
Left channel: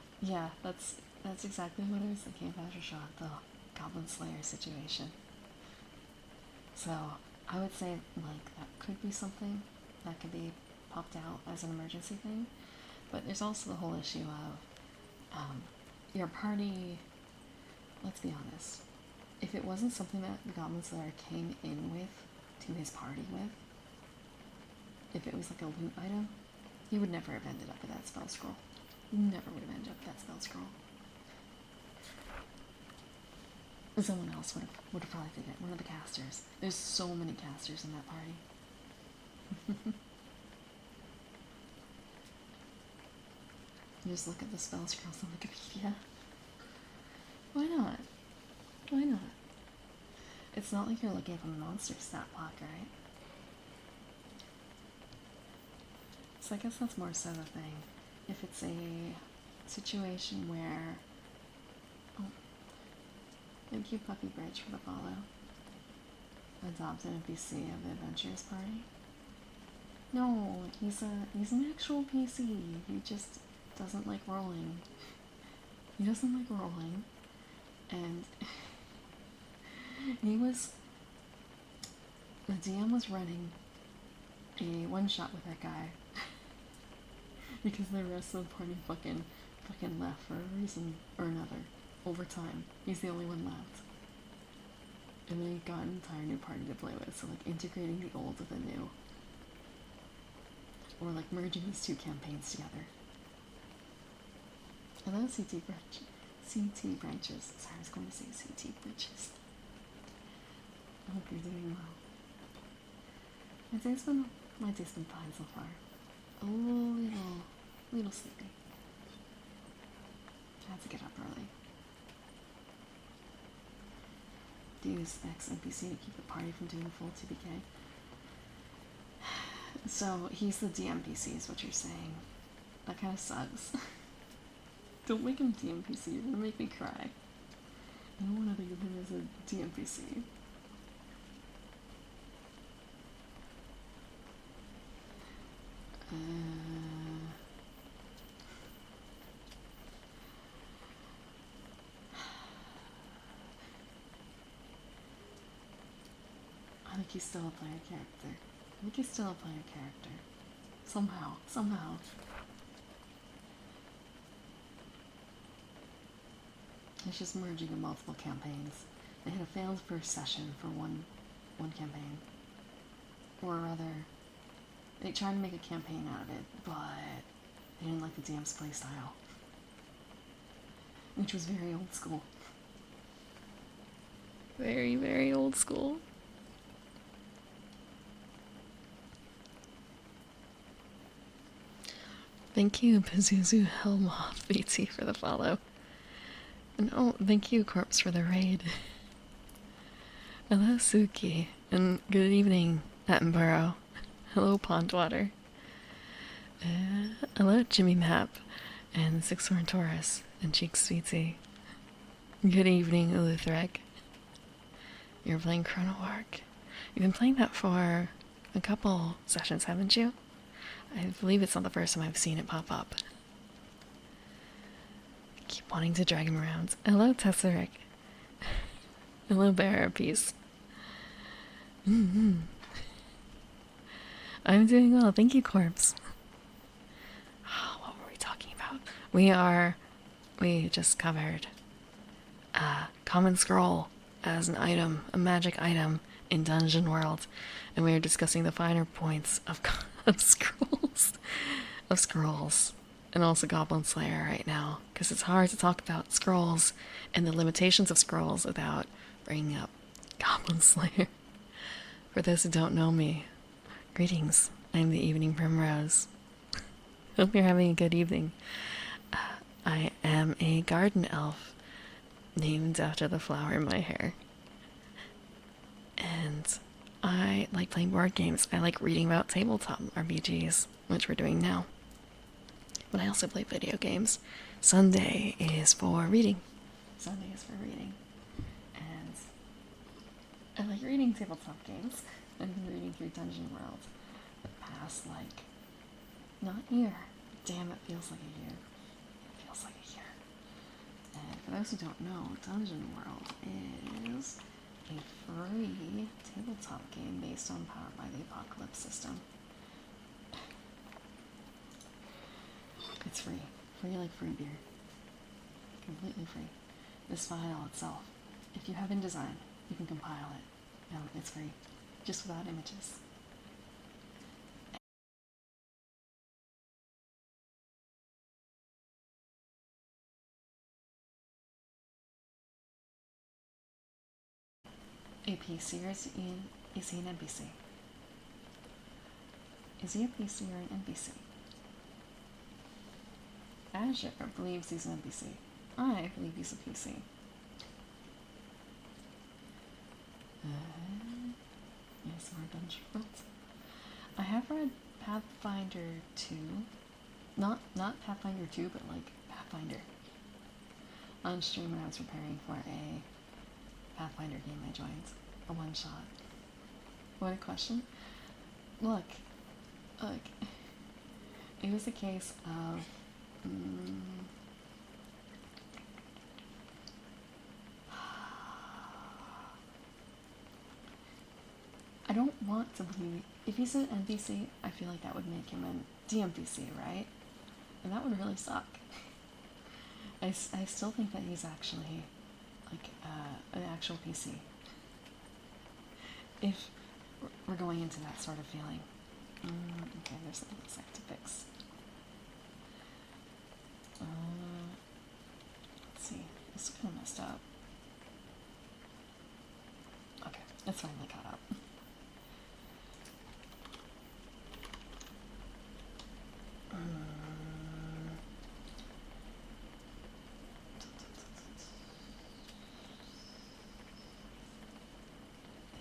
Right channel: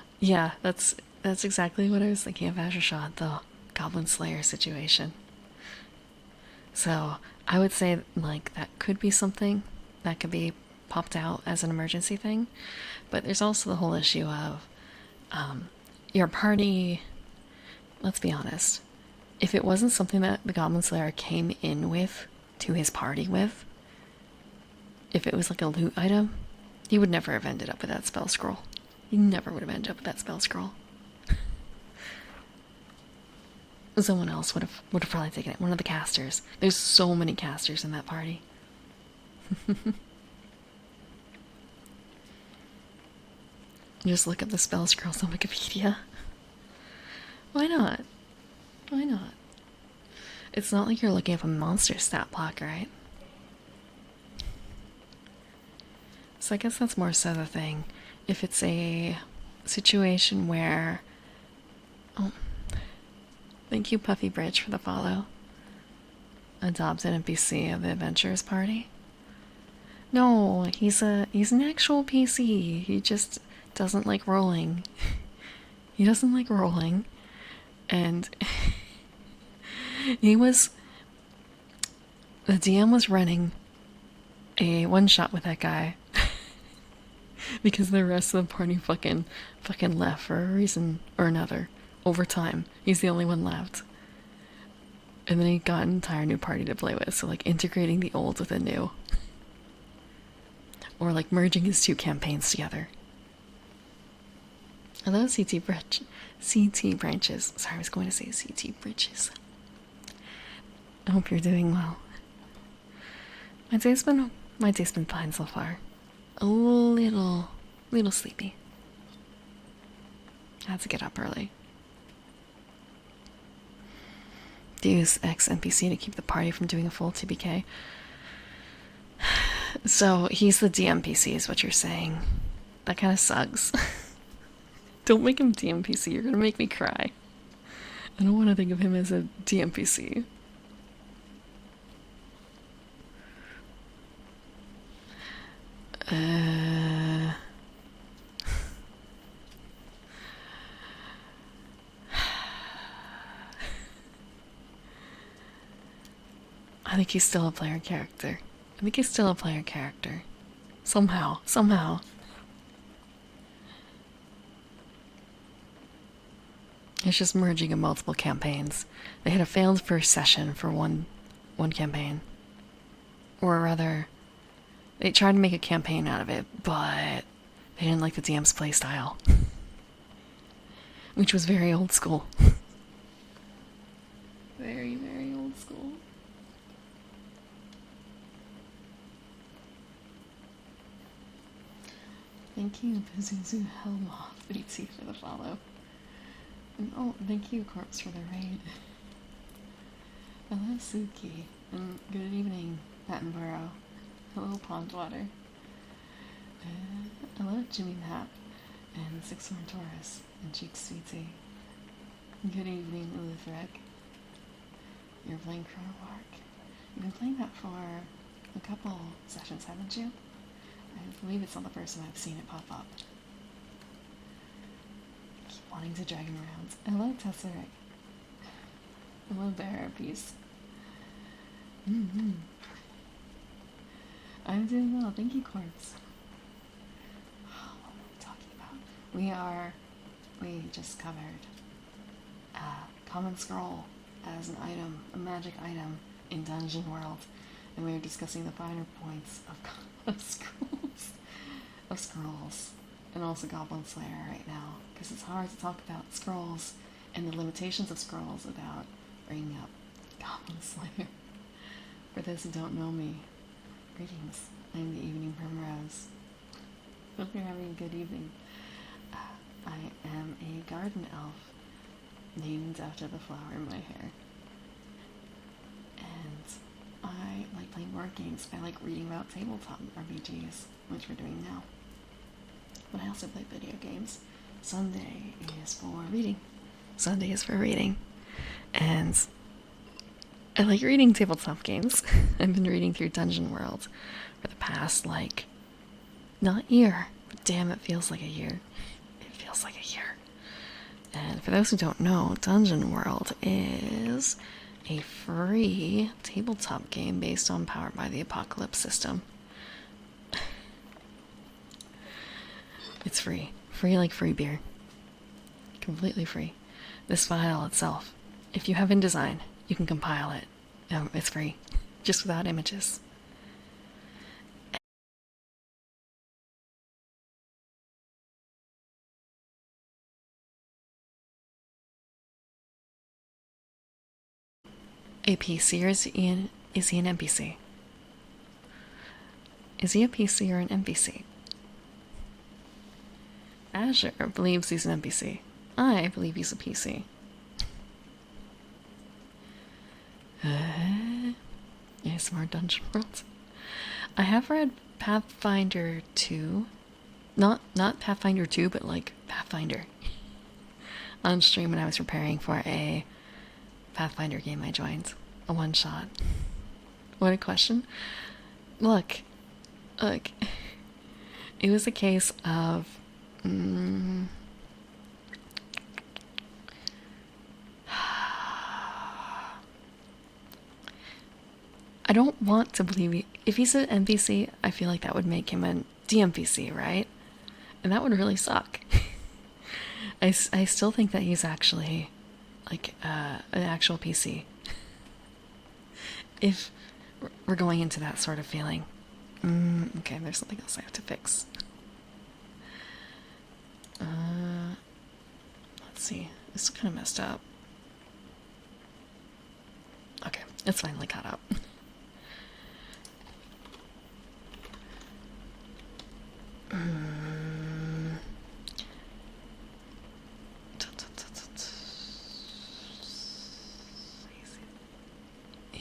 that's exactly what I was thinking of Azure Shot, the Goblin Slayer situation. So I would say, like, that could be something that could be popped out as an emergency thing. But there's also the whole issue of your party. Let's be honest. If it wasn't something that the Goblin Slayer came in with, to his party with, if it was like a loot item, he would never have ended up with that spell scroll. He never would have ended up with that spell scroll. Someone else would have probably taken it. One of the casters. There's so many casters in that party. Just look up the spell scrolls on Wikipedia. Why not? Why not? It's not like you're looking up a monster stat block, right? So I guess that's more so the thing. If it's a situation where... Oh, thank you, Puffy Bridge, for the follow. Adopt an NPC of the Adventurers Party. No, he's an actual PC. He just doesn't like rolling. He doesn't like rolling. And the DM was running a one-shot with that guy. Because the rest of the party fucking left for a reason or another. Over time. He's the only one left. And then he got an entire new party to play with. So, like, integrating the old with the new. Or, like, merging his two campaigns together. Hello, CT branches. Sorry, I was going to say CT bridges. I hope you're doing well. My day's been fine so far. A little sleepy. I had to get up early. Deus Ex NPC to keep the party from doing a full TBK. So he's the DMPC, is what you're saying. That kind of sucks. Don't make him DMPC. You're gonna make me cry. I don't want to think of him as a DMPC. I think he's still a player character. I think he's still a player character. Somehow. It's just merging of multiple campaigns. They had a failed first session for one campaign. Or rather, they tried to make a campaign out of it, but they didn't like the DM's playstyle. Which was very old school. Very, very old school. Thank you, Pazuzu Helmoth BT, for the follow. And oh, thank you, Corpse, for the raid. Hello, Suki. And good evening, Attenborough. Hello, Pondwater. Hello, Jimmy Map. And Sixhorn Taurus. And Cheek Sweetie. Good evening, Eluthrek. You're playing Chrono Arc. You've been playing that for a couple sessions, haven't you? I believe it's not the first time I've seen it pop up. Keep wanting to drag him around. Hello, Tesseric. Hello, Bearer of Peace. I'm doing well. Thank you, Corpse. What were we talking about? We just covered Common Scroll as an item, a magic item in Dungeon World. And we were discussing the finer points of scrolls, and also Goblin Slayer right now, because it's hard to talk about scrolls and the limitations of scrolls without bringing up Goblin Slayer. For those who don't know me, greetings. I'm the Evening Primrose. Hope you're having a good evening. I am a garden elf named after the flower in my hair, and I like playing board games. I like reading about tabletop RPGs, which we're doing now. But I also play video games. Sunday is for reading. And I like reading tabletop games. I've been reading through Dungeon World for the past, not year, but damn, it feels like a year. It feels like a year. And for those who don't know, Dungeon World is a free tabletop game based on Powered by the Apocalypse system. It's free. Free like free beer. Completely free. This file itself, if you have InDesign, you can compile it. It's free. Just without images. A PC, or is he an NPC? Is he a PC or an NPC? Azure believes he's an NPC. I believe he's a PC. Yeah, some more Dungeon World. I have read Pathfinder 2. Not Pathfinder 2, but Pathfinder. On stream when I was preparing for a Pathfinder game I joined. A one-shot. What a question. Look. It was a case of... I don't want to believe if he's an NPC, I feel like that would make him a DMPC, right? And that would really suck. I still think that he's actually an actual PC. If we're going into that sort of feeling. Okay, there's something else I have to fix. Let's see. This is kind of messed up. Okay, it's finally caught up.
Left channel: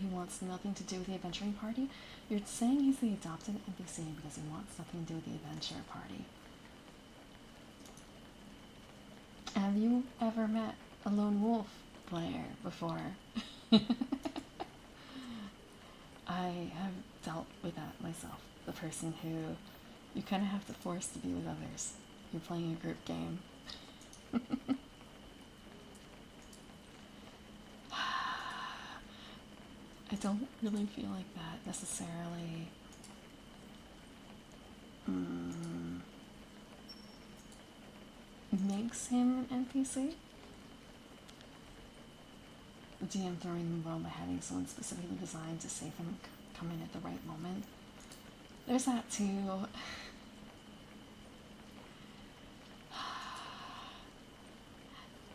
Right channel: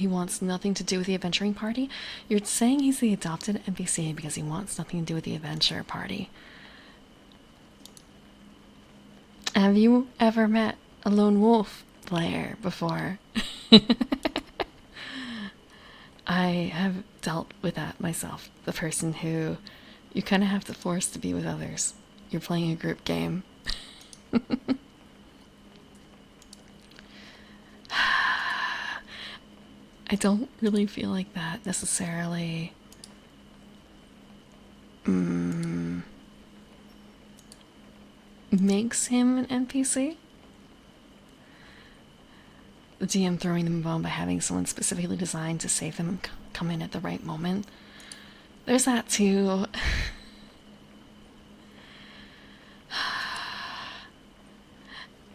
he wants nothing to do with the adventuring party. You're saying he's the adopted NPC because he wants nothing to do with the adventure party. Have you ever met a lone wolf player before? I have dealt with that myself. The person who you kind of have to force to be with others. You're playing a group game. I don't really feel like that necessarily makes him an NPC. The DM throwing them a bone by having someone specifically designed to save them come in at the right moment. There's that too.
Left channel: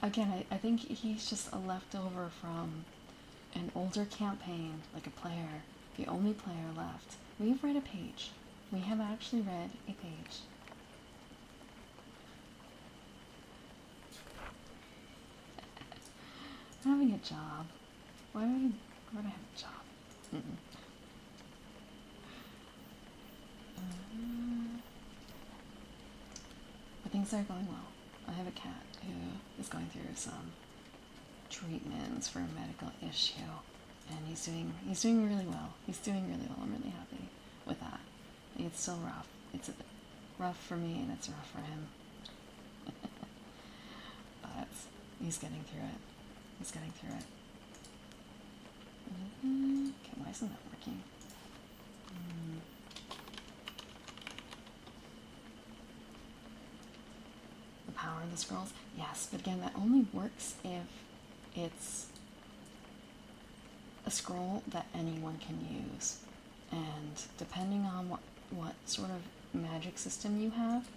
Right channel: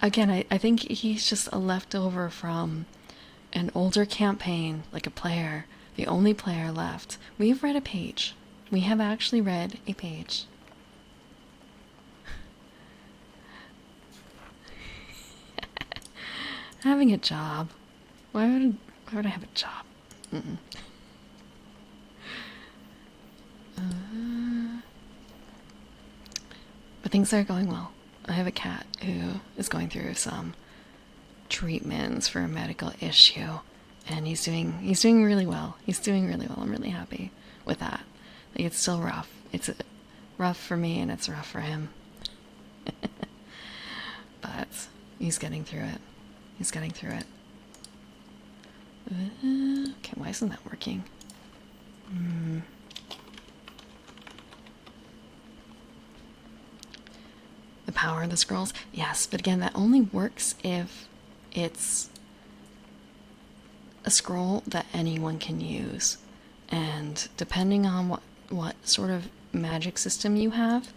Again, I think he's just a leftover from an older campaign, like a player, the only player left. We've read a page. We have actually read a page. Having a job. Why would I have a job? But things are going well. I have a cat who is going through some treatments for a medical issue, and he's doing really well. He's doing really well. I'm really happy with that. Like, it's still rough. It's rough for me and it's rough for him. But he's getting through it. He's getting through it. Okay, why isn't that working? The power of the scrolls? Yes, but again, that only works if it's a scroll that anyone can use. And depending on what sort of magic system you have,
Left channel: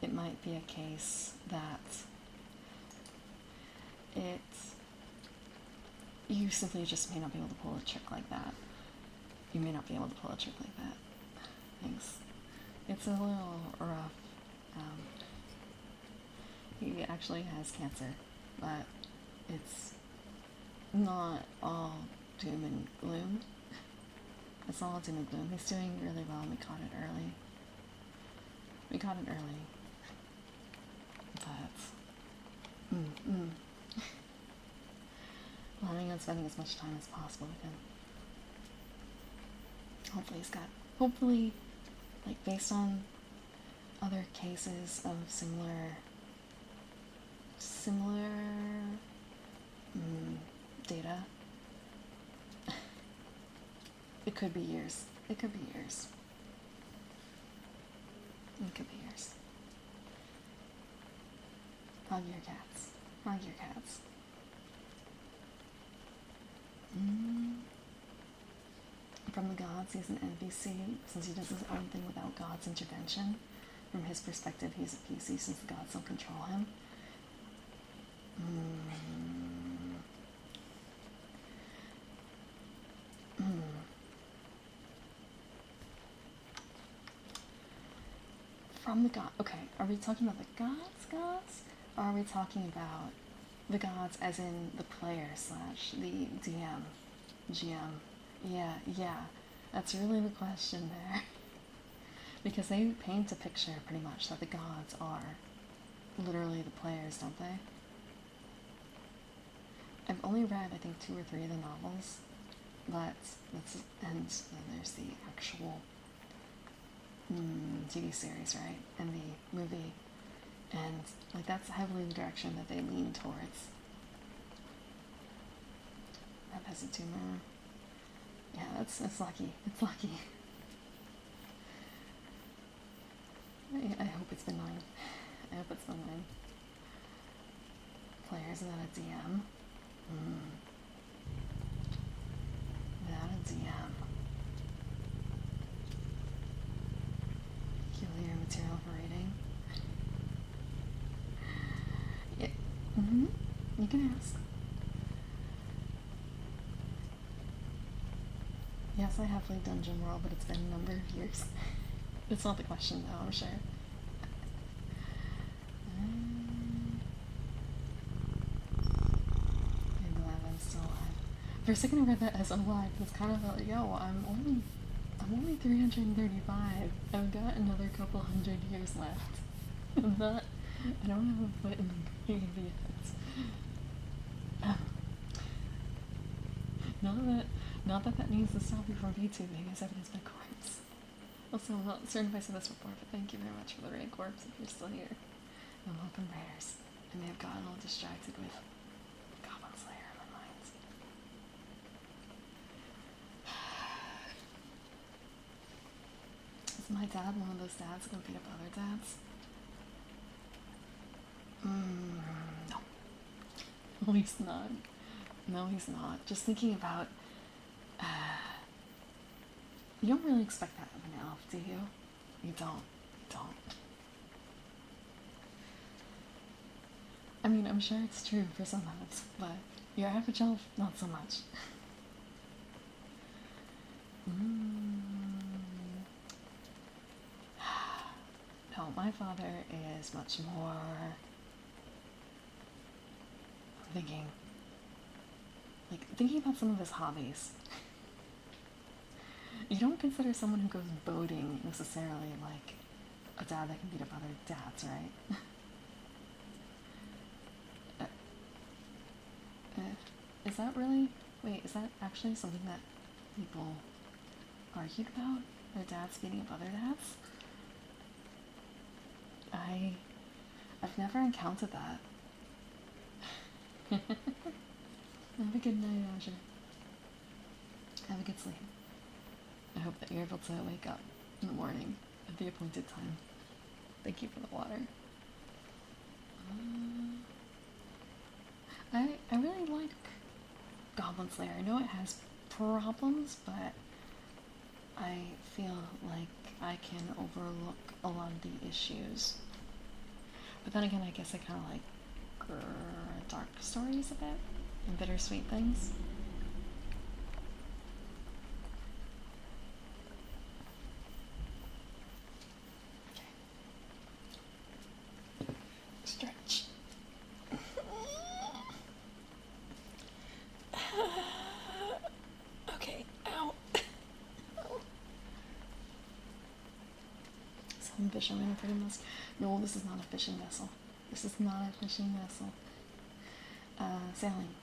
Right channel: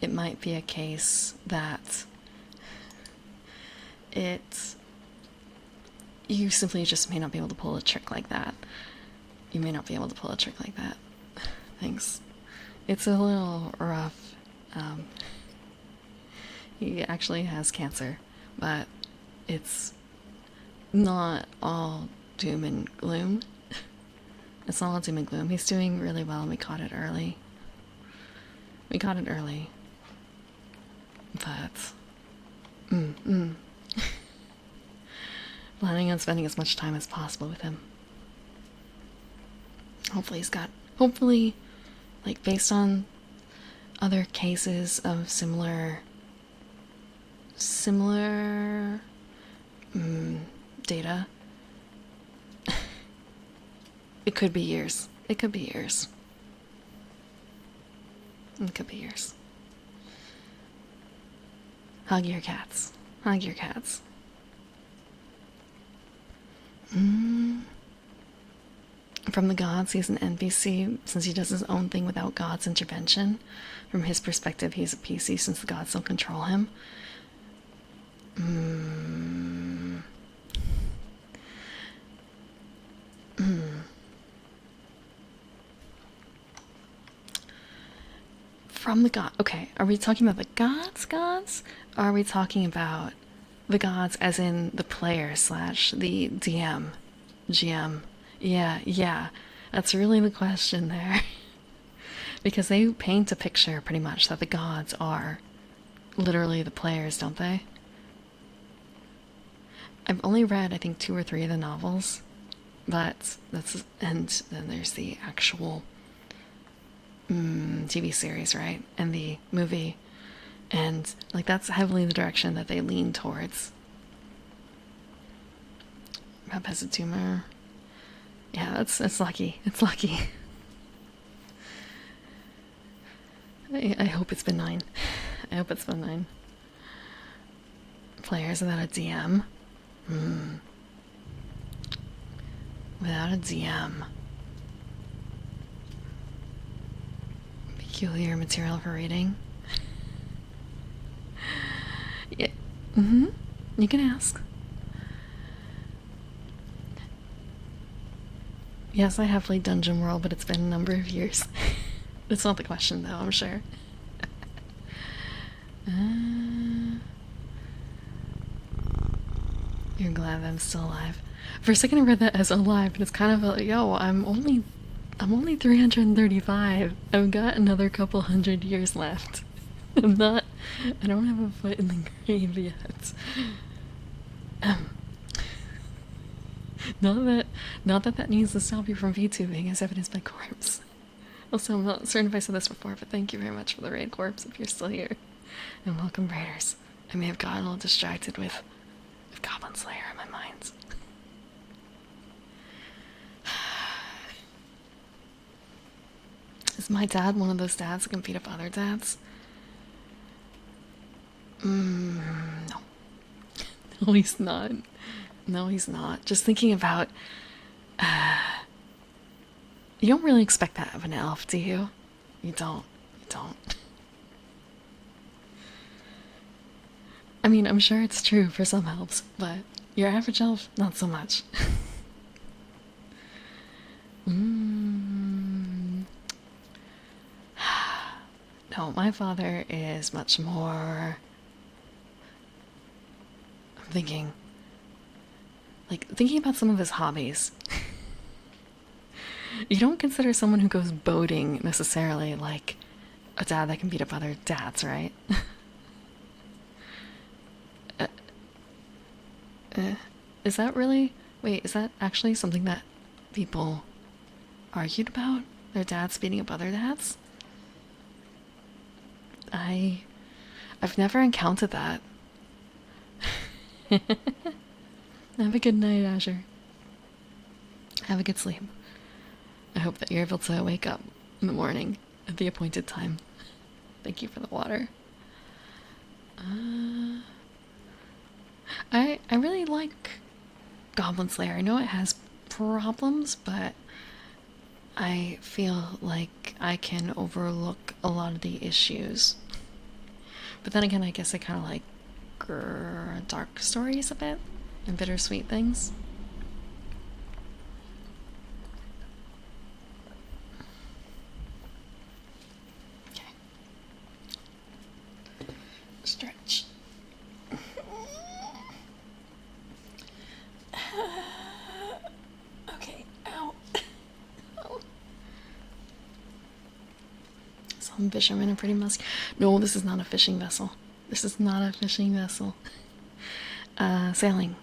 it might be a case that you simply just may not be able to pull a trick like that. You may not be able to pull a trick like that. Thanks. It's a little rough. He actually has cancer, but it's not all doom and gloom. It's not all doom and gloom. He's doing really well, and we caught it early. But planning on spending as much time as possible with him. Hopefully, like, based on other cases of similar data, it could be years. It could be years. It could be years. Hug your cats. Hug your cats. From the gods, he's an NPC since he does his own thing without God's intervention. From his perspective, he's a PC since the gods don't control him. From the god. Okay, are we talking about the gods? Or are we talking about the gods as in the player / the DM, GM? Yeah. That's really the question there. Because they paint a picture pretty much that the gods are literally the players, don't they? I've only read, I think, 2 or 3 of the novels, but and then there's the actual TV series, right? And the movie. And, like, that's heavily the direction that they lean towards. Map has a tumor. Yeah, it's lucky. It's lucky. I hope it's benign. I hope it's benign. Players without a DM. Without a DM. Peculiar material for reading. Yeah. You can ask. Yes, I have played Dungeon World, but it's been a number of years. It's not the question, though, I'm sure. You're glad I'm still alive. For a second, I read that as alive, and it's kind of like, yo, I'm only 335. I've got another couple hundred years left. I don't have a foot in the grave yet. Not that needs to stop you from VTubing, as evidenced by corpse. Also, I'm not certain if I said this before, but thank you very much for the raid, corpse, if you're still here. And welcome, raiders. I may have gotten a little distracted with Goblin Slayer in my mind. Is my dad one of those dads that can beat up other dads? No. No, he's not. No, he's not. Just thinking about... you don't really expect that of an elf, do you? You don't. You don't. I mean, I'm sure it's true for some elves, but your average elf, not so much. No, my father is much more... I'm thinking about some of his hobbies. You don't consider someone who goes boating necessarily like a dad that can beat up other dads, right? Is that really... Wait, is that actually something that people argued about? Their dads beating up other dads? I've never encountered that. Have a good night, Azure. Have a good sleep. I hope that you're able to wake up in the morning at the appointed time. Thank you for the water. I really like Goblin Slayer. I know it has problems, but I feel like I can overlook a lot of the issues. But then again, I guess I kind of like dark stories a bit and bittersweet things. Okay. Stretch. Okay, ow. Oh. Some fishermen are pretty musky. No, this is not a fishing vessel. This is not a fishing vessel. Sailing.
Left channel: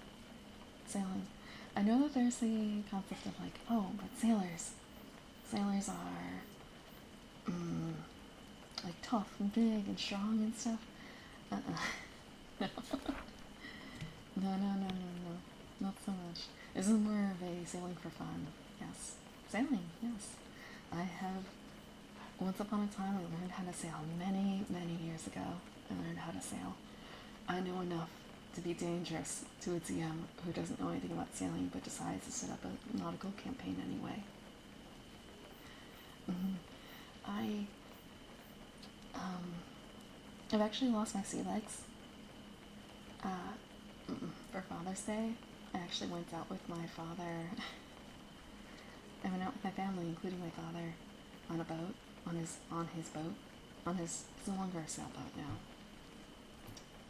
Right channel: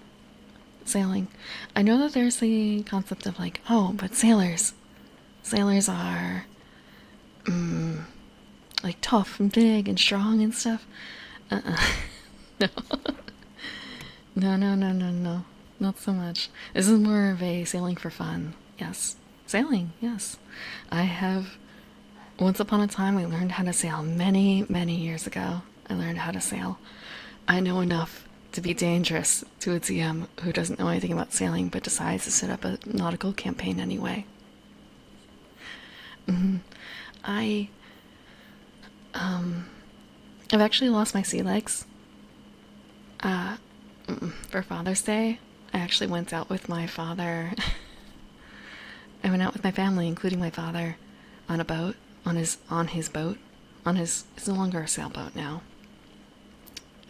Sailing. I know that there's the concept of like, oh, but sailors are, like tough and big and strong and stuff. No. No. Not so much. This is more of a sailing for fun. Yes. Sailing, yes. I have... Once upon a time, I learned how to sail many, many years ago. I learned how to sail. I know enough to be dangerous to a DM who doesn't know anything about sailing but decides to set up a nautical campaign anyway. I've actually lost my sea legs. For Father's Day, I actually went out with my father. I went out with my family, including my father, on a boat, on his boat. It's no longer a sailboat now.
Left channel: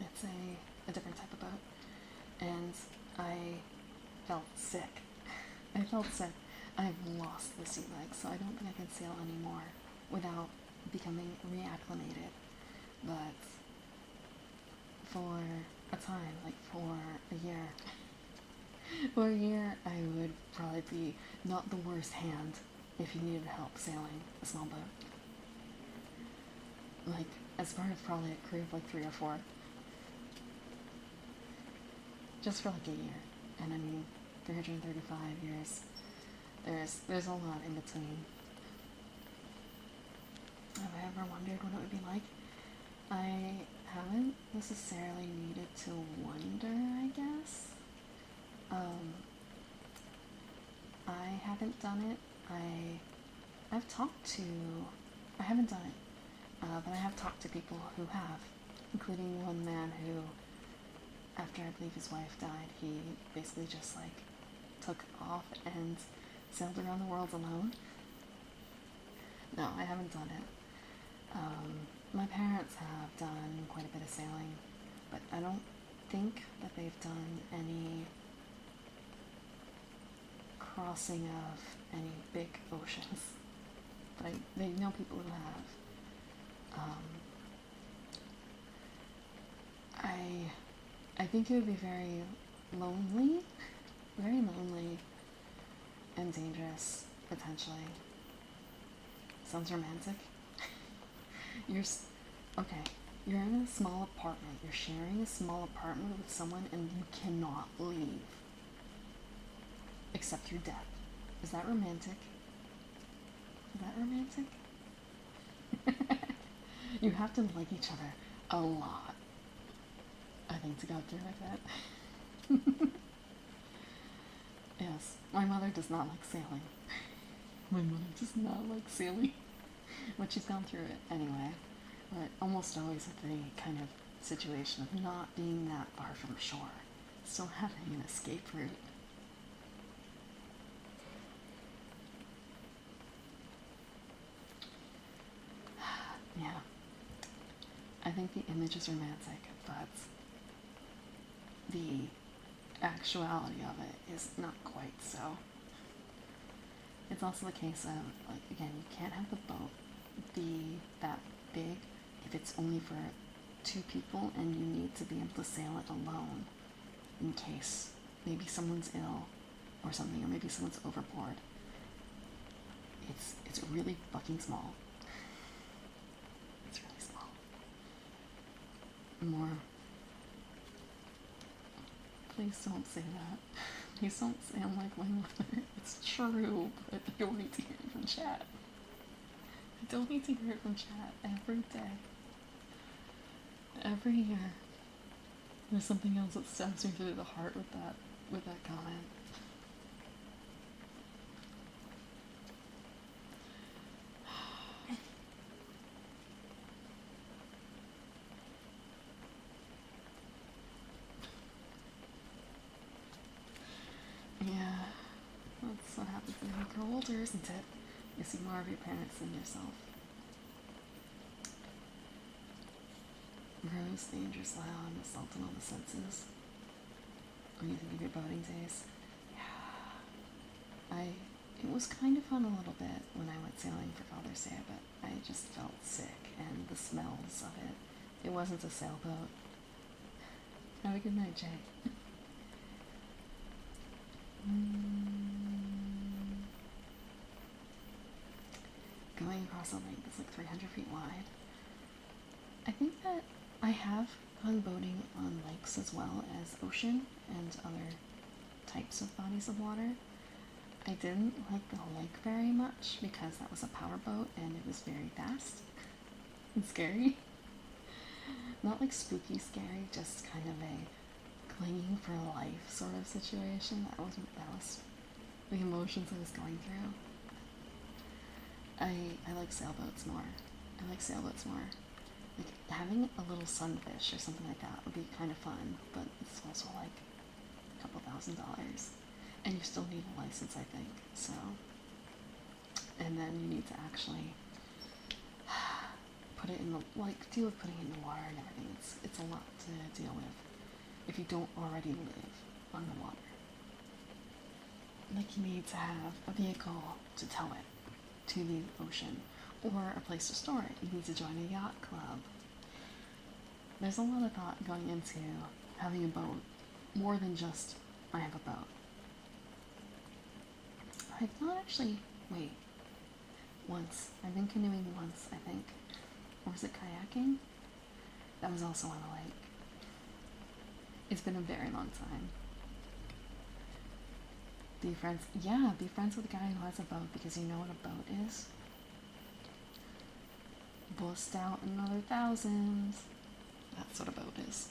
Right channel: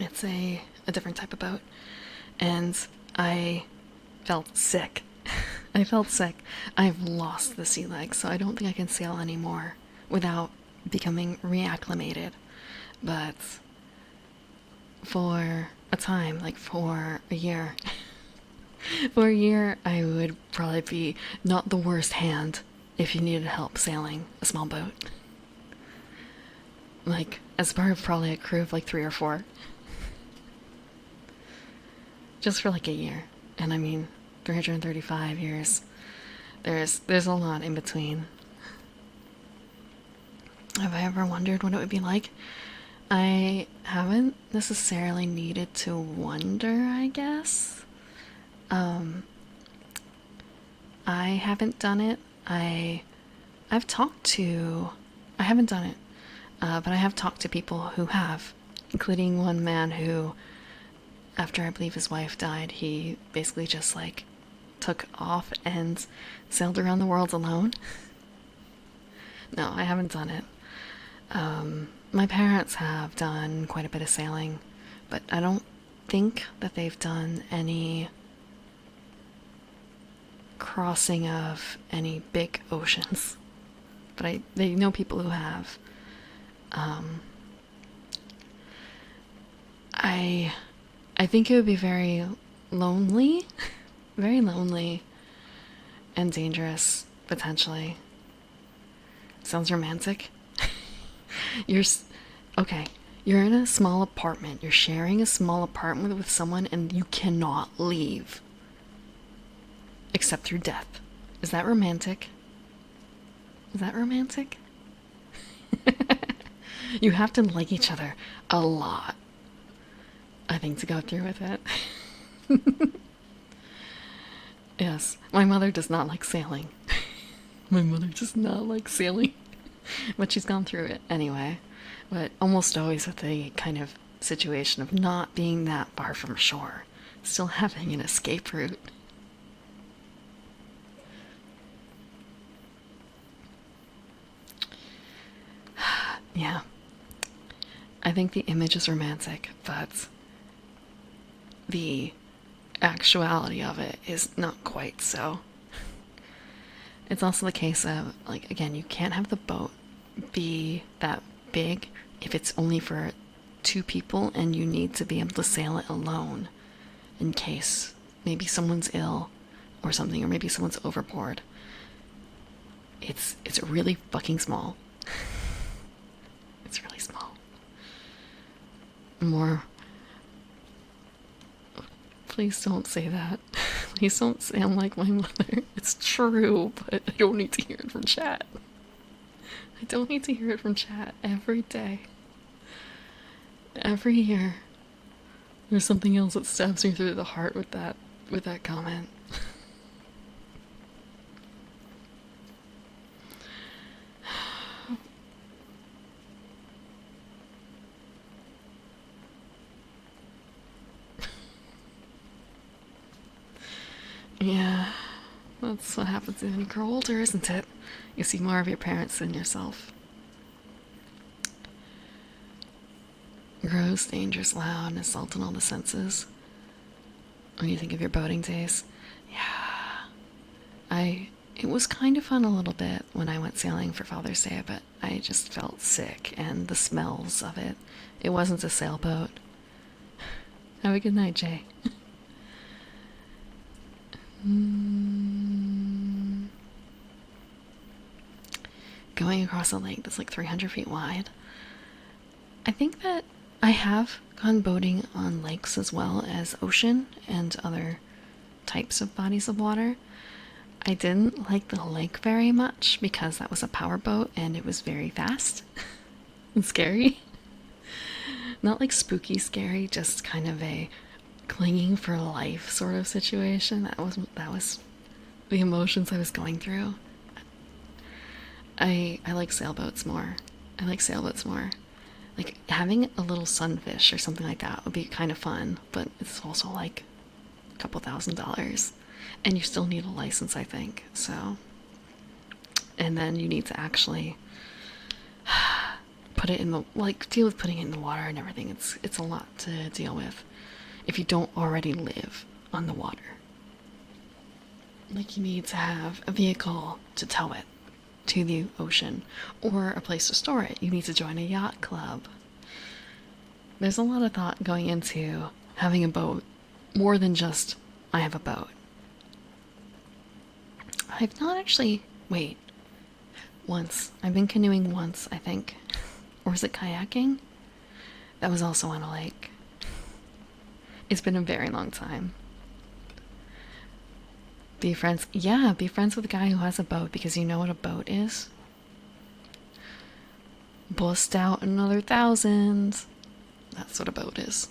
It's a different type of boat. And I felt sick. I felt sick. I've lost the sea legs, so I don't think I can sail anymore without becoming reacclimated. But for a time, like for a year, I would probably be not the worst hand if you needed help sailing a small boat. Like, as part of probably a crew of like 3 or 4. Just for like a year. And I mean, 335 years. There's a lot in between. Have I ever wondered what it would be like? I haven't necessarily needed to wonder, I guess. I haven't done it. I haven't done it, but I have talked to people who have, including one man who, after I believe his wife died, he basically just like took off and sailed around the world alone. No, I haven't done it. My parents have done quite a bit of sailing, but I don't think that they've done any crossing of any big oceans, but they know people who have. I think it would be very lonely, very lonely, and dangerous potentially. Sounds romantic. Okay. You're in a small apartment. You're sharing a small apartment with someone, and you cannot leave except through death. Is that romantic? Is that romantic? You have to like each other a lot, I think, to go through with it. Yes, my mother does not like sailing. My mother does not like sailing, but she's gone through it anyway. But almost always with the kind of situation of not being that far from shore, still having an escape route. Yeah. I think the image is romantic, but the actuality of it is not quite so. It's also the case of, like, again, you can't have the boat be that big if it's only for 2 people and you need to be able to sail it alone in case maybe someone's ill or something, or maybe someone's overboard. It's really fucking small. It's really small. More. Please don't say that. Please don't say I'm like my mother. It's true, but I don't need to hear it from chat. I don't need to hear it from chat every day. Every year. There's something else that stabs me through the heart with that comment. Yeah, that's what happens when you grow older, isn't it? You see more of your parents than yourself. Gross, dangerous, loud, and assault on all the senses. When you think of your boating days, yeah. It was kind of fun a little bit when I went sailing for Father's Day, but I just felt sick, and the smells of it. It wasn't a sailboat. Have a good night, Jay. Going across a lake that's like 300 feet wide. I think that I have gone boating on lakes as well as ocean and other types of bodies of water. I didn't like the lake very much because that was a powerboat and it was very fast and scary. Not like spooky scary, just kind of a clinging for life sort of situation. That was the emotions I was going through. I like sailboats more. I like sailboats more. Like, having a little sunfish or something like that would be kind of fun, but it's also like a couple $1,000s. And you still need a license, I think, so. And then you need to actually put it in the, like, deal with putting it in the water and everything. It's a lot to deal with if you don't already live on the water. Like, you need to have a vehicle to tow it to the ocean, or a place to store it. You need to join a yacht club. There's a lot of thought going into having a boat, more than just, I have a boat. I've not actually, wait, once. I've been canoeing once, I think. Or was it kayaking? That was also on a lake. It's been a very long time. Be friends. Yeah, be friends with a guy who has a boat, because you know what a boat is. Bust out another 1,000. That's what a boat is.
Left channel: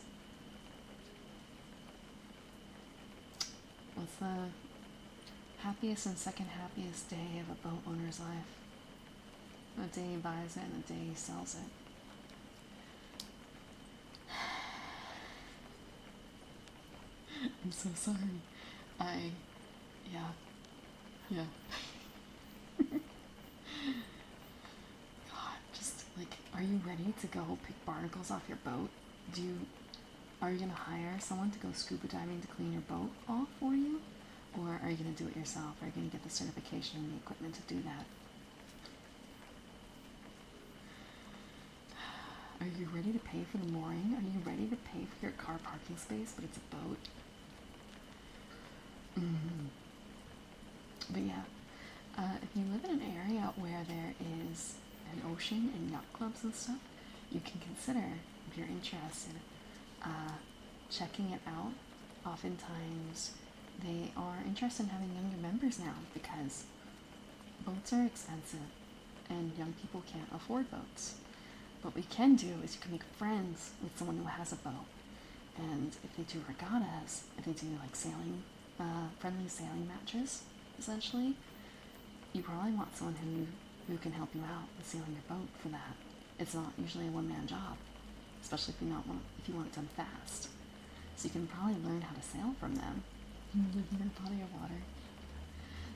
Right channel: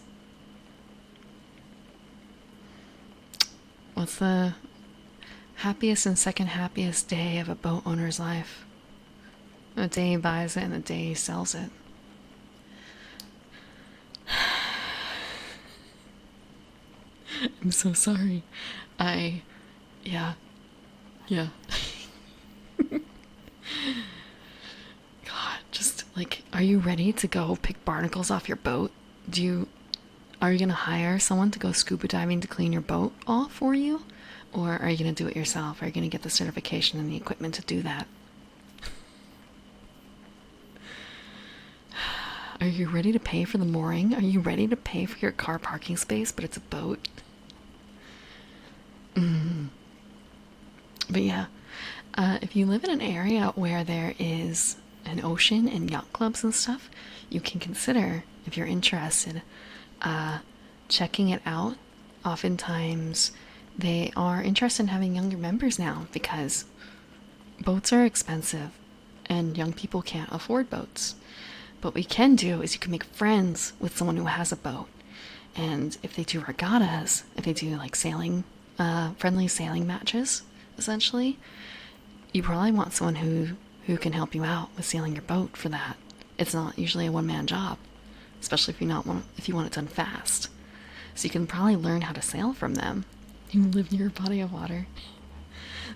What's the happiest and second happiest day of a boat owner's life? The day he buys it and the day he sells it. I'm so sorry. Yeah. God, just, like, are you ready to go pick barnacles off your boat? Are you gonna hire someone to go scuba diving to clean your boat off for you? Or are you going to do it yourself? Are you going to get the certification and the equipment to do that? Are you ready to pay for the mooring? Are you ready to pay for your car parking space, but it's a boat? But yeah, if you live in an area where there is an ocean and yacht clubs and stuff, you can consider, if you're interested, checking it out. Oftentimes, they are interested in having younger members now because boats are expensive and young people can't afford boats. But what you can do is you can make friends with someone who has a boat. And if they do regattas, if they do like sailing, friendly sailing matches, essentially, you probably want someone who can help you out with sailing your boat for that. It's not usually a one-man job, especially if you want it done fast. So you can probably learn how to sail from them. You live near a body of water.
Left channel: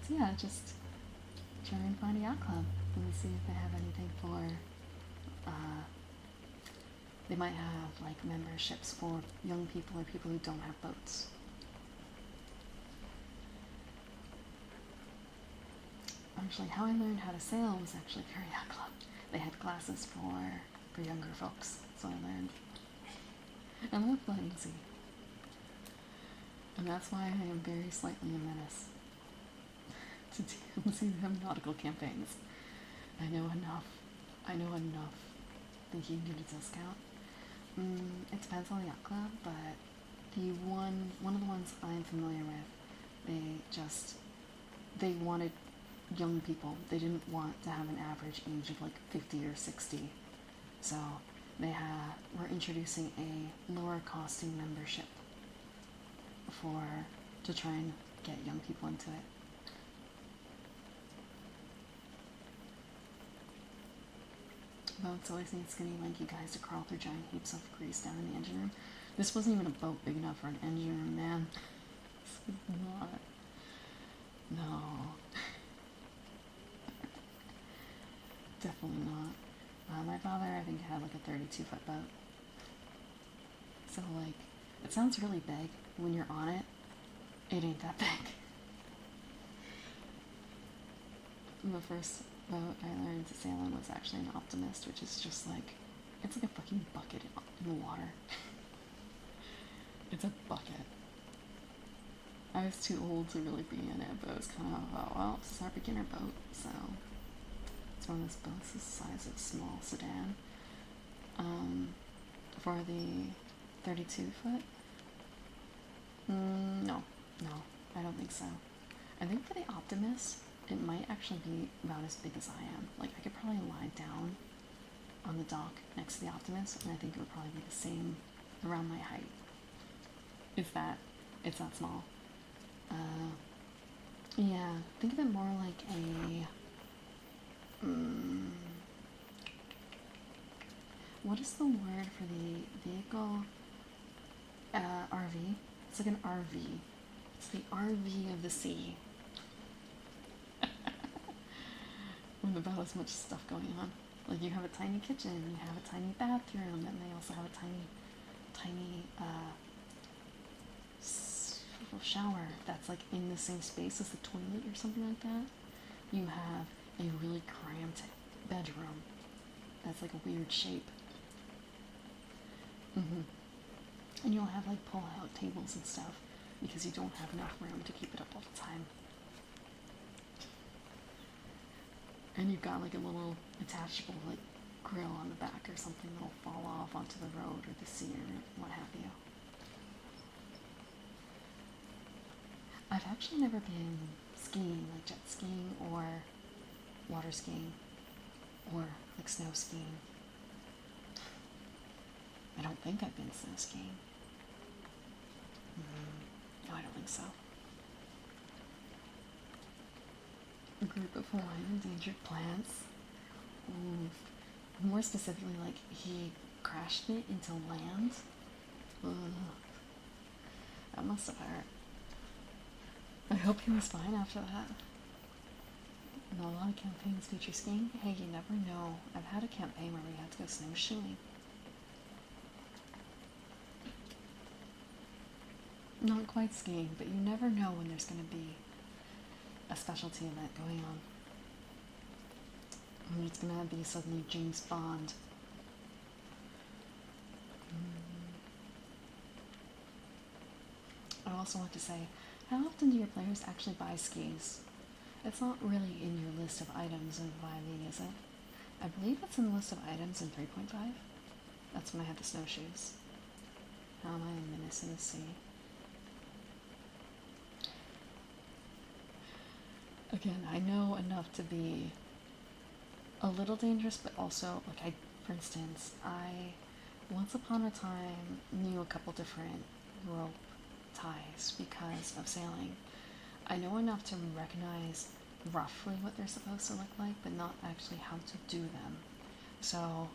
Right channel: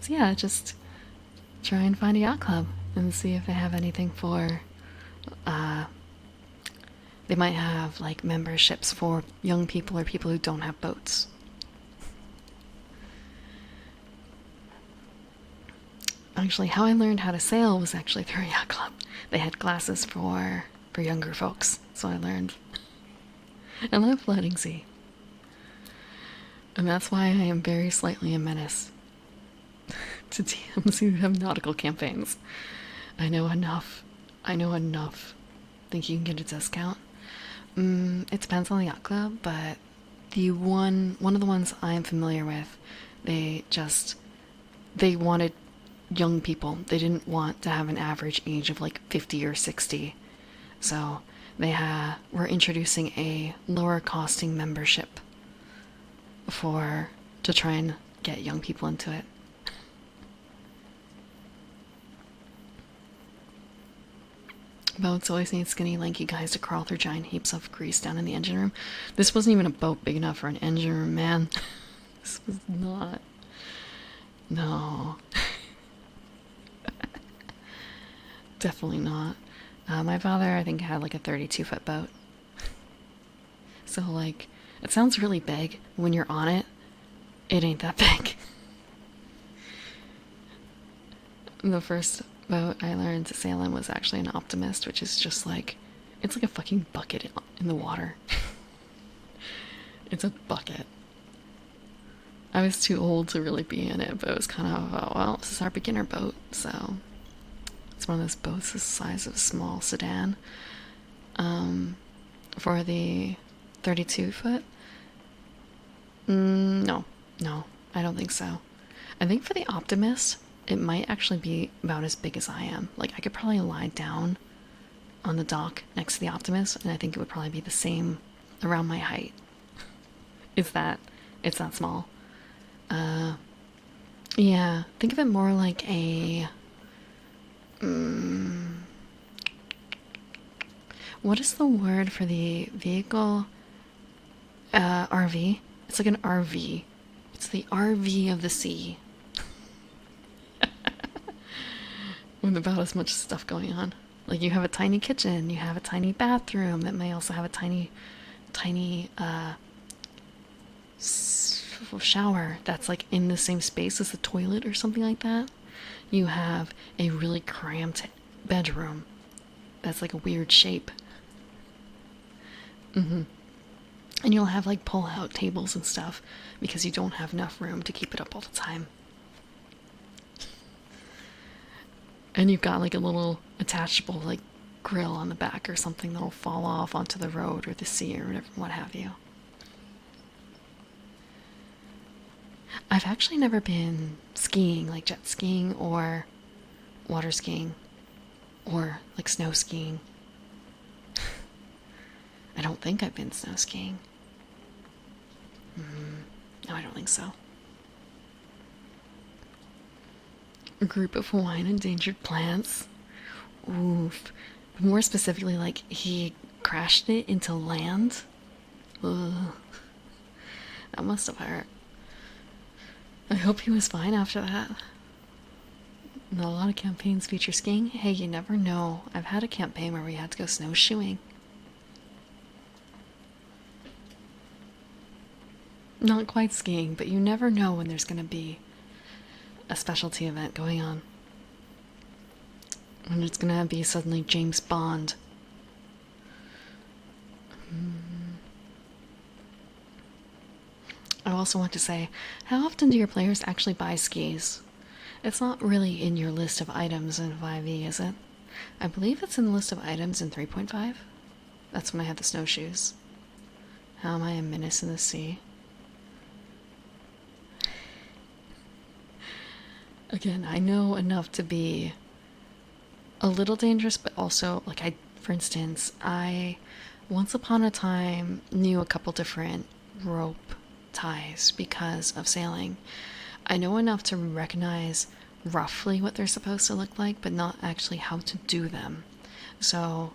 So yeah, just try and find a yacht club and see if they have anything for they might have like memberships for young people or people who don't have boats. Actually, how I learned how to sail was actually through a yacht club. They had classes for younger folks, so I learned. I love floating sea. And that's why I am very slightly a menace to DMs who have nautical campaigns. I know enough. Think you can get a discount? It depends on the yacht club, but one of the ones I am familiar with, they wanted young people. They didn't want to have an average age of like 50 or 60. So they were introducing a lower costing membership to try and get young people into it. Boats always need skinny, lanky guys to crawl through giant heaps of grease down in the engine room. This wasn't even a boat big enough for an engine room, man. This was not. No. Definitely not. My father, I think, had like a 32-foot boat. So, like, it sounds really big. When you're on it, it ain't that big. The first boat I learned to sail in was actually an Optimist, which is just like, it's like a fucking bucket in the water. It's a bucket. I was too old to really be in it, but it was kind of, oh, well, this is our beginner boat, so it's one of those boats the size of a small sedan. For the 32-foot? No, I don't think so. I think for the Optimist, it might actually be about as big as I am. Like, I could probably lie down on the dock next to the Optimist, and I think it would probably be the same around my height. It's that small. Yeah, think of it more like a... what is the word for the vehicle? RV? It's like an RV. It's the RV of the sea. With about as much stuff going on. Like, you have a tiny kitchen, you have a tiny bathroom that may also have a tiny shower that's like in the same space as the toilet or something like that. You have a really cramped bedroom that's like a weird shape. And you'll have like pull-out tables and stuff because you don't have enough room to keep it up all the time. And you've got like a little attachable like grill on the back or something that'll fall off onto the road or the sea or whatever, what have you. I've actually never been skiing, like jet skiing or water skiing or like snow skiing. I don't think I've been snow skiing. No, I don't think so. A group of Hawaiian endangered plants. Oof. More specifically, like, he crashed it into land. Ugh. That must have hurt. I hope he was fine after that. Not a lot of campaigns feature skiing. Hey, you never know. I've had a campaign where we had to go snowshoeing. Not quite skiing, but you never know when there's going to be a specialty event going on. And it's going to be suddenly James Bond. I also want to say, how often do your players actually buy skis? It's not really in your list of items in 5e, is it? I believe it's in the list of items in 3.5. That's when I had the snowshoes. How am I a menace in the sea? Again, I know enough to be a little dangerous, but also, like, for instance, I once upon a time knew a couple different rope ties because of sailing. I know enough to recognize roughly what they're supposed to look like, but not actually how to do them. So,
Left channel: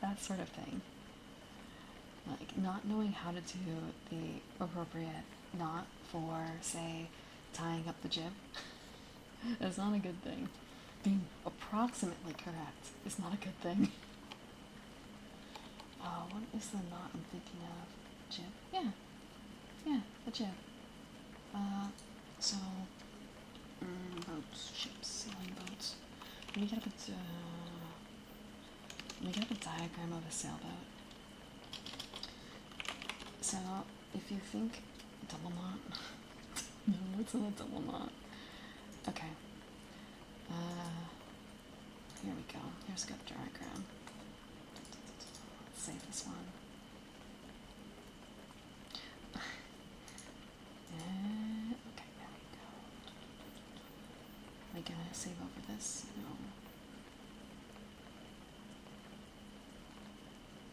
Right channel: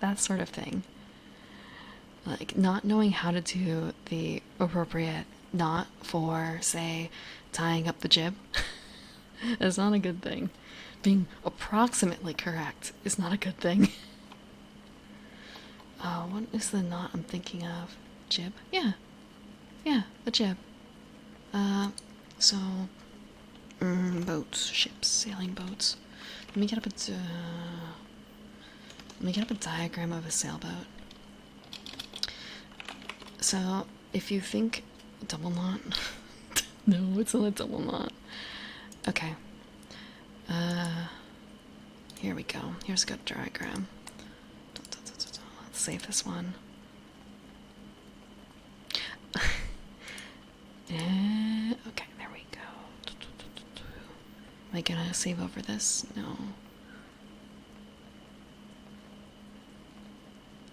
that sort of thing. Like, not knowing how to do the appropriate knot for, say, tying up the jib is not a good thing. Being approximately correct is not a good thing. What is the knot I'm thinking of? Jib? Yeah. Yeah, the jib. So, boats, ships, sailing boats. Let me get up a diagram of a sailboat. So, if you think double knot, no, it's not a double knot. Okay. Here we go. Here's a good diagram. Let's save this one. Okay, there we go. Am I gonna save over this? No.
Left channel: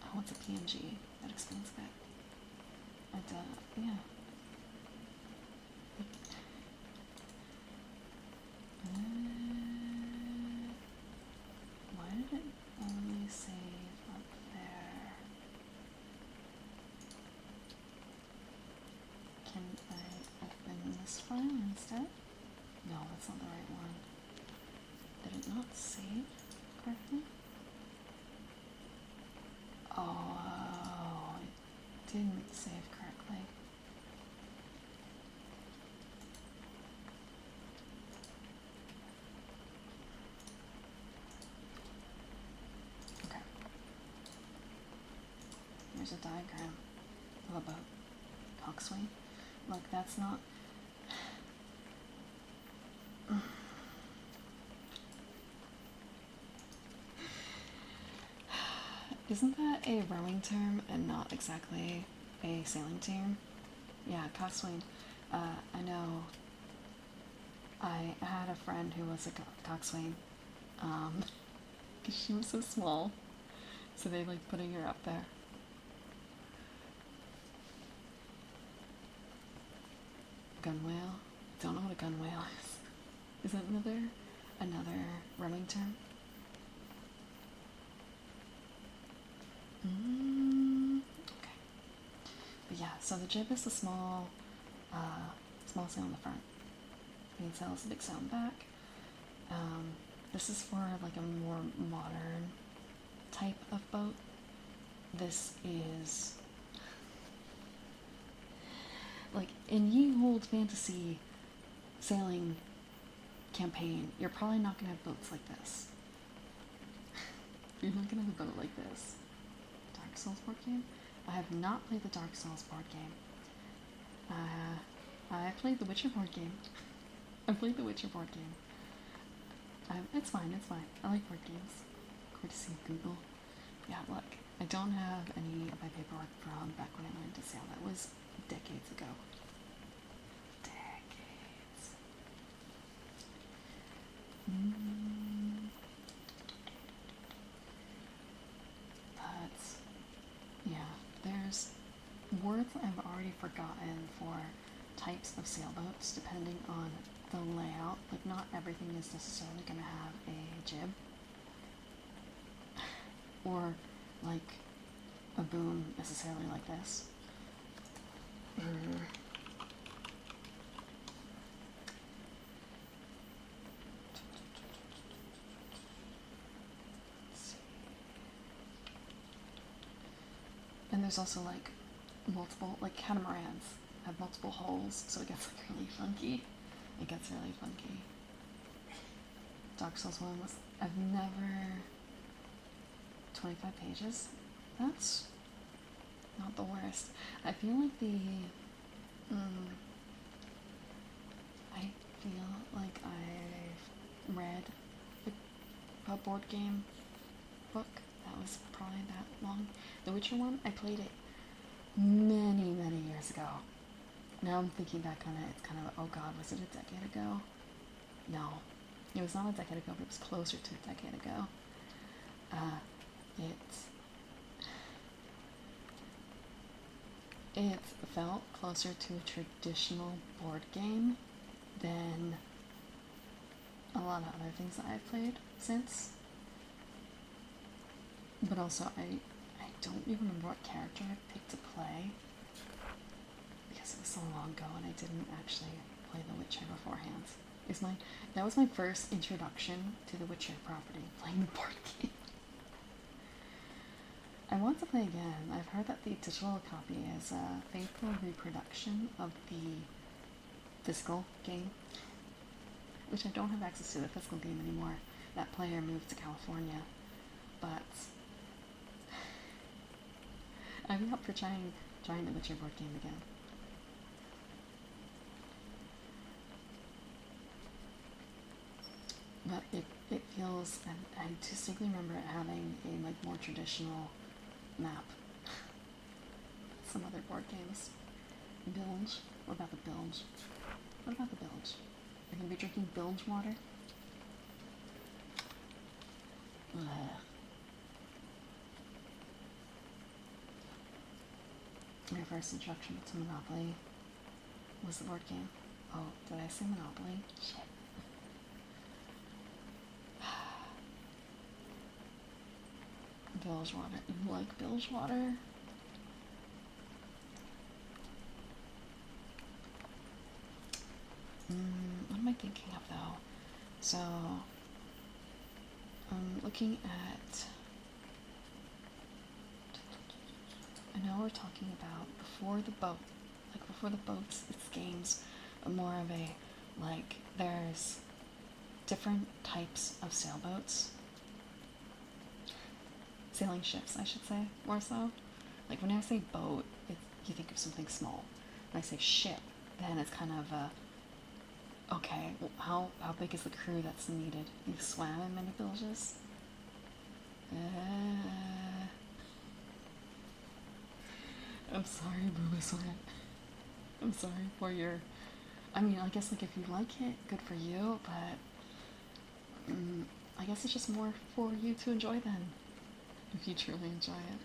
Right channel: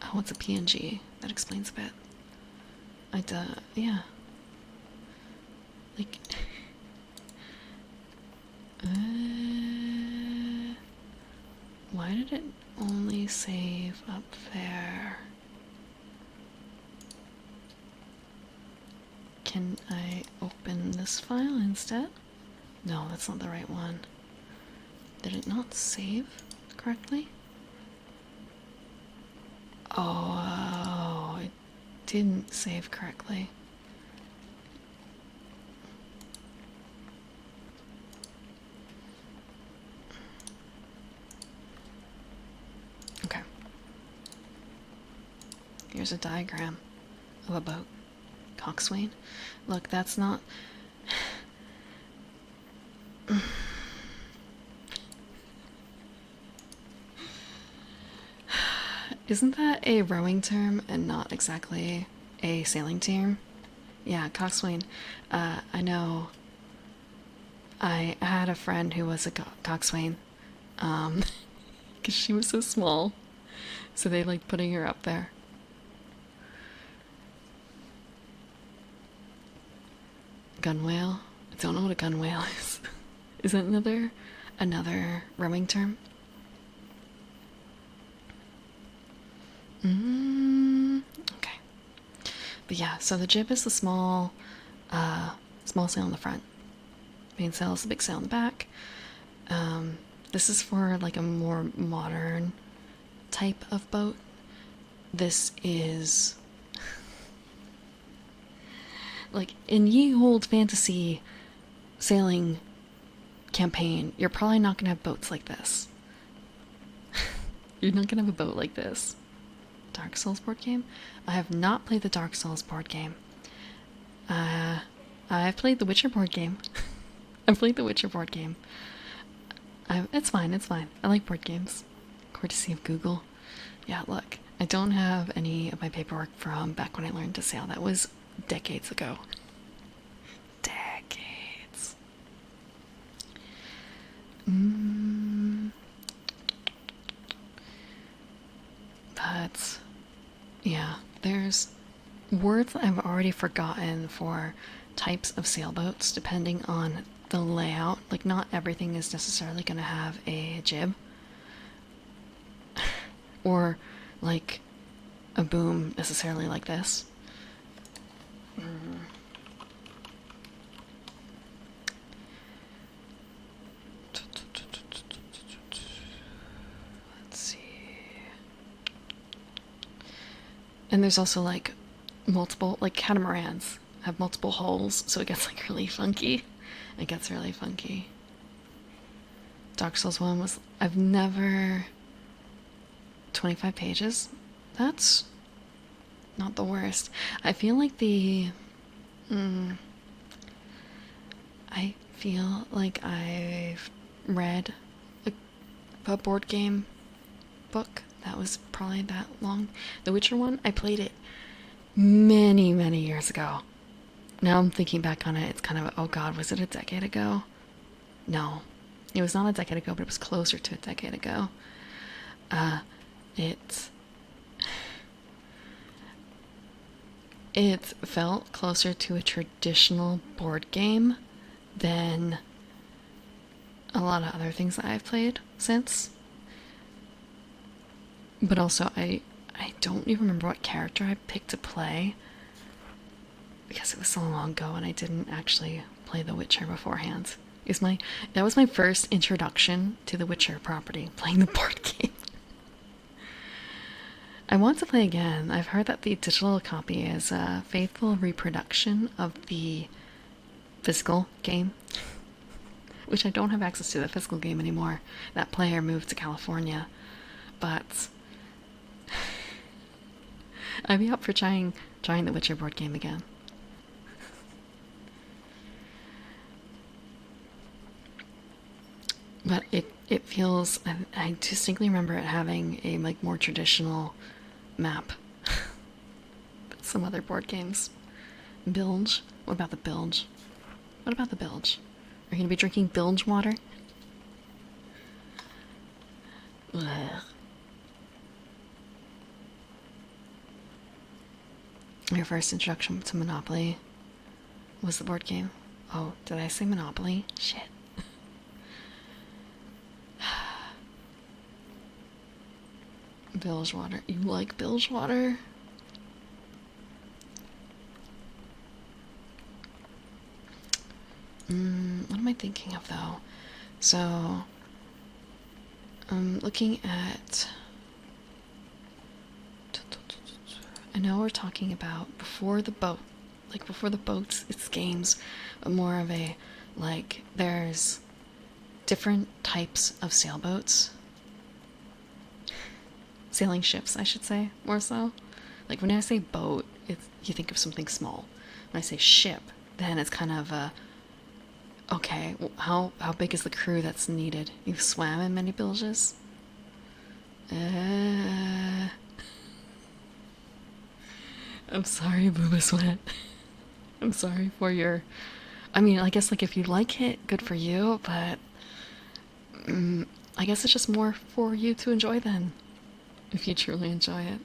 Oh, it's a PNG. That explains a bit. Yeah. Like, why did it only save up there? Can I open this file instead? No, that's not the right one. Did it not save correctly? Oh, it didn't save correctly. Okay. Here's a diagram of a boat. Coxswain. Look, that's not... Isn't that a rowing term and not exactly a sailing term? Yeah, coxswain. I know. I had a friend who was a coxswain, because she was so small, so they liked putting her up there. Gunwale? I don't know what a gunwale is. Is that another rowing term? Okay. But yeah, so the jib is the small sail in the front. Main sail is the big sail in the back. This is for like a more modern type of boat. This is like in Ye Olde Fantasy sailing campaign, you're probably not gonna have boats like this. You're not gonna have a boat like this. Dark Souls board game? I have not played the Dark Souls board game. I've played the Witcher board game. I've played the Witcher board game. It's fine, it's fine. I like board games. Courtesy of Google. Yeah, look, I don't have any of my paperwork from back when I learned to sail. That was decades ago. Decades. But, yeah, there's words that I've already forgotten for types of sailboats depending on the layout. Like, not everything is necessarily going to have a jib. Or, like, a boom necessarily like this. Let's see. And there's also, like, multiple, like, catamarans have multiple holes, so it gets like really funky. It gets really funky. Dark Souls 1 was. I've never. 25 pages? That's not the worst. I feel like the. I feel like I've read a board game book that was probably that long. The Witcher one, I played it many, many years ago. Now I'm thinking back on it, it's kind of, oh god, was it a decade ago? No. It was not a decade ago, but it was closer to a decade ago. It felt closer to a traditional board game than a lot of other things that I've played since. But also, I don't even remember what character I picked to play because it was so long ago and I didn't actually play The Witcher beforehand. That was my first introduction to the Witcher property, playing the board game. I want to play again. I've heard that the digital copy is a faithful reproduction of the physical game, which I don't have access to the physical game anymore. That player moved to California, but I'd be up for trying the Witcher board game again. But it feels. I distinctly remember it having a like more traditional map than some other board games. Bilge. What about the bilge? What about the bilge? Are you gonna be drinking bilge water? Ugh. Your first introduction to Monopoly was the board game. Oh, did I say Monopoly? Shit. Bilge water. You like bilge water? What am I thinking of though? So, I'm looking at. I know we're talking about before the boat, like before the boats, it's games, but more of a, like, there's different types of sailboats. Sailing ships, I should say, more so. Like, when I say boat, you think of something small. When I say ship, then it's kind of a, okay, well, how big is the crew that's needed? You've swam in many bilges? I'm sorry, Booba Sweat. I'm sorry for your. I mean, I guess, like, if you like it, good for you, but. I guess it's just more for you to enjoy then. If you truly enjoy it.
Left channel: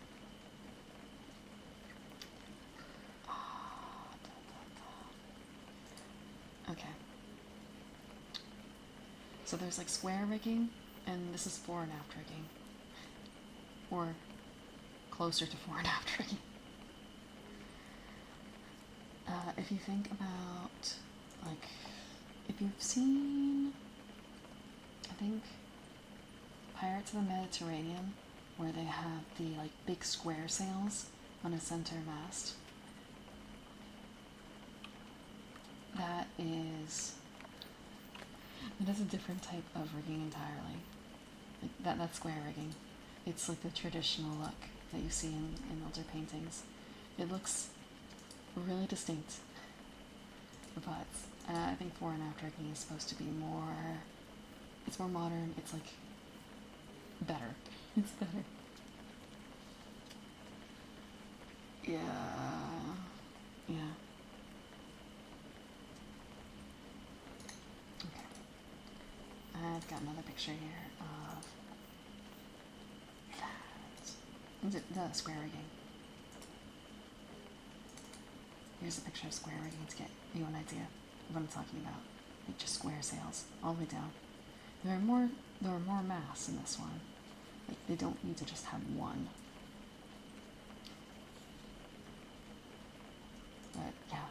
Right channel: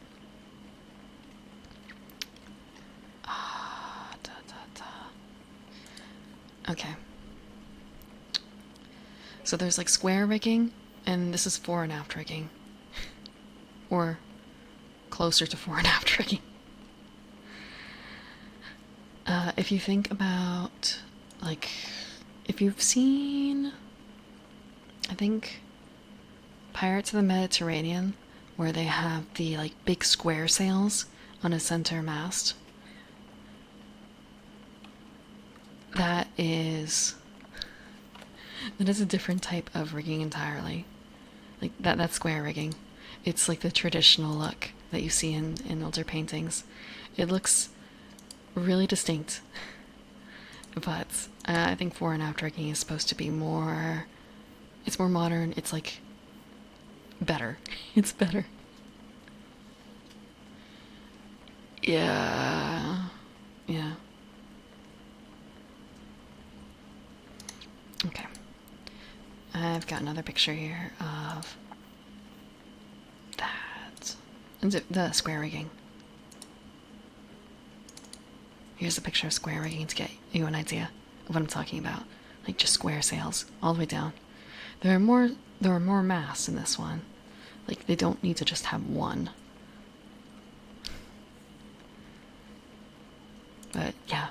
Okay. So there's like square rigging, and this is fore and aft rigging. Or closer to fore and aft rigging. If you think about, like, if you've seen, I think, Pirates of the Mediterranean, where they have the, like, big square sails on a center mast. That is a different type of rigging entirely. Like, that's square rigging. It's like the traditional look that you see in older paintings. It looks really distinct. But I think fore and aft rigging is supposed to be more. It's more modern. It's like better. It's better. Yeah. Yeah. Okay. I've got another picture here of that. The square rigging. Here's a picture of square rigging to get you an idea of what I'm talking about. Like, just square sails all the way down. There are more masts in this one. Like, they don't need to just have one. But yeah,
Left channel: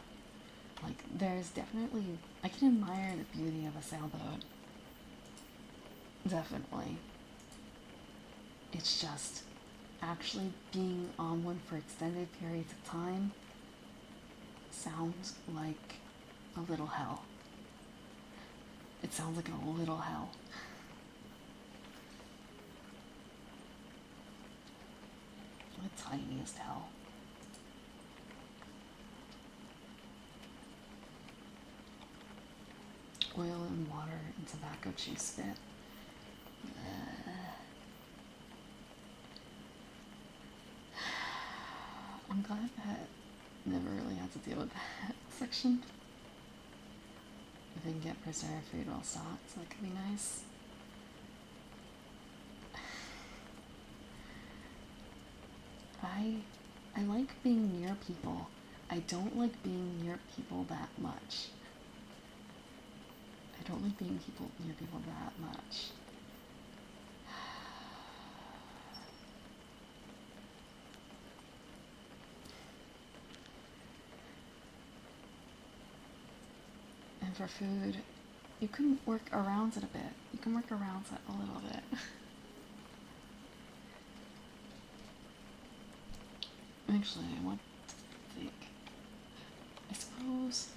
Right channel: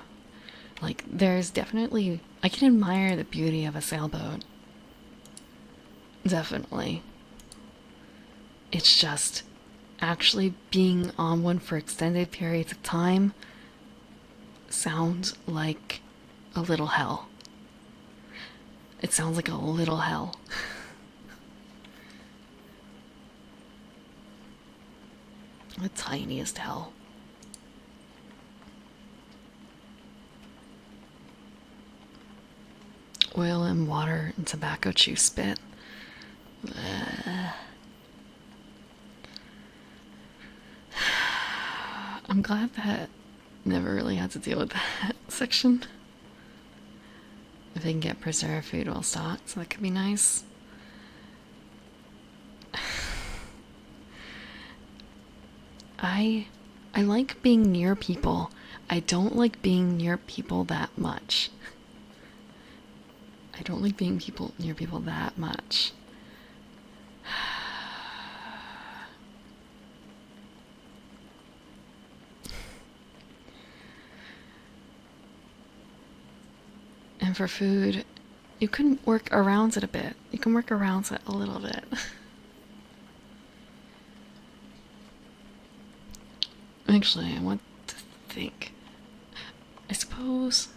like, there's definitely, I can admire the beauty of a sailboat. Definitely. It's just actually being on one for extended periods of time, sound like a little hell. It sounds like a little hell. The tiniest hell. Oil and water and tobacco chew spit. I'm glad that never really had to deal with that section. If they can get preserved food well stocked, so that could be nice. I like being near people. I don't like being near people that much. I don't like being near people that much. And for food, you can work around it a bit. You can work around it a little bit. Actually, I want to think. I suppose.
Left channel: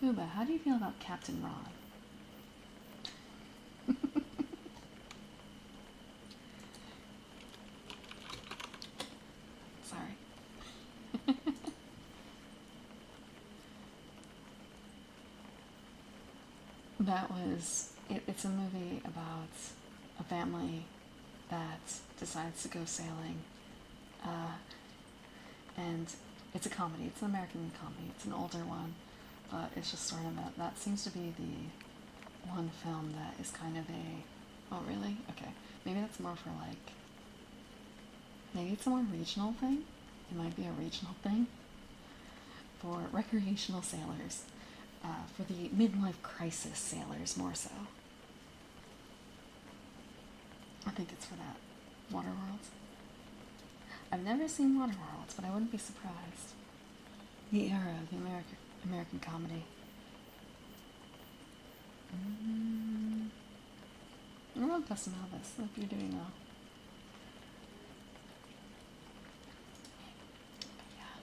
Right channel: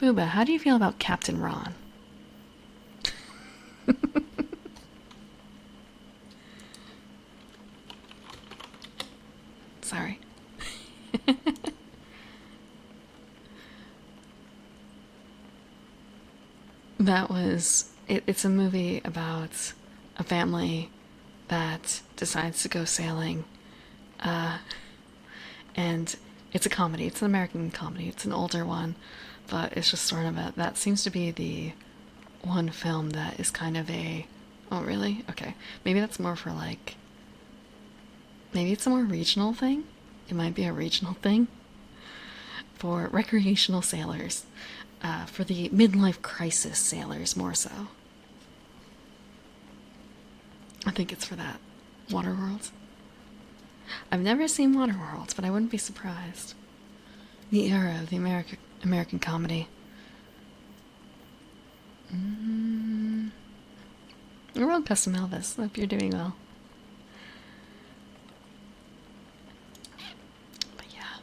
Fuba, how do you feel about Captain Ron? Sorry. That was. It's a movie about a family that decides to go sailing. And it's a comedy. It's an American comedy. It's an older one. But it's just sort of that seems to be the one film that is kind of a, oh really? Okay. Maybe that's more for like, maybe it's a more regional thing. It might be a regional thing for recreational sailors, for the midlife crisis sailors more so. I think it's for that. Waterworld. I've never seen Waterworld, but I wouldn't be surprised. The era of the American comedy. World Custom Elvis. Hope you're doing well. But yeah.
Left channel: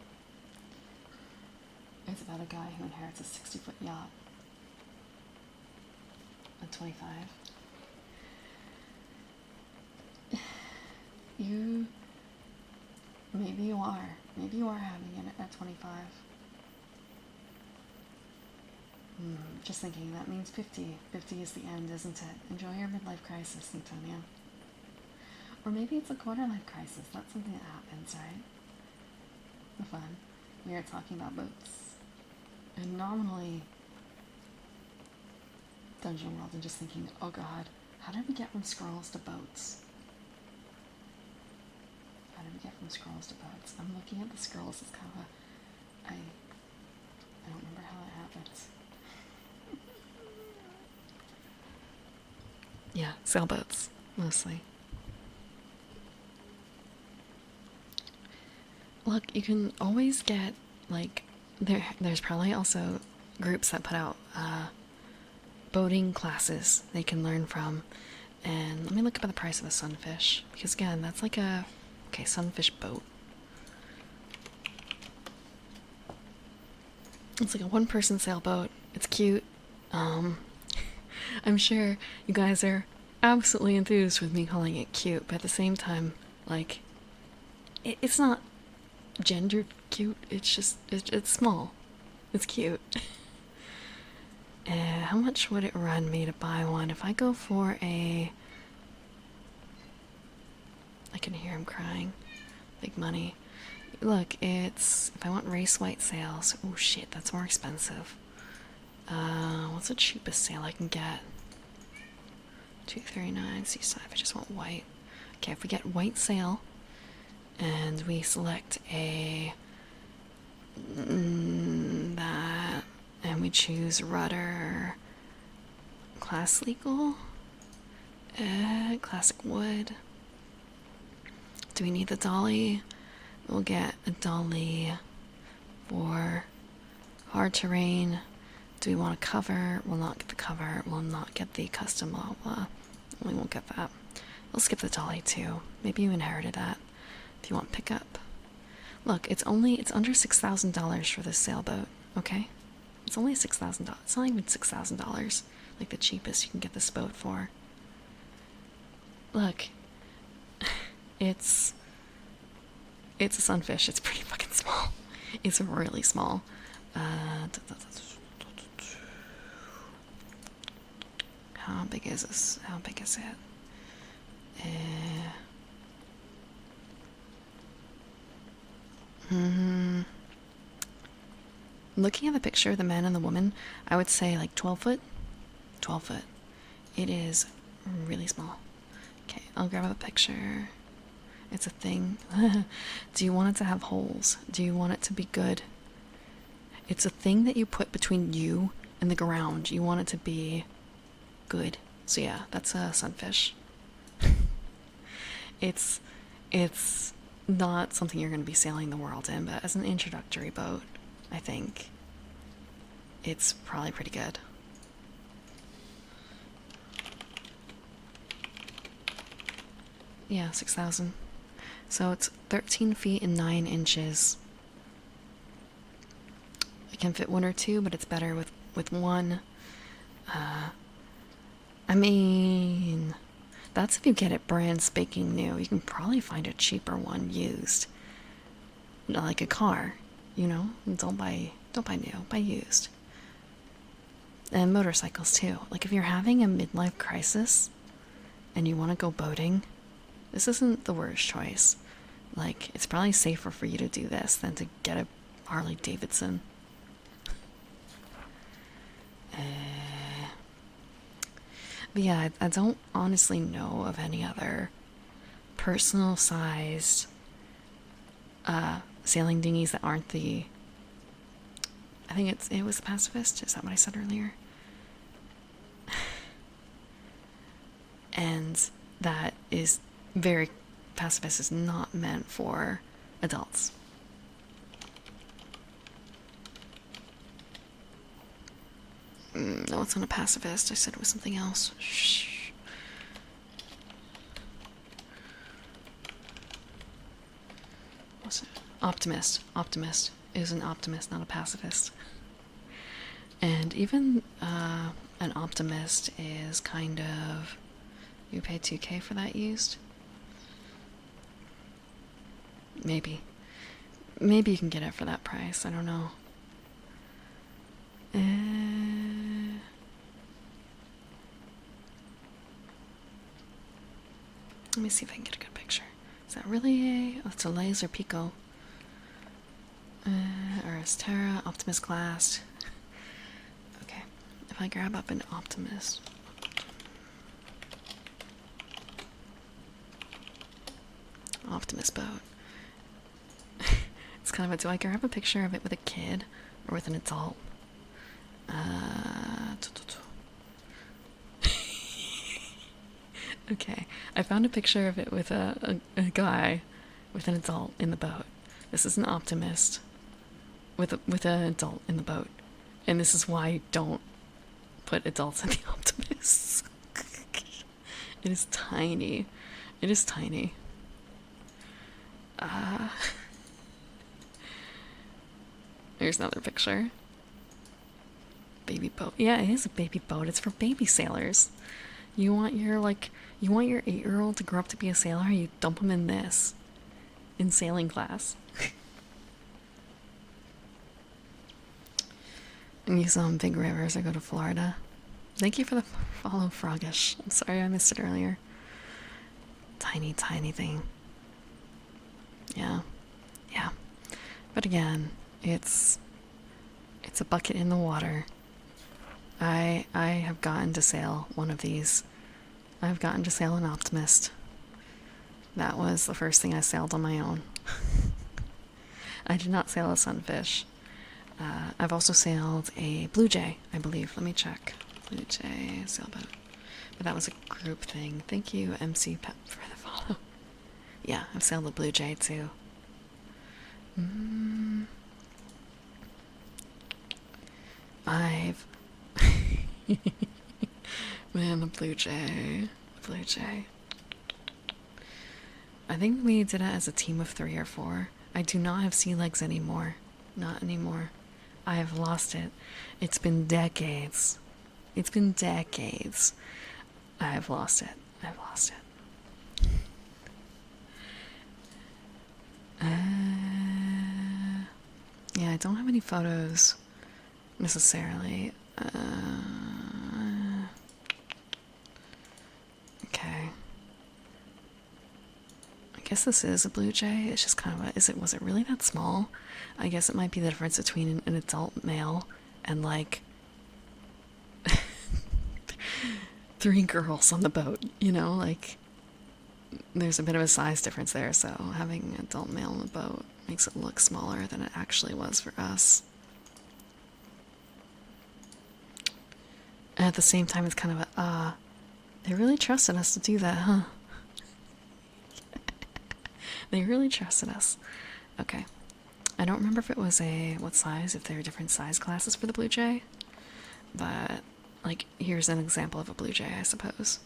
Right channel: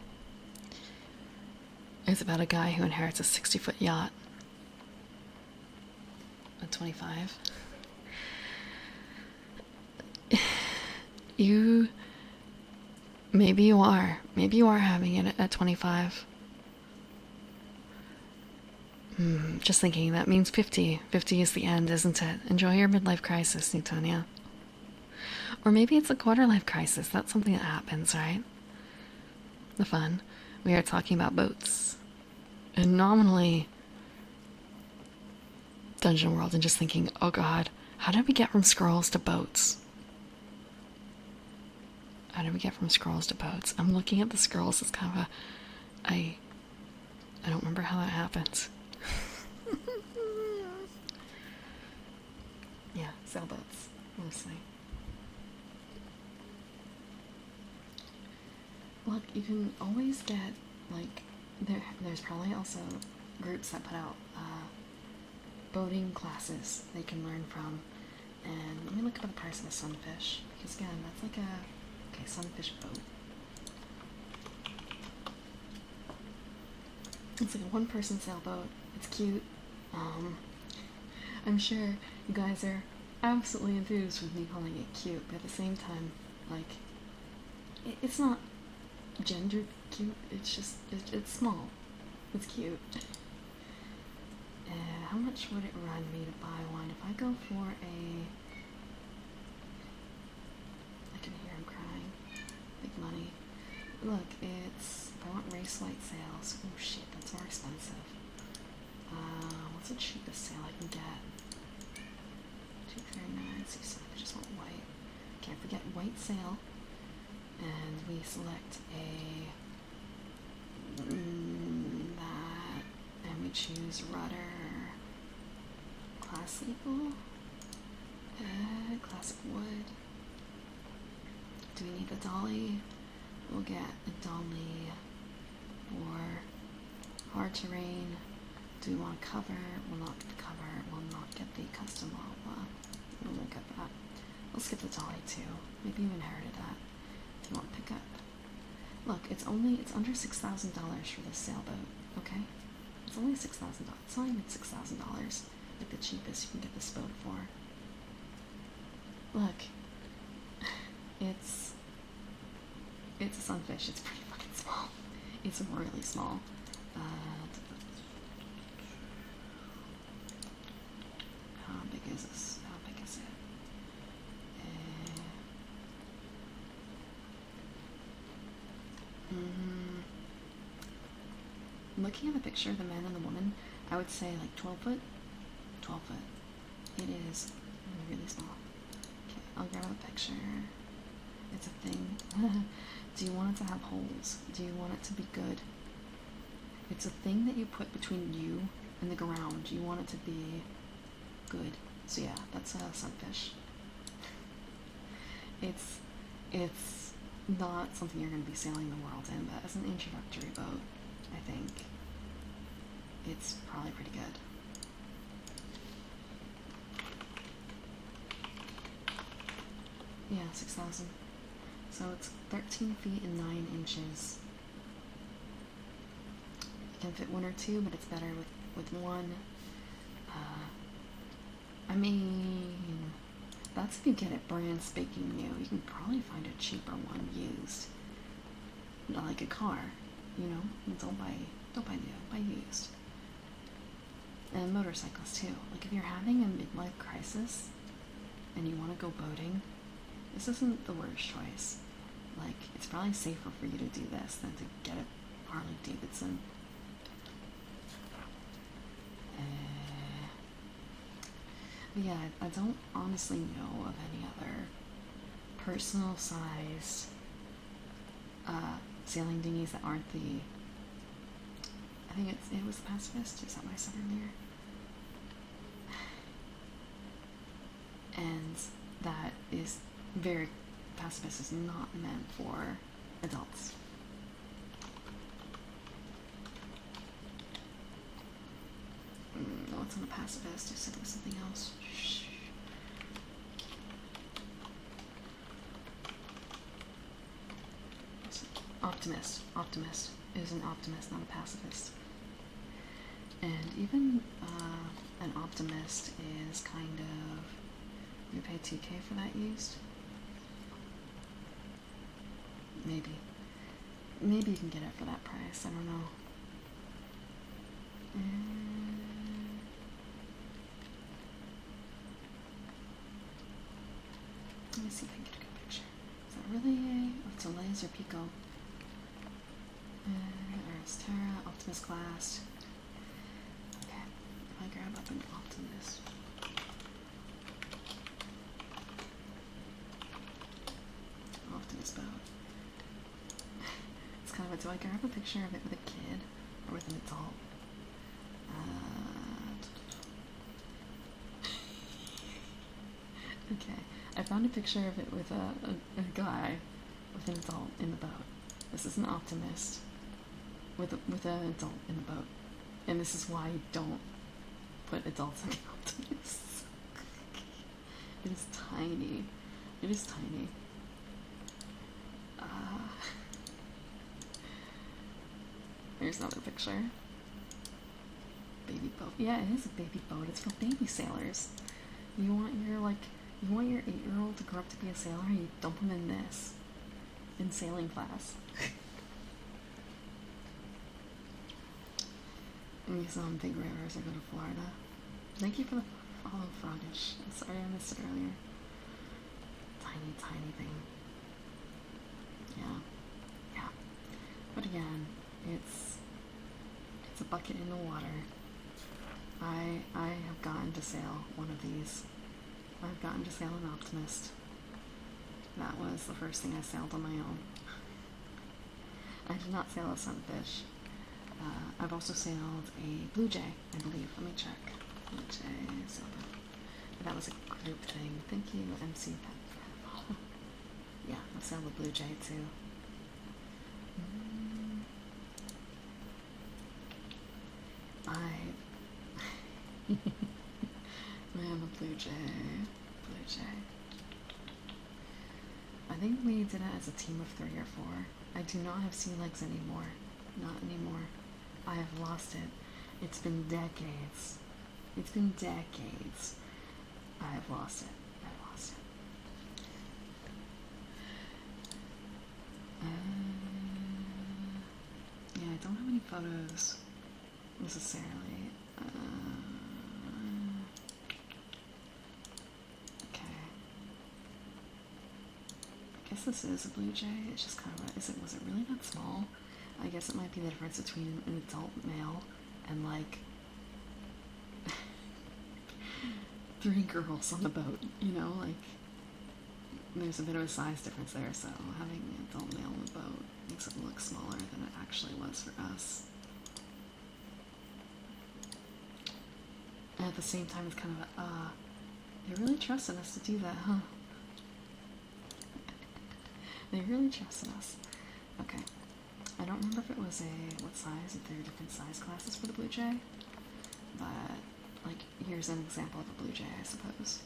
It's about a guy who inherits a 60-foot yacht. At 25. Maybe you are having it at 25. Just thinking, that means 50. 50 is the end, isn't it? Enjoy your midlife crisis, Newtonia. Or maybe it's a quarter life crisis. That's something that happens, right? The fun. We are talking about boats. And nominally Dungeon World, and just thinking, oh god, how did we get from scrolls to boats? How did we get from scrolls to boats? I'm looking at the scrolls. It's kind of a... I don't remember how that happens. Yeah, sailboats, mostly. Look, you can always get, like... There's probably also groups that put out boating classes they can learn from. And let me look up at the price of a sunfish. Because again, that's like a... Okay, sunfish boat. It's like a one-person sailboat. It's cute. I'm sure you guys are absolutely enthused with me calling it cute, but at the same time, like, it's not gendered cute. It's just, it's small. It's cute. How much would it run me to buy one? If I go for a... I can hear him crying. Big money. Look, it's... If I want race white sails... Oh shit, that's more expensive. What's the cheapest sail I can get? $2.39 seaside. I just want white. Okay, if we get white sail, and we select a... that... And we choose rudder... Class legal? Classic wood. Do we need the dolly? We'll get a dolly for hard terrain. Do we want a cover? We'll not get the cover. We'll not get the custom lava. We won't get that. We'll skip the dolly too. Maybe you inherited that. If you want pickup, Look, it's under $6,000 for this sailboat, okay? It's only $6,000. It's not even $6,000, like the cheapest you can get this boat for. Look, it's a sunfish. It's pretty fucking small. It's really small. How big is this? How big is it? Looking at the picture of the man and the woman, I would say like 12 foot. 12 foot. It is really small. Okay, I'll grab a picture. It's a thing. Do you want it to have holes? Do you want it to be good? It's a thing that you put between you and the ground. You want it to be good. So yeah, that's a sunfish. It's not something you're going to be sailing the world in, but as an introductory boat, I think it's probably pretty good. Yeah, 6,000. So it's 13 feet and 9 inches. I can fit one or two, but it's better with one. I mean, that's if you get it brand spanking new. You can probably find a cheaper one used. Like a car, you know? Don't buy new, buy used. And motorcycles too. Like if you're having a midlife crisis and you want to go boating, this isn't the worst choice. Like, it's probably safer for you to do this than to get a Harley Davidson. But yeah, I don't honestly know of any other personal sized sailing dinghies that aren't the. I think it was the Pacifist. Is that what I said earlier? And that is very. Pacifist is not meant for adults. No, it's not a pacifist. I said it was something else. Shh. What's it? Optimist. Optimist is an optimist, not a pacifist. And even an optimist is kind of. You pay $2K for that used? Maybe. Maybe you can get it for that price. I don't know. Let me see if I can get a good picture. Is that really a... Oh, it's a laser Pico. Terra, Optimus Glass. Okay. If I grab up an Optimus... Optimus boat. It's kind of a... Do I grab a picture of it with a kid or with an adult? Okay, I found a picture of it with a guy with an adult in the boat. This is an optimist with an adult in the boat, and this is why I don't put adults in the optimists. It is tiny. It is tiny. Here's another picture. Baby boat. Yeah, it is a baby boat. It's for baby sailors. You want your 8-year-old to grow up to be a sailor? You dump him in this. In sailing class. And you saw on big rivers. I go to Florida. Thank you for the follow, Froggish. I'm sorry I missed it earlier. Tiny, tiny thing. Yeah. Yeah. But again, it's a bucket in the water. I have gotten to sail one of these. I've gotten to sail an Optimist. That was the first thing I sailed on my own. I did not sail a Sunfish. I've also sailed a Blue Jay, I believe. Let me check. Blue Jay sailboat. But that was a group thing. Thank you, MC Pep, for the follow. Yeah, I've sailed a Blue Jay too. I've... Man, the Blue Jay. Blue Jay. I think we did it as a team of 3 or 4. I do not have sea legs anymore. Not anymore. I have lost it. It's been decades. It's been decades. I have lost it. I've lost it. Yeah, I don't have any photos necessarily. Okay. I guess this is a blue jay. It's just kind of a, was it really that small? I guess it might be the difference between an adult male and like 3 girls on the boat, you know, like there's a bit of a size difference there, so having an adult male on the boat makes it look smaller than it actually was for us. And at the same time, it's kind of a, they really trusted us to do that, huh? They really trusted us. Okay. I don't remember if it was what size, if there were different size classes for the blue jay, but, like, here's an example of a blue jay, I suppose.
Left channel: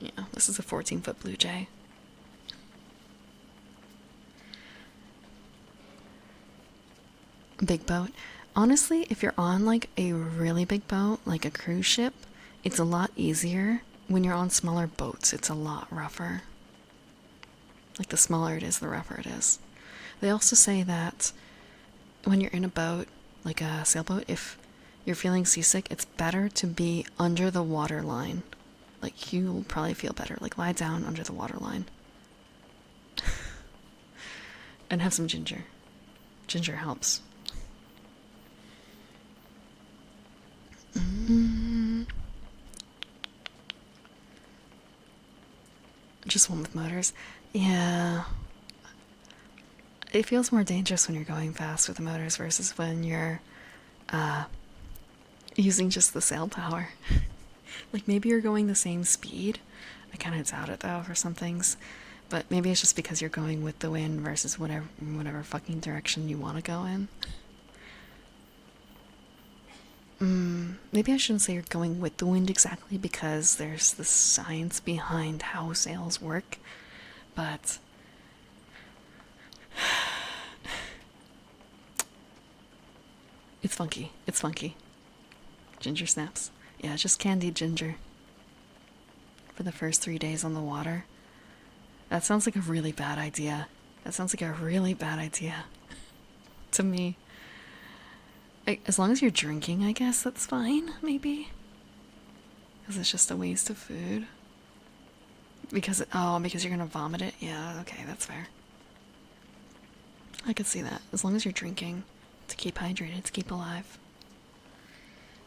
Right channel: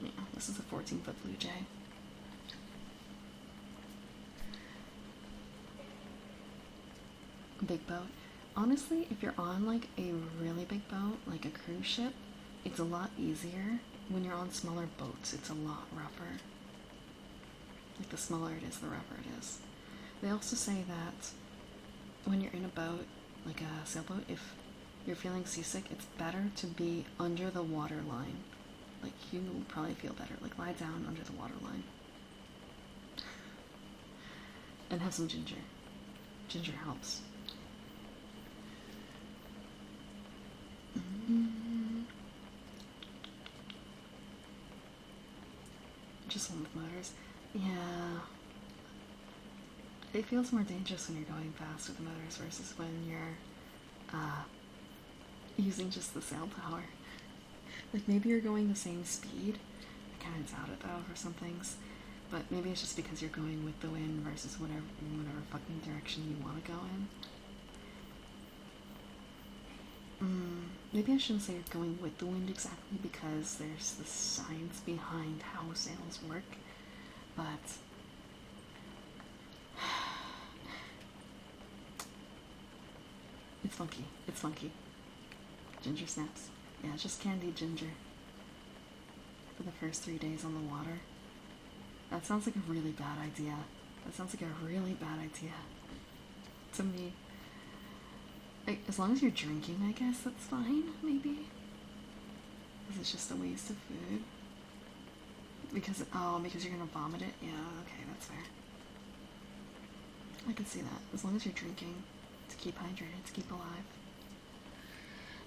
Yeah, this is a 14-foot blue jay. Big boat. Honestly, if you're on like a really big boat, like a cruise ship, it's a lot easier. When you're on smaller boats, it's a lot rougher. Like the smaller it is, the rougher it is. They also say that when you're in a boat, like a sailboat, if you're feeling seasick, it's better to be under the water line. Like, you will probably feel better. Like, lie down under the water line. And have some ginger. Ginger helps. Just one with motors. Yeah. It feels more dangerous when you're going fast with the motors versus when you're using just the sail power. Like, maybe you're going the same speed. I kind of doubt it, though, for some things. But maybe it's just because you're going with the wind versus whatever fucking direction you want to go in. Maybe I shouldn't say you're going with the wind exactly, because there's the science behind how sails work. But it's funky. It's funky. Ginger snaps. Yeah, just candied ginger. For the first 3 days on the water. That sounds like a really bad idea. That sounds like a really bad idea. To me. As long as you're drinking, I guess that's fine, maybe. Because it's just a waste of food. Because you're gonna vomit it? Yeah, okay, that's fair. I could see that. As long as you're drinking. To keep hydrated, to keep alive.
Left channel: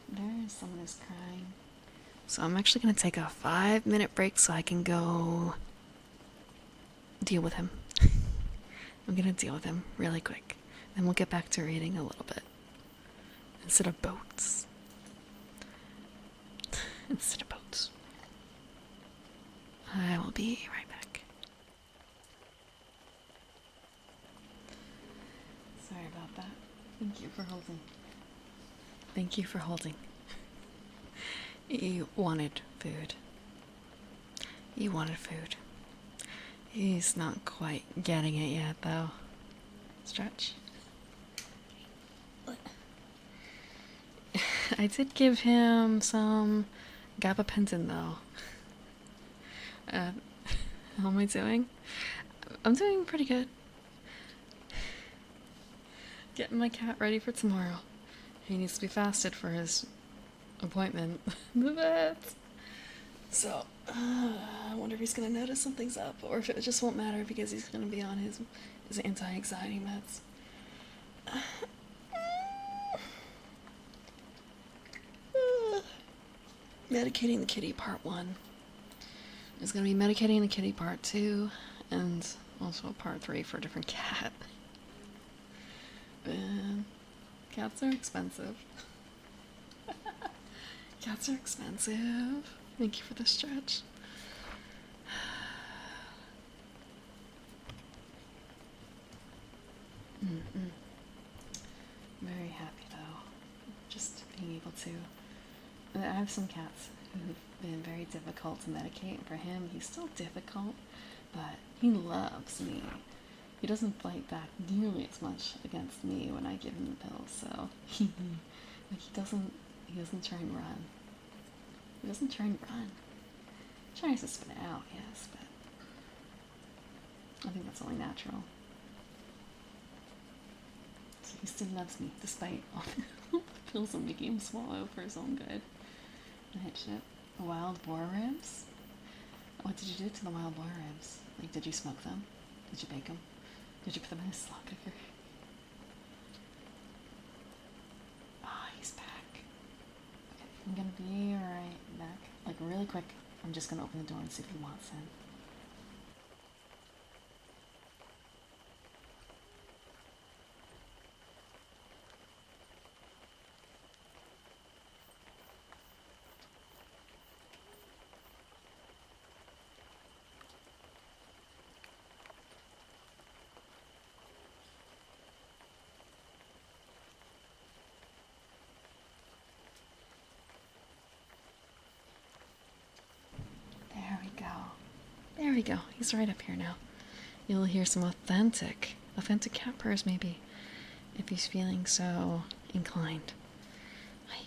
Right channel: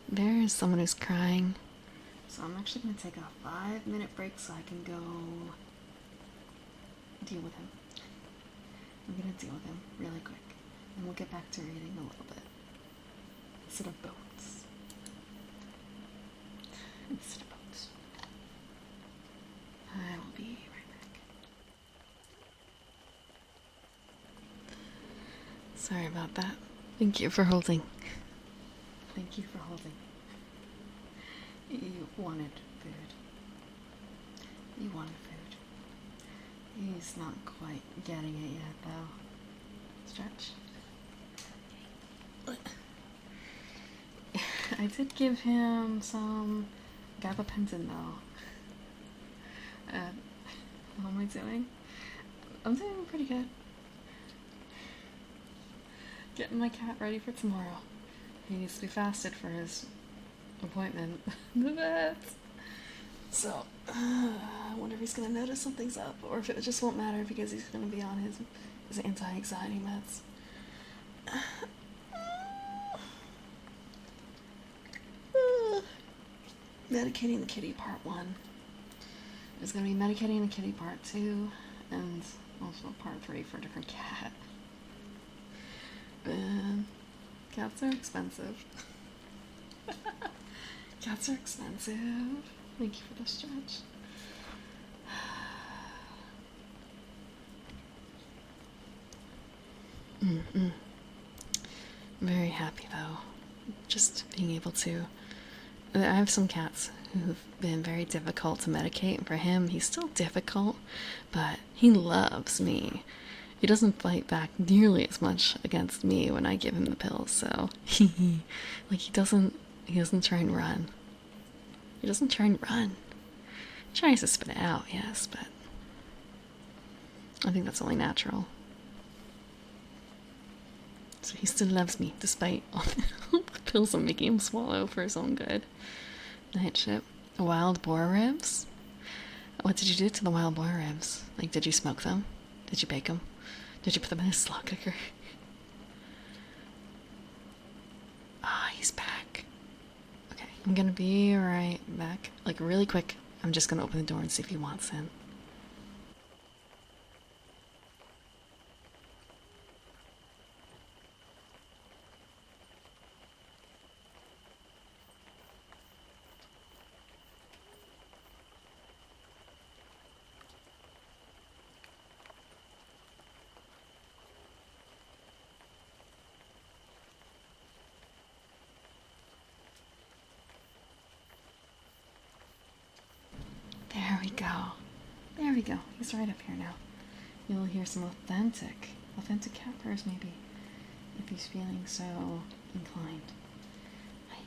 There's someone who's crying. So I'm actually gonna take a 5-minute break so I can go deal with him. I'm gonna deal with him really quick. Then we'll get back to reading a little bit. Instead of boats. Instead of boats. I will be right back. Sorry about that. Thank you for holding. Thank you for holding. You wanted food. You wanted food. He's not quite getting it yet, though. Stretch. I did give him some gabapentin, though. How am I doing? I'm doing pretty good. Getting my cat ready for tomorrow. He needs to be fasted for his appointment. The vet. So, I wonder if he's gonna notice something's up, or if it just won't matter because he's gonna be on his anti-anxiety meds. Medicating the kitty part 1. There's gonna be medicating the kitty part 2, and also part 3 for a different cat. Man, cats are expensive. Cats are expensive. Thank you for the stretch. Very happy though. Just being able to. I have some cats who've been very difficult to medicate. And for him, he's still difficult, but he loves me. He doesn't fight back nearly as much against me when I give him the pills, so like he doesn't try and run. He doesn't try and run. He tries to spit it out, yes, but I think that's only natural. So he still loves me, despite all the pills I'm making him swallow for his own good. Night ship. Wild boar ribs? What did you do to the wild boar ribs? Like, did you smoke them? Did you bake them? Did you put them in a slow cooker? Ah, he's back. Okay, I'm gonna be right back. Like, really quick. I'm just gonna open the door and see if he wants in. There we go. There we go. He's right up here now. You'll hear some authentic cat purrs maybe, if he's feeling so inclined. Hi.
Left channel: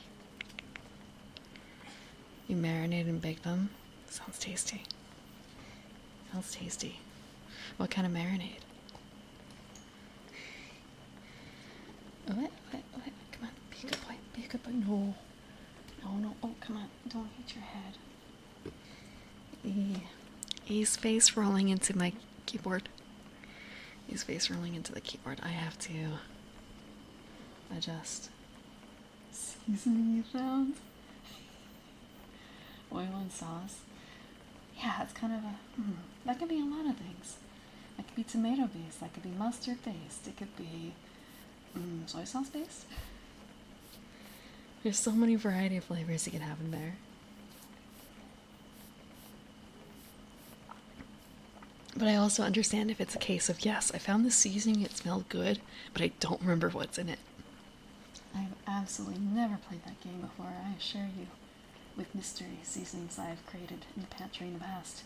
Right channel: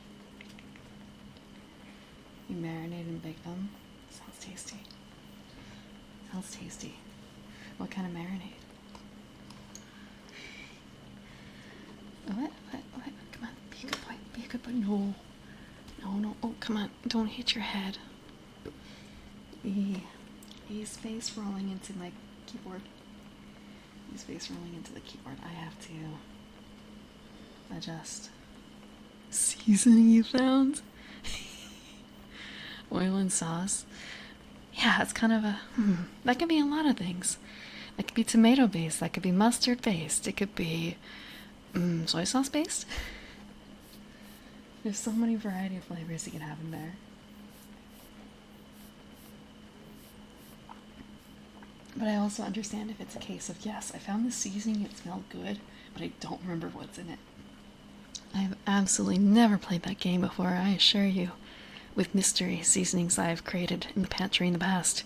You marinate and bake them? Sounds tasty. Sounds tasty. What kind of marinade? What? Come on, be a good boy. Be a good boy. No. No. Oh, come on. Don't hit your head. He's face rolling into my keyboard. He's face rolling into the keyboard. I have to adjust. Seasoning you found? Oil and sauce. Yeah, it's kind of a... that could be a lot of things. That could be tomato based. That could be mustard based. It could be soy sauce based. There's so many variety of flavors you can have in there. But I also understand if it's a case of, yes, I found the seasoning, it smelled good, but I don't remember what's in it. I've absolutely never played that game before, I assure you, with mystery seasonings I have created in the pantry in the past.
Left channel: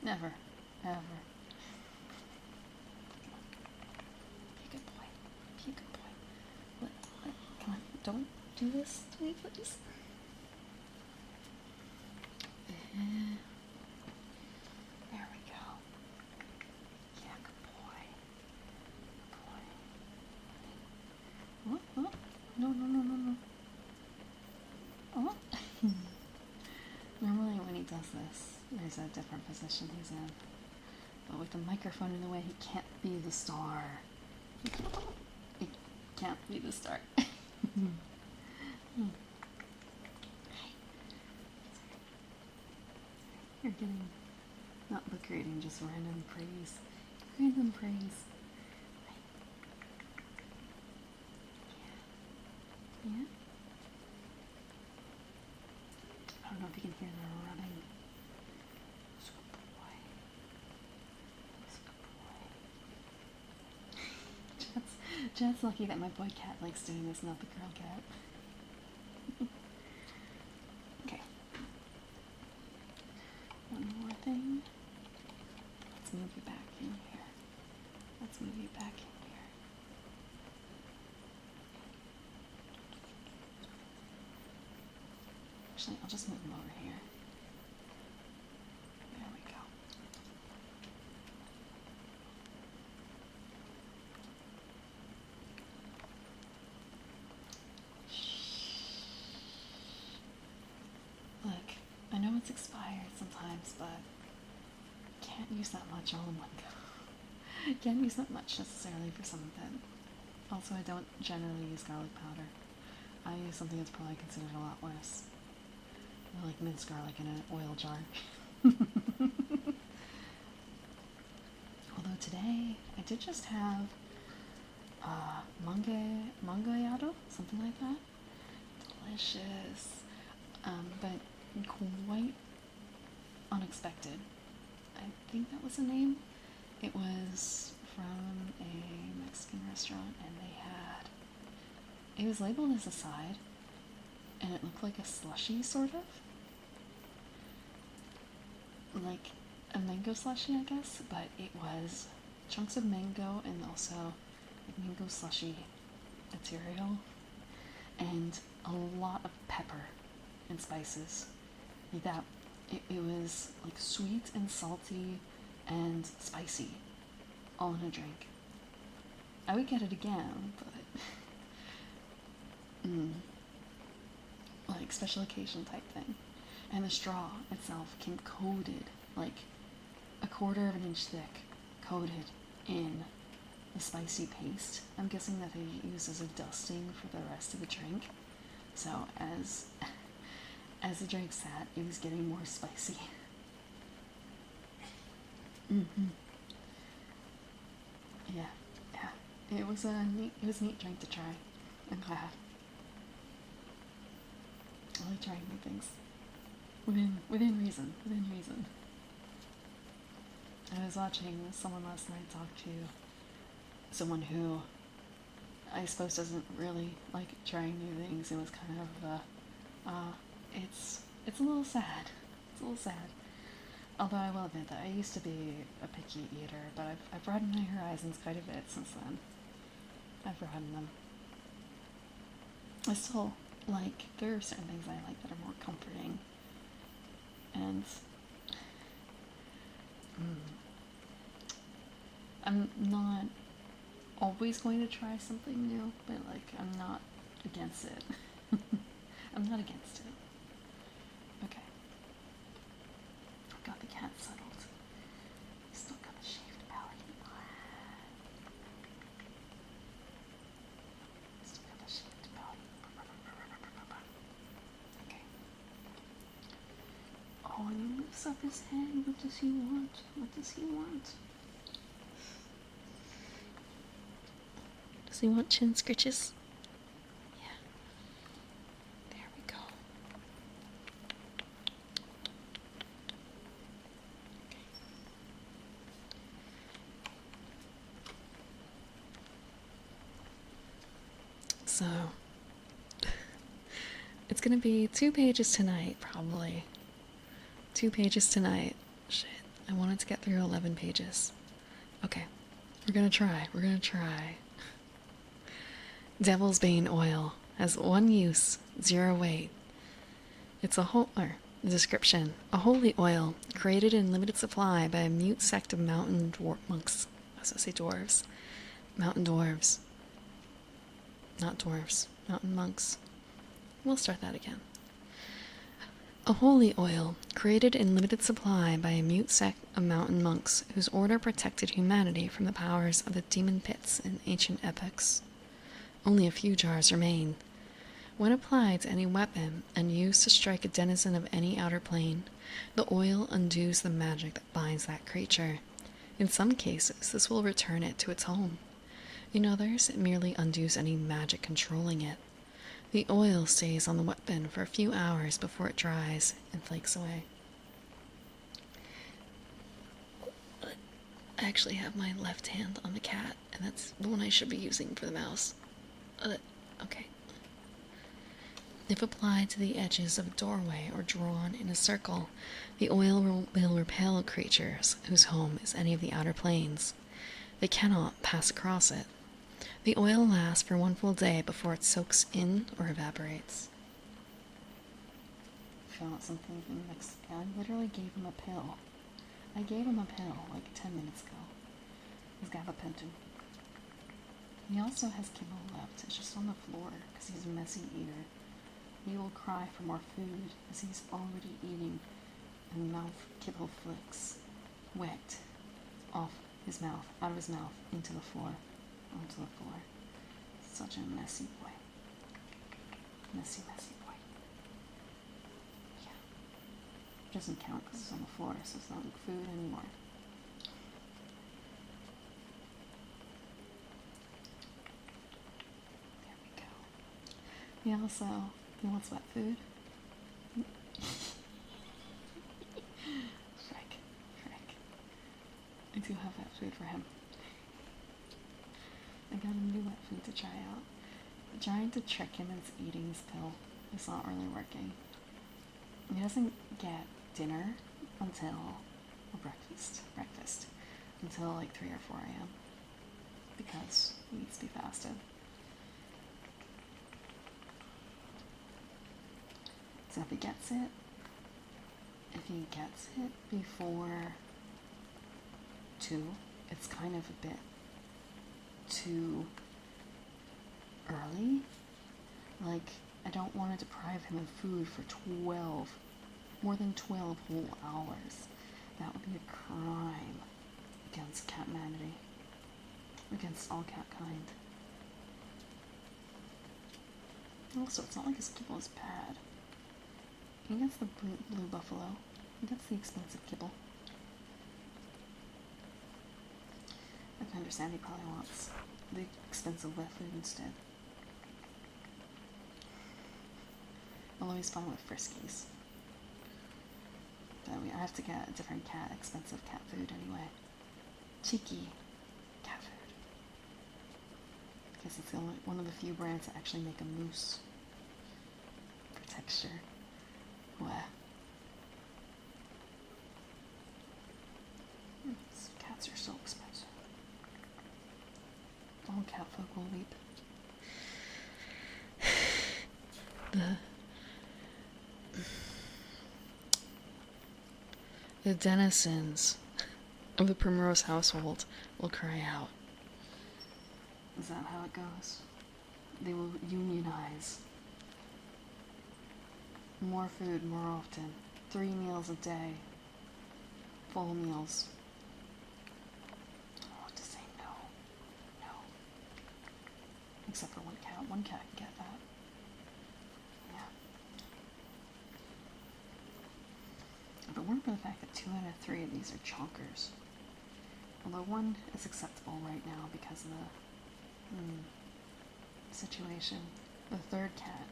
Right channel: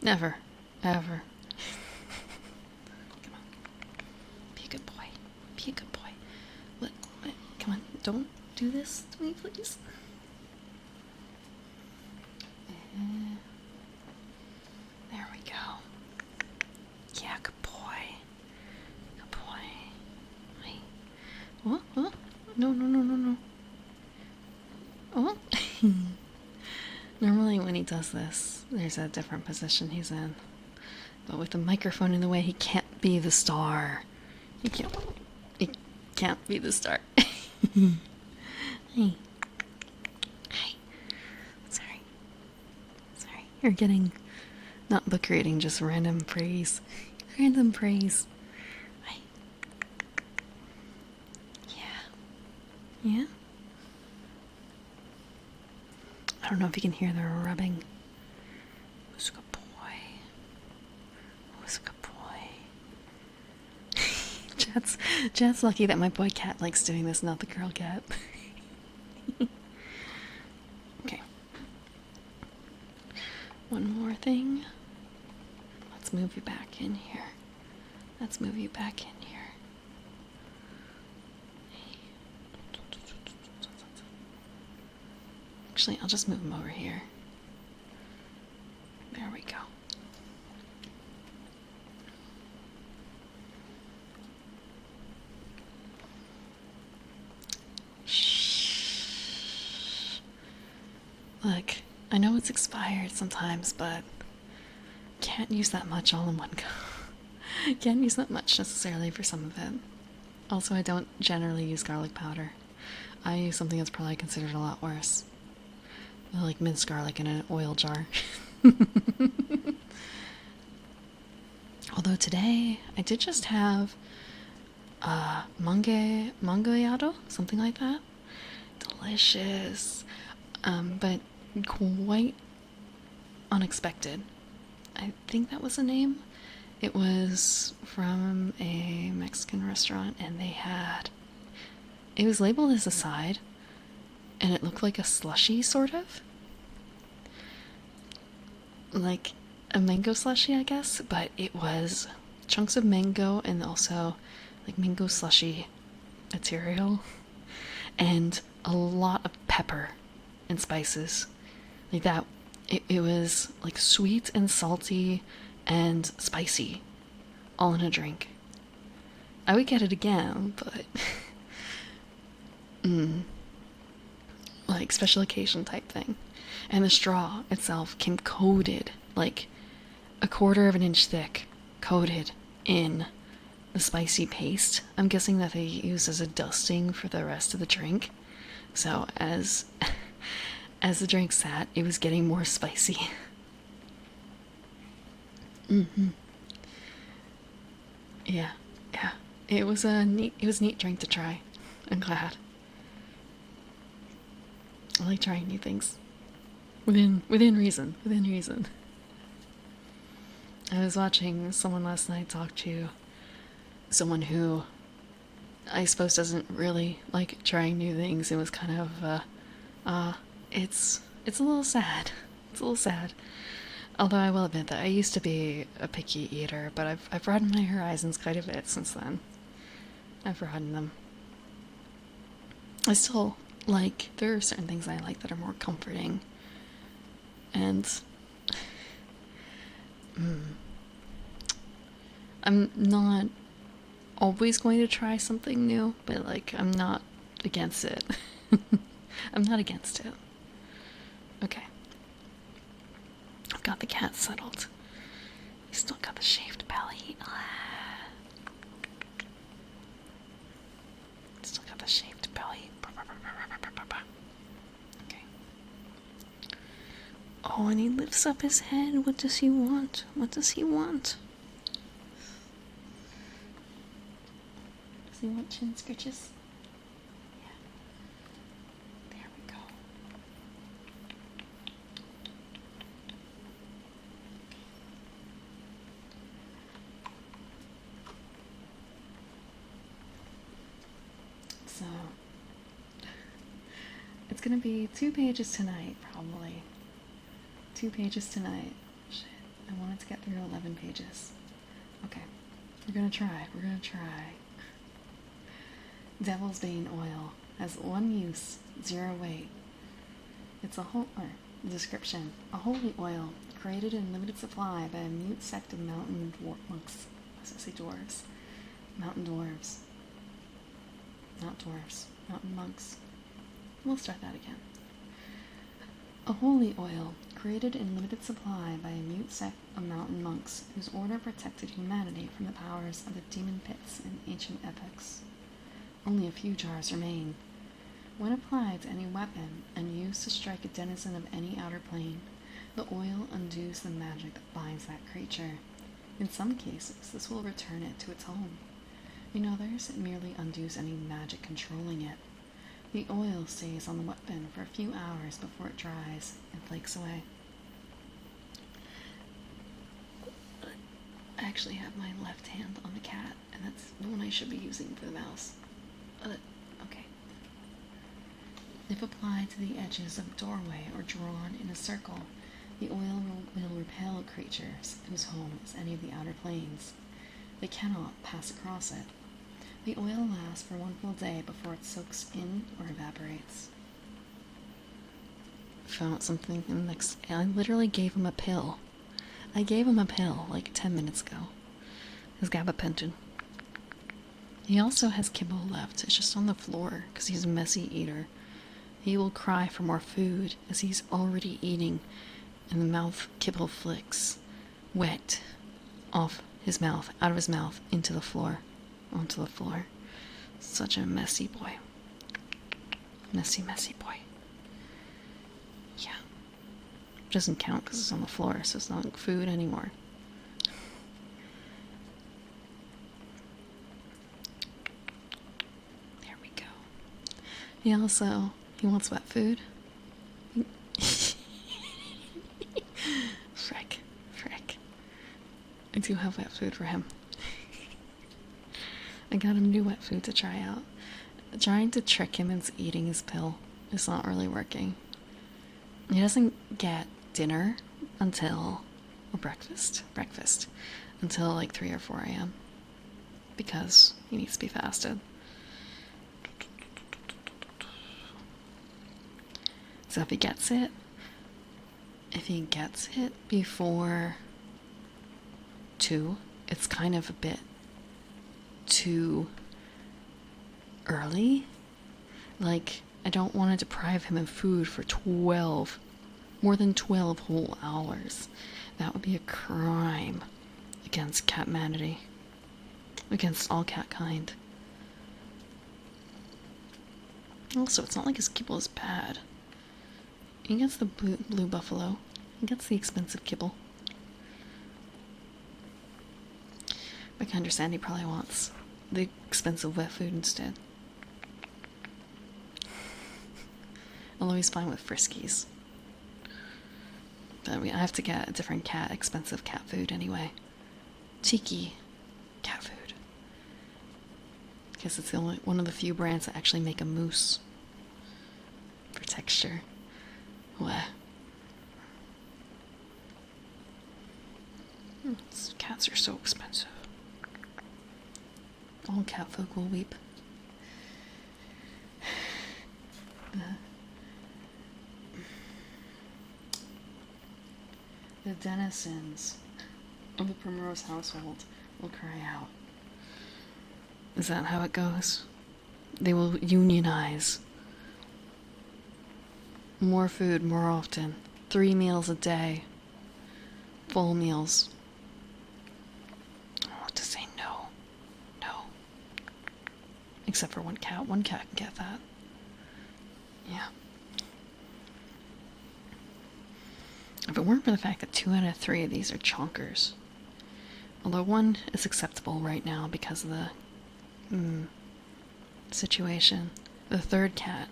Never. Ever. Come on. Be a good boy. Be a good boy. What? Come on, don't do this to me, please. There we go. Yeah, good boy. Good boy. Wait. What? No. What? Normally when he does this, there's a different position he's in. But with the microphone in the way, he can't be the star. He can't be the star. Hey. Sorry. You're getting... not book reading, just random praise. Random praise. Right. Yeah? I don't know if you can hear the rubbing. Who's a good boy? Who's a good boy? Jad's lucky that my boy cat likes doing this, not the girl cat. Okay. One more thing. Let's move you back in here. Actually, I'll just move him over here. There we go. Shh. Look, I know it's expired sometimes, but can't use that much all in one go. Can't use that much necessarily for some of it. Also, I don't generally use garlic powder. I use something that's probably considered a lot worse. Like minced garlic in an oil jar. Although today, I did just have mangoyado, something like that. Delicious. But quite unexpected. I think that was the name. It was from a Mexican restaurant, and they had... it was labeled as a side, and it looked like a slushy, sort of. like a mango slushy, I guess, but it was chunks of mango and also like mango slushy material and a lot of pepper and spices. Like that, it was like sweet and salty and spicy all in a drink. I would get it again, but like special occasion type thing. And the straw itself came coated, like a quarter of an inch thick, coated in the spicy paste. I'm guessing that they use as a dusting for the rest of the drink. So as the drink sat, it was getting more spicy. Yeah, yeah. It was a neat drink to try. I'm glad. I like trying new things. Within reason. Within reason. I was watching someone last night talk to someone who I suppose doesn't really like trying new things. It was kind of it's a little sad. It's a little sad. Although I will admit that I used to be a picky eater, but I've broadened my horizons quite a bit since then. I've broadened them. I still like, there are certain things I like that are more comforting. And I'm not always going to try something new, but like I'm not against it. I'm not against it. Okay. I've got the cat settled. He's still got the shaved belly. Still got the shaved belly. Okay. Oh, and he lifts up his head. What does he want? What does he want? Does he want chin scritches? Yeah. There we go. So, it's gonna be 2 pages tonight, probably. 2 pages tonight. Shit, I wanted to get through 11 pages. Okay, we're gonna try. We're gonna try. Devil's Bane oil has 1 use, 0 weight. It's a description. A holy oil created in limited supply by a mute sect of mountain monks. I was gonna say dwarves. Mountain dwarves. Not dwarves. Mountain monks. We'll start that again. A holy oil created in limited supply by a mute sect of mountain monks whose order protected humanity from the powers of the demon pits in ancient epochs. Only a few jars remain. When applied to any weapon and used to strike a denizen of any outer plane, the oil undoes the magic that binds that creature. In some cases, this will return it to its home. In others, it merely undoes any magic controlling it. The oil stays on the weapon for a few hours before it dries and flakes away. I actually have my left hand on the cat, and that's the one I should be using for the mouse. Okay. If applied to the edges of a doorway or drawn in a circle, the oil will repel creatures whose home is any of the outer planes. They cannot pass across it. The oil lasts for 1 full day before it soaks in or evaporates. Found something in the next. I literally gave him a pill. I gave him a pill like 10 minutes ago. His gabapentin. He also has kibble left. It's just on the floor because he's a messy eater. He will cry for more food as he's already eating, and the mouth kibble flicks wet off his mouth, out of his mouth, into the floor, onto the floor. Such a messy boy. Messy, messy boy. Yeah. Doesn't count because it's on the floor, so it's not like food anymore. There we go. He wants wet food. Frick. I do have wet food for him. I got him new wet food to try out. Trying to trick him into eating his pill is not really working. He doesn't get dinner until or breakfast. Breakfast. Until like 3 or 4 a.m. Because he needs to be fasted. So if he gets it before 2, it's kind of a bit too early. Like, I don't want to deprive him of food for more than 12 whole hours. That would be a crime against catmanity, against all cat kind. Also, it's not like his kibble is bad. He gets the blue buffalo. He gets the expensive kibble. I can understand he probably wants the expensive wet food instead. Although he's fine with Friskies. But I have to get a different cat, expensive cat food anyway. Cheeky cat food. Because it's the only one of the few brands that actually make a mousse for texture. What? Cats are so expensive. All cat folk will weep. The denizens of the Primrose household will cry out. Is that how it goes? They will unionize. More food more often. 3 meals a day. Full meals. I want to say no. No. Except for one cat. One cat can get that. Yeah. If it weren't for the fact that 2 out of 3 of these are chonkers. Although one is acceptable right now because of the situation. The third cat.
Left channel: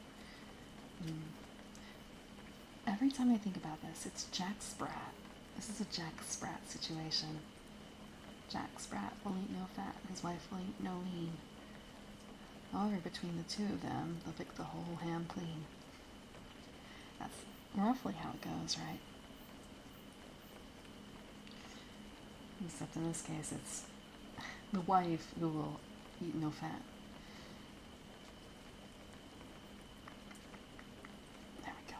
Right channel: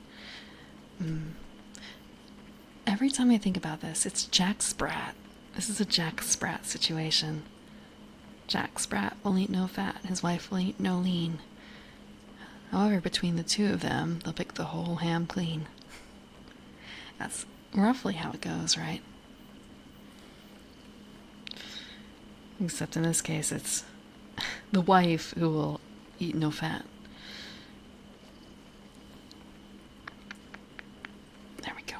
Every time I think about this, it's Jack Sprat. This is a Jack Sprat situation. Jack Sprat will eat no fat, his wife will eat no lean. However, between the two of them, they'll pick the whole ham clean. That's roughly how it goes, right? Except in this case, it's the wife who will eat no fat. There we go.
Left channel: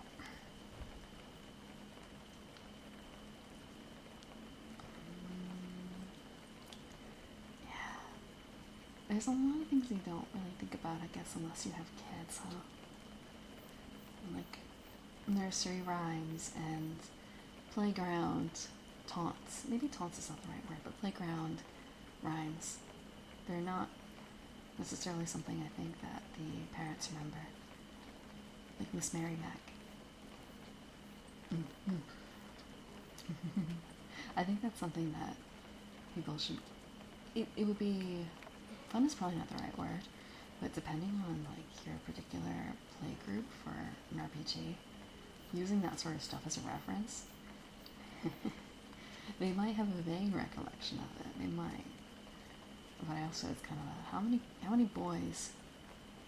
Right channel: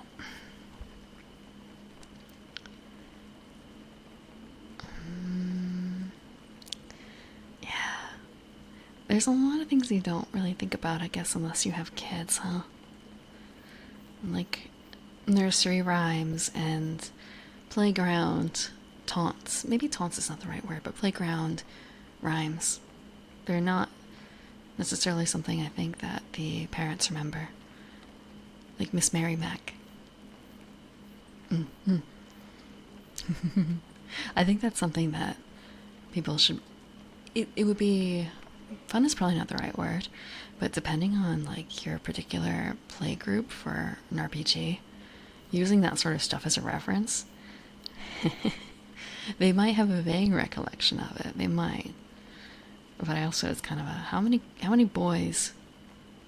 Yeah. There's a lot of things you don't really think about, I guess, unless you have kids, huh? Like nursery rhymes and playground taunts. Maybe taunts is not the right word, but playground rhymes. They're not necessarily something I think that the parents remember. Like Miss Mary Mac. I think that's something that people should... It would be... Fun is probably not the right word, but depending on like your particular play group for an RPG, using that sort of stuff as a reference... They might have a vague recollection of it. They might. But I also, it's kind of a, how many boys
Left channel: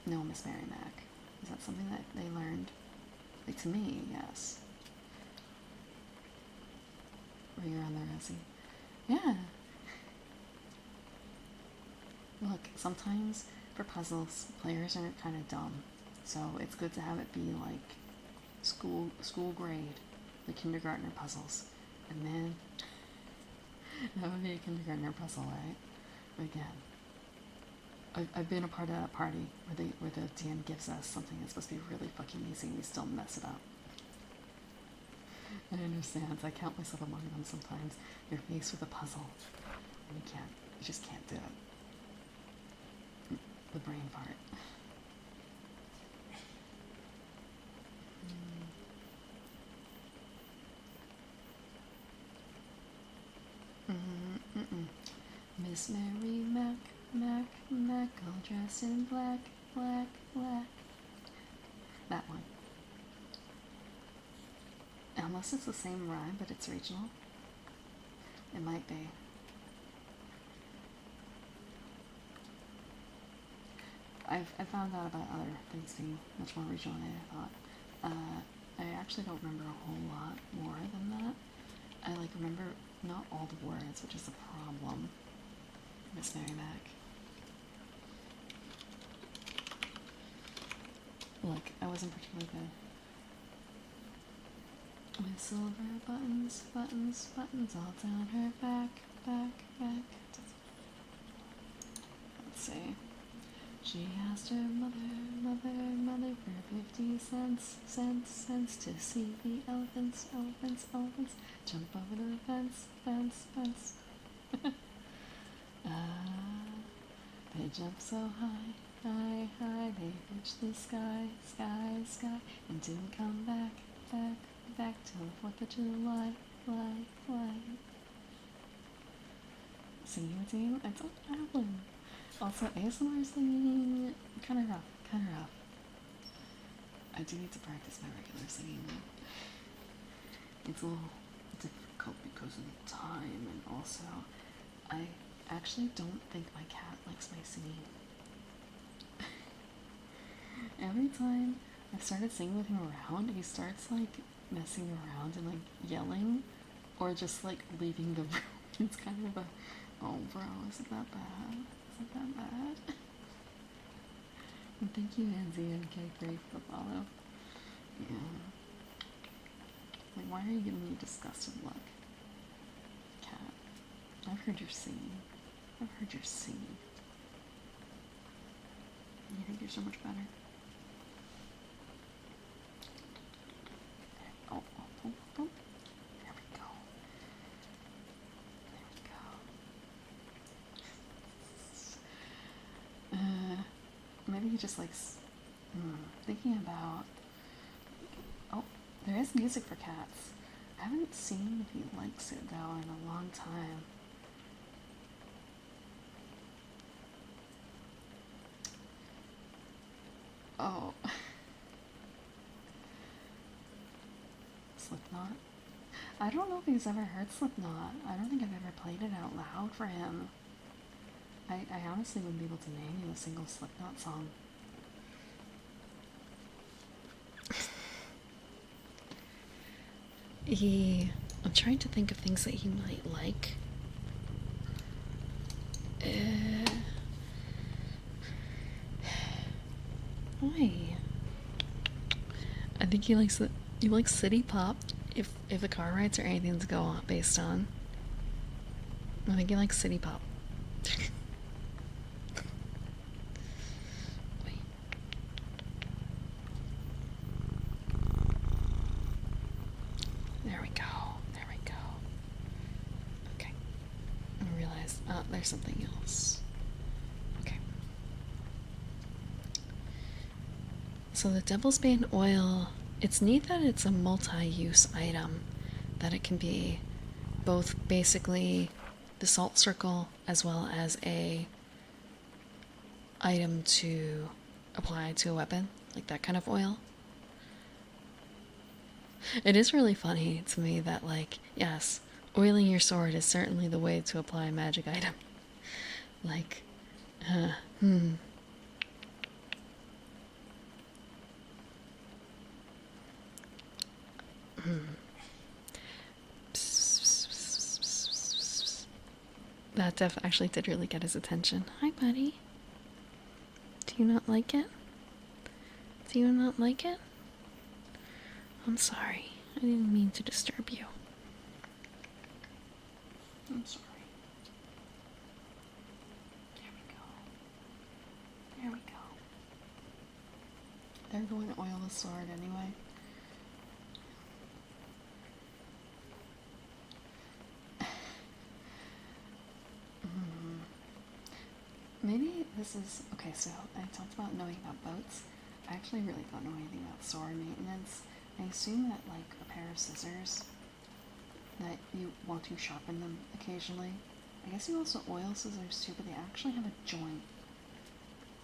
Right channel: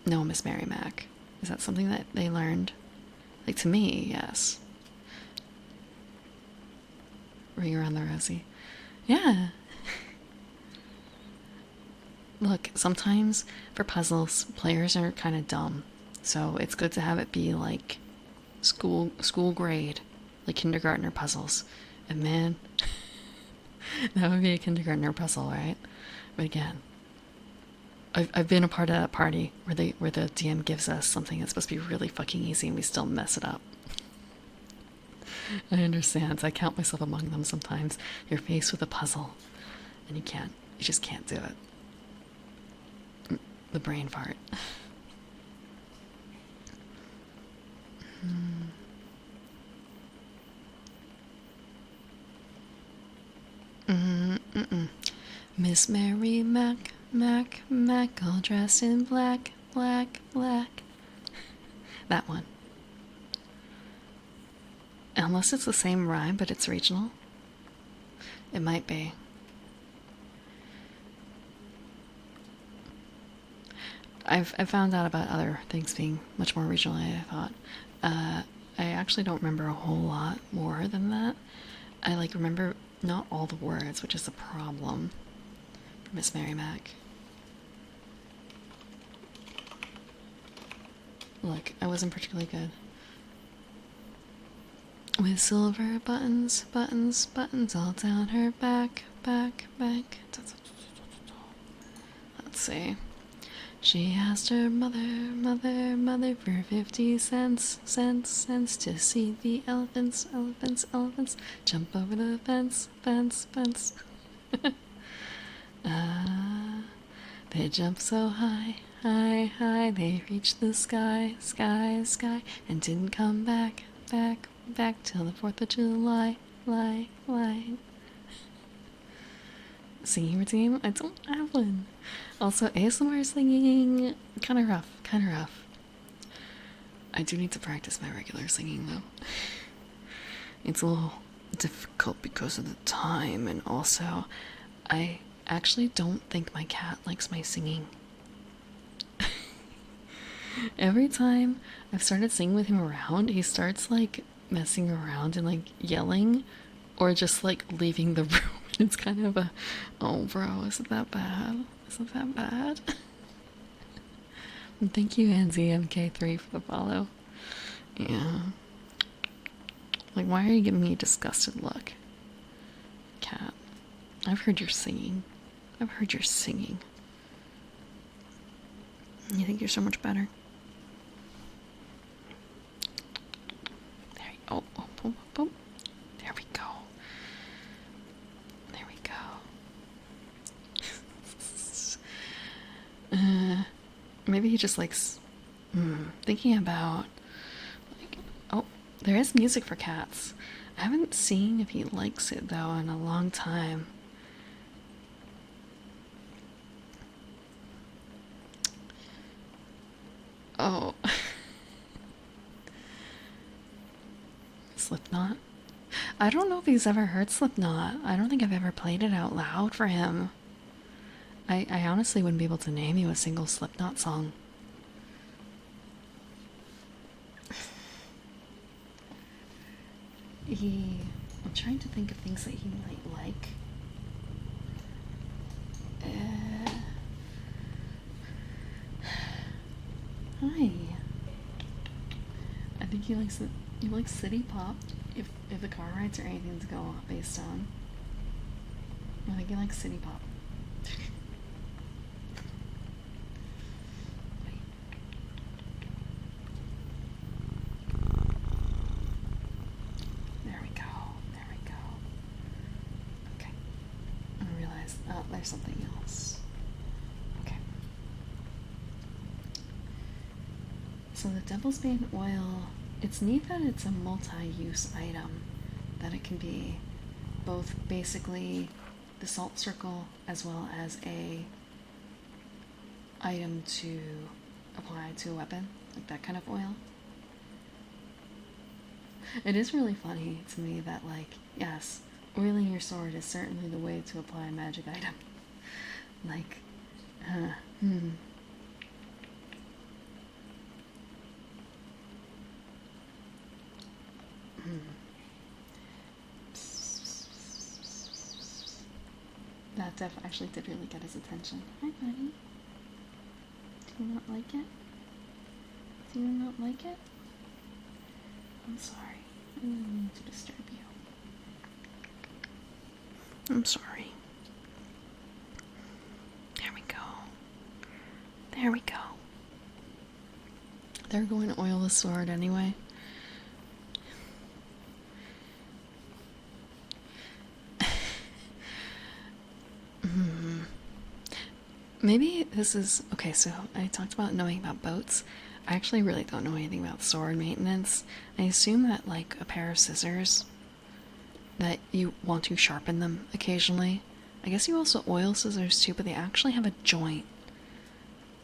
know Miss Mary Mac? Is that something that they learned? Like, to me, yes. Ring around the rosy. Yeah. Look, sometimes for puzzles, players are kind of dumb. So it's good to have it be like school grade, like kindergartner puzzles. And man, that would be a kindergartner puzzle, right? But again, I've been a part of that party where the DM gives us something that's supposed to be really fucking easy and we still mess it up. I understand. I count myself among them sometimes. You're faced with a puzzle and you just can't do it. The brain fart. Miss Mary Mac, all dressed in black. That one. Unless it's the same rhyme, but it's regional. It might be. I've found out about other things being much more regional than I thought. I actually don't remember a whole lot more than that. I remember Not all the words, which is a problem. Miss Mary Mac. Look, I wasn't particularly good. With silver buttons, buttons, buttons all down her back, back, back. Let's see. She asked her mother, mother, mother for 50 cents, cents, cents to see the elephants, elephants, elephants jump over the fence, fence, fence. They jumped so high, high, high, they reached the sky, sky, sky, and didn't come back, back, back till the 4th of July, lie, lie. Singing routine? I don't have one. Also, ASMR singing, kind of rough, kind of rough. I do need to practice my regular singing though. It's a little difficult because of the time, and also, I actually don't think my cat likes my singing. Every time I've started singing with him around, he starts like messing around and like yelling or just like leaving the room. It's kind of a, oh bro, isn't that bad? Isn't that bad? And thank you, NZMK3, for the follow. Yeah. Like, why are you giving me a disgusted look? Cat, I've heard your singing. I've heard your singing. You think you're so much better? There you go. Oh, boom, boom. There we go. There we go. Maybe he just likes thinking about like, oh, there is music for cats. I haven't seen if he likes it though in a long time. Oh. Slipknot? I don't know if he's ever heard Slipknot. I don't think I've ever played it out loud for him. I honestly wouldn't be able to name you a single Slipknot song. I'm trying to think of things that he might like. Hi. I think he likes city pop. If the car rides are anything to go on based on, I think he likes city pop. Wait. There we go. There we go. Okay. I realized there's something else. Okay. So the Devil's Bane oil, it's neat that it's a multi-use item, that it can be both basically the salt circle as well as a item to apply to a weapon, like that kind of oil. It is really funny to me that, like, yes, oiling your sword is certainly the way to apply a magic item. Like, That def actually did really get his attention. Hi, buddy. Do you not like it? Do you not like it? I'm sorry. I didn't mean to disturb you. I'm sorry. There we go. There we go. They're going to oil the sword anyway. Maybe this is okay. So I talked about knowing about boats. I actually really don't know anything about sword maintenance. I assume that, like, a pair of scissors, that you want to sharpen them occasionally. I guess you also oil scissors too, but they actually have a joint.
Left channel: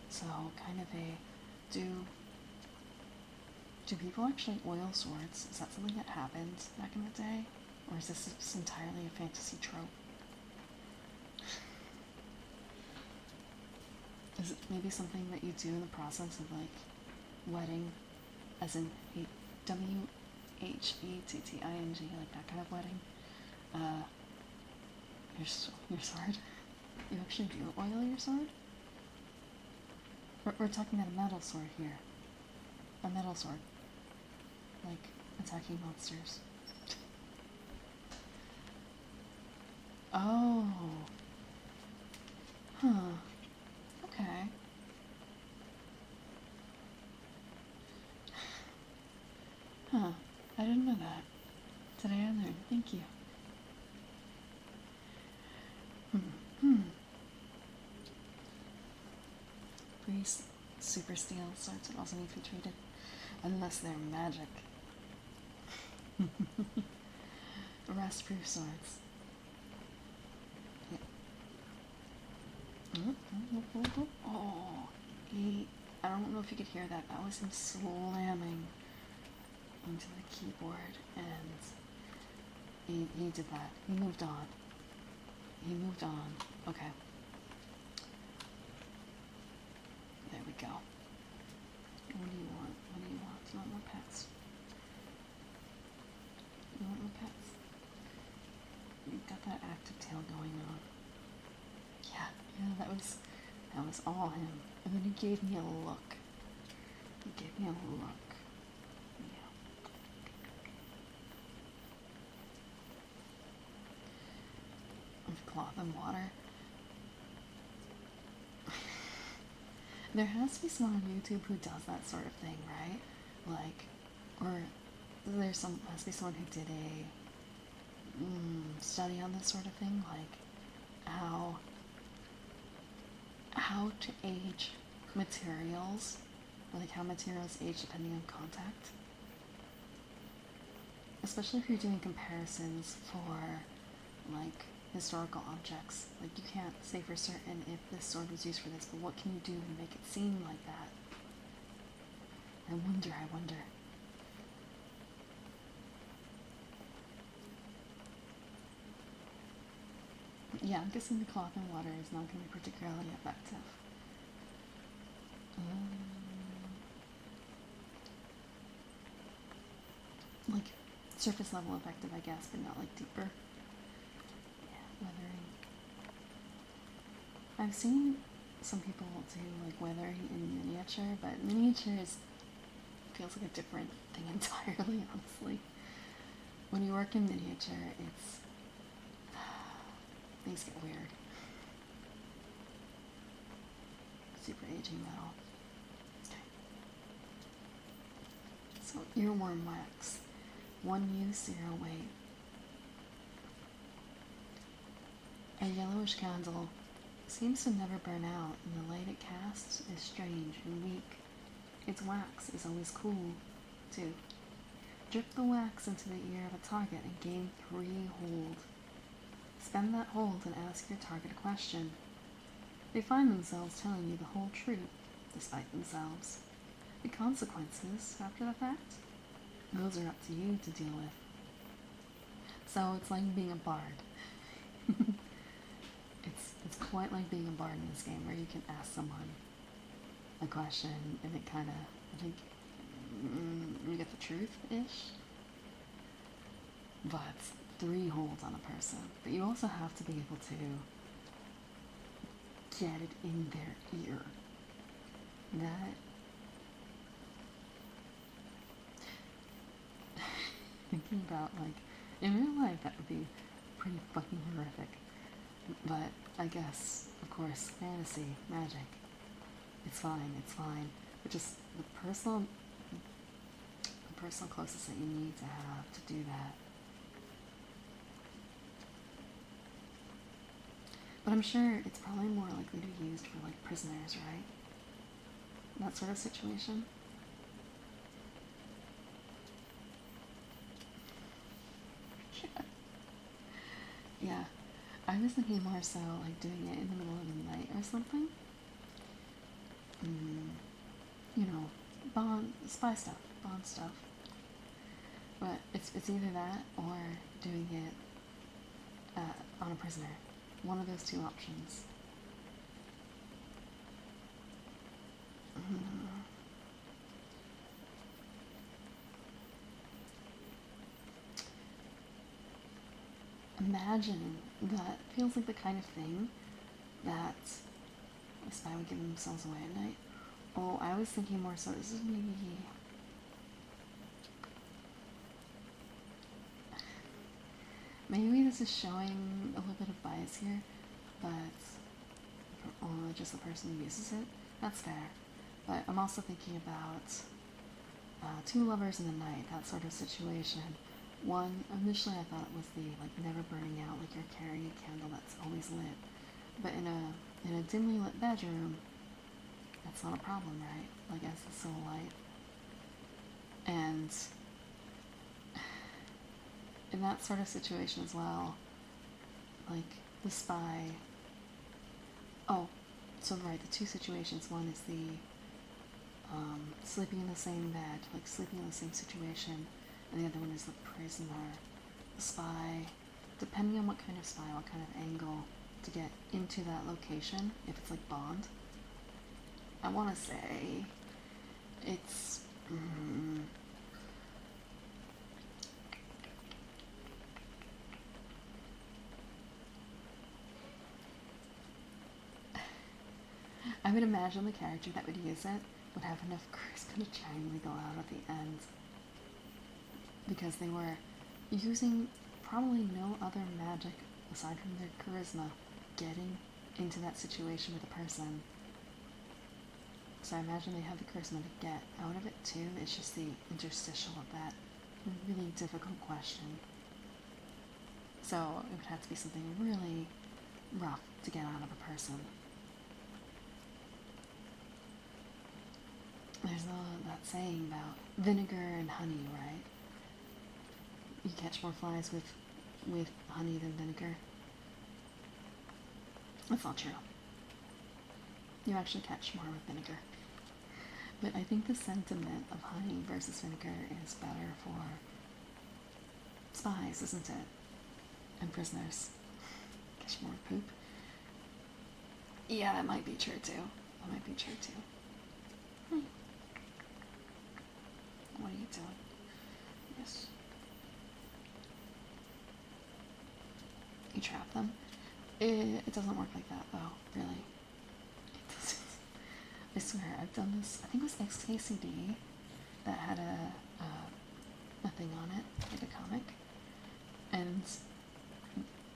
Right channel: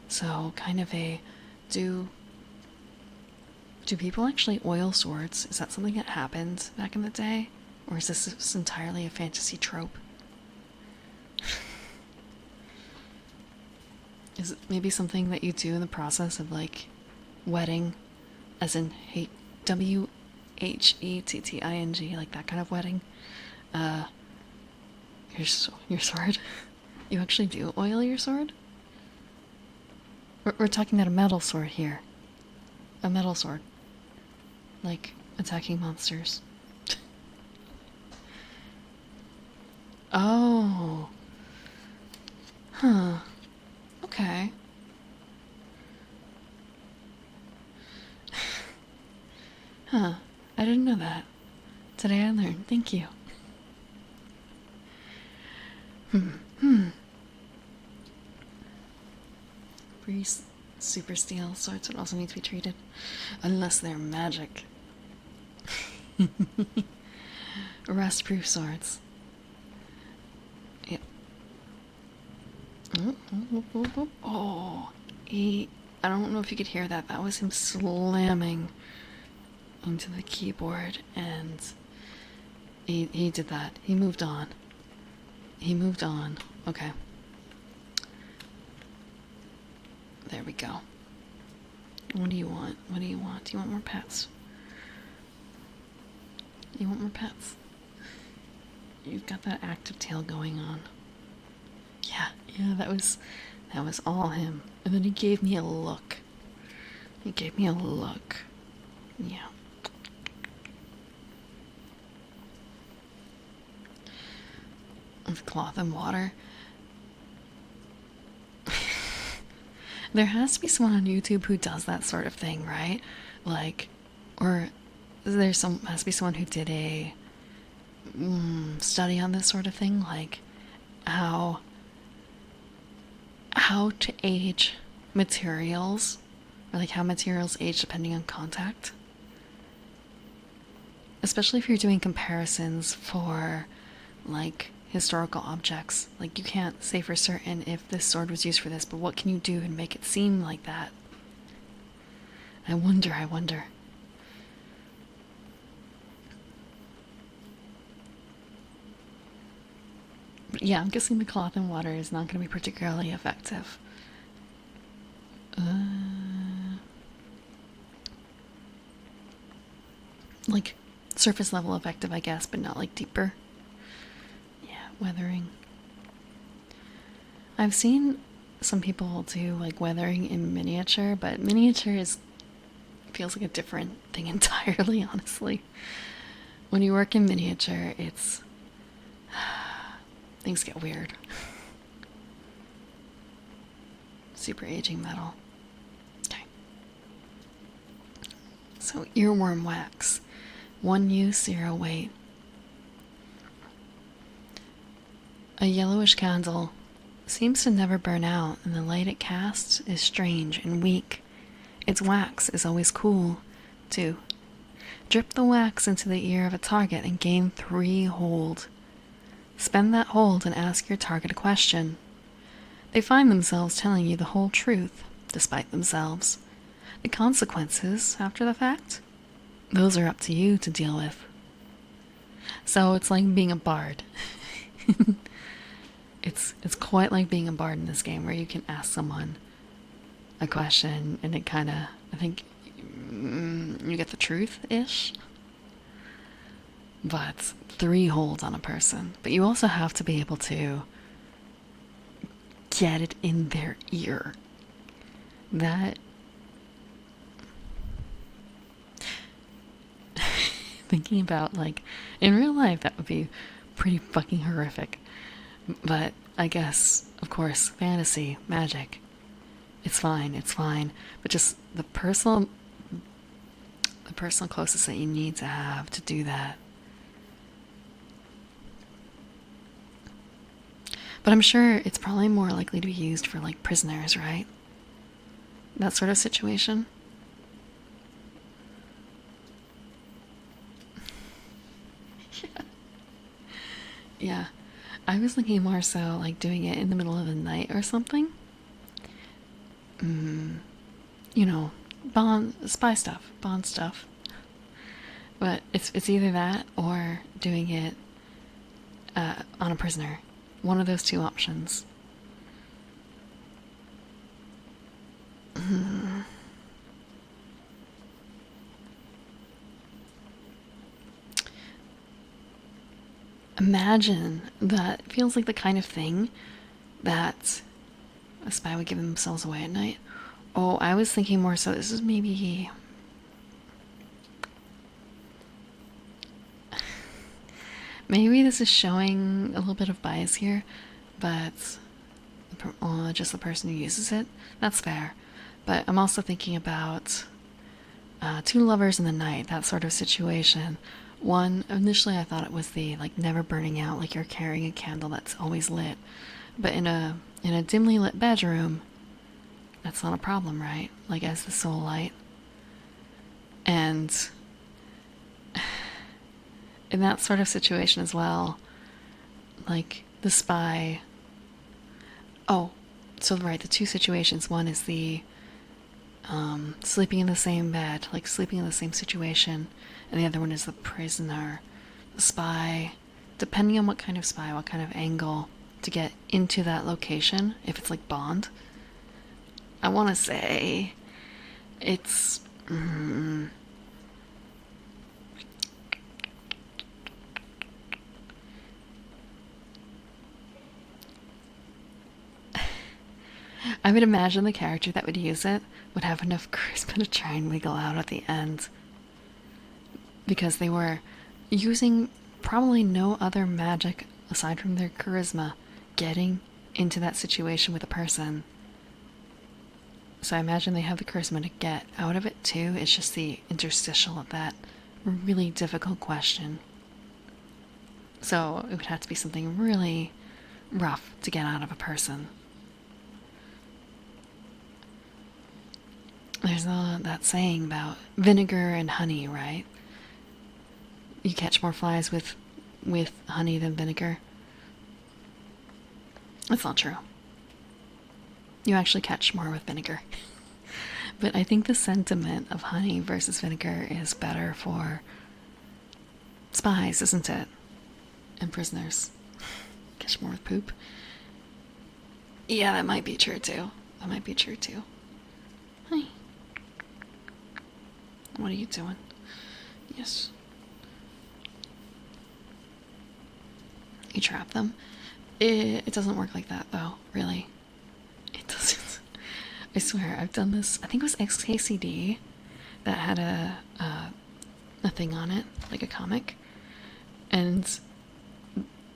So kind of a, do people actually oil swords? Is that something that happened back in the day? Or is this entirely a fantasy trope? Is it maybe something that you do in the process of, like, wedding, as in WHETTING, like that kind of wedding? Your sword? You actually do oil your sword? We're talking about a metal sword here. A metal sword. Like, attacking monsters. Oh. Huh. Okay. Huh. I didn't know that. Today I learned. Thank you. Free super steel swords would also need to be treated. Unless they're magic. Rust proof swords. Yep. Oh, I don't know if you could hear that. That was him slamming into the keyboard, and he did that. He moved on. He moved on. Okay. There we go. What do you want? What do you want? Do you want more pets? You want more pets? You've got that active tail going on. Yeah, that was all him. And then he gave me a look. He gave me a look. Yeah. With cloth and water. There has to be someone on YouTube who does that sort of thing, right? Like, or has to be someone who did a study on this sort of thing, like how to age materials, or like how materials age depending on contact. Especially if you're doing comparisons for like historical objects. Like, you can't say for certain if this sword was used for this, but what can you do and make it seem like that? I wonder. But yeah, I'm guessing the cloth and water is not going to be particularly effective. Like, surface level effective, I guess, but not like deeper. Yeah, weathering. I've seen some people do like weathering in miniature, but miniature feels like a different thing entirely, honestly. When you work in miniature, things get weird. Super aging metal. Okay. So, earworm wax. 1 use, 0 weight. A yellowish candle seems to never burn out, and the light it casts is strange and weak. Its wax is always cool, too. Drip the wax into the ear of a target and gain 3 hold. Spend that hold and ask your target a question. They find themselves telling you the whole truth, despite themselves. The consequences, after the fact, those are up to you to deal with. So it's like being a bard. It's quite like being a bard in this game, where you can ask someone a question and it kind of, I think, you get the truth-ish. But 3 holds on a person. But you also have to be able to get it in their ear. That... Thinking about, like, in real life, that would be pretty fucking horrific. But I guess, of course, fantasy, magic, it's fine. But just the personal closest that you need to have to do that. But I'm sure it's probably more likely to be used for, like, prisoners, right? That sort of situation. Yeah. I was thinking more so like doing it in the middle of the night or something. You know, Bond stuff. But it's either that or doing it on a prisoner. One of those 2 options. imagine that feels like the kind of thing that a spy would give themselves away at night. Oh, I was thinking more so this is maybe maybe this is showing a little bit of bias here, but just the person who uses it. That's fair. But I'm also thinking about two lovers in the night, that sort of situation. One, initially I thought it was the like never burning out, like you're carrying a candle that's always lit. But in a dimly lit bedroom, that's not a problem, right? Like as the sole light. And in that sort of situation as well, like the spy. Oh, so right, the two situations. One is the sleeping in the same bed, like sleeping in the same situation, and the other one is the prisoner. The spy, depending on what kind of spy, what kind of angle to get into that location, if it's like Bond, I want to say it's. I would imagine the character that would use it would have enough charisma to try and wiggle out at the end. Because they were using probably no other magic aside from their charisma getting into that situation with a person. So I imagine they have the charisma to get out of it too. It's just the interstitial of that really difficult question. So it would have to be something really rough to get out of a person. There's that saying about vinegar and honey, right? You catch more flies with honey than vinegar. That's not true. You actually catch more with vinegar. But I think the sentiment of honey versus vinegar is better for spies, isn't it? And prisoners. Catch more with poop. Yeah, that might be true too. That might be true too. Hi. What are you doing? Yes. You trap them. It doesn't work like that though, really. It doesn't. I swear, I've done this. I think it was XKCD that had a thing on it, like a comic, and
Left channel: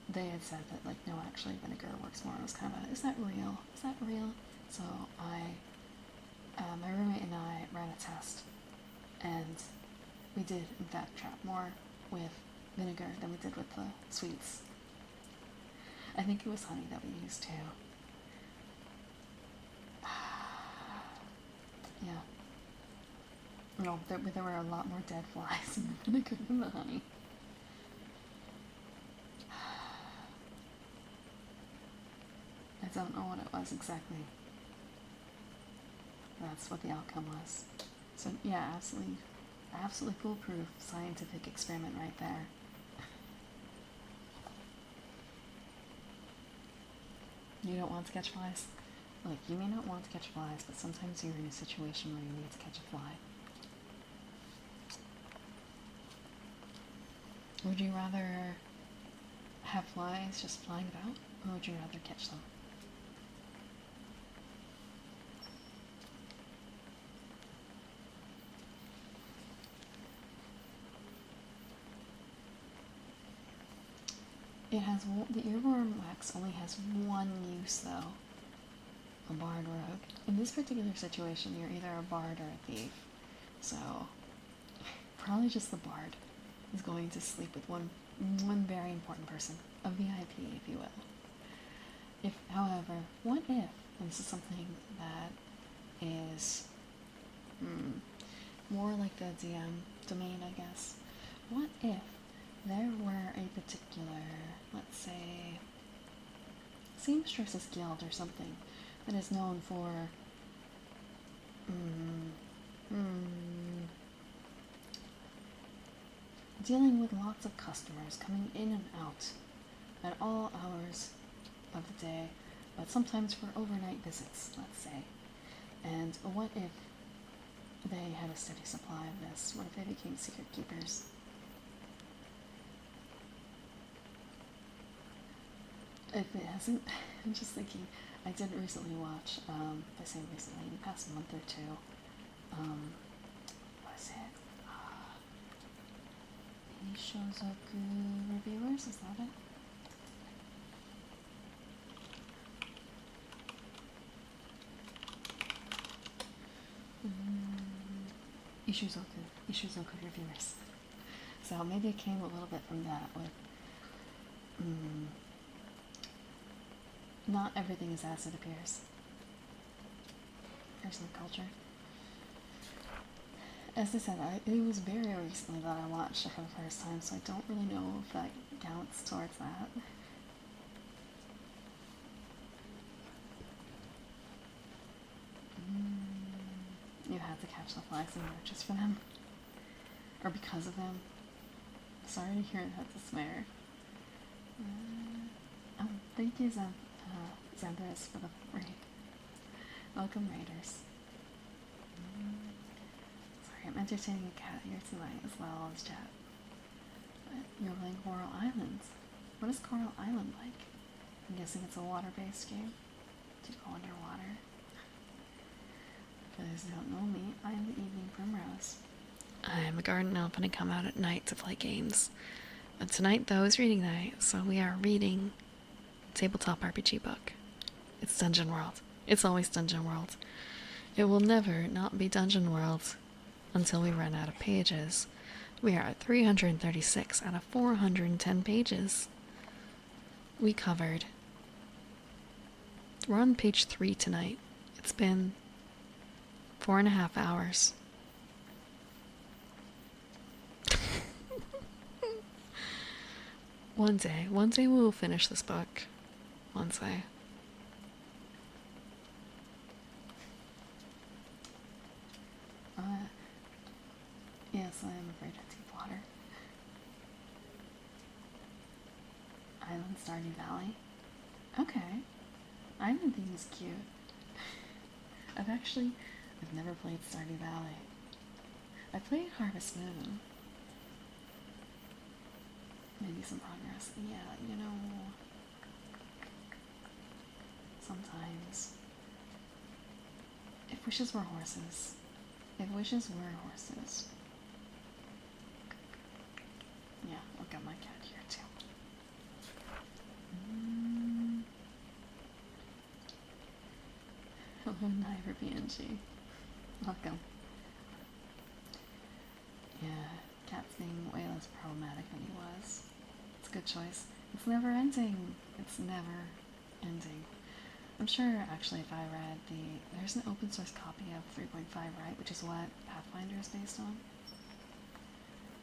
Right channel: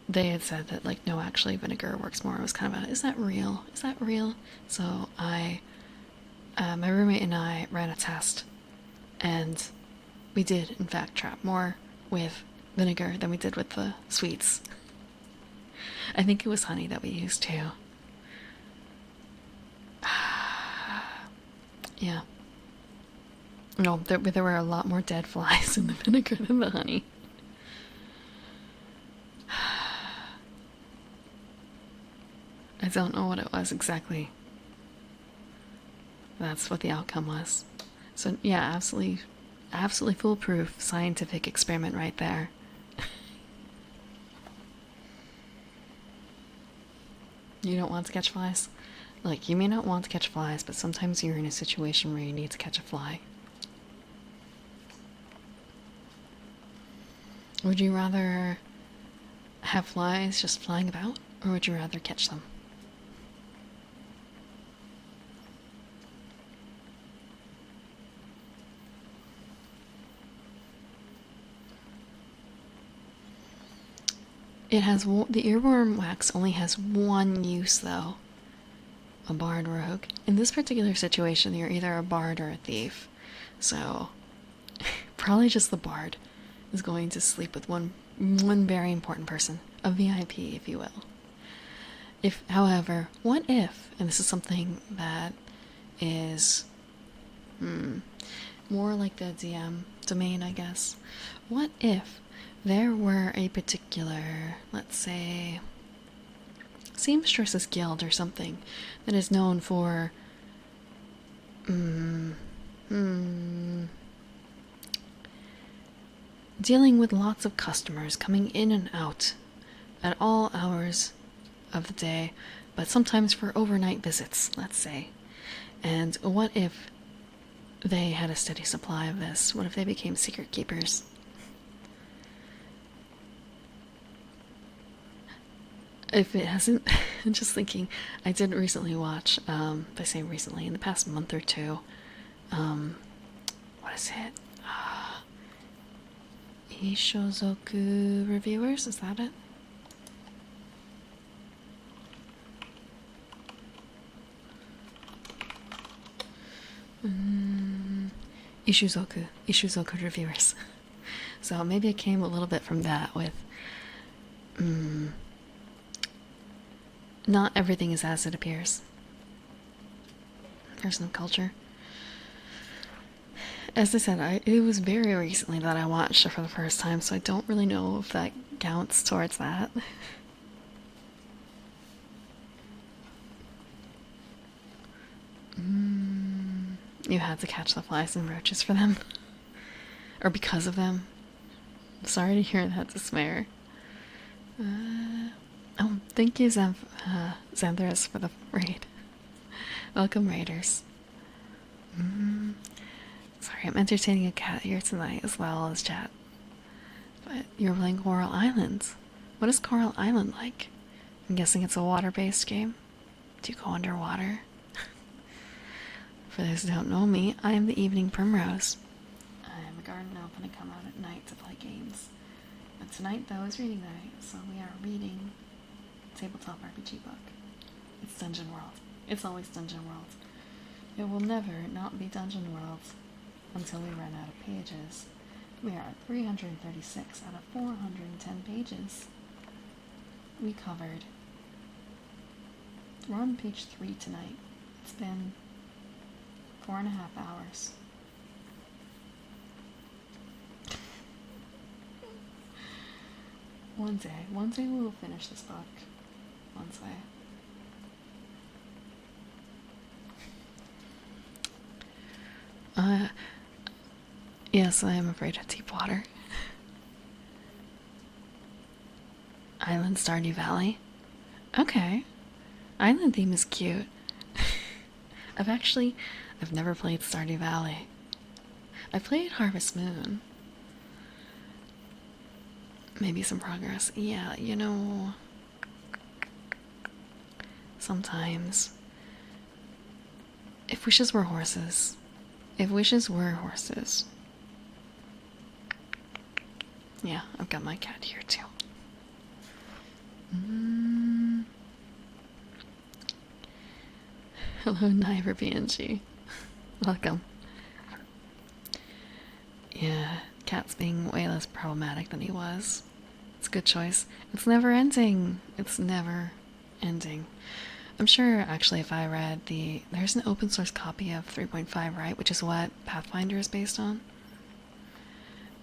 they had said that like no, actually vinegar works more. It was kind of a, is that real? Is that real? So my roommate and I ran a test, and we did in fact trap more with vinegar than we did with the sweets. I think it was honey that we used too. Yeah. No, there were a lot more dead flies in the vinegar than the honey. I don't know what it was exactly. That's what the outcome was. So yeah, absolutely foolproof scientific experiment right there. You don't want to catch flies? Like, you may not want to catch flies, but sometimes you're in a situation where you need to catch a fly. Would you rather have flies just flying about, or would you rather catch them? It has the earworm wax only has one use though. A bard rogue. In this particular situation, you're either a bard or a thief. So probably just the bard is going to sleep with one very important person, a VIP, if you will. If, however, what if, and this is something that is more like the DM domain, I guess. What if there were a particular, let's say, seamstress's guild or something that is known for dealing with lots of customers coming in and out at all hours of the day, but sometimes for overnight visits, let's say. And what if they had a steady supply of this? What if they became secret keepers? If it hasn't, I'm just thinking, I did recently watch, if I say recently, in the past month or two, what is it? Ishozoku Reviewers, is that it? Ishuzoku Reviewers. So maybe it came a little bit from that with, not everything is as it appears. Personal culture. As I said, it was very recently that I watched it for the first time, so I don't really know if that counts towards that. You had to catch the flies and roaches for them. Or because of them. Sorry to hear that, Despair. Oh, thank you, Xanthras, for the raid. Welcome, raiders. Sorry, I'm entertaining a cat here tonight as well as chat. But you're playing Coral Islands. What is Coral Island like? I'm guessing it's a water-based game. Do you go underwater? For those who don't know me, I am the Evening Primrose. I am a garden elf and I come out at night to play games. But tonight, though, is reading night, so we are reading a tabletop RPG book. It's Dungeon World. It's always Dungeon World. It will never not be Dungeon World until we run out of pages. We are at 336 out of 410 pages. We're on page 3 tonight. It's been 4.5 hours. One day we will finish this book. One day. Yes, I am afraid of deep water. Island Stardew Valley. Okay. Island theme is cute. I've never played Stardew Valley. I played Harvest Moon. Maybe some progress. Yeah, you know, sometimes. If wishes were horses. If wishes were horses. Yeah, I've got my cat here too. Hello, Niver BNG. Welcome. Yeah, cat's being way less problematic than he was. It's a good choice. It's never ending. It's never ending. I'm sure, actually, if I read there's an open source copy of 3.5, right? Which is what Pathfinder is based on.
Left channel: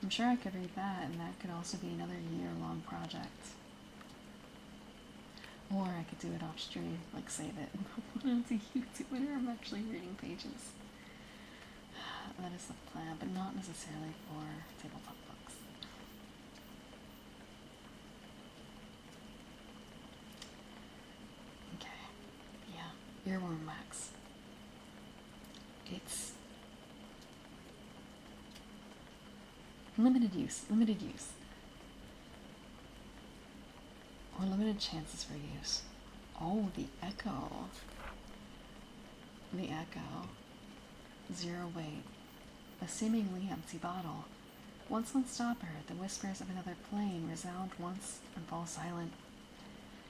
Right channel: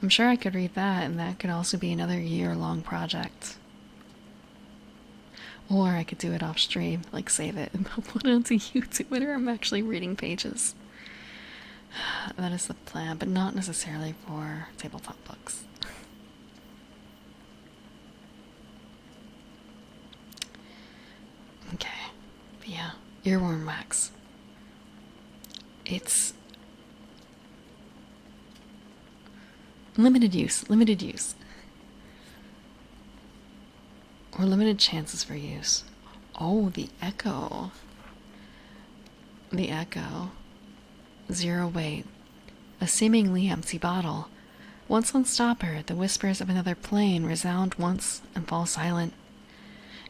I'm sure I could read that, and that could also be another year-long project. Or I could do it off stream, like save it and upload it onto YouTube whenever I'm actually reading pages. That is the plan, but not necessarily for tabletop books. Okay, but yeah, earworm wax. It's limited use. Or limited chances for use. Oh, the echo. The echo. 0 weight. A seemingly empty bottle. Once on stopper, the whispers of another plane resound once and fall silent.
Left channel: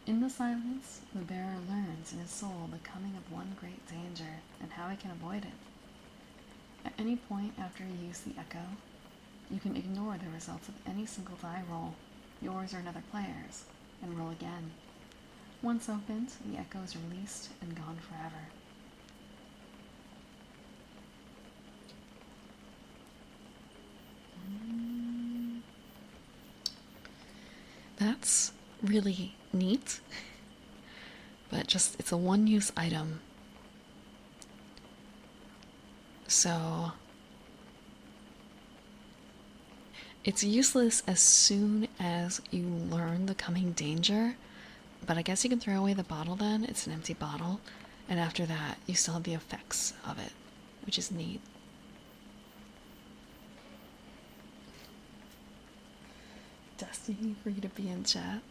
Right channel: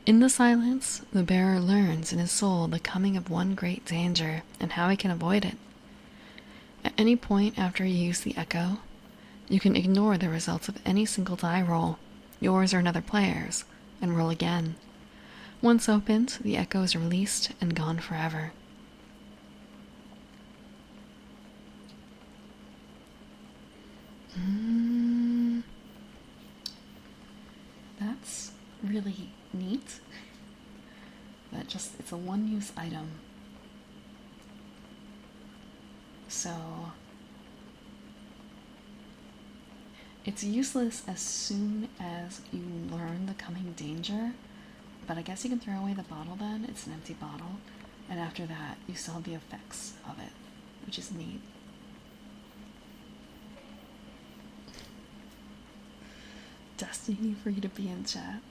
In the silence, the bearer learns in his soul the coming of one great danger and how he can avoid it. At any point after you use the echo, you can ignore the results of any single die roll, yours or another player's, and roll again. Once opened, the echo is released and gone forever. That's really neat, but it's a one-use item. So it's useless as soon as you learn the coming danger, but I guess you can throw away the bottle then. It's an empty bottle, and after that you still have the effects of it, which is neat. Destiny for you to be in chat.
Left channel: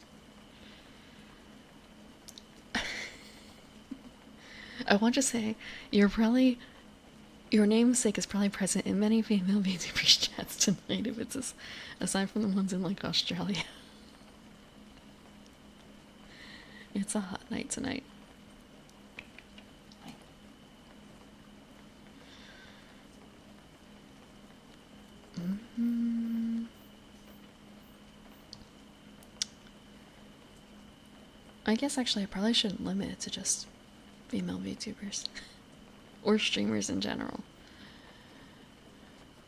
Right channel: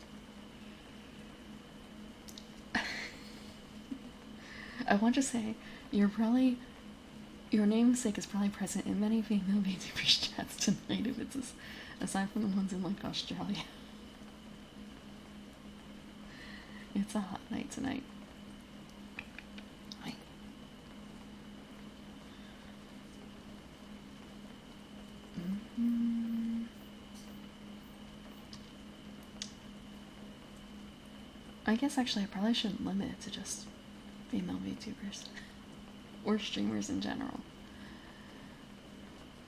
I want to say your namesake is probably present in many female VTuber chats tonight, if it's aside from the ones in like Australia. It's a hot night tonight. Hi. I guess actually I probably shouldn't limit it to just female VTubers. Or streamers in general.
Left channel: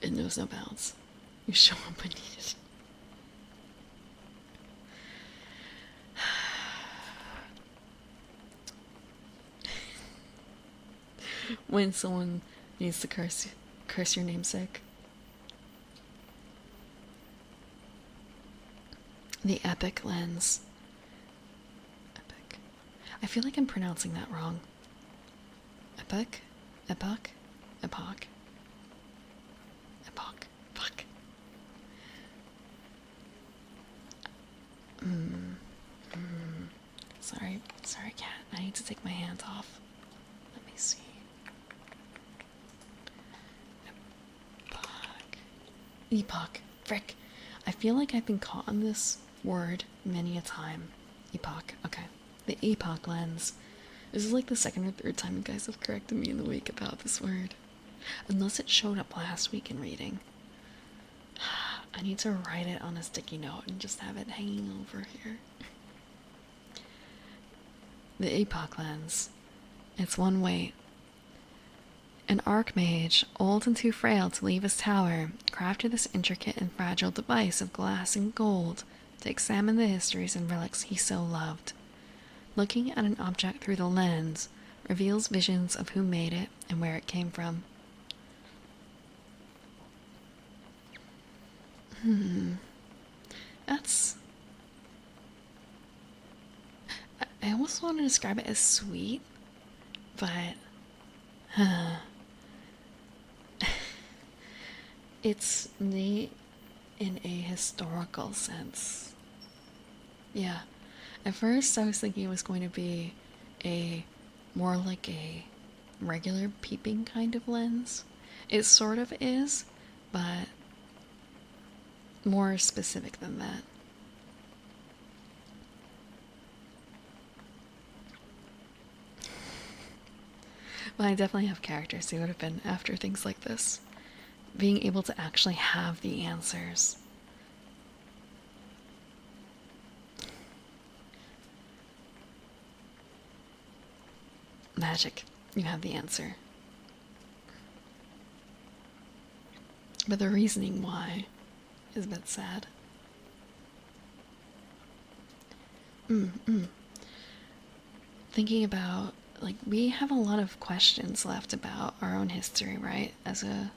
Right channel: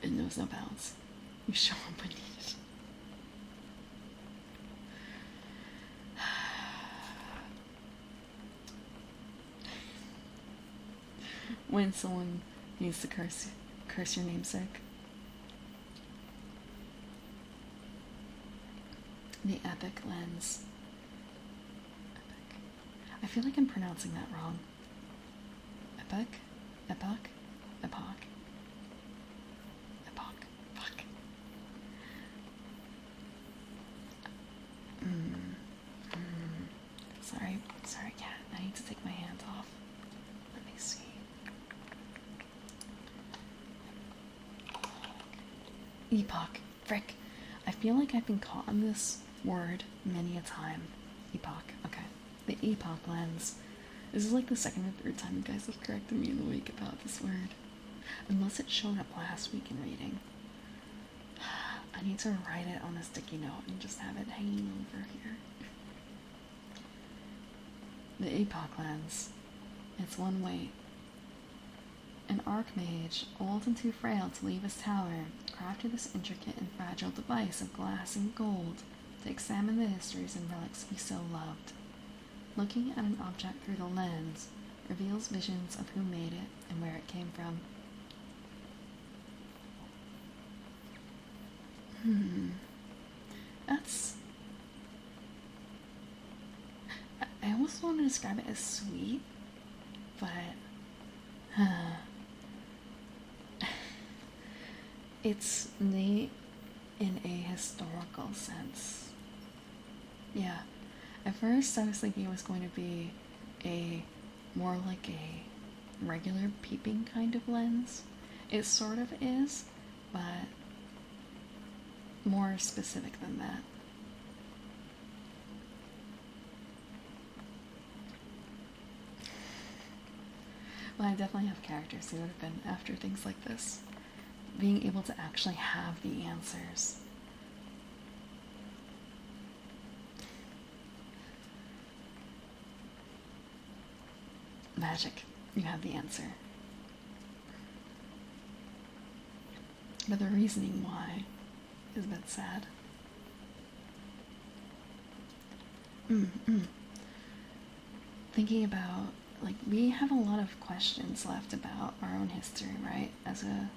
It knows no bounds. You show up when needed. When someone needs to curse your namesake. The Epic Lens. Epic. I feel like I'm pronouncing that wrong. Epic? Epoch? Epoch? Epoch. Fuck. Sorry, cat. I need to take my hands off. Let me see. Epoch. Frick. I feel like I've been caught on this word many a time. Epoch. Okay. The Epoch Lens. This is like the second or third time you guys have corrected me in the week about this word. Unless it showed up last week in reading. I need to write it on a sticky note and just have it hanging over here. The Epoch Lens. It's one way. An archmage, old and too frail to leave his tower, crafted this intricate and fragile device of glass and gold to examine the histories and relics he so loved. Looking at an object through the lens reveals visions of who made it and where it came from. That's... I almost want to describe it as sweet, but... It's neat in a historical sense. Yeah. At first, I was thinking it was going to be more like a regular peeping kind of lens. It sort of is, but more specific than that. Well, I definitely have characters who would have been after things like this. Being able to actually have the answers. Magic. You have the answer. But the reasoning why is a bit sad. Thinking about, like, we have a lot of questions left about our own history, right? As a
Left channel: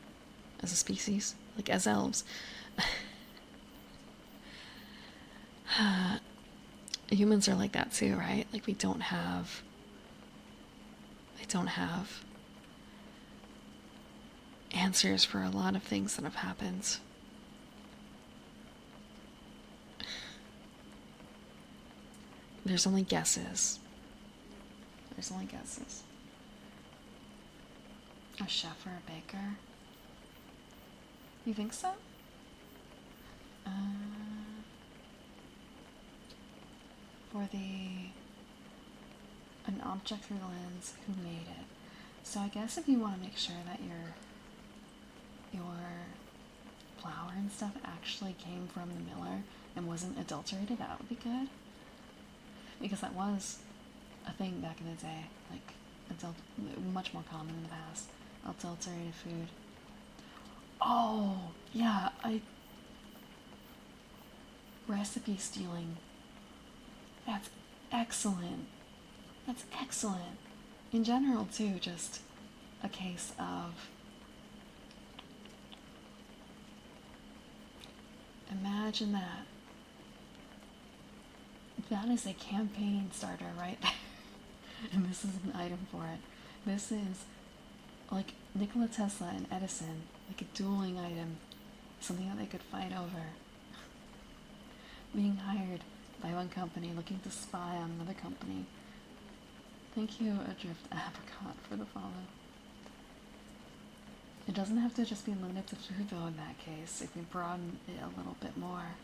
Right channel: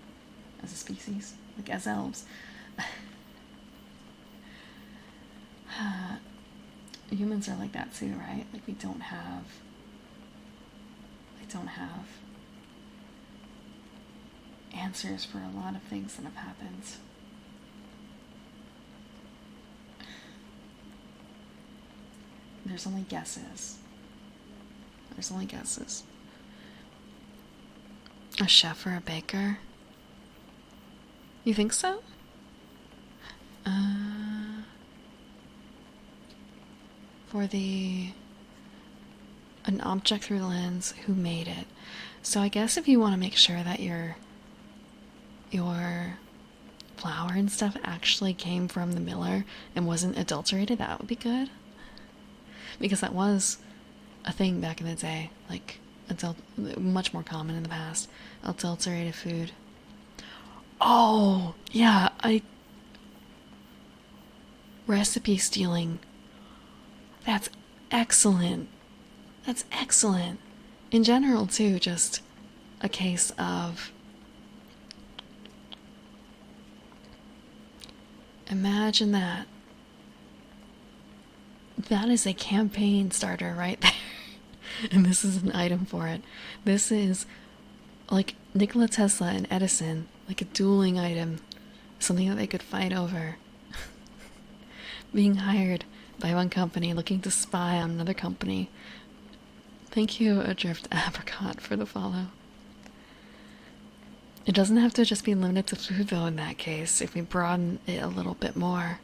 species, like as elves. Humans are like that too, right? Like we don't have answers for a lot of things that have happened. There's only guesses. A chef or a baker? You think so? For an object through the lens, who made it? So I guess if you want to make sure that your flour and stuff actually came from the miller and wasn't adulterated, that would be good. Because that was a thing back in the day, like much more common in the past. Adulterated food. Oh, yeah, recipe stealing. That's excellent. That's excellent. In general, too, just a case of... Imagine that. That is a campaign starter right there. And this is an item for it. This is like Nikola Tesla and Edison, like a dueling item, something that they could fight over. Being hired by one company, looking to spy on another company. Thank you, Adrift Apricot, for the follow. It doesn't have to just be limited to food, though, in that case, if we broaden it a little bit more.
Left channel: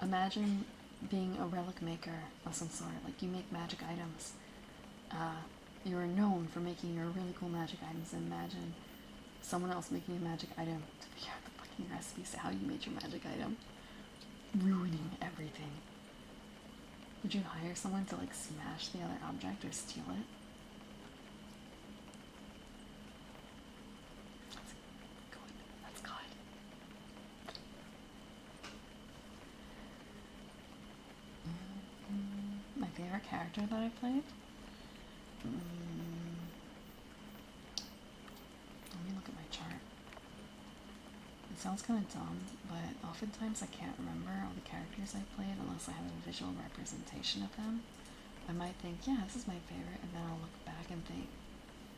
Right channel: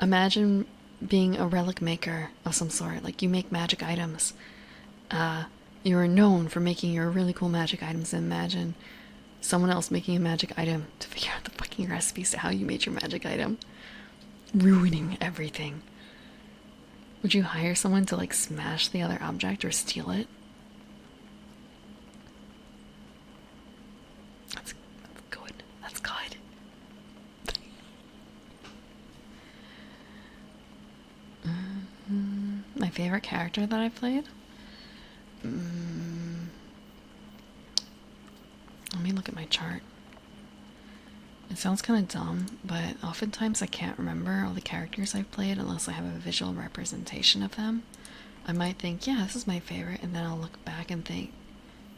Imagine being a relic maker of some sort, like you make magic items. You are known for making your really cool magic items. Imagine someone else making a magic item to figure out the fucking recipes to how you made your magic item. Ruining everything. Would you hire someone to like smash the other object or steal it? That's good. That's good. My favorite character that I played? Let me look at my chart. It sounds kind of dumb, but oftentimes I can't remember all the characters I've played unless I have a visual representation of them. I might think, yeah, this is my favorite, and then I'll look back and think,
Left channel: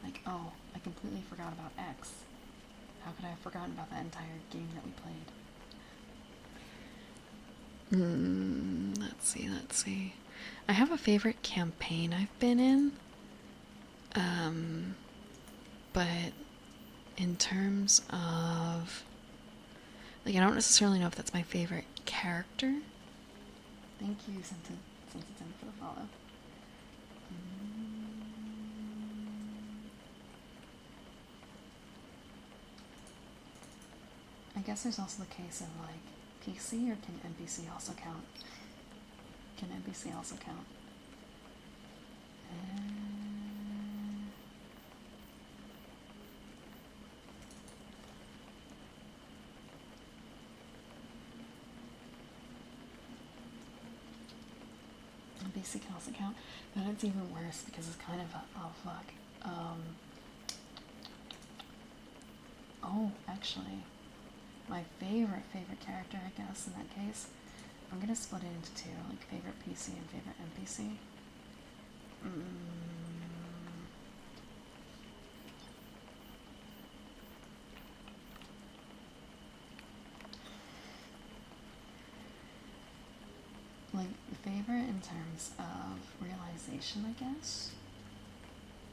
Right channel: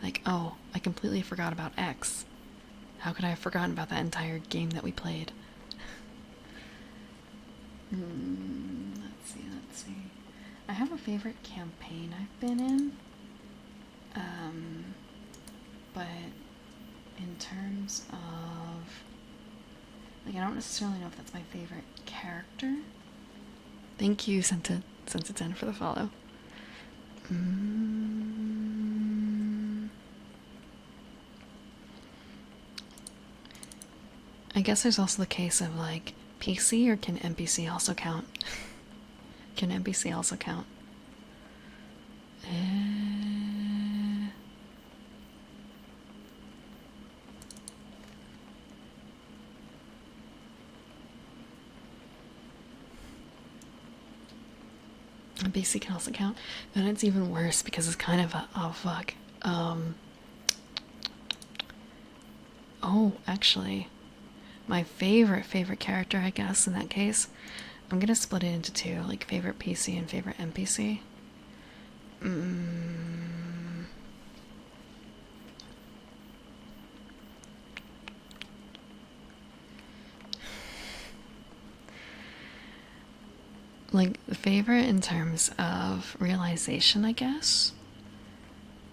like, oh, I completely forgot about X. How could I have forgotten about that entire game that we played? Let's see. I have a favorite campaign I've been in. But in terms of, like, I don't necessarily know if that's my favorite character. Thank you, Senta10 for the follow. I guess there's also the case of, like, PC, or can NPC also count? Can NPC also count? NPC can also count. Then it's even worse because it's kind of a, oh fuck. Oh, actually, my favorite character, I guess, in that case, I'm gonna split it into two, like favorite PC and favorite NPC. Like, favorite in terms of realization, I guess.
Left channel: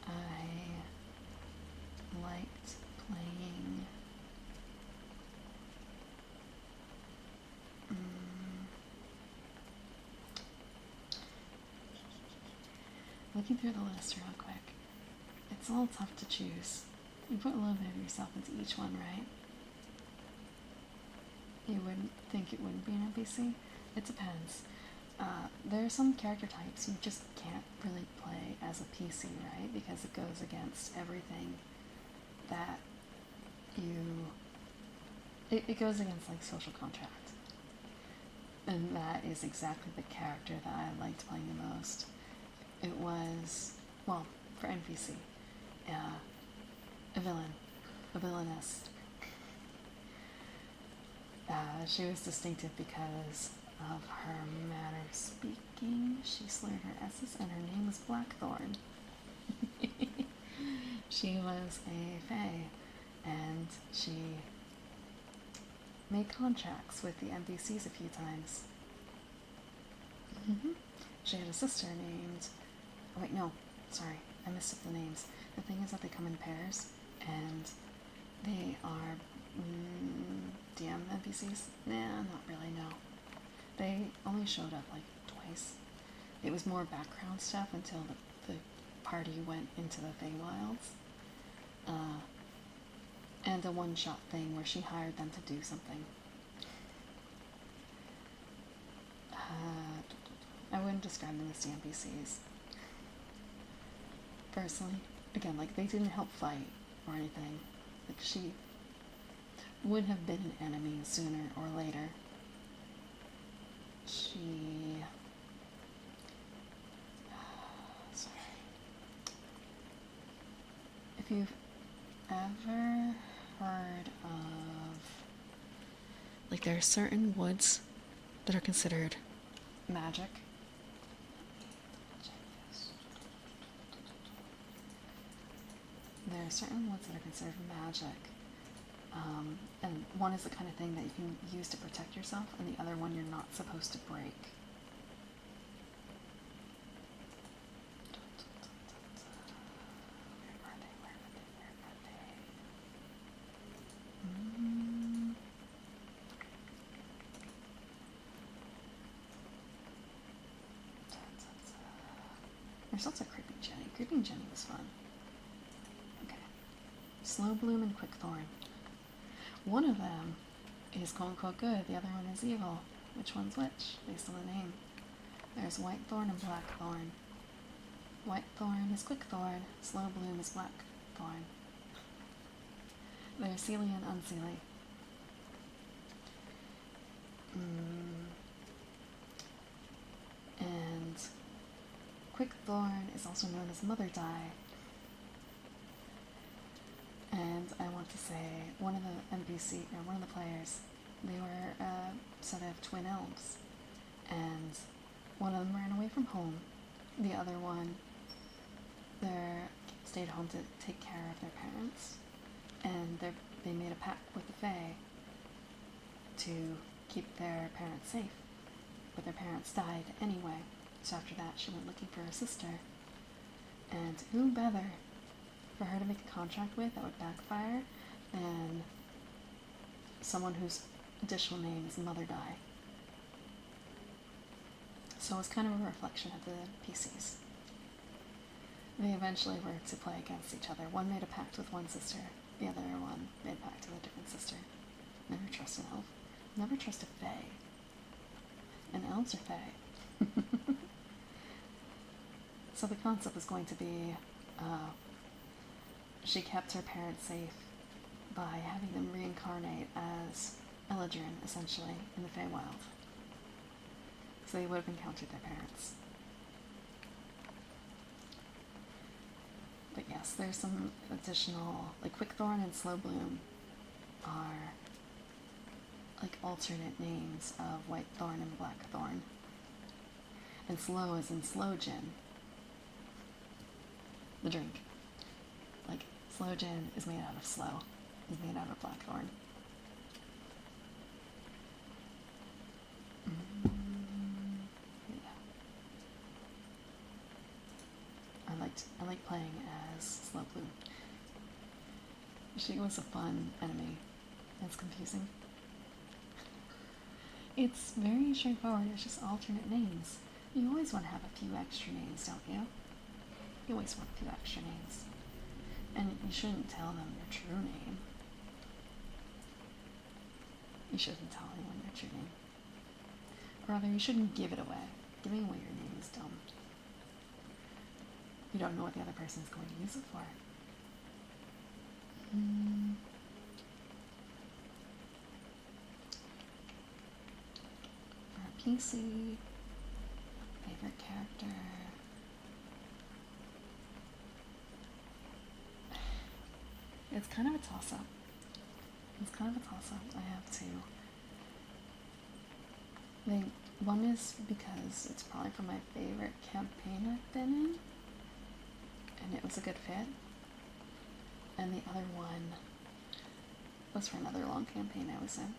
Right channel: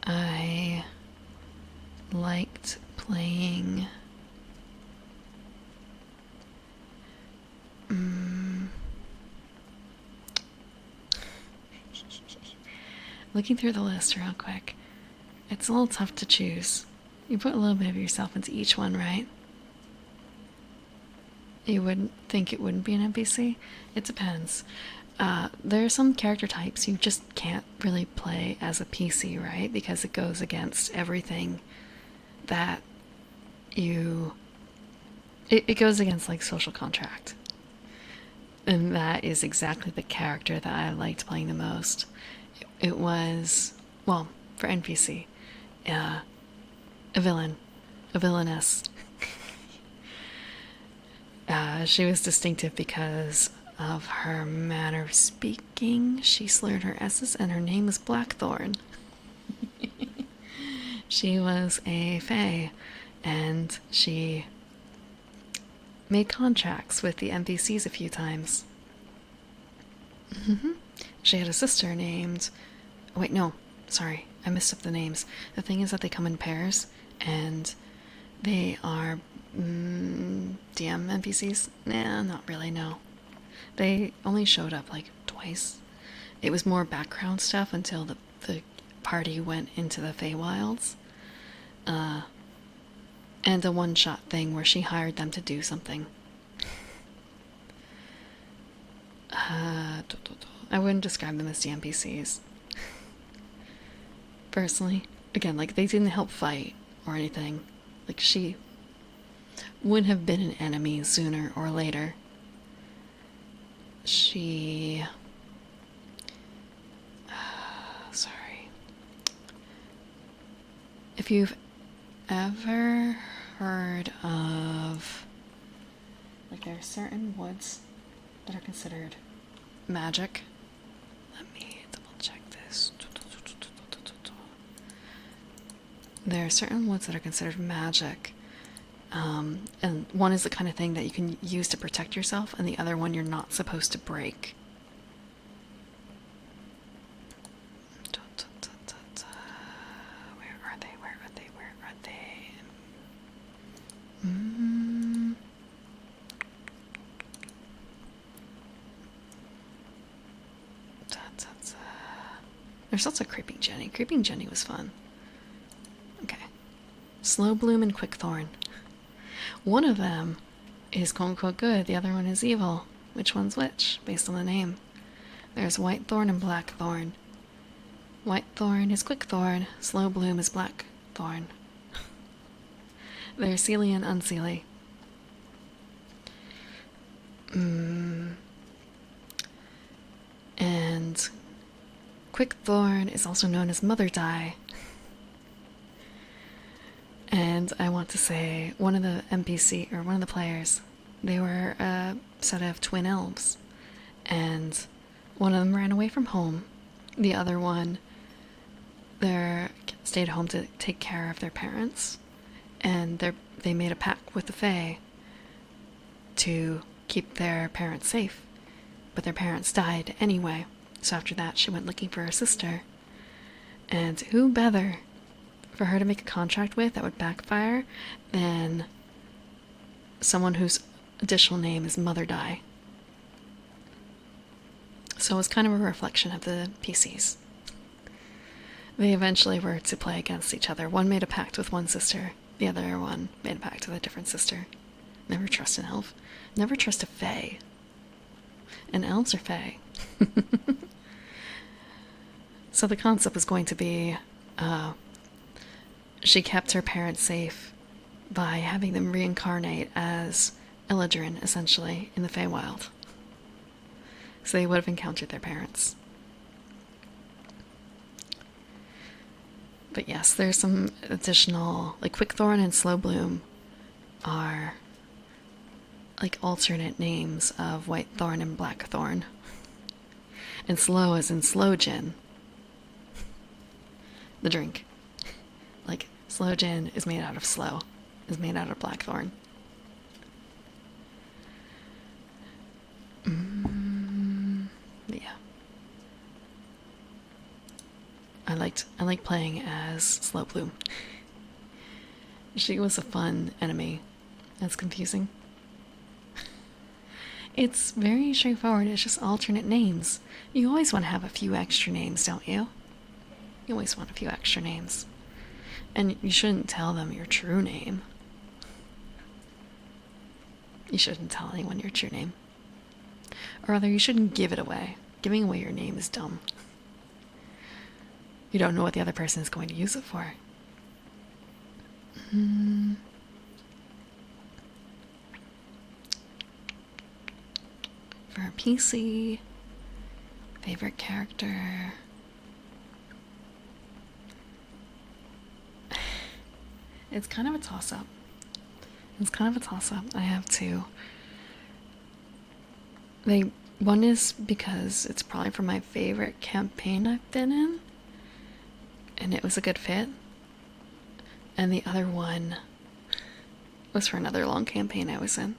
I liked playing looking through the list real quick. It's a little tough to choose. You put a little bit of yourself into each one, right? You wouldn't think it wouldn't be an NPC? It depends. There are some character types you just can't really play as a PC, right? Because it goes against everything that you... It goes against, like, social contract. And that is exactly the character that I liked playing the most. It was, well, for NPC, a villainess. She was distinctive because of her manner of speaking. She slurred her S's, and her name was Blackthorn. She was a fae, and she made contracts with the NPCs a few times. She had a sister named... Wait, no, sorry, I messed up the names. The thing is that they come in pairs, and they are DM NPCs? Nah, not really, no. They only showed up like twice. It was more background stuff until the party went into the Feywilds. And a one-shot thing where she hired them to do something. I wouldn't describe them as the NPCs. Personally. Again, like, they didn't help fight or anything. Like, she would have been an enemy sooner or later. She... sorry. If you've ever heard of... like, there are certain woods that are considered magic. Let me double check this. There are certain woods that are considered magic. And one is the kind of thing that you can use to protect yourself, and the other one you're not supposed to break. There's also Creeping Jenny. Creeping Jenny was fun. Okay. Slow Bloom and Quickthorn. One of them is quote unquote good, the other one is evil. Which one's which, based on the name? There's Whitethorn and Blackthorn. Whitethorn is Quickthorn, Slow Bloom is Blackthorn. They're Seelie and Unseelie. And Quickthorn is also known as Mother Die. And I want to say one of the NPC, or one of the players, they were a set of twin elves. And one of them ran away from home. The other one, stayed home to take care of their parents. And they made a pact with the Fae to keep their parents safe. But their parents died anyway. So after that, she went looking for her sister. And who better for her to make a contract with that would backfire than someone whose additional name is Mother Die. So it was kind of a reflection of the PCs. They eventually were to play against each other. One made a pact with one sister, the other one made a pact with a different sister. Never trust an elf. Never trust a fae. And elves are fae. So the concept was going to be she kept her parents safe by having them reincarnate as Eladrin, essentially, in the Feywild. So they would have encountered their parents. But yes, there's some additional, like Quickthorn and Slow Bloom are like alternate names of Whitethorn and Blackthorn. And Slow is in Slow Gin. The drink. Like, Slow Gin is made out of slow. Is made out of Blackthorn. Yeah. I liked playing as Slow Bloom. She was a fun enemy. That's confusing. It's very straightforward. It's just alternate names. You always want to have a few extra names, don't you? You always want a few extra names. And you shouldn't tell them your true name. You shouldn't tell anyone your true name. Or rather, you shouldn't give it away. Giving away your name is dumb. You don't know what the other person is going to use it for. For a PC, favorite character. It's kind of a toss-up. I have two. One is because it's probably from my favorite campaign I've been in, and it was a good fit. And the other one was for another long campaign I was in.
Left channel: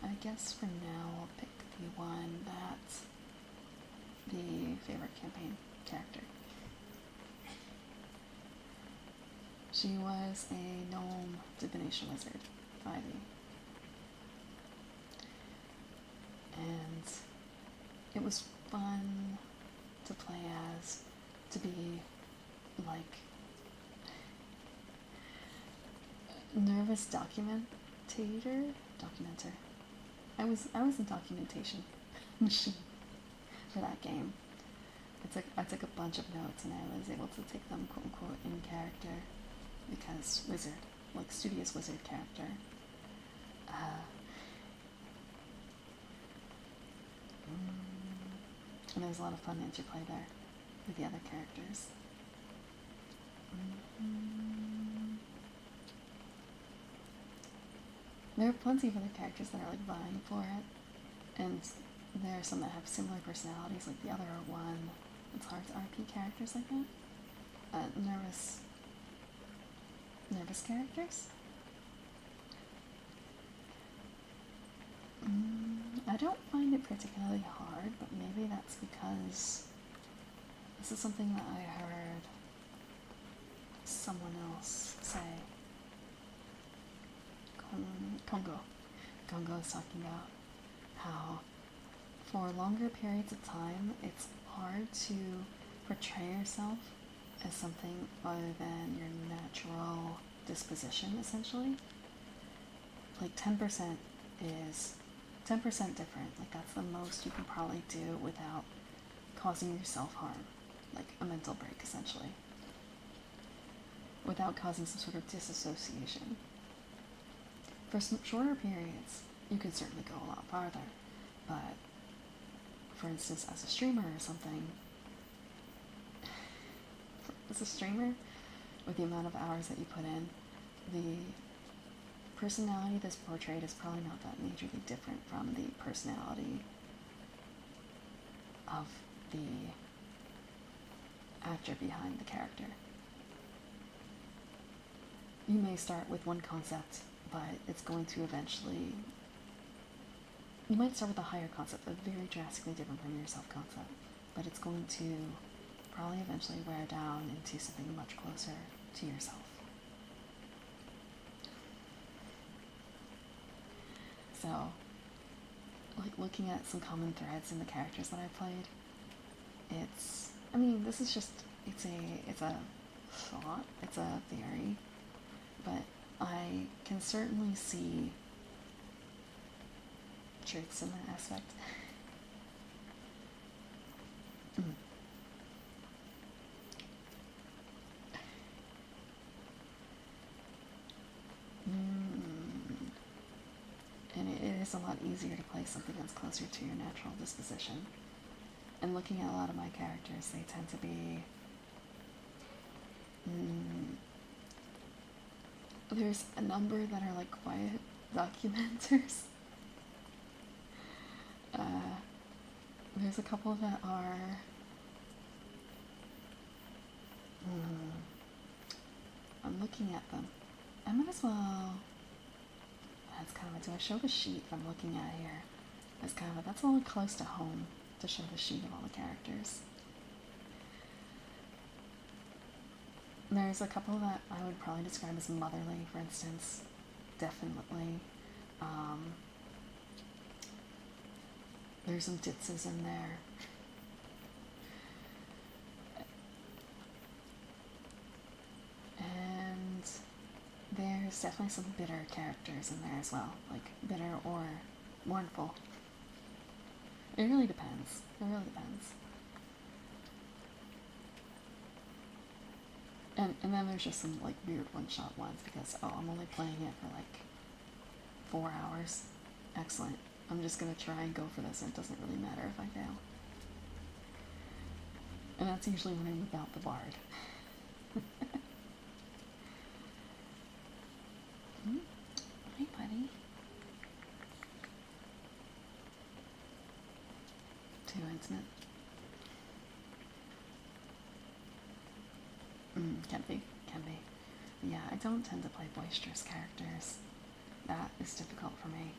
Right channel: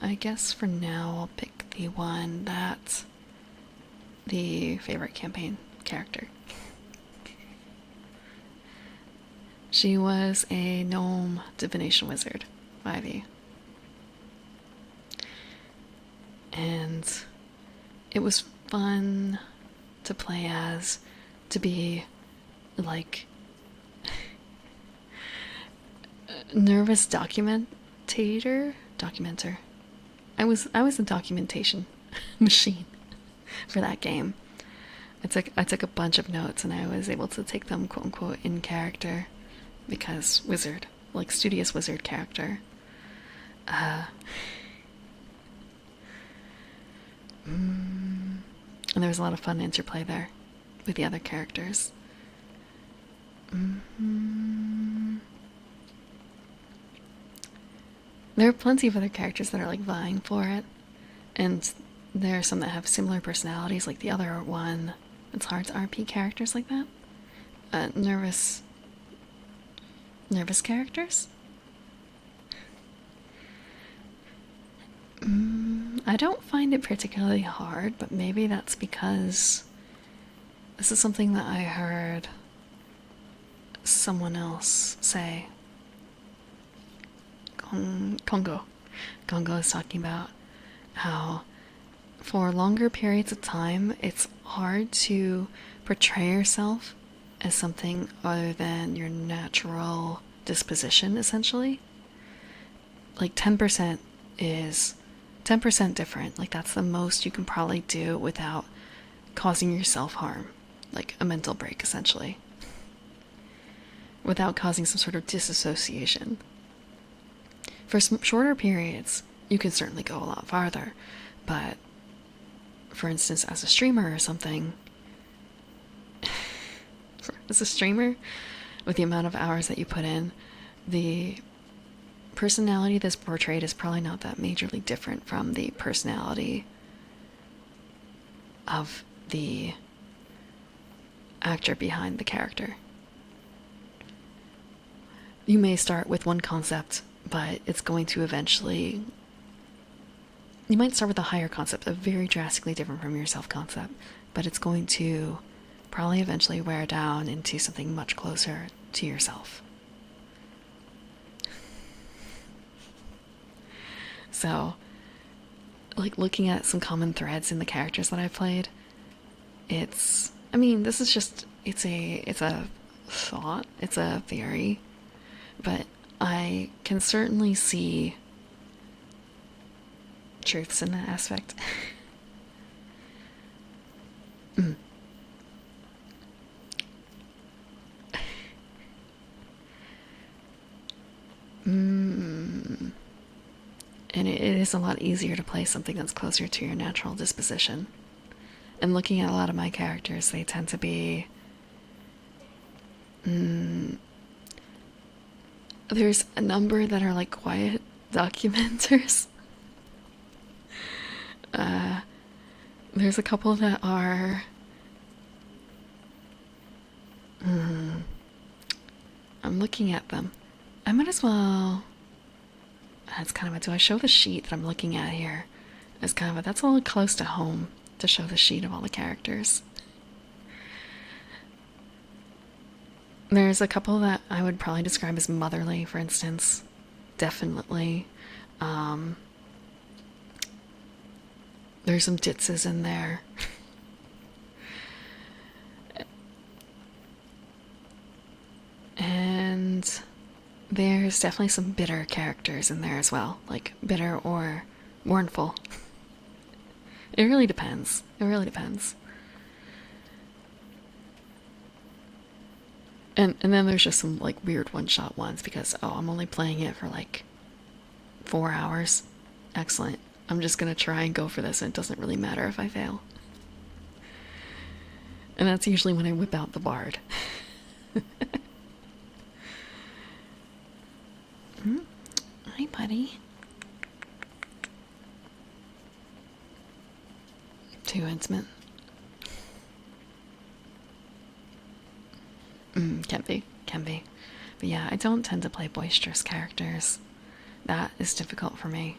I guess for now I'll pick the one that's the favorite campaign character. She was a gnome divination wizard, 5e. And it was fun to play as, to be like nervous documenter. I was a documentation machine for that game. I took a bunch of notes and I was able to take them quote unquote in character because wizard, like studious wizard character. And there was a lot of fun interplay there with the other characters. There are plenty of other characters that are like vying for it, and there are some that have similar personalities, like the other one. It's hard to RP characters like that. Nervous characters? I don't find it particularly hard, but maybe that's because this is something that I heard someone else say. Congo is talking about how for longer periods of time, it's hard to portray yourself as something other than your natural disposition, essentially. Like 10% is 10% different. Like that's the most you can probably do without causing yourself harm, like a mental break, essentially, without causing some sort of disassociation. For some shorter periods, you can certainly go a lot farther, but for instance, as a streamer or something, as a streamer, with the amount of hours that you put in, the personality that's portrayed is probably not that majorly different from the personality of the actor behind the character. You may start with one concept, but it's going to eventually... You might start with a higher concept, a very drastically different from your self-concept, but it's going to probably eventually wear down into something much closer to yourself. So, like, looking at some common threads in the characters that I've played, it's... I mean, this is just... It's a thought, it's a theory, but I can certainly see truths in that aspect. And it is a lot easier to play something that's closer to your natural disposition. And looking at a lot of my characters, they tend to be... There's a number that are like quiet documenters. There's a couple that are... I'm looking at them. I might as well... That's kind of a... Do I show the sheet that I'm looking at here? It's kind of a... That's a little close to home to show the sheet of all the characters. There's a couple that I would probably describe as motherly, for instance. Definitely. There's some ditzes in there. And there's definitely some bitter characters in there as well. Like, bitter or mournful. It really depends. It really depends. And then there's just some, like, weird one-shot ones because, oh, I'm only playing it for, like, 4 hours. Excellent. I'm just gonna try and go for this, and it doesn't really matter if I fail. And that's usually when I whip out the bard. Hi, buddy. Too intimate. Can be. But yeah, I don't tend to play boisterous characters. That is difficult for me.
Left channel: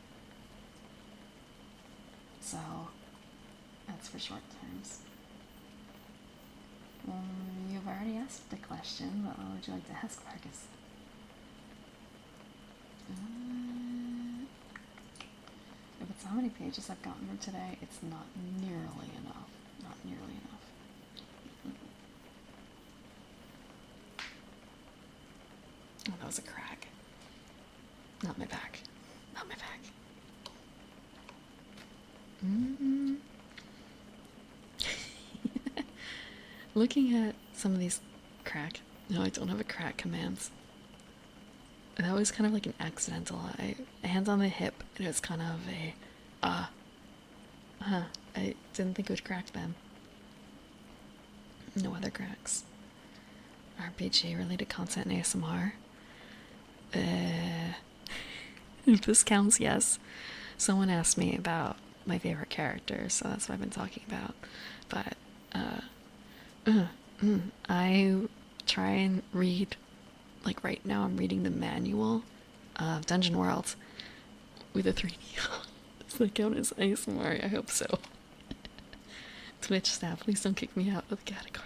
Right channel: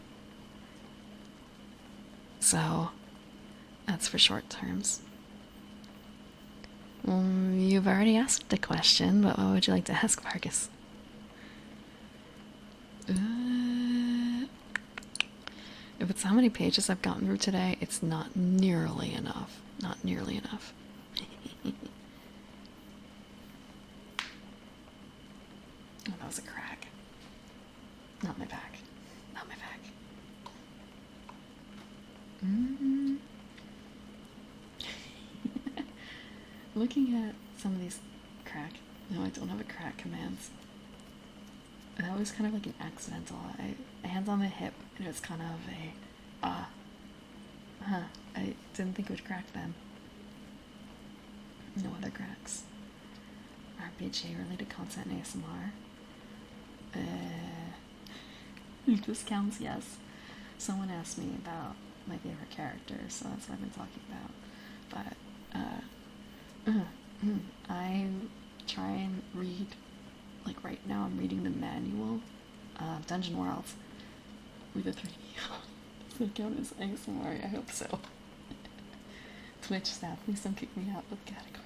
So, that's for short terms. You've already asked the question, but what would you like to ask, Marcus? If it's how many pages I've gotten through today, it's not nearly enough. Not nearly enough. Oh, that was a crack. Not my back. Not my back. Looking at some of these crack... No, I don't have a crack commands. That was kind of like an accidental. Hands on the hip, and it was kind of a... I didn't think it would crack then. No other cracks. RPG related content in ASMR. If this counts, yes. Someone asked me about my favorite characters, so that's what I've been talking about. But, I try and read, like right now I'm reading the manual of Dungeon World with a 3D. Does that count as ASMR? I hope so. Twitch staff, please don't kick me out of the category.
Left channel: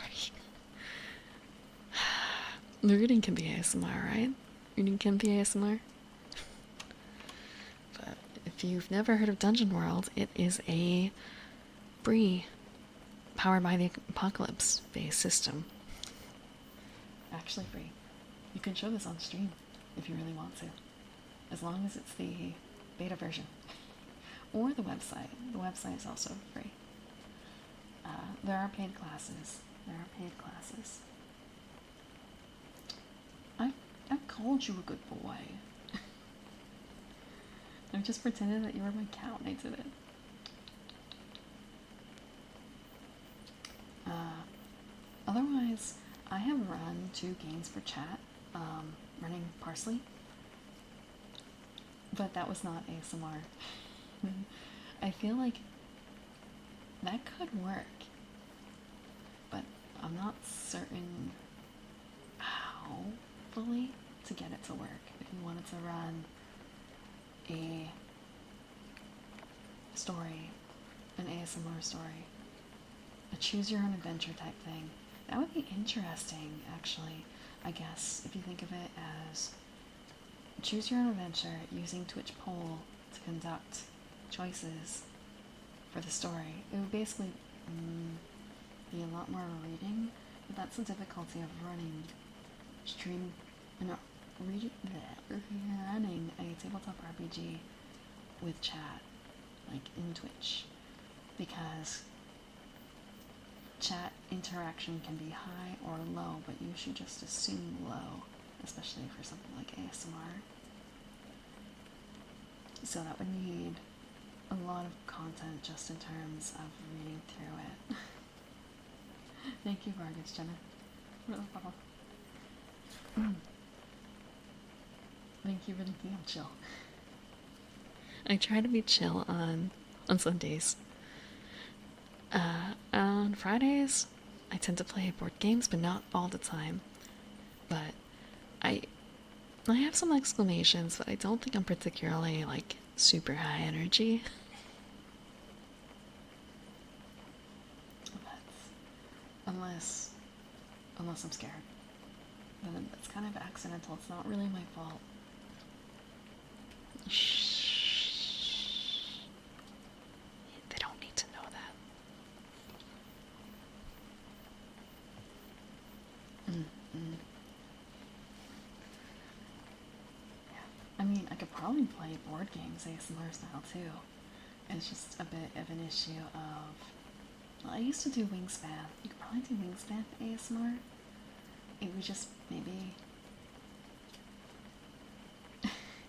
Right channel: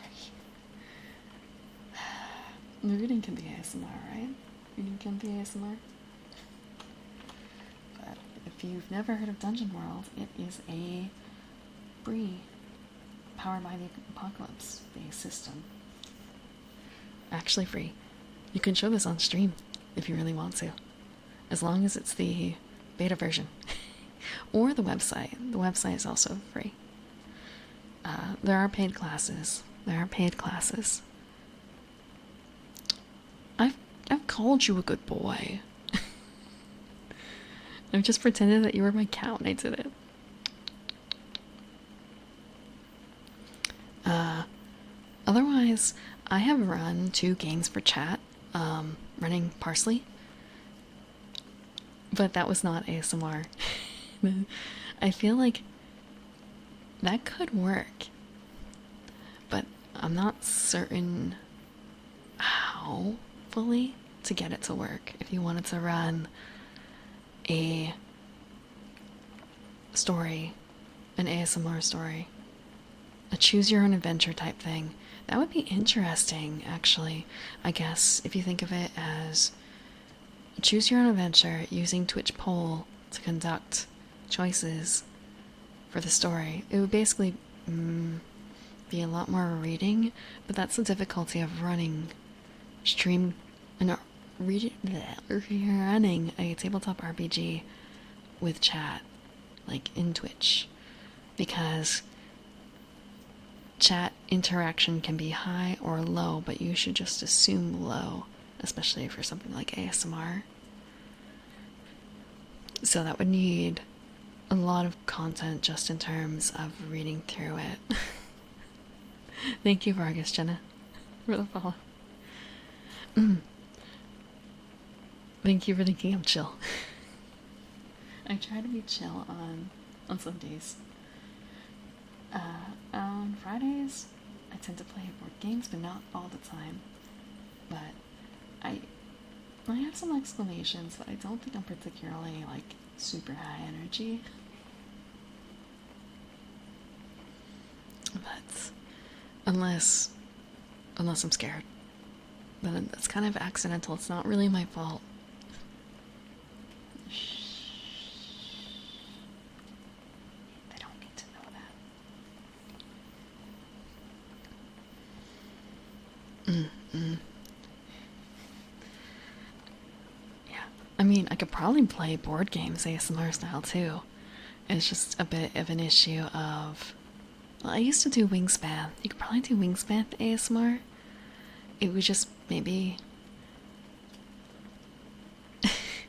The reading can be ASMR, right? Reading can be ASMR. But if you've never heard of Dungeon World, it is a Bree, powered by the Apocalypse based system. Actually free. You can show this on stream if you really want to, as long as it's the beta version. Or the website. The website is also free. There are paid classes. I've called you a good boy. I've just pretended that you were my cat when I did it. Otherwise, I have run 2 games for chat, running Parsley. But that was not ASMR. I feel like that could work. But I'm not certain how fully to get it to work. If you wanted to run a story, an ASMR story, a choose your own adventure type thing, that would be interesting, actually. I guess if you think of it as choose your own adventure using Twitch poll to conduct choices for the story, it would basically be a lot more reading, but that's the difficulty of running stream and running a tabletop RPG with chat, like in Twitch, because chat interaction can be high or low, but you should just assume low, especially for something like ASMR. So that would need a lot of content just in terms of reading through it. Thank you, Vargas Jenna, for the follow. Thank you for thinking I'm chill. I try to be chill on Sundays. On Fridays, I tend to play board games, but not all the time. But I have some exclamations, but I don't think I'm particularly, like, super high energy. But unless I'm scared. But then that's kind of accidental. It's not really my fault. Shh. They don't need to know that. Yeah. I mean, I could probably play board games ASMR style too. It's just a bit of an issue of... Well, I used to do Wingspan. You could probably do Wingspan ASMR. It would just maybe...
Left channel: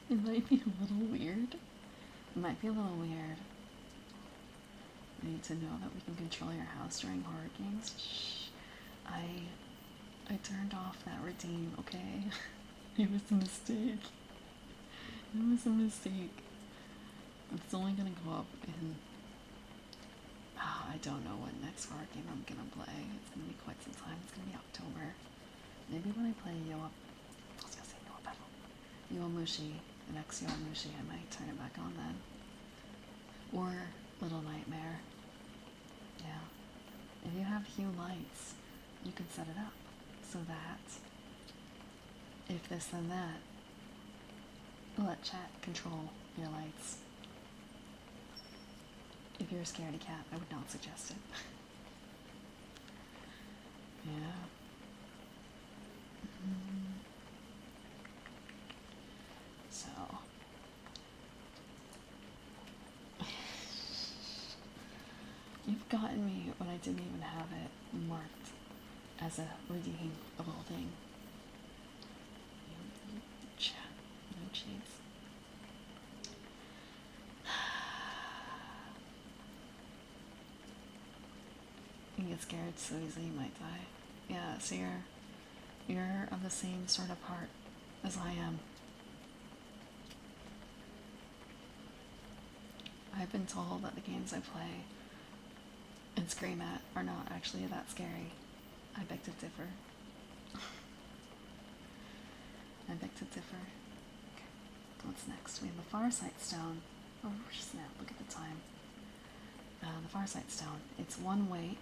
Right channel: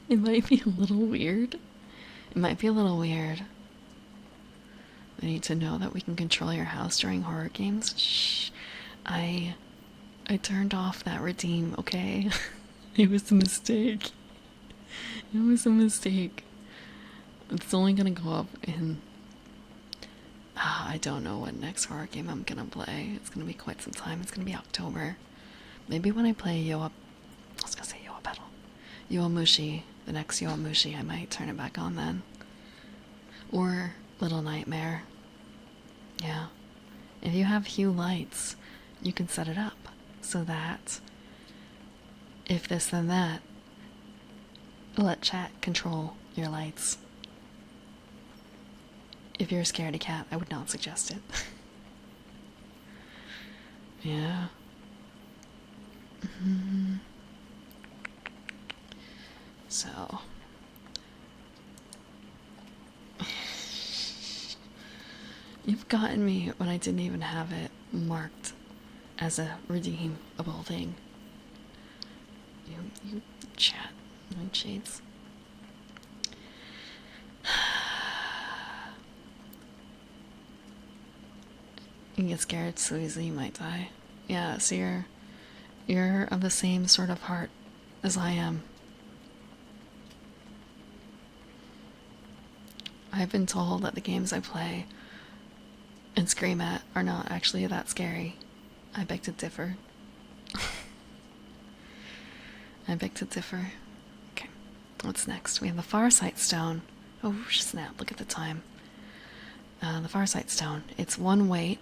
It might be a little weird. It might be a little weird. I need to know that we can control your house during horror games. Shh. I turned off that redeem, okay? It was a mistake. It was a mistake. It's only gonna go up in... I don't know what next horror game I'm gonna play. It's gonna be quite some time. It's gonna be October. Maybe when I play I was gonna say Battle. Yowamushi, the next Yowamushi, I might turn it back on then. Or Little Nightmare. Yeah. If you have Hue lights, you can set it up so that if this then that, let chat control your lights. If you're a scaredy cat, I would not suggest it. Yeah. So you've gotten me when I didn't even have it marked as a redeemable thing. You chat, no shades. You get scared so easily you might die. Yeah, so you're of the same sort of heart as I am. I've been told that the games I play and scream at are not actually that scary. I beg to differ. I beg to differ. Okay, what's next? We have the Farsight Stone. Oh snap, look at the time. The Farsight Stone. It's 1 weight.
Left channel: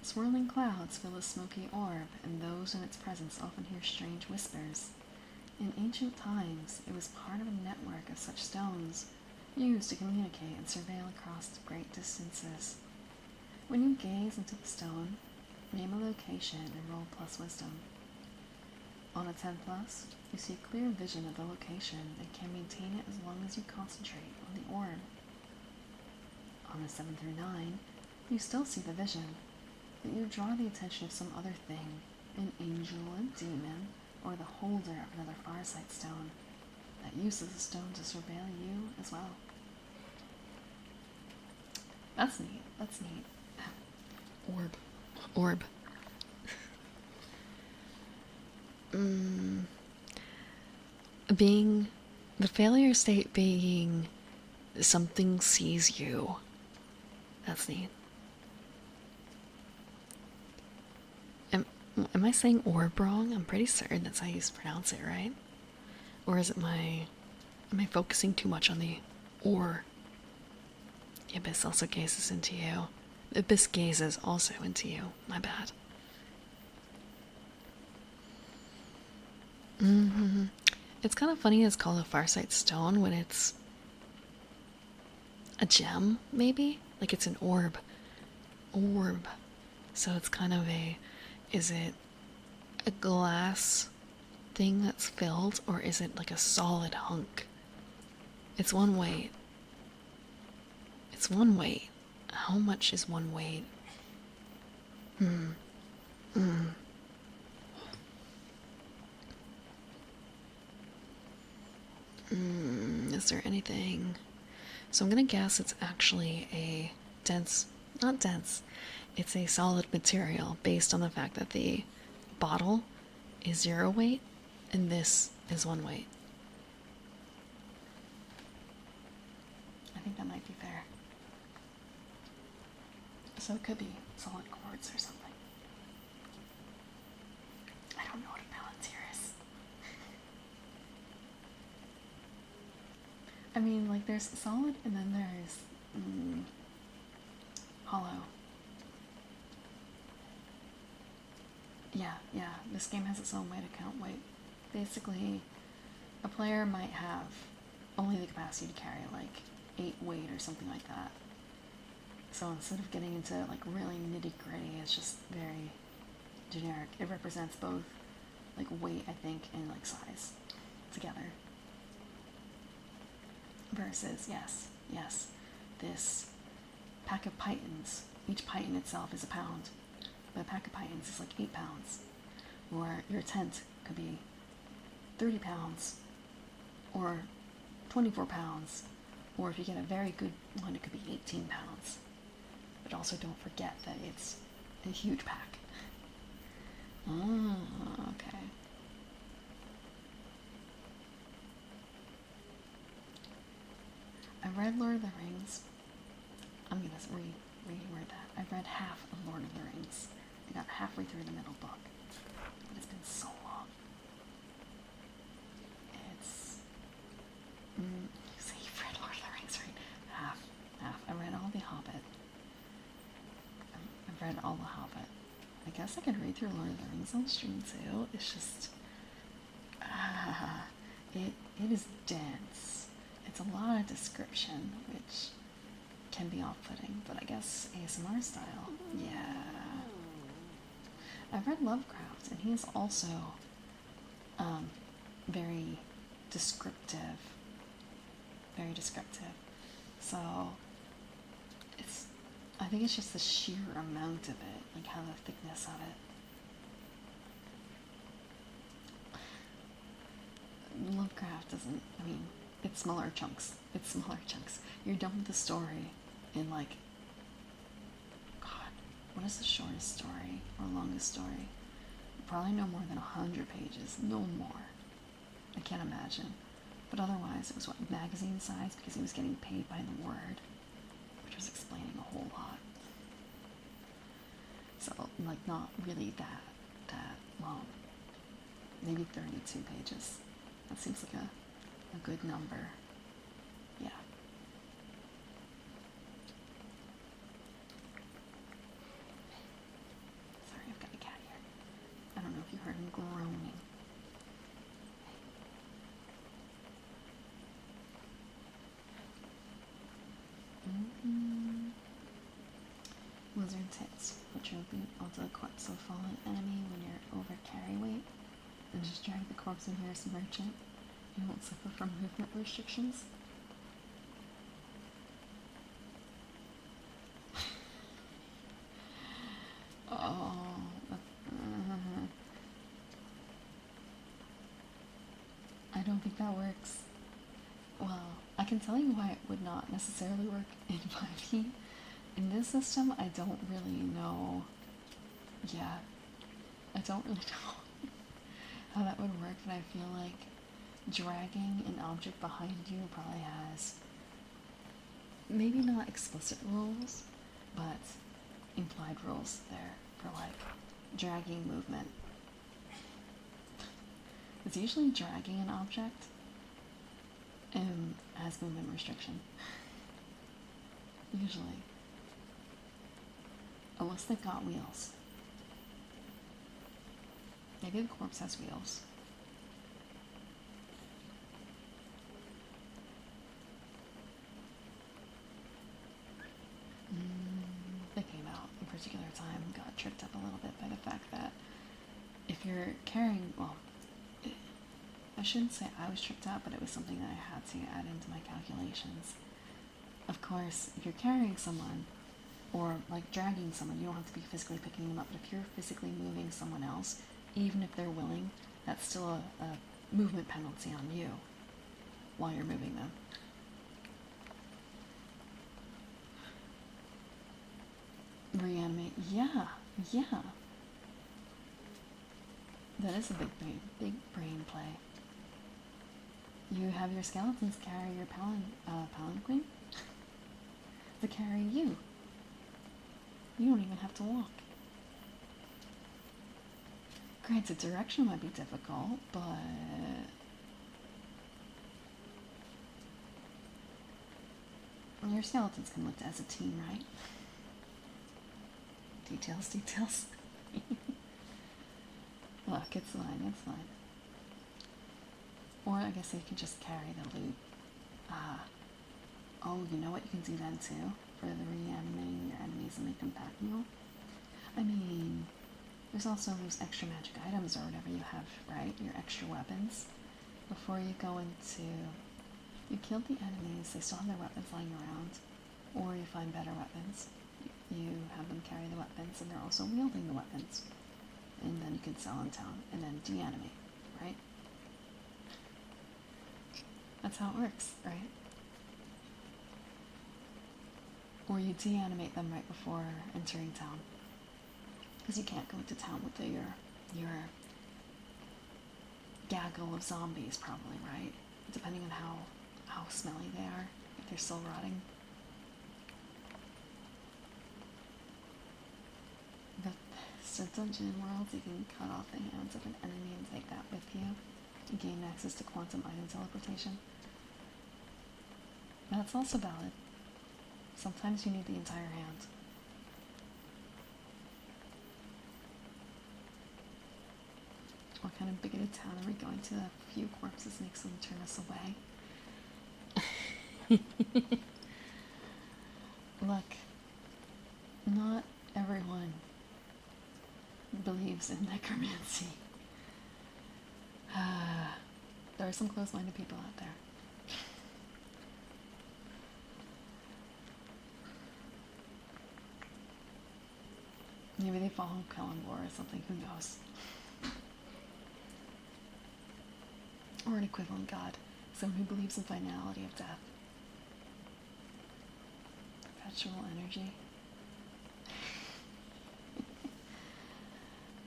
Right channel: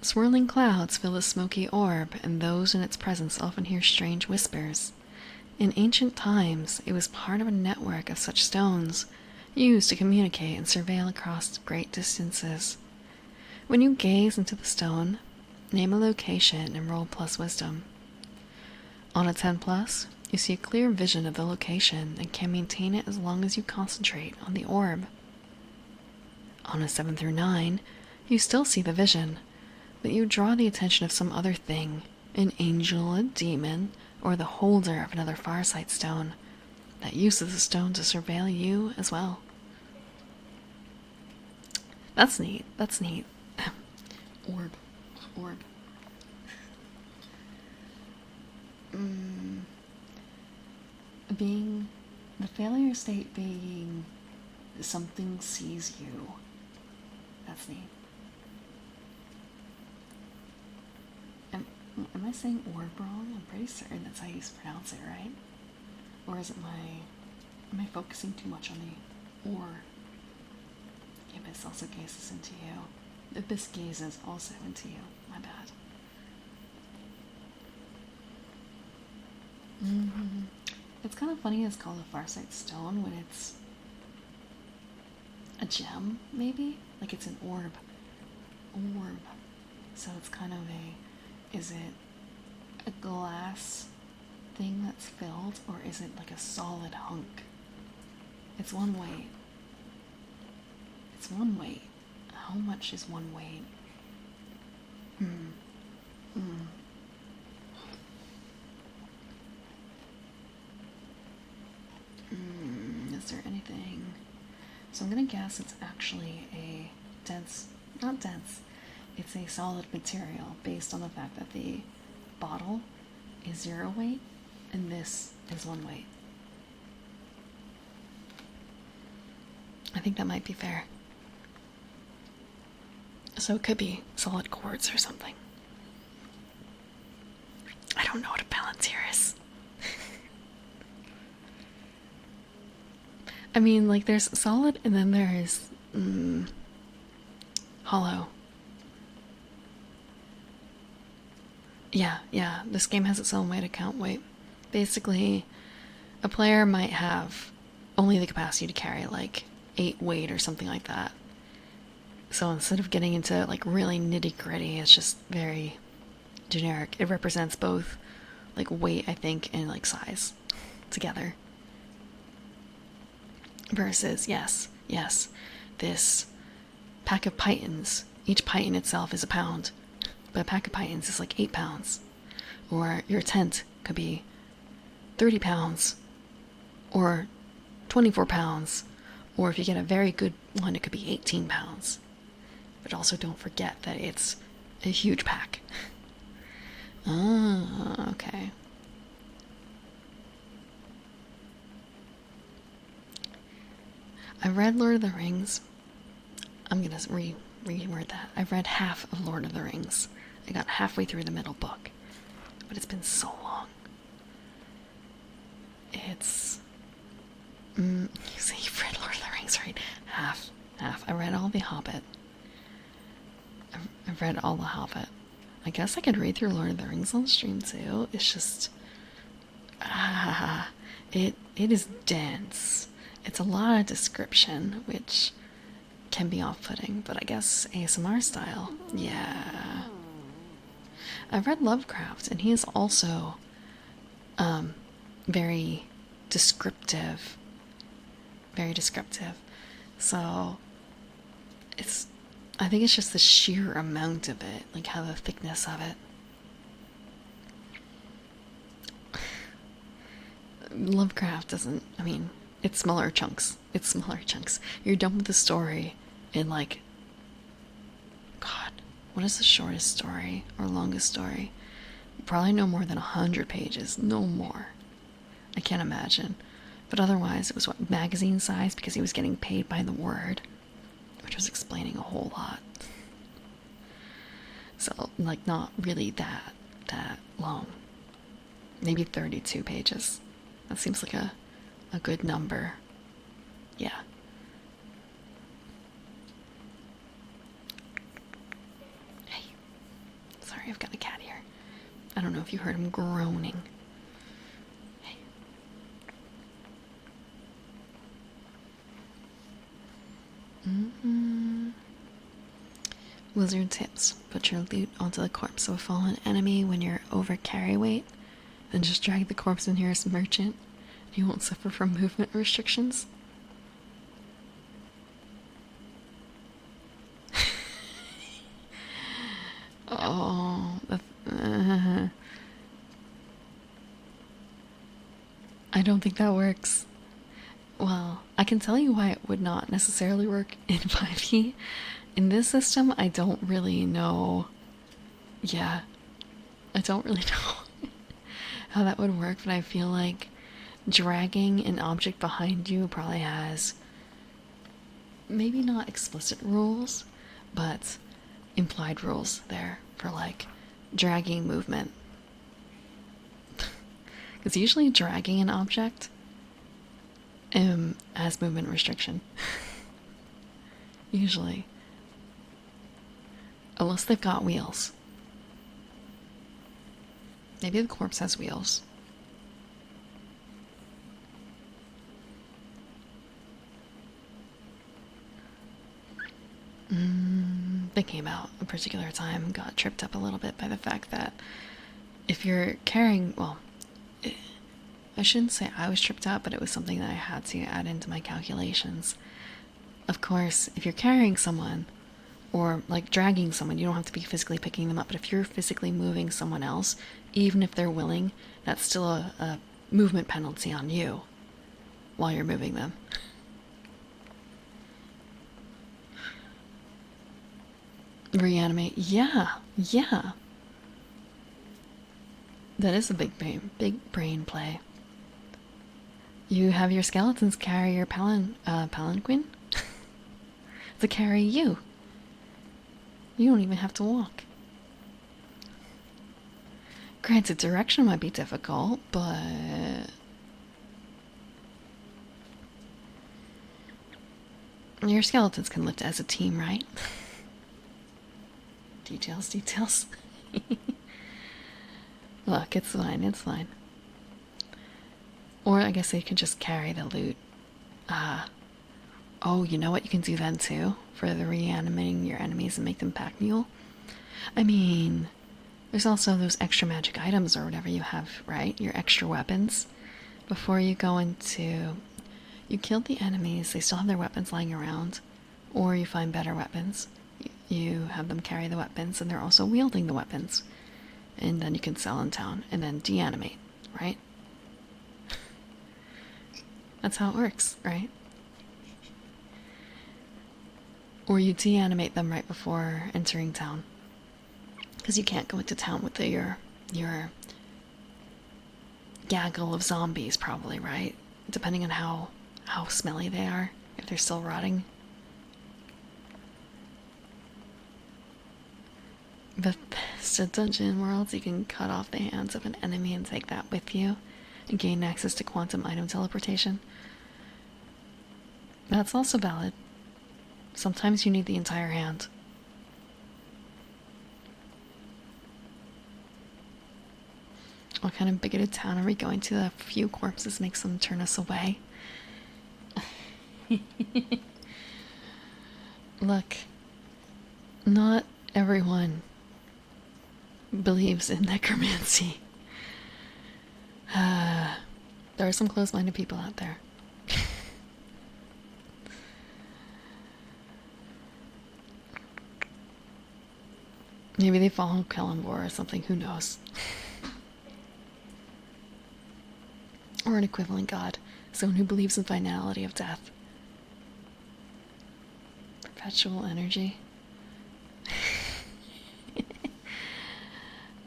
Swirling clouds fill a smoky orb, and those in its presence often hear strange whispers. In ancient times, it was part of a network of such stones, used to communicate and surveil across great distances. When you gaze into the stone, name a location and roll plus wisdom. On a 10 plus, you see a clear vision of the location and can maintain it as long as you concentrate on the orb. On a 7 through 9, you still see the vision, but you draw the attention of some other thing, an angel, a demon, or the holder of another Farsight stone that uses the stone to surveil you as well. That's neat. That's neat. Orb. Orb. Being the failure state being something sees you. That's neat. Am I saying orb wrong? I'm pretty certain that's how you pronounce it, right? Or is it am I focusing too much on the or? The abyss also gazes into you. The abyss gazes also into you. My bad. It's kind of funny it's called a Farsight stone when it's a gem, maybe? Like it's an orb. Orb. So it's kind of is it a glass thing that's filled, or is it like a solid hunk? It's one weight. It's one weight. How much is one weight? Is there anything? So I'm gonna guess it's actually a dense, not dense, it's a solid material based on the fact that the bottle is 0 weight and this is 1 weight. I think that might be fair. So it could be solid quartz or something. I don't know what a Palantir is. I mean, like, there's solid and then there's hollow. Yeah, this game has its own way to count weight. Basically, a player might have only the capacity to carry like 8 weight or something like that. So instead of getting into like really nitty gritty, it's just very generic. It represents both like weight, I think, and like size together. Versus, yes, this pack of pythons, each python itself is a pound, but a pack of pythons is like 8 pounds. Or your tent could be 30 pounds, or 24 pounds, or if you get a very good one, it could be 18 pounds. But also don't forget that it's a huge pack. Ah, okay. I read Lord of the Rings. I'm gonna reword that. I've read half of Lord of the Rings. I got halfway through the middle book. But it's been so long. It's... you say you've read Lord of the Rings, right? Half. I read all the Hobbit. I've read all the Hobbit. I guess I could read through Lord of the Rings on stream too. It's just... it is dense. It's a lot of description, which can be off-putting, but I guess ASMR style, yeah. I've read Lovecraft, and he is also very descriptive. Very descriptive. So, I think it's just the sheer amount of it, like how the thickness of it. Lovecraft doesn't, I mean, it's smaller chunks. You're done with the story in like, God, what is the shortest story or longest story? Probably no more than 100 pages, no more. I can't imagine. But otherwise, it was what, magazine size, because he was getting paid by the word, which was explaining a whole lot. So, like, not really that long. Maybe 32 pages. That seems like a good number. Yeah. Hey. Sorry, I've got a cat here. I don't know if you heard him groaning. Hey. Wizard tips. Put your loot onto the corpse of a fallen enemy when you're over carry weight. Then just drag the corpse in here as a merchant. You won't suffer from movement restrictions. Oh, I don't think that works. Well, I can tell you why it would not necessarily work in 5e. In this system, I don't really know. Yeah, I don't really know how that would work, but I feel like dragging an object behind you probably has maybe not explicit rules, but implied rules there for like dragging movement. Because usually dragging an object has movement restriction. Usually. Unless they've got wheels. Maybe the corpse has wheels. Thinking about a particular time, got tripped up a little bit by the fact that if you're carrying, well, I shouldn't say I was tripped up, but it was something that I had to add into my calculations. Of course, if you're carrying someone or like dragging someone, you don't have to be physically picking them up, but if you're physically moving someone else, even if they're willing, that's still a movement penalty on you while you're moving them. Reanimate. Yeah. That is a big brain play. You have your skeletons carry your palanquin to carry you. You don't even have to walk. Granted, direction might be difficult, but your skeletons can lift as a team, right? Details. Look, it's fine. Or I guess they could just carry the loot. Oh, you know what you can do then too? For the reanimating your enemies and make them pack mule? I mean, there's also those extra magic items or whatever you have, right? Your extra weapons. Before you go into... You killed the enemies, they still have their weapons lying around. Or you find better weapons. You have them carry the weapons, and they're also wielding the weapons. And then you can sell in town, and then deanimate, right? That's how it works, right? Or you deanimate them right before entering town. Because you can't go into town with your gaggle of zombies, probably, right? Depending on how smelly they are, if they're still rotting. Bethesda Dungeon Worlds, you can cut off the hands of an enemy and take that with you and gain access to quantum item teleportation. That's also valid. Sometimes you need the entire hand. What kind of bigoted town are we going to? A few corpses makes them turn us away. Look, not everyone believes in necromancy. There are some close-minded people out there. Maybe they follow Kelangor or something, who knows? Or an equivalent god, someone who believes in finality of death. Perpetual energy.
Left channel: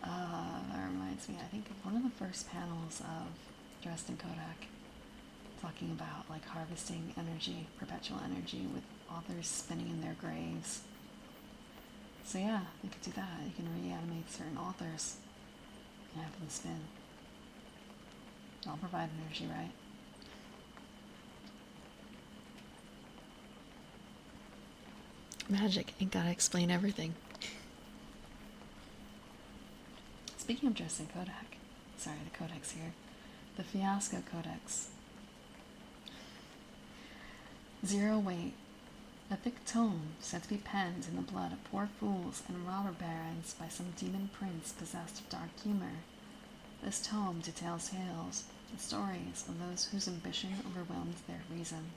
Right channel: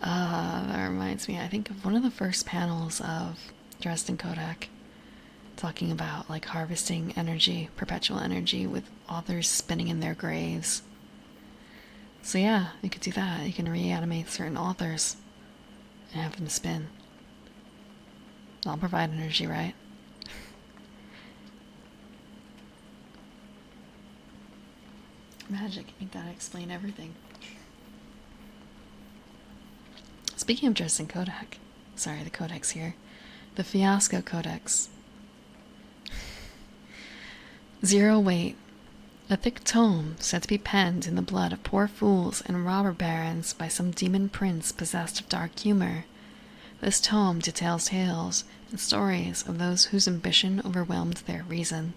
That reminds me, I think of one of the first panels of Dresden Kodak talking about like harvesting energy, perpetual energy, with authors spinning in their graves. So yeah, you could do that. You can reanimate certain authors and have them spin. I'll provide energy, right? Magic ain't gotta explain everything. Speaking of Dresden Kodak, sorry, the codex here. The Fiasco Codex. 0 weight A thick tome said to be penned in the blood of poor fools and robber barons by some demon prince possessed of dark humor. This tome details tales and stories of those whose ambition overwhelmed their reason.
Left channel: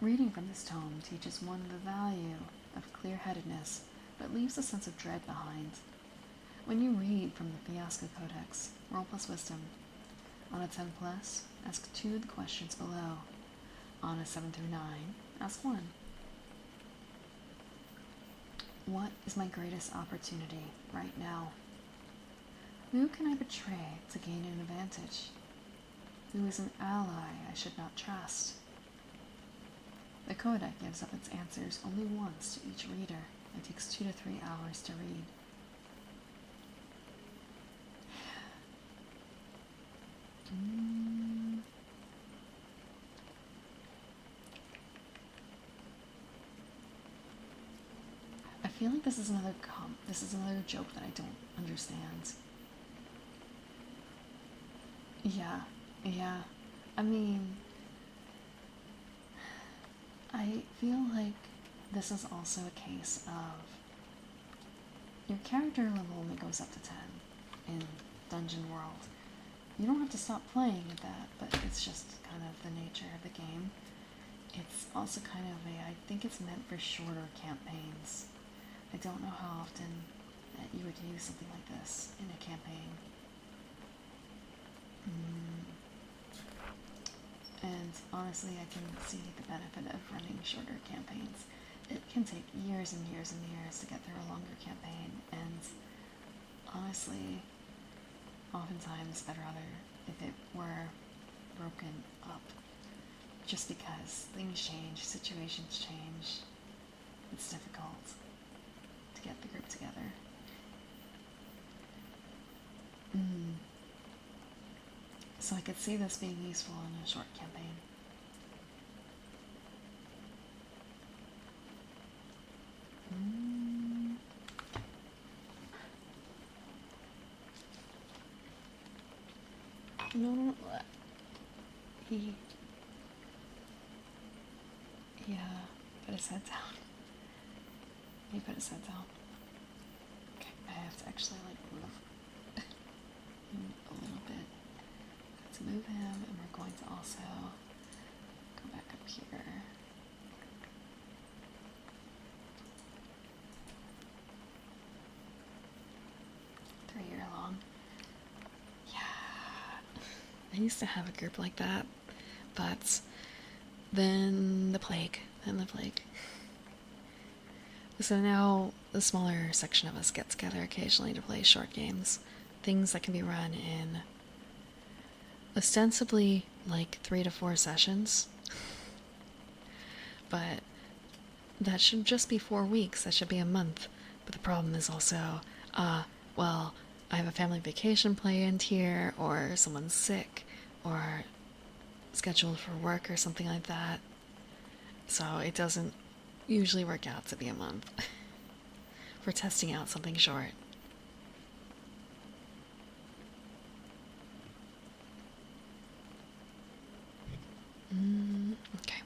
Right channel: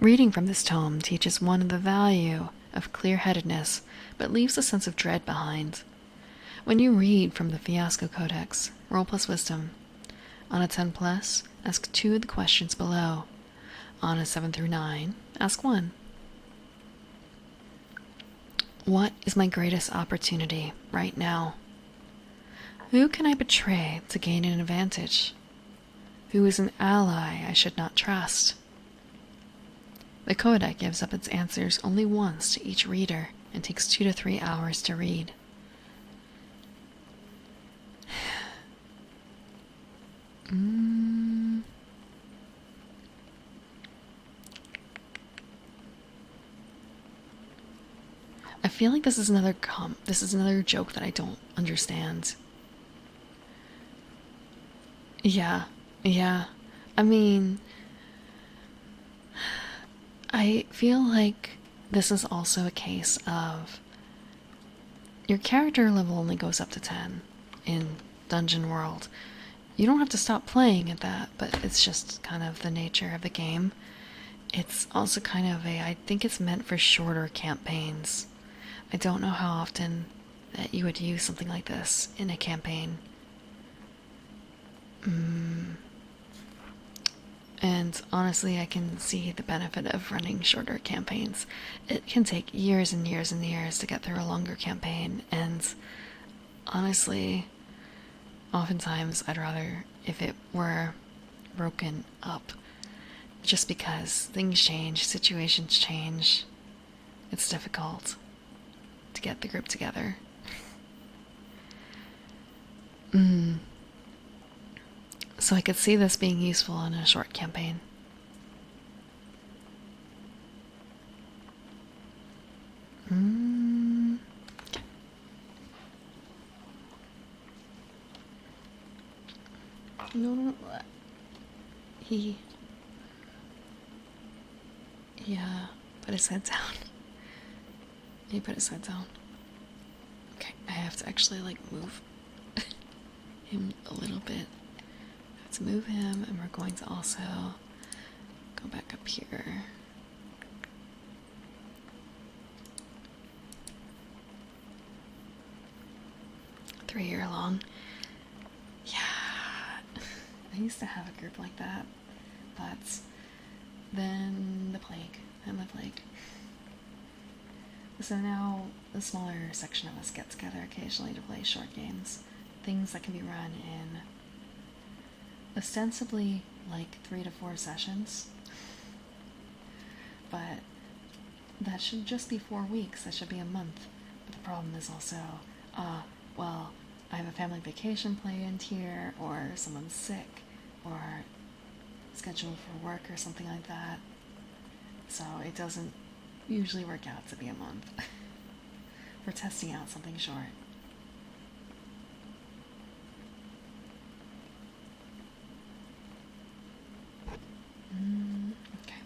Reading from this tome teaches one the value of clear-headedness, but leaves a sense of dread behind. When you read from the Fiasco Codex, roll plus wisdom. On a 10 plus, ask 2 of the questions below. On a 7 through 9, ask 1. What is my greatest opportunity right now? Who can I betray to gain an advantage? Who is an ally I should not trust? The Codex gives up its answers only once to each reader and takes 2 to 3 hours to read. I feel like this is another joke that I don't understand. Yeah, yeah. I mean, I feel like this is also a case of your character level only goes up to 10 in Dungeon World. You don't have to stop playing at that, but it's just kind of the nature of the game. It's also kind of I think it's meant for shorter campaigns. I don't know how often that you would use something like this in a campaign. And honestly, I can see the benefit of running shorter campaigns. It can take years and years and years to get through a longer campaign, and honestly, oftentimes I'd rather if it were broken up, just because things change, situations change. It's difficult to get the group together. So I could see this being useful in a short campaign. No. Yeah, put his head down. He put his head down. Okay, I have to actually move him a little bit. Let's move him, and we're going to also go back up here. Three-year long. Yeah. I used to have a group like that, but then the plague. So now the smaller section of us get together occasionally to play short games. Things that can be run in ostensibly 3 to 4 sessions. But that should just be 4 weeks. That should be a month. But the problem is also, I have a family vacation planned here, or someone's sick, or scheduled for work or something like that. So it doesn't usually work out to be a month for testing out something short. Okay.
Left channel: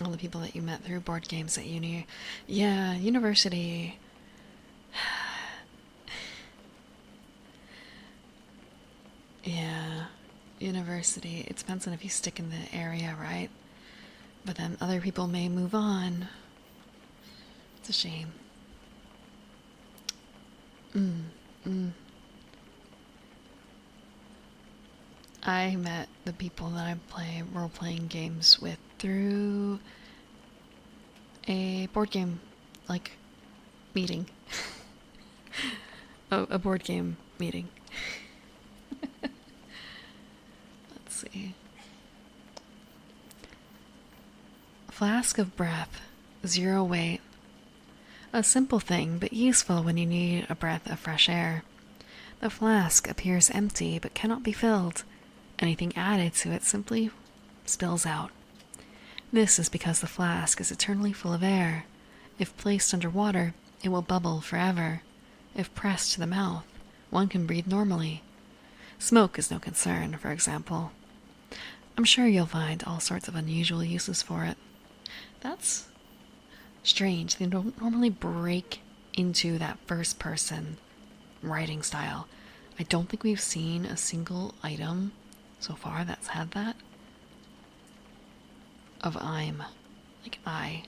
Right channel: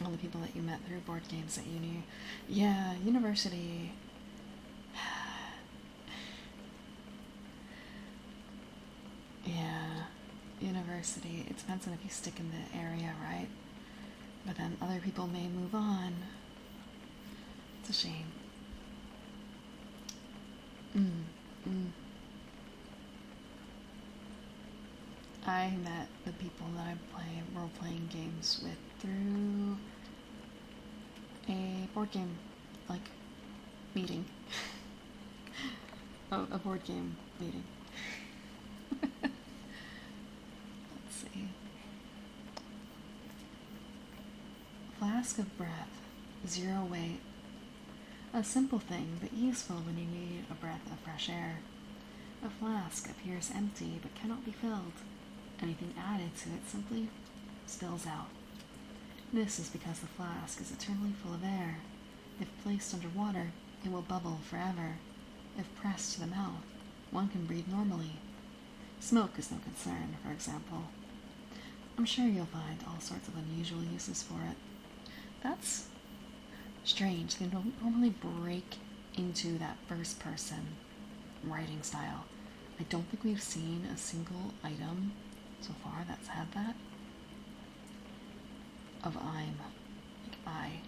All the people that you met through board games at uni. Yeah, university. Yeah, university. It depends on if you stick in the area, right? But then other people may move on. It's a shame. I met the people that I play role-playing games with through a board game, meeting. Oh, a board game meeting. Let's see. Flask of breath, 0 weight. A simple thing, but useful when you need a breath of fresh air. The flask appears empty, but cannot be filled. Anything added to it simply spills out. This is because the flask is eternally full of air. If placed under water, it will bubble forever. If pressed to the mouth, one can breathe normally. Smoke is no concern, for example. I'm sure you'll find all sorts of unusual uses for it. That's strange. They don't normally break into that first person writing style. I don't think we've seen a single item so far that's had that. Of I'm. Like I.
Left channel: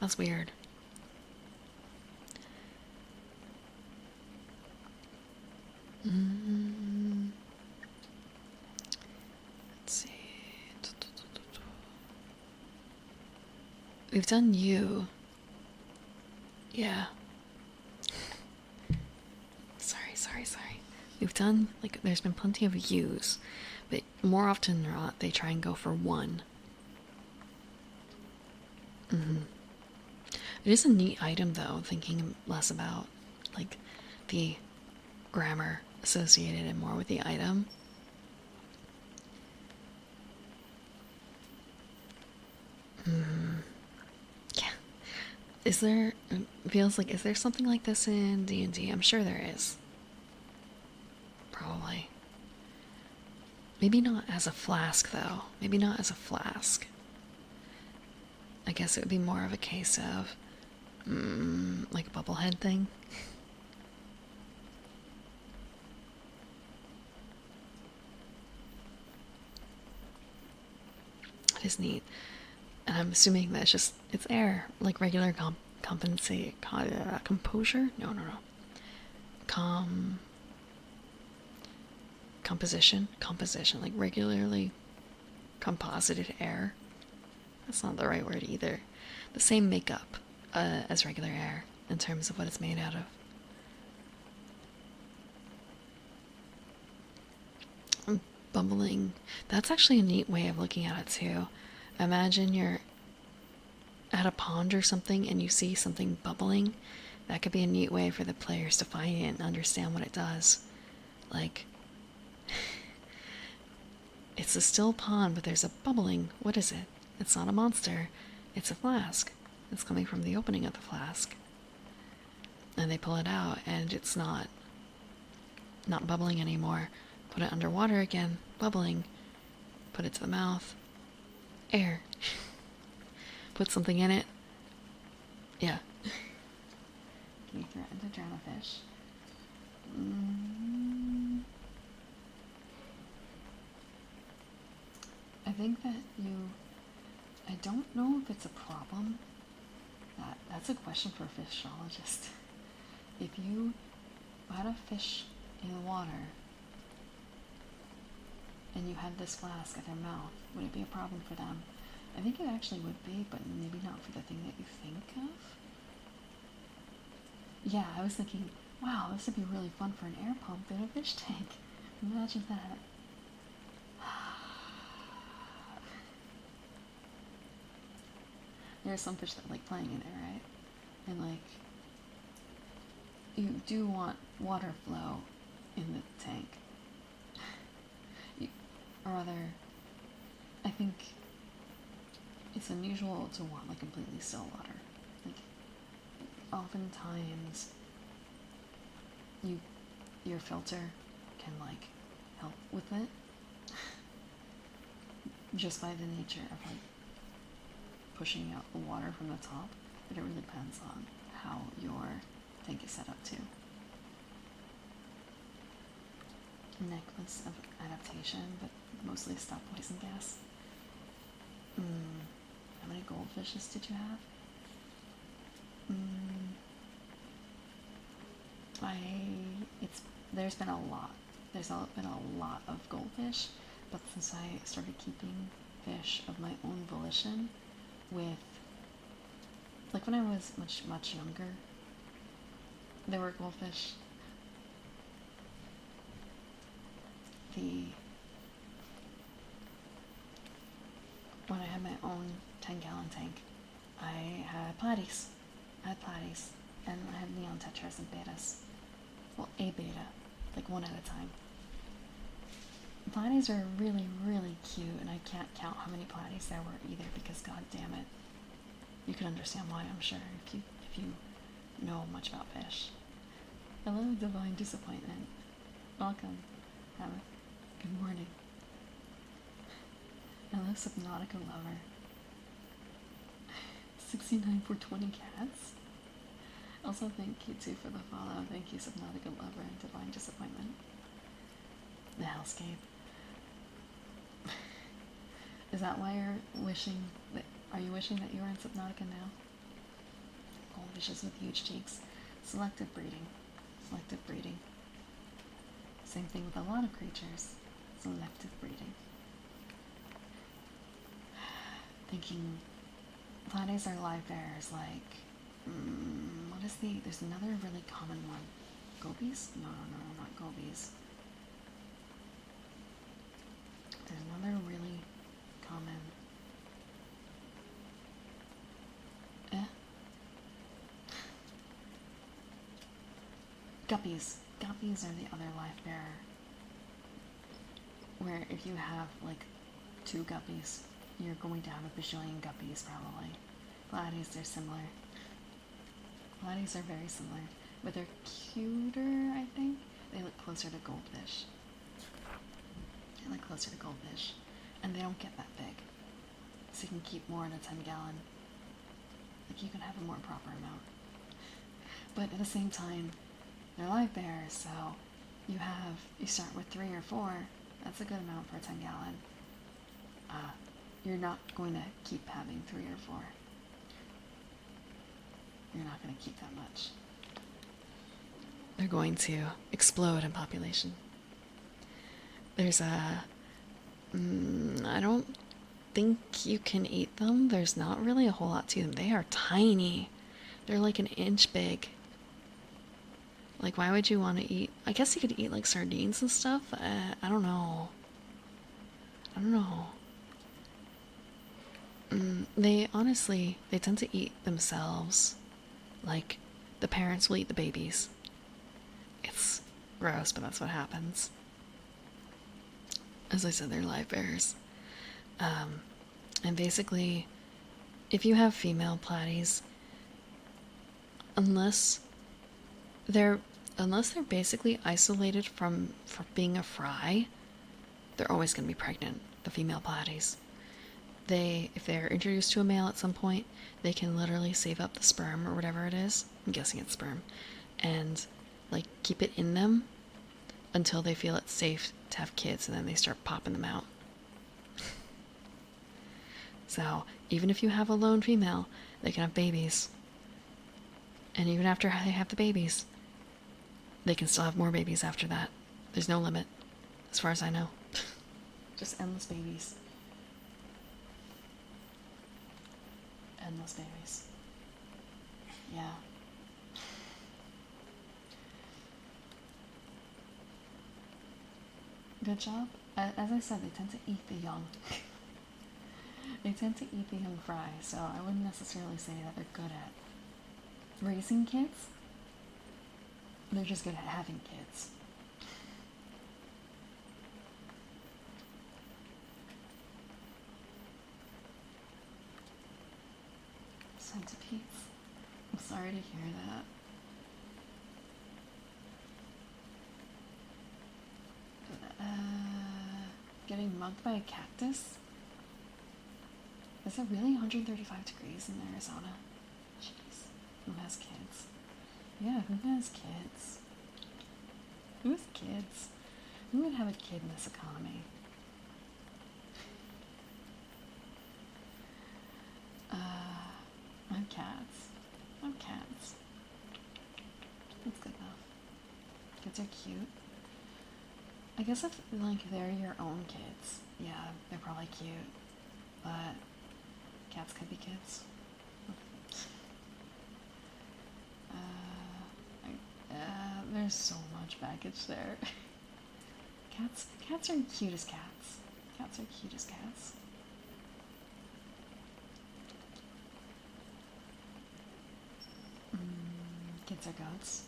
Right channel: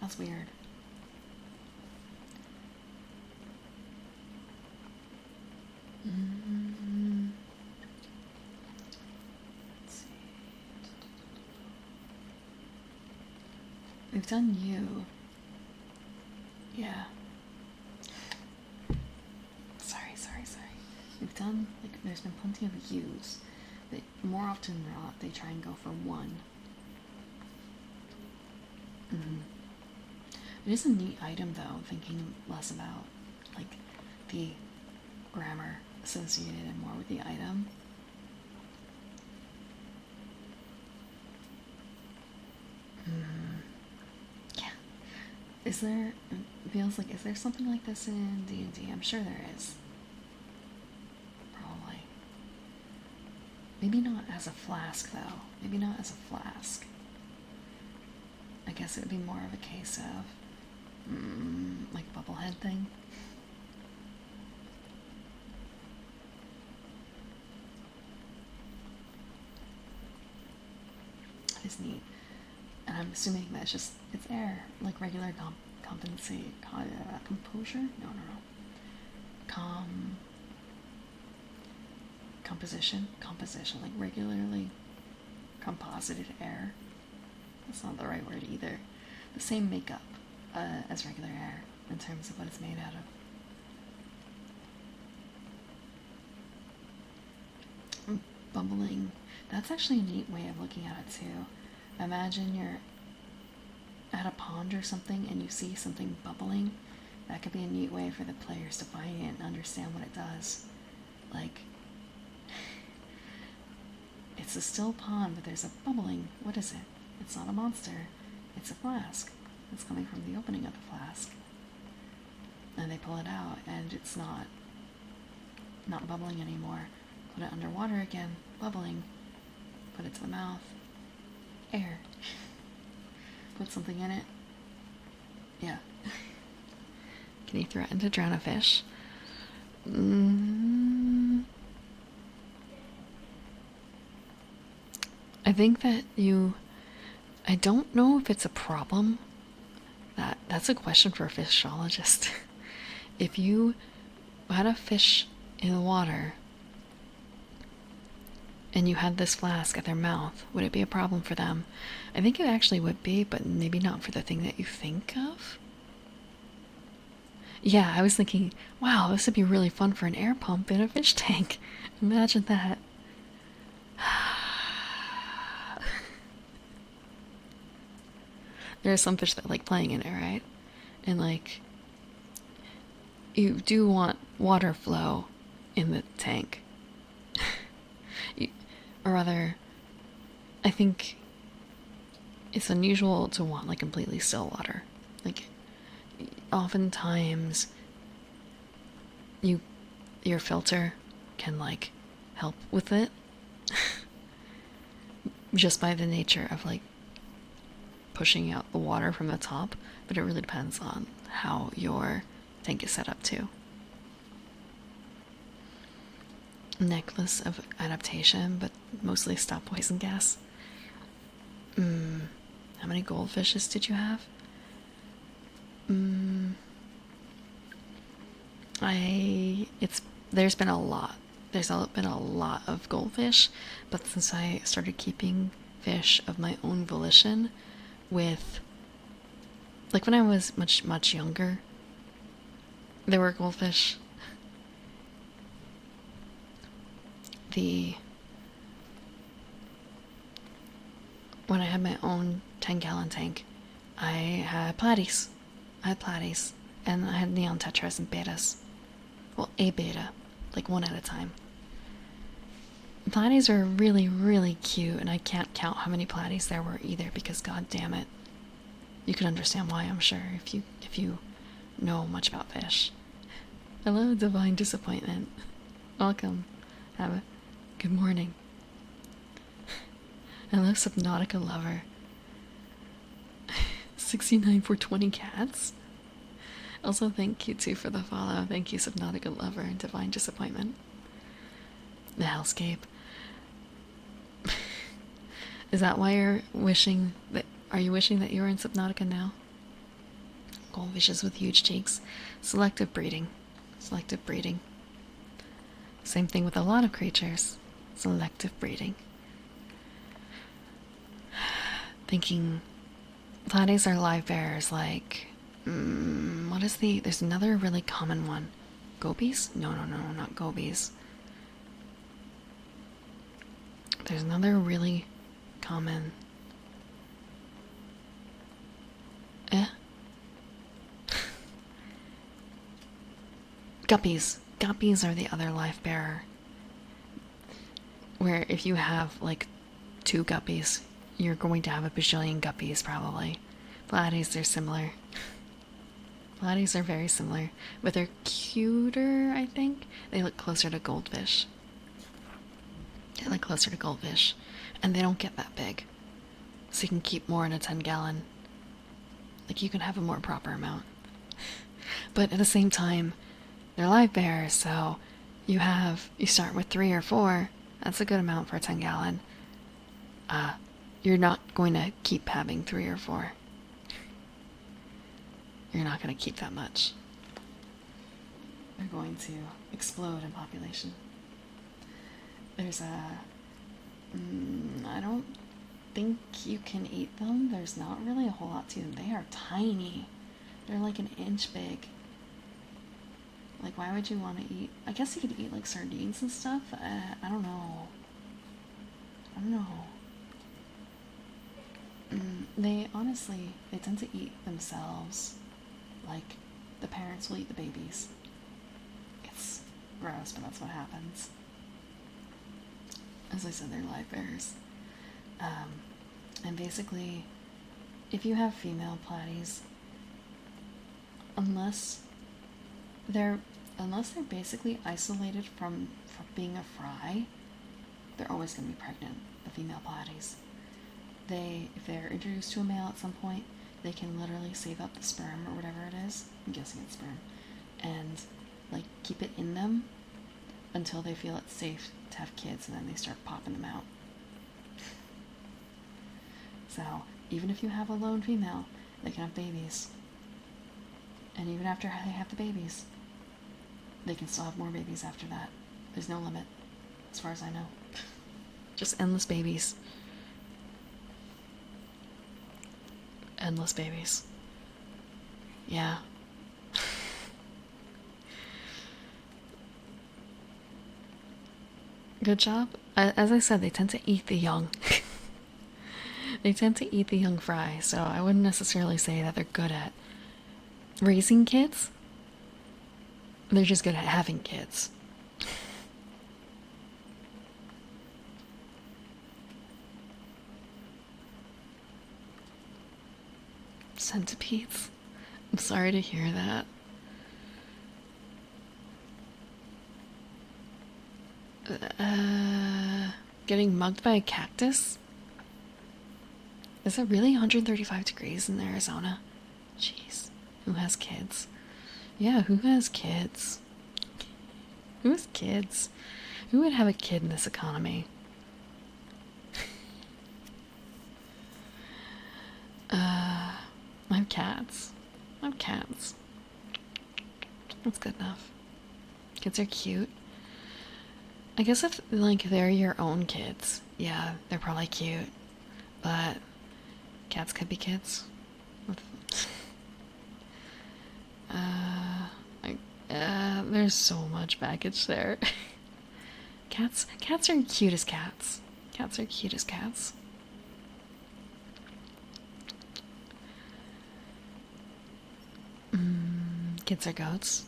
That's weird. Let's see. We've done you. Yeah. Sorry. We've done, like, there's been plenty of yous, but more often than not, they try and go for one. It is a neat item, though, thinking less about, like, the grammar associated and more with the item. Yeah. Is there, feels like, is there something like this in D&D? I'm sure there is. Probably. Maybe not as a flask, though. Maybe not as a flask. I guess it would be more of a case of, like a bubblehead thing. It is neat. And I'm assuming that's just, it's air, like regular composure? No. Composition, like regularly composited air. That's not the right word either. The same makeup as regular air in terms of what it's made out of. Bubbling. That's actually a neat way of looking at it too. Imagine you're at a pond or something and you see something bubbling. That could be a neat way for the players to find it and understand what it does. Like, it's a still pond, but there's a bubbling. What is it? It's not a monster. It's a flask. It's coming from the opening of the flask. And they pull it out, and it's not bubbling anymore. Put it underwater again. Bubbling. Put it to the mouth. Air. Put something in it. Yeah. Can you threaten to drown a fish? I think that I don't know if it's a problem. That's a question for a fishologist. If you had a fish in the water and you had this flask at their mouth, would it be a problem for them? I think it actually would be, but maybe not for the thing that you think of. Yeah, I was thinking, wow, this would be really fun for an air pump in a fish tank. Imagine that. There are some fish that like playing in it, right? And like, you do want water flow in the tank. Or rather, I think it's unusual to want like completely still water. Like, oftentimes, your filter can like help with it, just by the nature of like pushing out the water from the top. But it really depends on how your tank is set up too. Necklace of adaptation, but mostly stop poison gas. How many goldfishes did you have? There's been a lot. There's been a lot of goldfish, but since I started keeping fish of my own volition, with like when I was much younger, there were goldfish. When I had my own 10-gallon tank, I had platies. And I had neon tetras and betas. Well, a beta, like one at a time. Platies are really, really cute, and I can't count how many platies there were either, because god damn it. You can understand why, I'm sure, if you know much about fish. Hello, Divine Disappointment. Welcome. Have a Good morning. Hello, Subnautica lover. 69 for 20 cats. Also, thank you too for the follow. Thank you, Subnautica lover and Divine Disappointment. The Hellscape. Is that why you're wishing that? Are you wishing that you were in Subnautica now? Goldfishes with huge cheeks. Selective breeding. Selective breeding. Same thing with a lot of creatures. Selective breeding. Thinking platies are live bearers like what is there's another really common one. Gobies? No, not gobies. There's another really common Guppies. Guppies are the other life bearer. Where if you have like 2 guppies, you're going to have a bajillion guppies probably. Platies, they're similar. Platies are very similar, but they're cuter, I think. They look closer to goldfish. They look closer to goldfish. And they don't get that big. So you can keep more in a 10-gallon. Like, you can have a more proper amount. But at the same time, they're live bearers, so you start with 3 or 4. That's a good amount for a 10-gallon. You're not going to keep having 3 or 4. You're not going to keep that much. They're going to explode in population. There's I don't think you can eat them. There's not really a whole lot to them. They are tiny. They're like an inch big. Like, why would you want to eat? I guess you could eat like sardines and stuff. I don't know. They honestly, they tend to eat themselves. Like, the parents will eat the babies. It's gross, but that's what happens. As I said, they're live bearers. And basically, if you have female platies, unless they're basically isolated from being a fry, they're always going to be pregnant, the female platies. If they're introduced to a male at some point, they can literally save up the sperm or whatever it is, I'm guessing it's sperm, and like keep it in them until they feel it's safe to have kids, and then they start popping them out. So even if you have a lone female, they can have babies. And even after they have the babies, they can still have more babies after that. There's no limit, as far as I know. Just endless babies. Endless babies. Yeah. Good job. As I said, they tend to eat the young. They tend to eat the young fry, so I wouldn't necessarily say that they're good at raising kids. They're just good at having kids. Centipedes? I'm sorry to hear that. Getting mugged by a cactus? Is it really 135 degrees in Arizona? Jeez. Who has kids? Yeah, who has kids? Who has kids? Who would have a kid in this economy? I have cats. I have cats. That's good enough. Kids are cute. I guess if, like, they're your own kids, yeah, they're probably cute. But cats could be kids. There's so much baggage there. Cats are cute as cats. Cats are cute as cats. Kids are goats.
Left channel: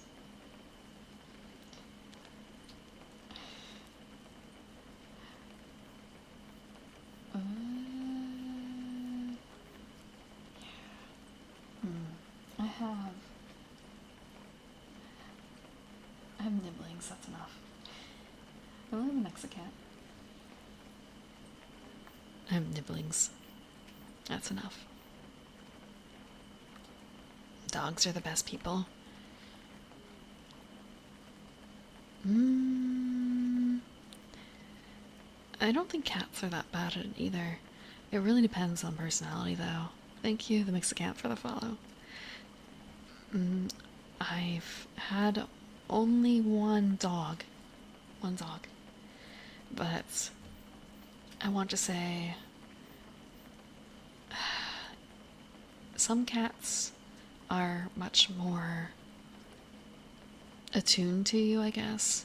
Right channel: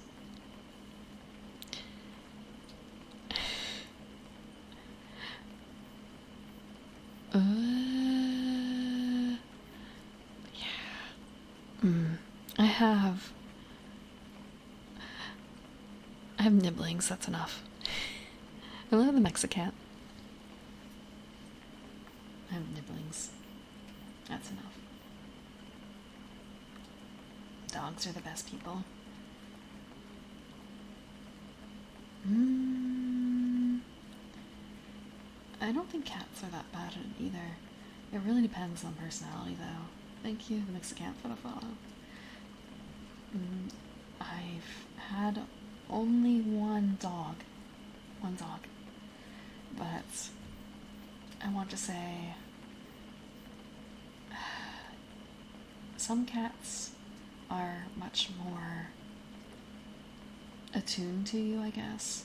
Yeah. I have nibblings, that's enough. Hello, the Mexican. I have nibblings. That's enough. Dogs are the best people. I don't think cats are that bad at it either. It really depends on personality, though. Thank you, the Mexicant, for the follow. I've had only one dog. One dog. But I want to say some cats are much more attuned to you, I guess,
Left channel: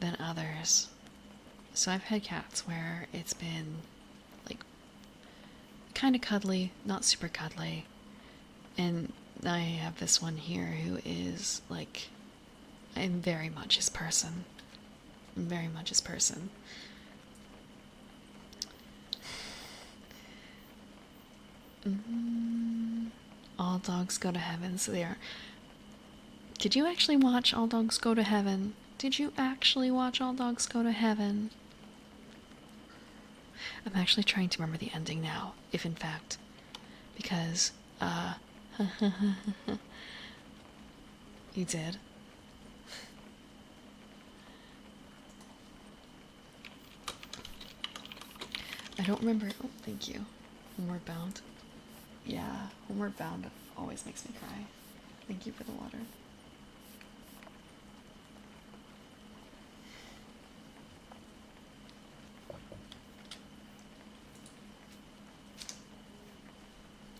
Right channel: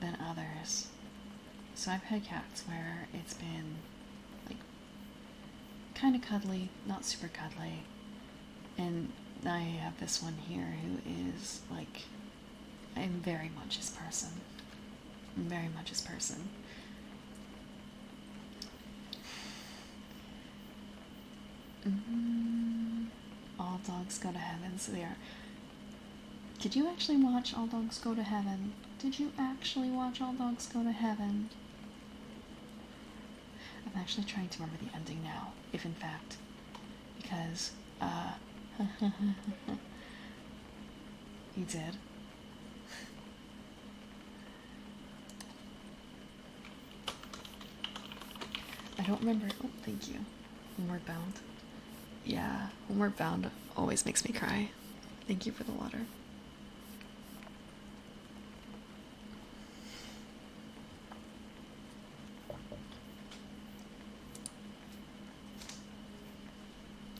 than others. So I've had cats where it's been like kind of cuddly, not super cuddly, and I have this one here who is like, I'm very much his person. Very much his person. All dogs go to heaven, so they are. Did you actually watch All Dogs Go to Heaven? Did you actually watch All Dogs Go to Heaven? I'm actually trying to remember the ending now, if in fact, because, you did. I don't remember. Oh, thank you. Homeward Bound. Yeah, Homeward Bound always makes me cry. Thank you for the water.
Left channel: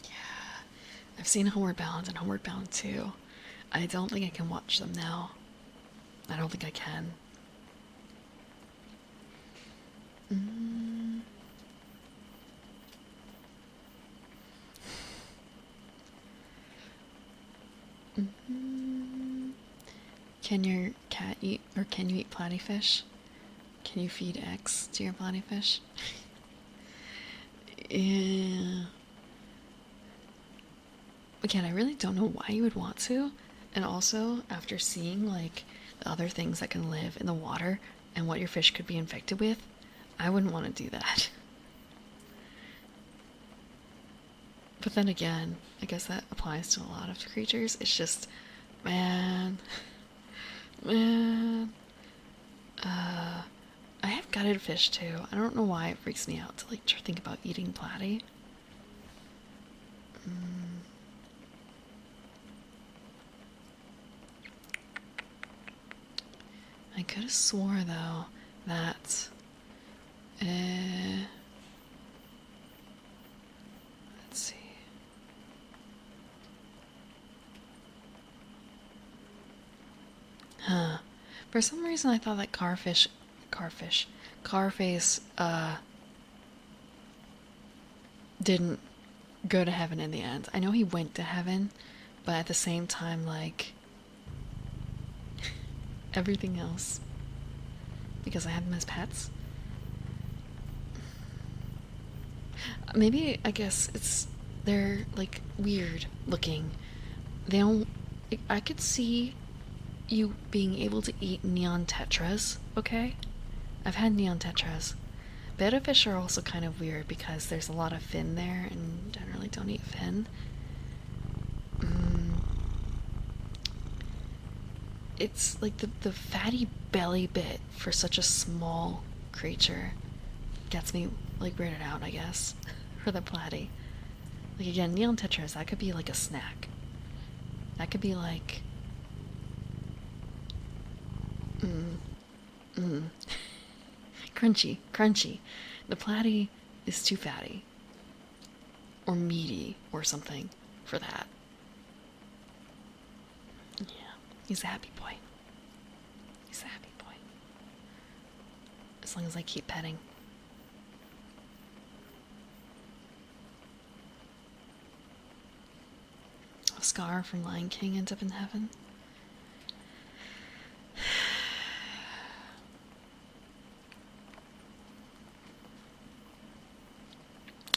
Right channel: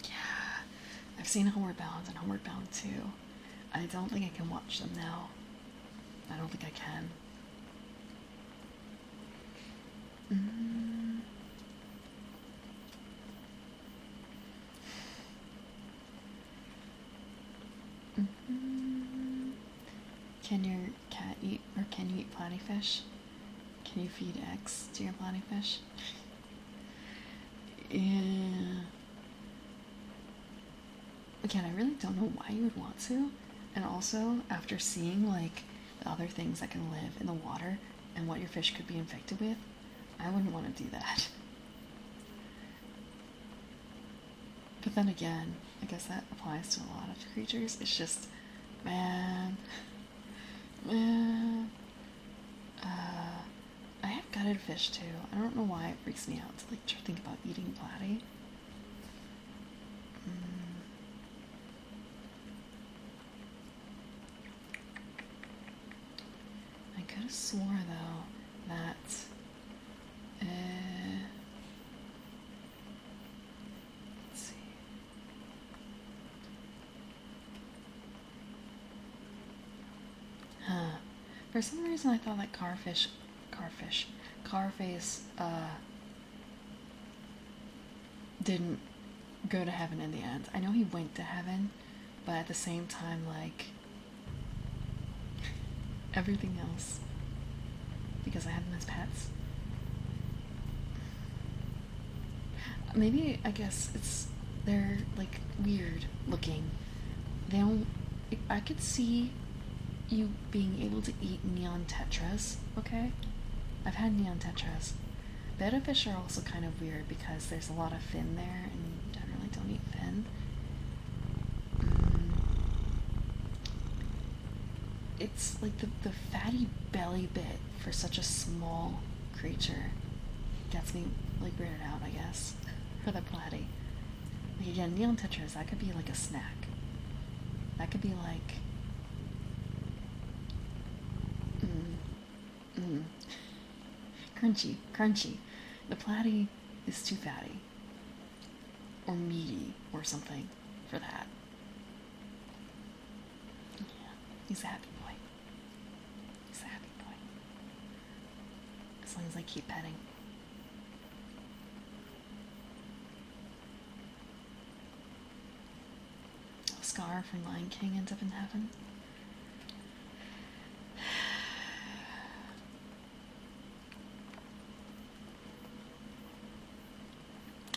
Yeah, I've seen Homeward Bound and Homeward Bound 2. I don't think I can watch them now. I don't think I can. Can your cat eat, or can you eat platyfish? Can you feed eggs to your platyfish? Yeah. Again, I really don't know why you would want to. And also, after seeing like the other things that can live in the water and what your fish could be infected with, I wouldn't want to do that. But then again, I guess that applies to a lot of creatures. It's just, man. I have gutted fish too. I don't know why it freaks me out to like think about eating platy. I could have swore though that let's see. For some reason I thought that Carface didn't go to heaven in the end. I know he went to heaven, but at the same time, like, everything else, because I have them as pets. Maybe, I guess they're like weird looking. They don't, I could see you being able to eat neon tetras, okay? I've had neon tetras. Betta fish are also kind of weird because there's a lot of fin there and generally don't eat fin. It's like the fatty belly bit for such a small creature gets me like weirded out, I guess, for the platy. Like again, neon tetras, that could be like a snack. That could be like crunchy. The platy is too fatty or meaty or something for that. Yeah, he's a happy boy. He's a happy boy. As long as I keep petting. Scar from Lion King ends up in heaven.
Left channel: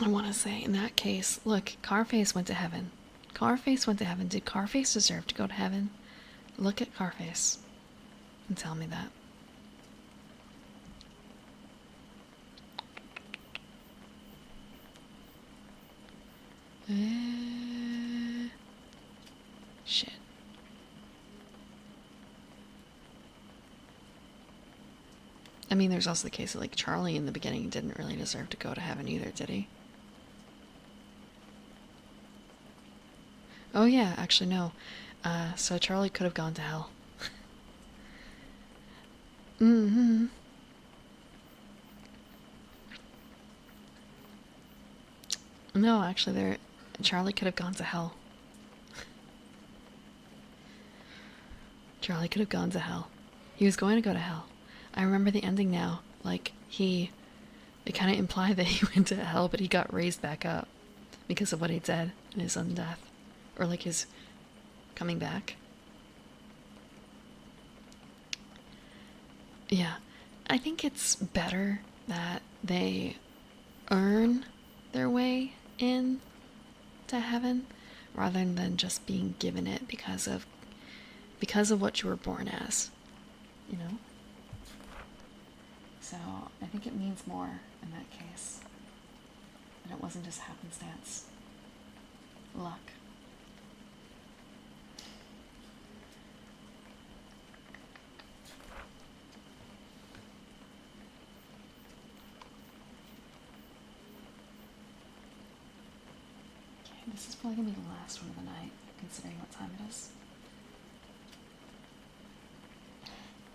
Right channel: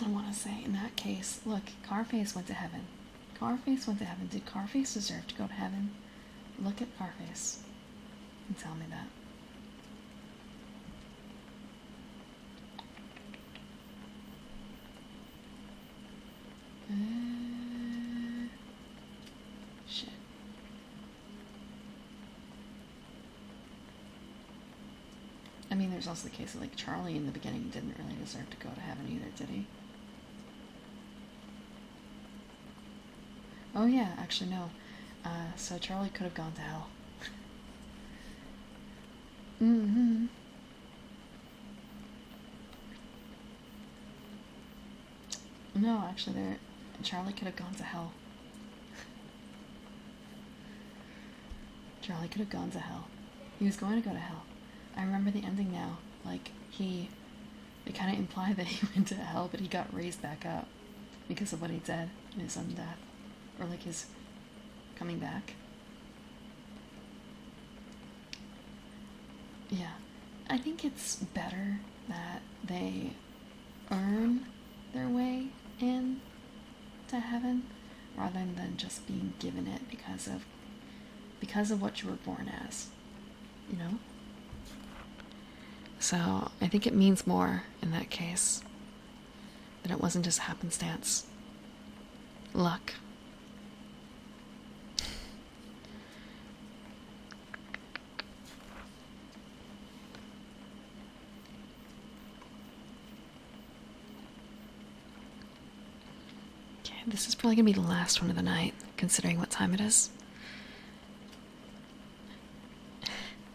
I want to say, in that case, look, Carface went to heaven. Carface went to heaven. Did Carface deserve to go to heaven? Look at Carface and tell me that. Shit. I mean, there's also the case of like Charlie in the beginning didn't really deserve to go to heaven either, did he? Oh yeah, actually no. So Charlie could have gone to hell. Mm-hmm. No, actually, Charlie could have gone to hell. Charlie could have gone to hell. He was going to go to hell. I remember the ending now. Like, they kind of implied that he went to hell, but he got raised back up because of what he did in his own death. Or, like, his coming back. Yeah. I think it's better that they earn their way in to heaven rather than just being given it because of what you were born as, you know? So I think it means more in that case. That it wasn't just happenstance. Luck. Okay, this is probably gonna be the last one of the night, considering what time it is.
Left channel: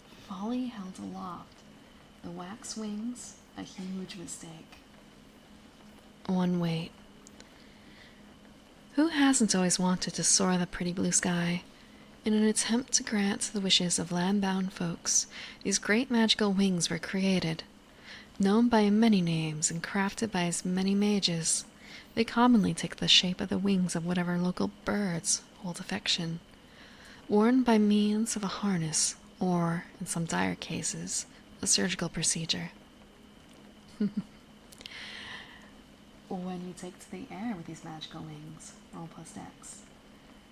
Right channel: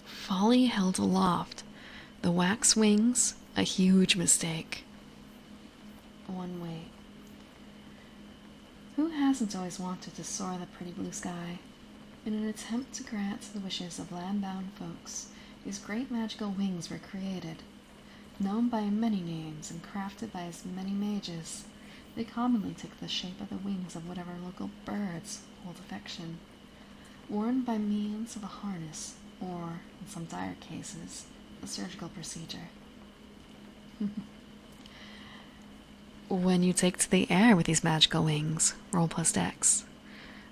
Folly held aloft, the wax wings, a huge mistake. One wait. Who hasn't always wanted to soar the pretty blue sky? In an attempt to grant the wishes of land-bound folks, these great magical wings were created. Known by many names and crafted by as many mages, they commonly take the shape of the wings of whatever local birds hold affection. Worn by means of a harness, or, in some dire cases, a surgical procedure. When you take to the air with these magical wings, roll +X.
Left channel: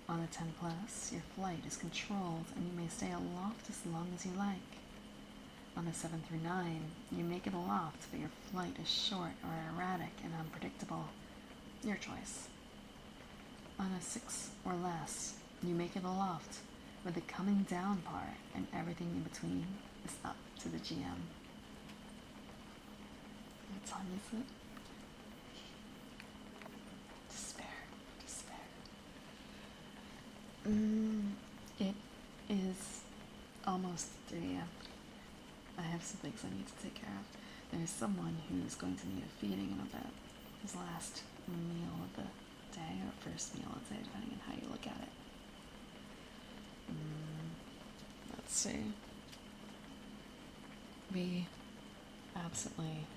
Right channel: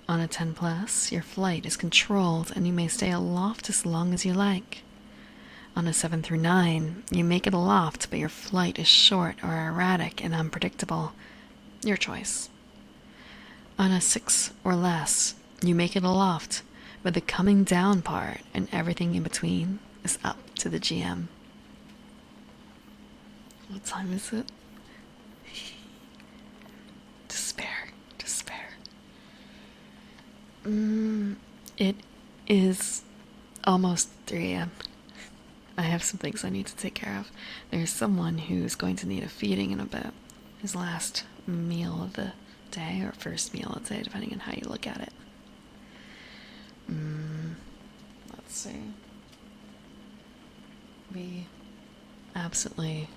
On a 10+, your flight is controlled and you may stay aloft as long as you like. On a 7 through 9, you make it aloft, but your flight is short or erratic and unpredictable. Your choice. On a 6 or less, you make it aloft, but the coming down part and everything in between is up to the GM. What time is it? Despair. It is almost 3 a.m. I have some things I need to take care of. There's someone who's going to need a feeding in a bit. His last meal of the day, or first meal of the day, depending on how you look at it. Let's see. We absolutely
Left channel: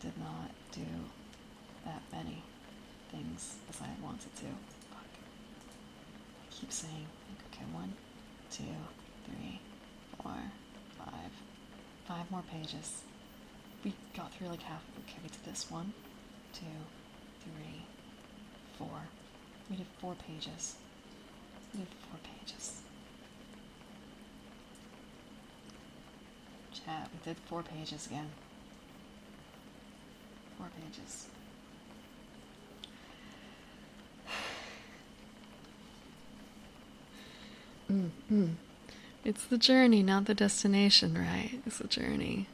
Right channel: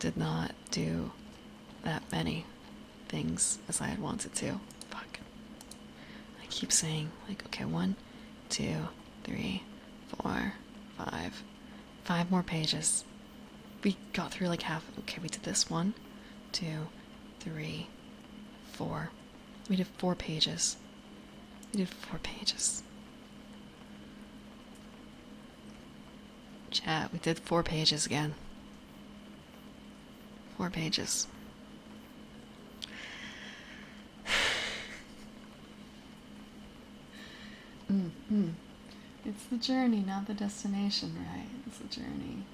did not do that many things as I had wanted to. Fuck. I keep saying, like, okay, 1, 2, 3, 4, 5. 5 more pages. We got through like half. Okay, we did this 1, 2, 3, 4. We did 4 pages. Chat, we did 4 pages again. 4 pages. It's the journey, not the destination, right? It's the journey.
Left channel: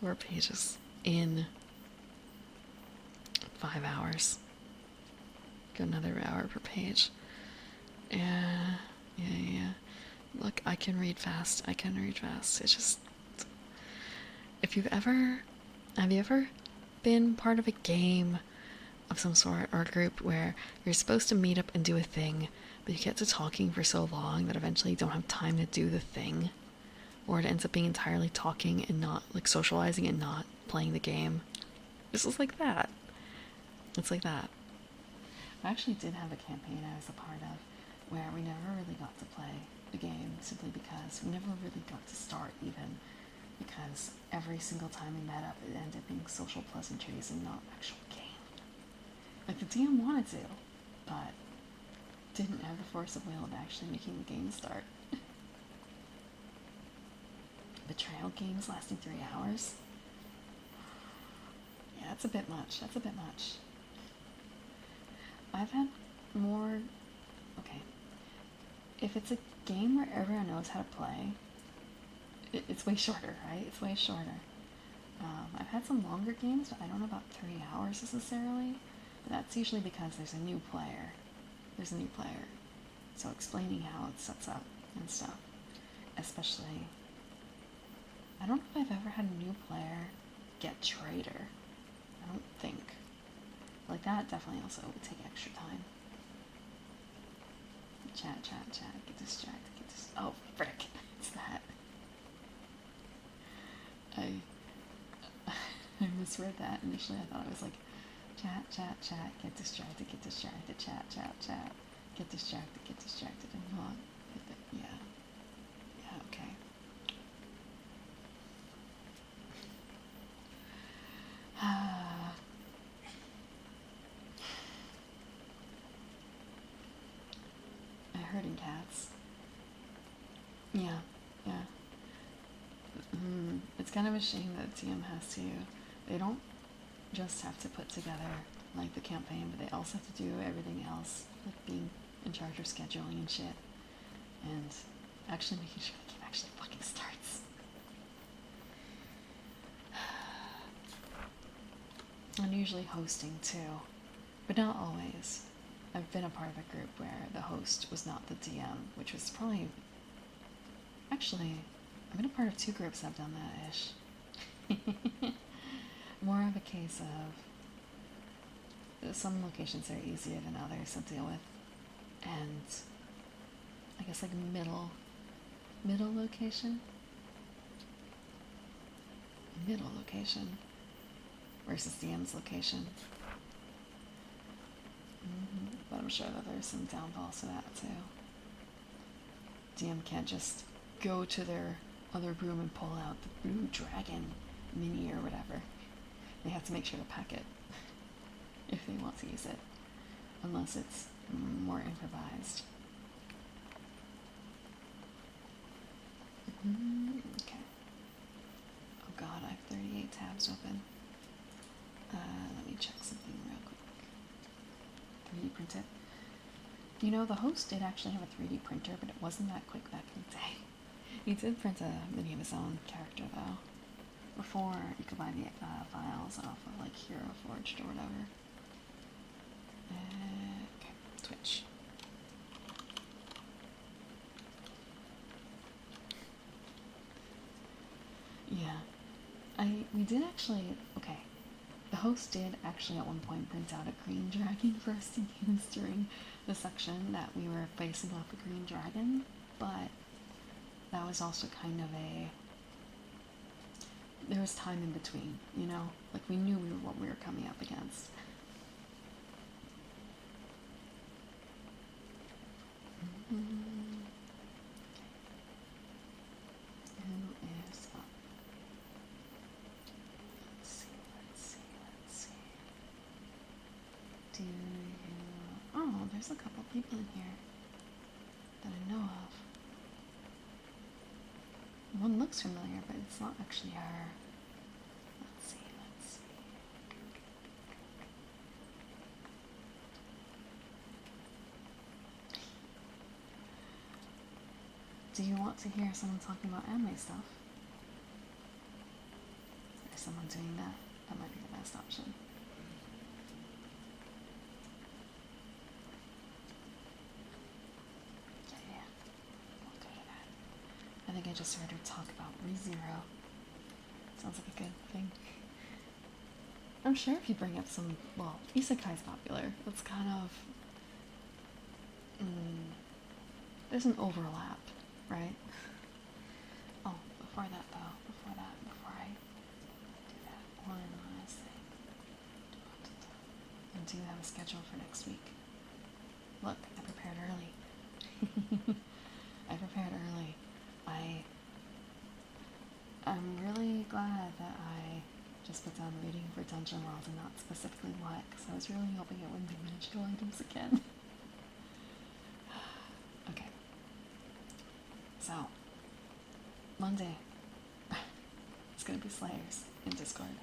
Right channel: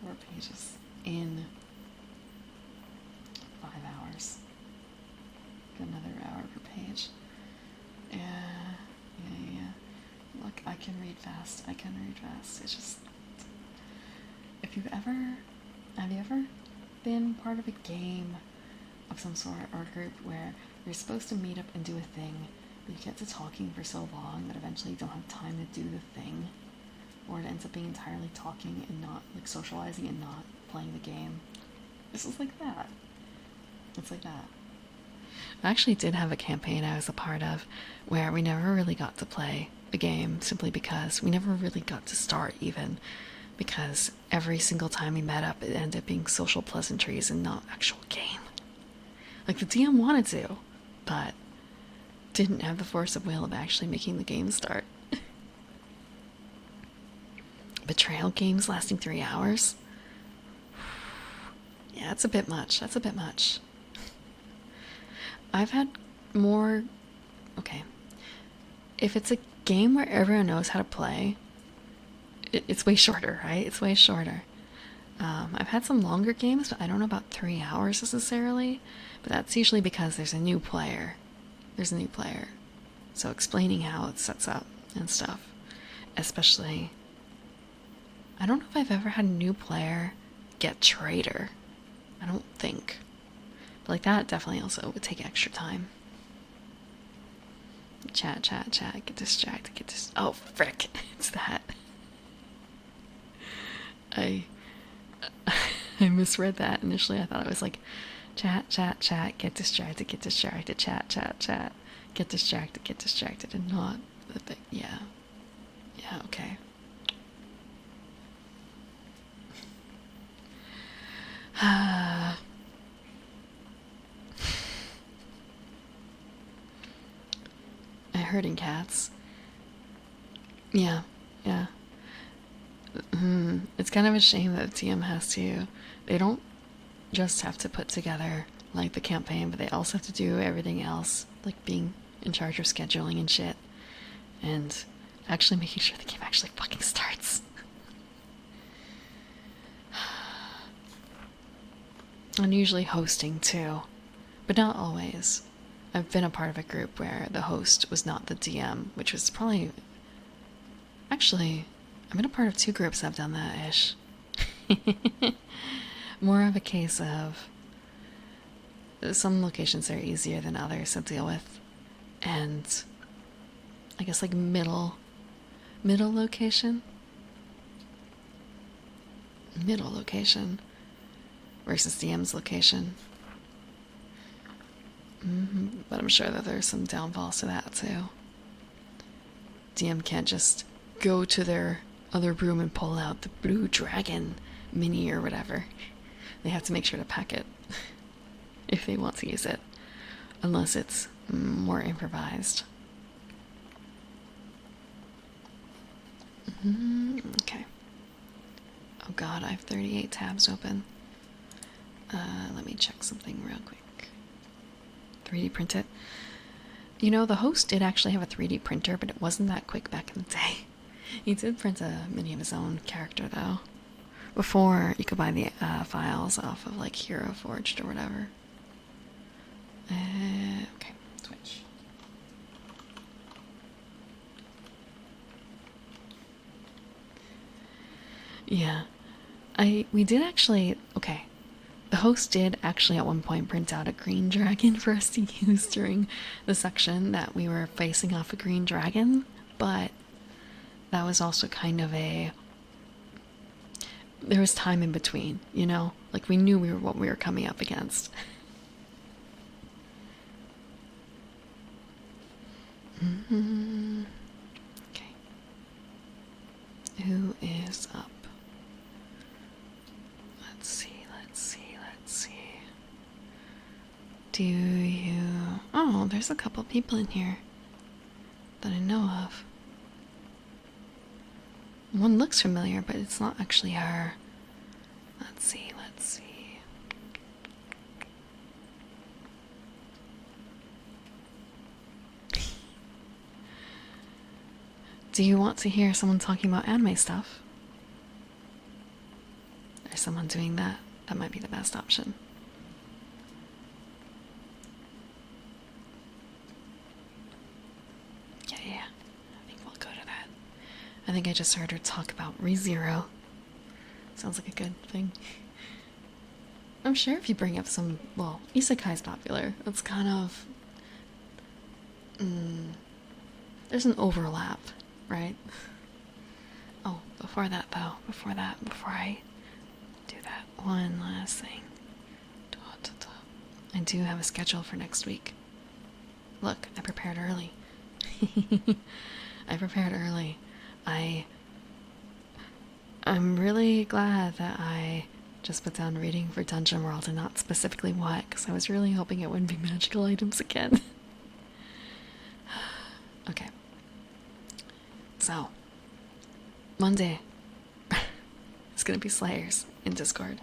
4 pages in 5 hours. Go another hour per page. Yeah. Look, I can read fast. It's just, have you ever been part of a game of some sort or a group where you're supposed to meet up and do a thing, but you get to talking for so long that eventually you don't have time to do the thing, or it ends up being entirely talking and not like socializing and not playing the game? This is like that. It's like that. I actually did have a campaign I was a part of where we never really got to play a game, simply because we never really got to start, even because every single time we met up it ended up being social pleasantries and not actual game. Like, the DM wanted to, but didn't have the force of will of actually making the game start. Betrayal games lasting 3 hours? Yeah, it's a bit much. That's a bit much. I've had more. Okay. If it's a game where everyone knows how to play, it's way shorter, right? It's way shorter. I've had some longer games, but I don't know about 3 hours necessarily. But that's usually because there's a new player. There's a new player. So explaining how it sets up and stuff. Especially, I don't know if I've ever had a new player get traitor. I don't think. But like that definitely also would take extra time. Chat, chat, chat, get distracted, get dis- Oh, frick. It's that. I I misread that initially. I thought it was like chat, chat, chat, get distracted, chat, chat, chat, get distracted, and not the thing. Yeah. Yeah, okay. Herding cats. Yeah, yeah. It's kind of a shame that TM has to. They don't just have to put together like the campaign, but they also have to do everything else, like being in charge of scheduling and shit, and actually making sure the game actually fucking starts. And usually hosting too, but not always. I've been a part of a group where the host was not the DM, which was probably. Actually, I've been a part of 2 groups that have done that ish. More of a case of some locations are easier than others to deal with, and I guess like middle location versus DM's location. But I'm sure that there's some downfalls to that too. DM can't just go to their other room and pull out the blue dragon mini or whatever. They have to make sure to pack it if they want to use it, unless it's more improvised. Okay. Oh god, I have 38 tabs open. Let me check something real quick. 3D print it. You know, the host did actually have a 3D printer, but it wasn't that quick back in the day. He did print a mini of his own character, though. Before you could buy the files off of, like, Hero Forged or whatever. Okay, Twitch. Yeah. We did actually, okay. The host did actually at one point print out a green dragon for us to use during the section that we were facing off a green dragon, but that was also kind of there was time in between, you know? Like we knew what we were coming up against. Okay. Who is up? Let's see. Do you... Oh, there's a couple people in here that I know of. One looks familiar, but it's not actually her. Let's see. Do you want to hear someone talking about anime stuff? There's someone doing that. That might be the best option. Yeah. I think we'll go to that. I think I just heard her talk about ReZero. Sounds like a good thing. I'm sure if you bring up some, well, isekai's popular. It's kind of... there's an overlap, right? Oh, before that though, before I do that, one last thing. I do have a schedule for next week. Look, I prepared early. I prepared early. I'm really glad that I just put down reading for Dungeon World and not specifically what, because I was really hoping it wouldn't be magical items again. Okay. So, Monday, it's gonna be Slayers in Discord.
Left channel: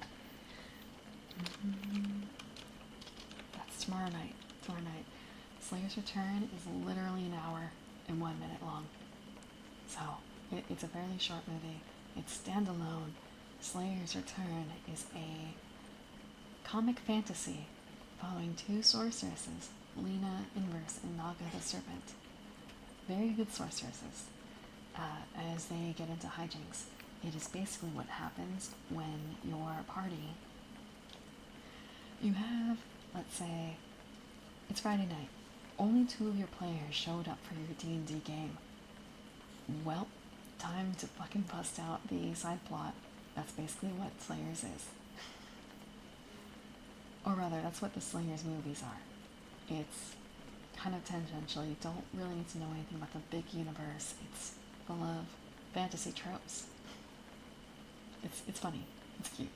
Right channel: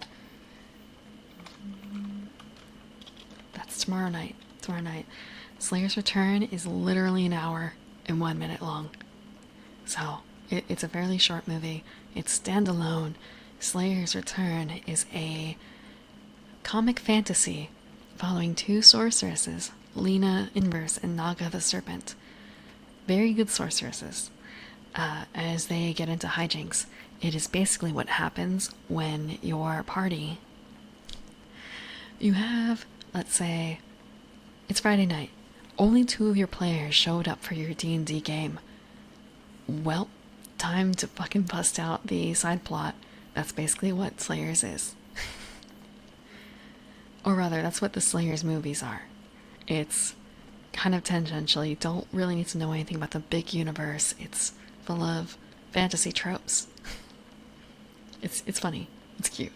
That's tomorrow night. Tomorrow night. Slayer's Return is literally an hour and 1 minute long. So, it's a fairly short movie. It's standalone. Slayer's Return is a comic fantasy following two sorceresses, Lena Inverse and Naga the Serpent. Very good sorceresses. As they get into hijinks, it is basically what happens when your party, you have, let's say, it's Friday night. Only two of your players showed up for your D&D game. Well, time to fucking bust out the side plot. That's basically what Slayers is. Or rather, that's what the Slayers movies are. It's kind of tangential. You don't really need to know anything about the big universe. It's full of fantasy tropes. It's funny. It's cute.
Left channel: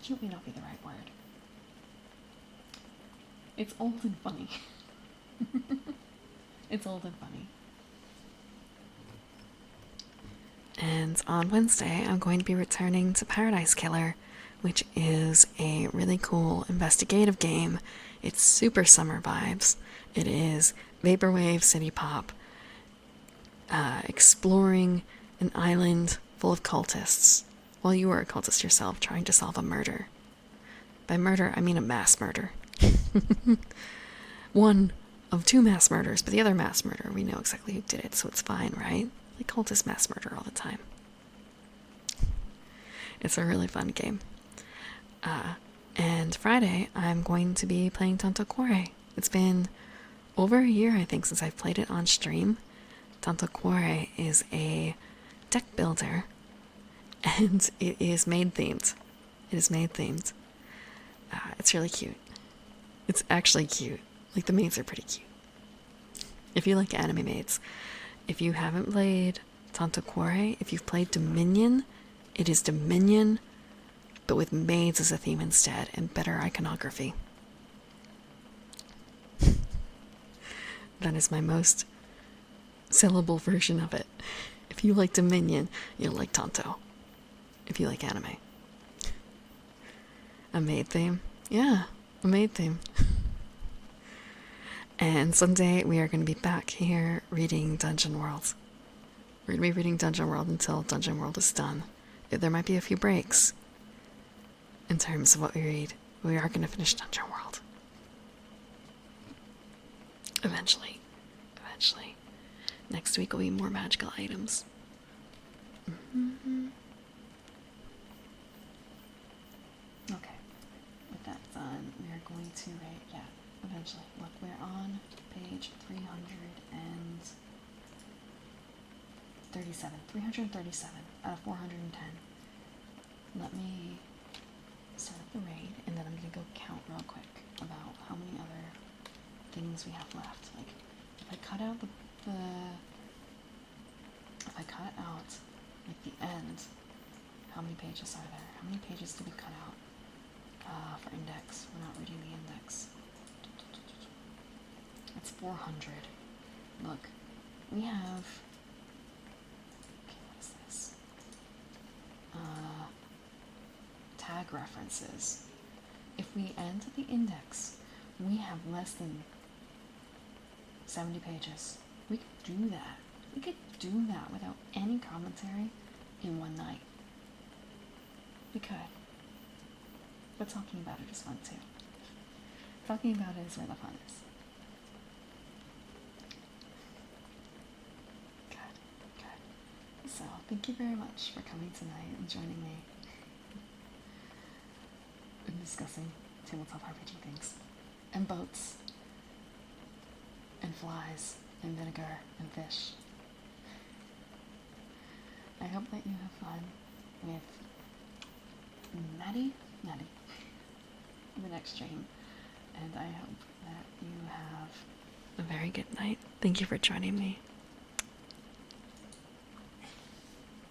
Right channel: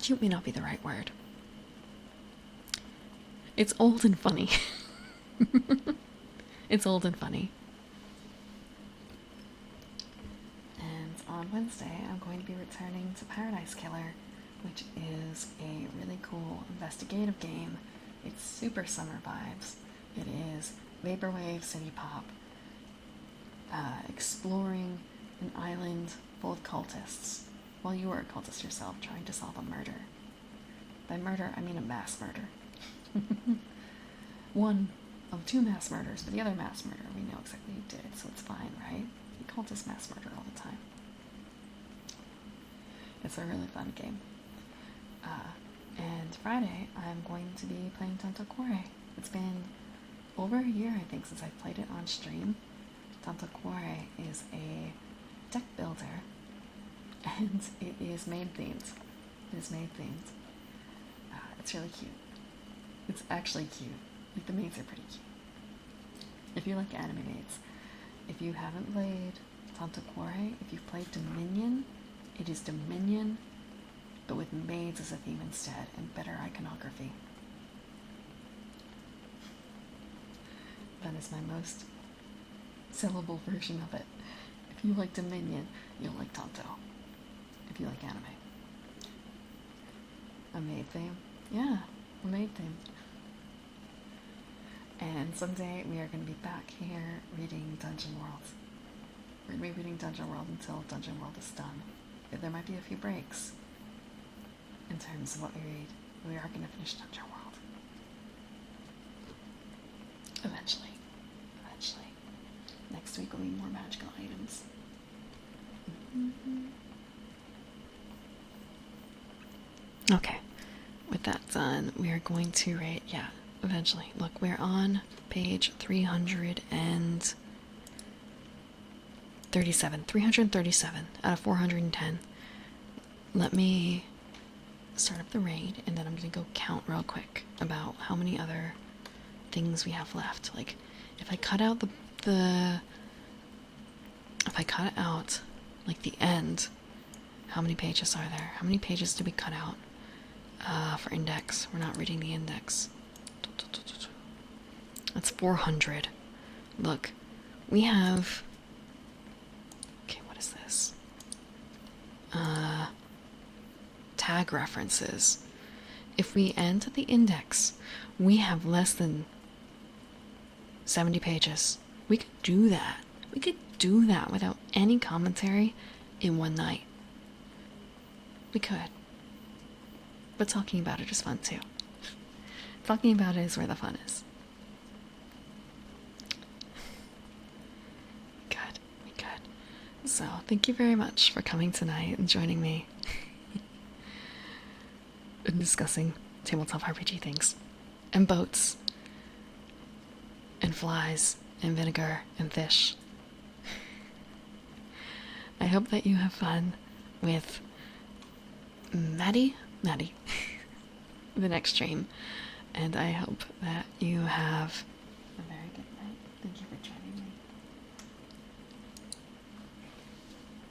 Cute may not be the right word. It's old and funny. It's old and funny. And on Wednesday, I'm going to be returning to Paradise Killer, which is a really cool investigative game. It's super summer vibes. It is vaporwave city pop, exploring an island full of cultists, while you are a cultist yourself trying to solve a murder. By murder, I mean a mass murder. One of two mass murders, but the other mass murder, we know exactly who did it, so it's fine, right? Like cultist mass murder all the time. It's a really fun game. And Friday, I'm going to be playing Tanto Cuore. It's been over a year, I think, since I've played it on stream. Tanto Cuore is a deck builder, and it is maid themed. It is maid themed. It's really cute. It's actually cute. Like, the maids are pretty cute. If you like anime maids. If you haven't played Tanto Cuore, if you've played Dominion, it is Dominion, but with maids as a theme instead, and better iconography. That is my most syllable version of it. If you like Dominion, you'll like Tanto. If you like anime. A maid theme? Yeah, a maid theme. And Sunday, we are going to be back here reading Dungeon World. We're going to be reading Dungeon World until Dungeon World is done. There might be a few breaks in terms of what we read. We are going to finish Dungeon World. Eventually. Eventually. Next week will be more magical items. Okay. With that done, we are going to rate, eventually. Look, we're on page 337. 337 out of 410. Let me start up the raid, and then I'm gonna go count real quick about how many other things we have left. Like, if I cut out if I cut out, like, the end, how many pages are there? How many pages did we cut out? For index. We're not reading the index. That's 400. Look, we have... Okay, what is this? Tag references. If we end at the index, we have less than 70 pages. We could do that. We could do that without any commentary in one night. We could. But talking about it is fun too. Talking about it is where the fun is. Good. So, thank you very much for coming tonight and joining me in discussing tabletop RPG things. And boats. And flies. And vinegar. And fish. I hope that you have fun with Maddie, the next stream, and I hope that you have a very good night. Thank you for joining me.